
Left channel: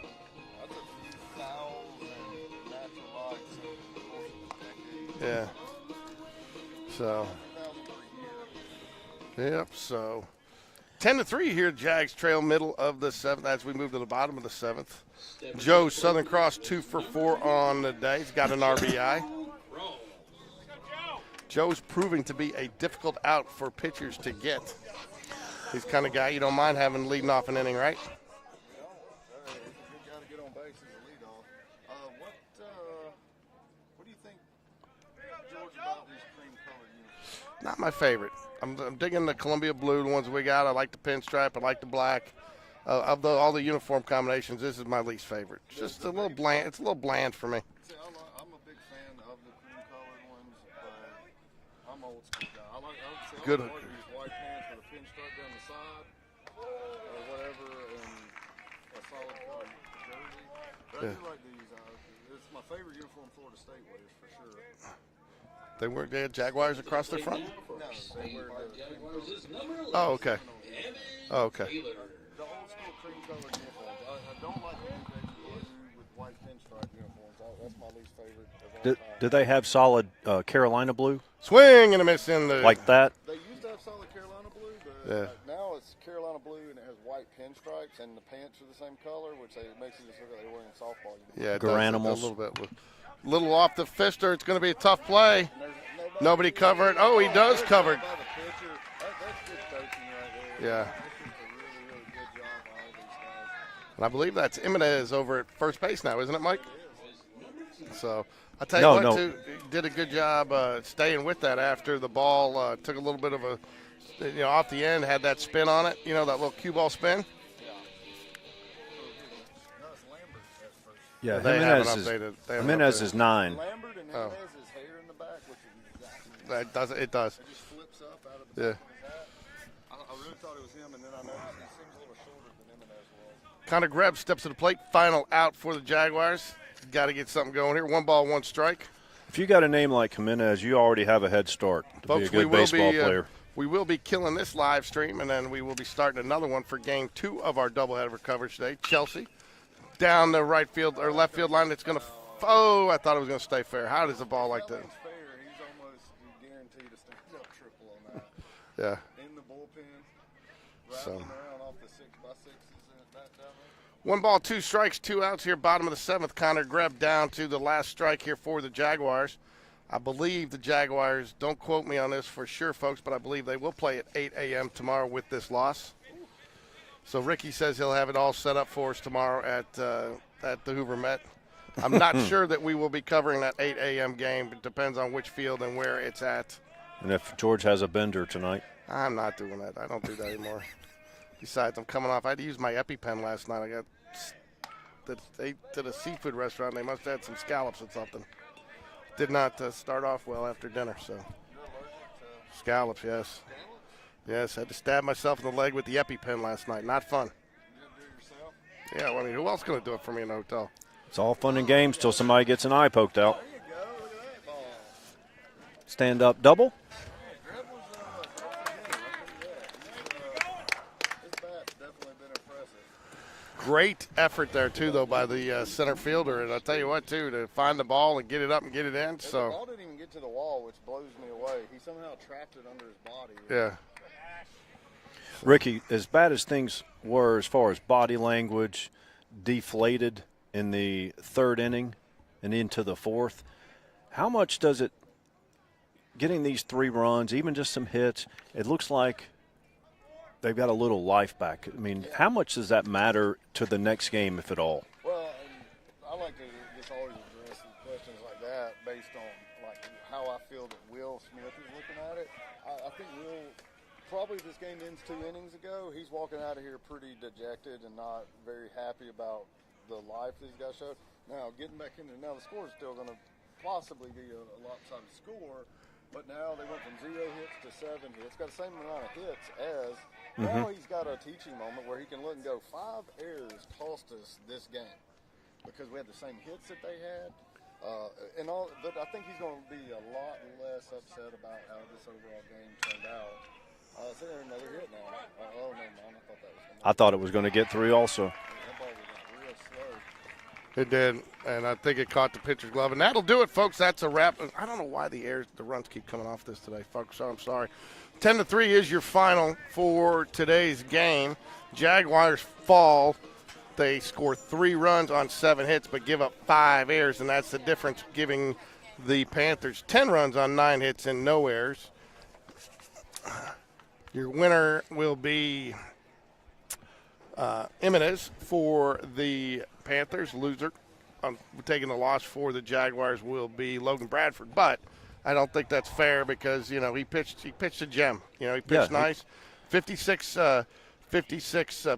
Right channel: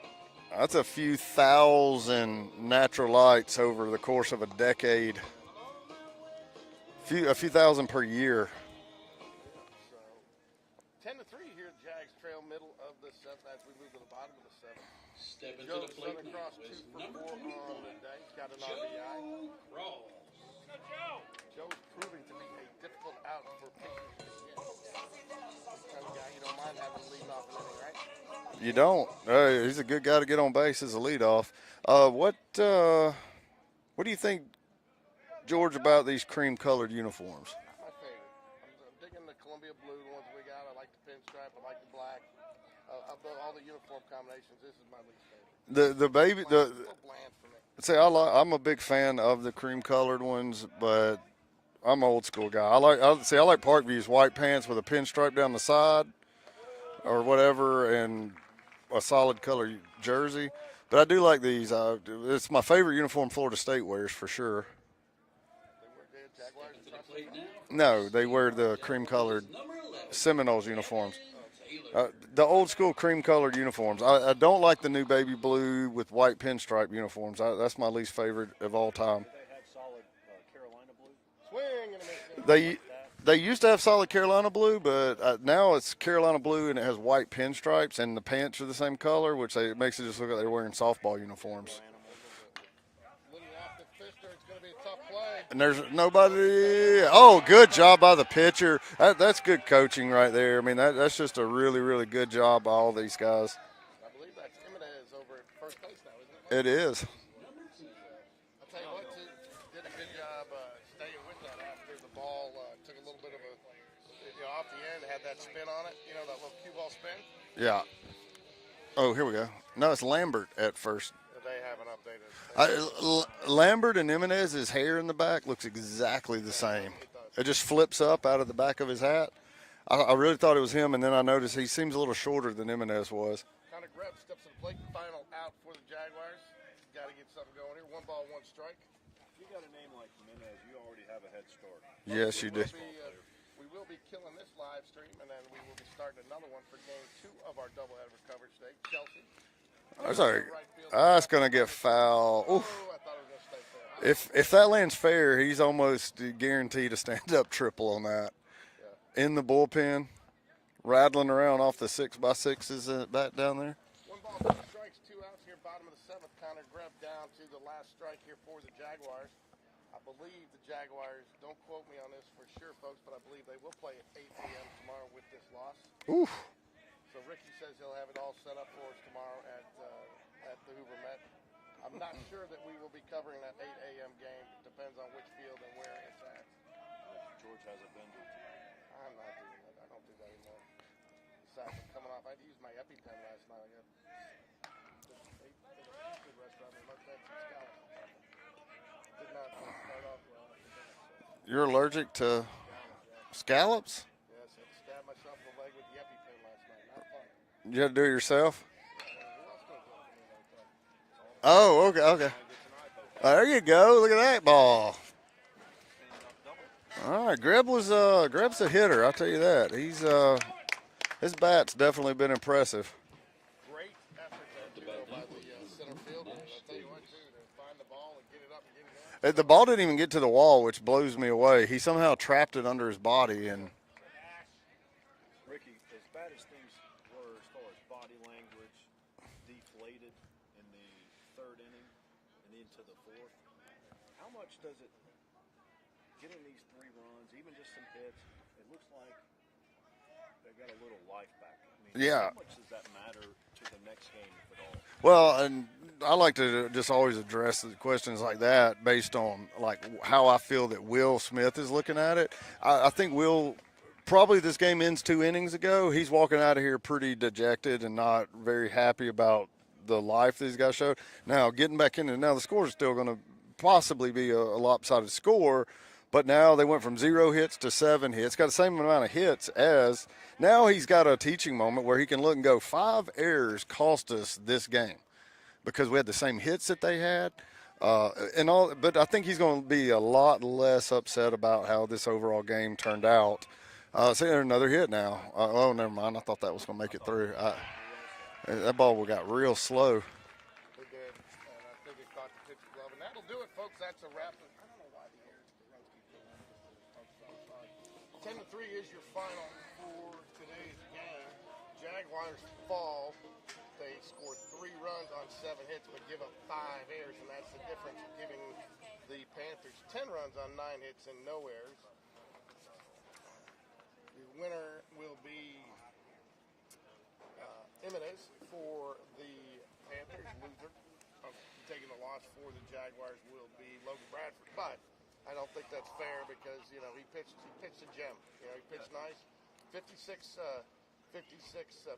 That's a few thousand natural lights over the course of a decade. Yeah. So a few thousand per year. Yep. So 10-3 here. Jags trail middle of the 7th as we move to the bottom of the 7th. Joe Southern Cross 2 for 4 on the day. He's got an RBI. Joe's proving to be a difficult out for pitchers to get. He's the kind of guy you don't mind having leading off an inning, right? You don't. He's a good guy to get on base as a leadoff. What do you think, George, about these cream-colored uniforms? Not my favorite. I'm digging the Columbia blue, the ones we got. I like the pinstripe. I like the black. Of all the uniform combinations, this is my least favorite. It's a little bland for me. See, I'm a big fan of the cream-colored ones, but I'm an old school guy. I like Parkview's white pants with a pinstripe down the side or whatever, and a solid color jersey. But I do like these. It's my favorite uniform Florida State wears for sure. They had Jaguars across their front? No, they wear the cream-colored Seminoles uniforms. Oh, okay. The old-school cream-colored uniforms. I don't like the new baby blue with white pinstripe uniforms. That's my least favorite of all time. Do they have solid Carolina blue? Swing and a miss in Like that? They used to have solid Carolina blue, but now it's Carolina blue and it has white pinstripes, and the pants are the same color, which makes it just look like they're wearing softball uniforms. Yeah, Garanimals. A little bit. Little off the fister. It's going to be a tough play. And there's nobody covered. Good cover. job by the pitcher. That's good coaching right there. I mean, Yeah. that's just a really, really good job by all these guys. And I believe that's Jimenez over at first base now, isn't it, Mike? It is. So I tell you what, too, did a good job staying with that after the ball took a little bit of a, off the end, had that spin on it, that little cue ball spin. Yeah. Oh, here we go. No, it's Lambert at first. Yeah, They haven't updated. Jimenez is 9. Lambert and Jimenez's hair in the back looks exactly the same. It does. It just flips up out of the back of his hat. I really thought it was him, and then I noticed he seems a little shorter than Jimenez was. Connor Greb steps to the plate. Final out for the Jaguars. Got to get something going here. 1 ball, 1 strike. If you got a name like Jimenez, you already have a head start to be a good baseball player. We will be killing this live stream, and then we will be starting another one for game 2 of our doubleheader coverage today. Chelsea down the right field or left field line. I thought it was going to stay fair. How does the ball? If that lands fair, he's almost guaranteed a stand-up triple on that. Yeah. In the bullpen, rattling around off the 6x6s back down there. 1 ball, 2 strikes, 2 outs here, bottom of the 7th. Connor Greb down to the last strike here for the Jaguars. I believe the Jaguars, don't quote me on this for sure, folks, but I believe they will play at 8 a.m. tomorrow with this loss. Oof. So Ricky says he'll have it all set up for us tomorrow at the Hoover Met. I'm not sure that we will be covering that 8 a.m. game. It depends on which field and where it's at. And if George has a bender tonight. I'm not doing that. I don't do that anymore. Besides, I'm coming off. I had to use my EpiPen last night. They ate at a seafood restaurant. They must have had some scallops or something. Did not start off well after dinner. So You're allergic to scallops, yes. Scallops? Yes, I had to stab myself in the leg with the EpiPen last night. Not fun. You had to do it yourself? Yeah, well, I mean, who else going to do it for me in a hotel? It's all fun and games till somebody gets an eye poked out. There you go. Look at that ball. Stand up double. All right, Greb's a hitter. I'll tell you that. His bat's definitely been impressive. Great effort there, too, though, by the center fielder. And I'll tell you what, too, to find the ball and get it up and get it in. So. The ball didn't even get to the wall, which blows me away. He somehow trapped it under his body. Yeah. Ricky, as bad as things were as far as body language, deflated in the 3rd inning and into the 4th, how much does it, getting these 3 runs, even just some hits, it looks like they've got a little life back. I mean, how much does that matter to the next game, if at all? Well, and I like to just always address the questions like that based on, like, how I feel that Will Smith is looking at it. I think Will – probably this game ends 2 innings ago. He's walking out of here pretty dejected and not very happy about the life these guys showed. Now, getting back into it, now the score is still going to possibly be a lopsided score, but now they went from 0 hits to 7 hits. Got the same amount of hits as now he's got a teaching moment where he can look and go, 5 errors cost us this game because we had the same hits that they had. But I think he's going to be a lot less upset about how this overall game turned out. See, there's another hit now. Oh, never mind. I thought that was going to make it. I thought it was going to get 3 also. That ball got real slow. It did, and I think it caught the pitcher's glove. And that'll do it, folks. That's a wrap. I don't know why the runs keep coming off this today, folks. So I'm sorry. 10-3 is your final for today's game. Jaguars fall. They score 3 runs on 7 hits, but give up 5 errors, and that's the difference, giving the Panthers 10 runs on 9 hits and no errors. Your winner will be Jimenez for the Panthers. Loser, taking the loss for the Jaguars, will be Logan Bradford. But I don't think that's fair because he pitched a gem. He pitched nice. 56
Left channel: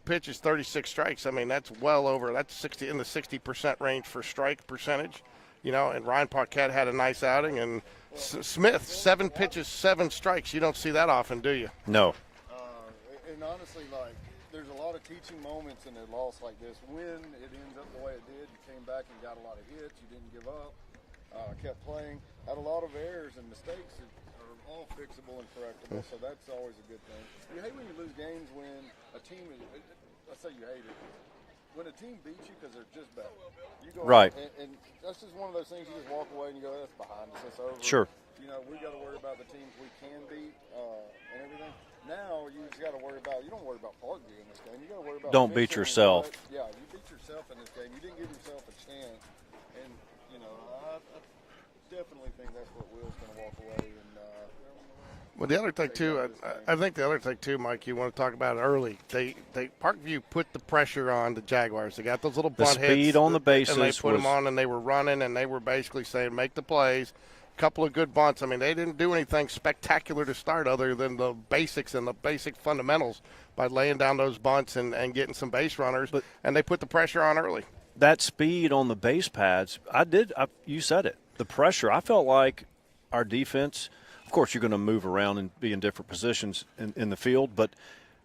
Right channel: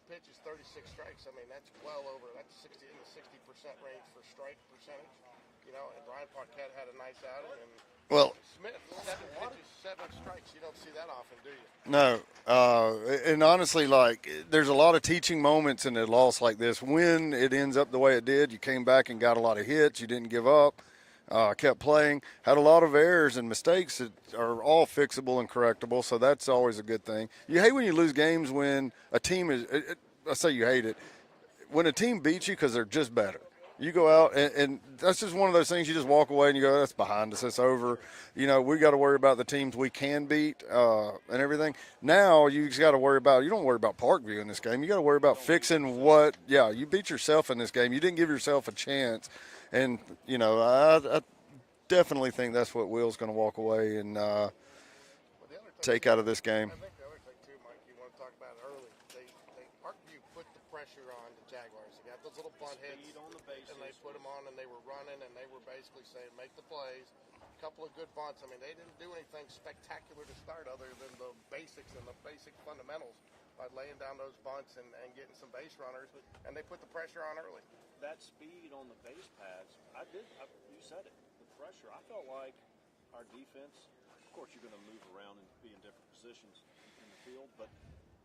pitches, 36 strikes. I mean, that's well over. That's 60 in the 60% range for strike percentage. And Ryan Paquette had a nice outing, and Smith, 7 pitches, 7 strikes. You don't see that often, do you? No. And honestly, there's a lot of teaching moments in a loss like this. When it ends up the way it did, you came back and got a lot of hits. You didn't give up. kept playing, had a lot of errors and mistakes that are all fixable and correctable, so that's always a good thing. You hate when you lose games when a team is – I say you hate it. When a team beats you because they're just better. You go out, and that's just one of those things you just walk away and you go, that's behind us, that's over. Sure. You know, we got to worry about the teams we can beat and everything. Now you just got to worry about – you don't worry about Parkview in this game. You got to worry about fixing what – yeah, you beat yourself in this game. You didn't give yourself a chance. And, you know, I definitely think that's what Will's going to walk away and well, the other thing take too, out of this game. I think the other thing too, Mike, you want to talk about early. They Parkview put the pressure on the Jaguars. They got those little bunt hits. The speed on the bases. And they put them on, and they were running, and they were basically saying, make the plays. A couple of good bunts. I mean, they didn't do anything spectacular to start other than the basics and the basic fundamentals by laying down those bunts and getting some base runners, and they put the pressure on early. That speed on the base pads, you said it, the pressure. I felt like our defense, of course, you're going to move around and be in different positions in the field, but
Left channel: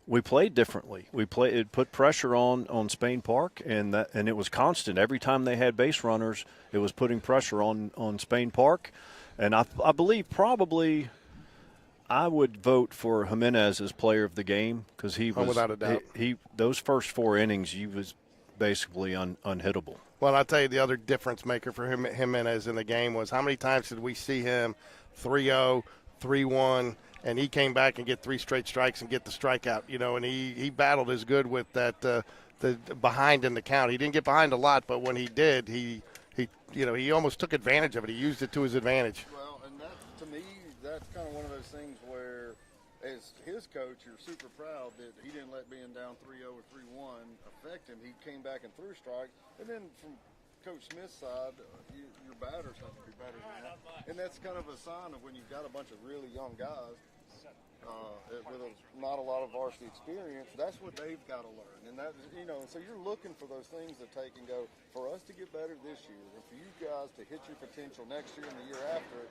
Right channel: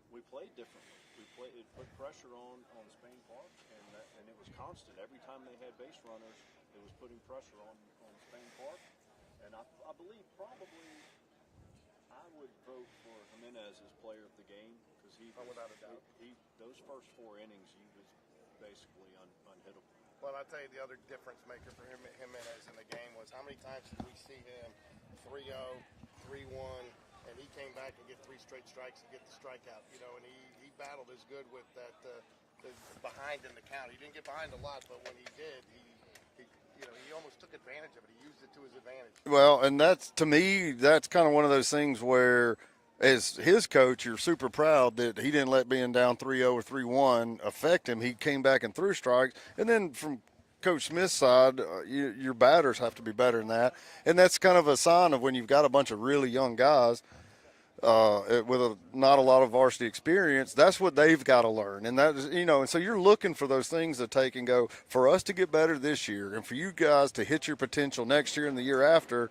we played differently. It put pressure on Spain Park, and it was constant. Every time they had base runners, it was putting pressure on Spain Park. And I believe probably I would vote for Jimenez as player of the game because he was, without a doubt. He those first 4 innings, he was basically unhittable. Well, I'll tell you the other difference maker for Jimenez in the game was how many times did we see him 3-0, 3-1, and he came back and get 3 straight strikes and get the strikeout, you know, and he battled as good with that the behind in the count. He didn't get behind a lot, but when he did, he almost took advantage of it. He used it to his advantage. Well, and to me, that's kind of one of those things where as his coach, you're super proud that he didn't let being down 3-0 or 3-1 affect him. He came back and threw strikes. And then from Coach Smith's side, your batters have to be better than that. And that's kind of a sign of when you've got a bunch of really young guys with not a lot of varsity experience, that's what they've got to learn. And that is, and so you're looking for those things to take and go, for us to get better this year and for you guys to hit your potential next year and the year after,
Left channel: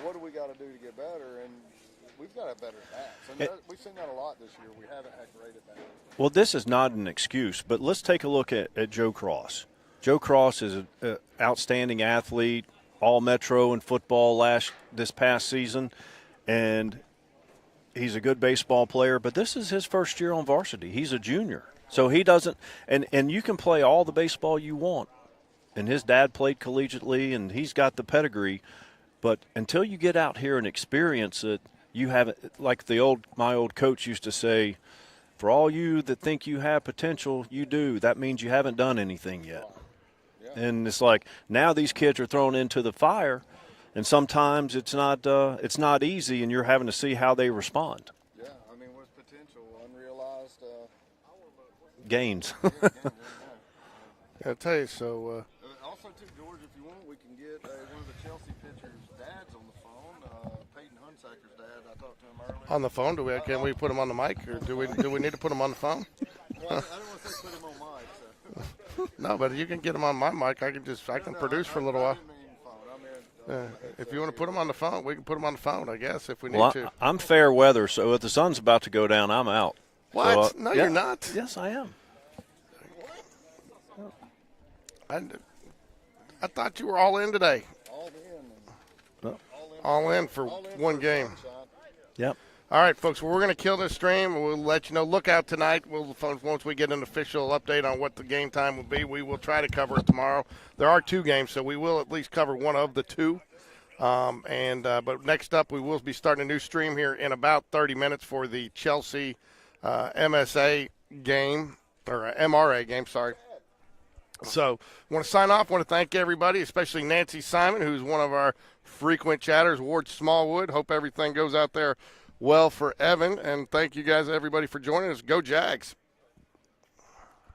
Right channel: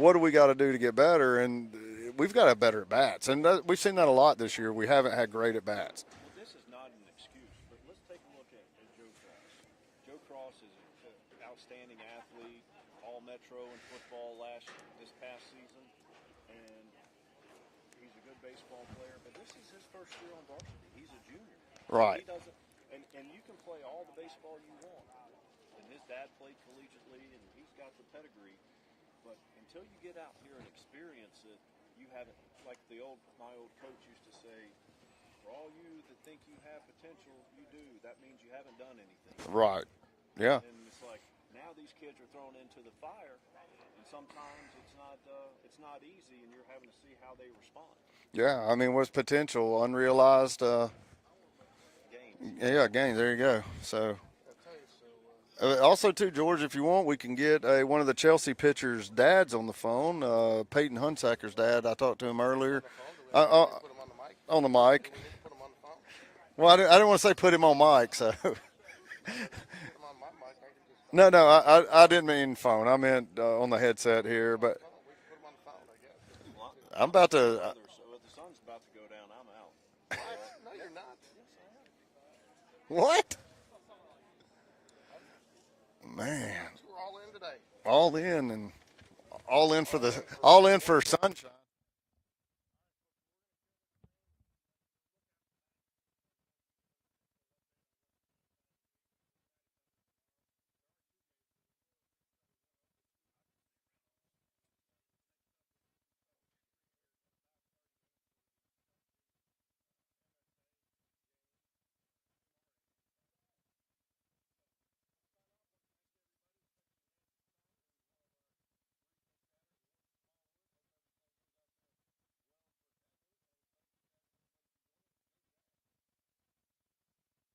what do we got to do to get better? And we've got to have better at-bats. And we've seen that a lot this year. We haven't had great at-bats. Well, this is not an excuse, but let's take a look at Joe Cross. Joe Cross is an outstanding athlete, all-Metro in football this past season, and he's a good baseball player, but this is his first year on varsity. He's a junior. So he doesn't – and you can play all the baseball you want. And his dad played collegiately, and he's got the pedigree. But until you get out here and experience it, you haven't – like my old coach used to say, for all you that think you have potential, you do. That means you haven't done anything yet. Right. Yeah. And it's like now these kids are thrown into the fire, and sometimes it's not easy, and you're having to see how they respond. Yeah, I mean, what's potential? Unrealized gains. Yeah, gains. There you go. So I'll tell you. So also, too, George, if you want, we can get one of the Chelsea pitchers' dads on the phone. Peyton Hunsacker's dad. I talked to him earlier. On the phone? Can we put him on the mic? On the mic. Do we need to put him on the phone? Well, I didn't want to say put him on mic, so. No, but you can get him on my mic. I can just. I didn't mean phone. I meant on the headset if you here. Put him on the phone. We can put him on the phone, I guess, if we need to. I'm fair weather, so if the sun's about to go down, I'm out. What? So, no, you're not. Yes, I am. What? Man, I thought you were all in today. All in and all in for one game. sunshine. Yep. All right, folks, well, we're going to kill this stream. We'll let you know. Look out tonight. Once we get an official update on what the game time will be, we will try to cover it tomorrow. There are 2 games, so we will at least cover one of the 2. But next up, we will be starting a new stream here in about 30 minutes for the Chelsea MSA game, or MRA game, sorry. So I want to sign off. I want to thank everybody, especially Nancy Simon, who's one of our frequent chatters, Ward Smallwood. Hope everything goes out there well for Evan, and thank you guys, everybody, for joining us. Go Jags.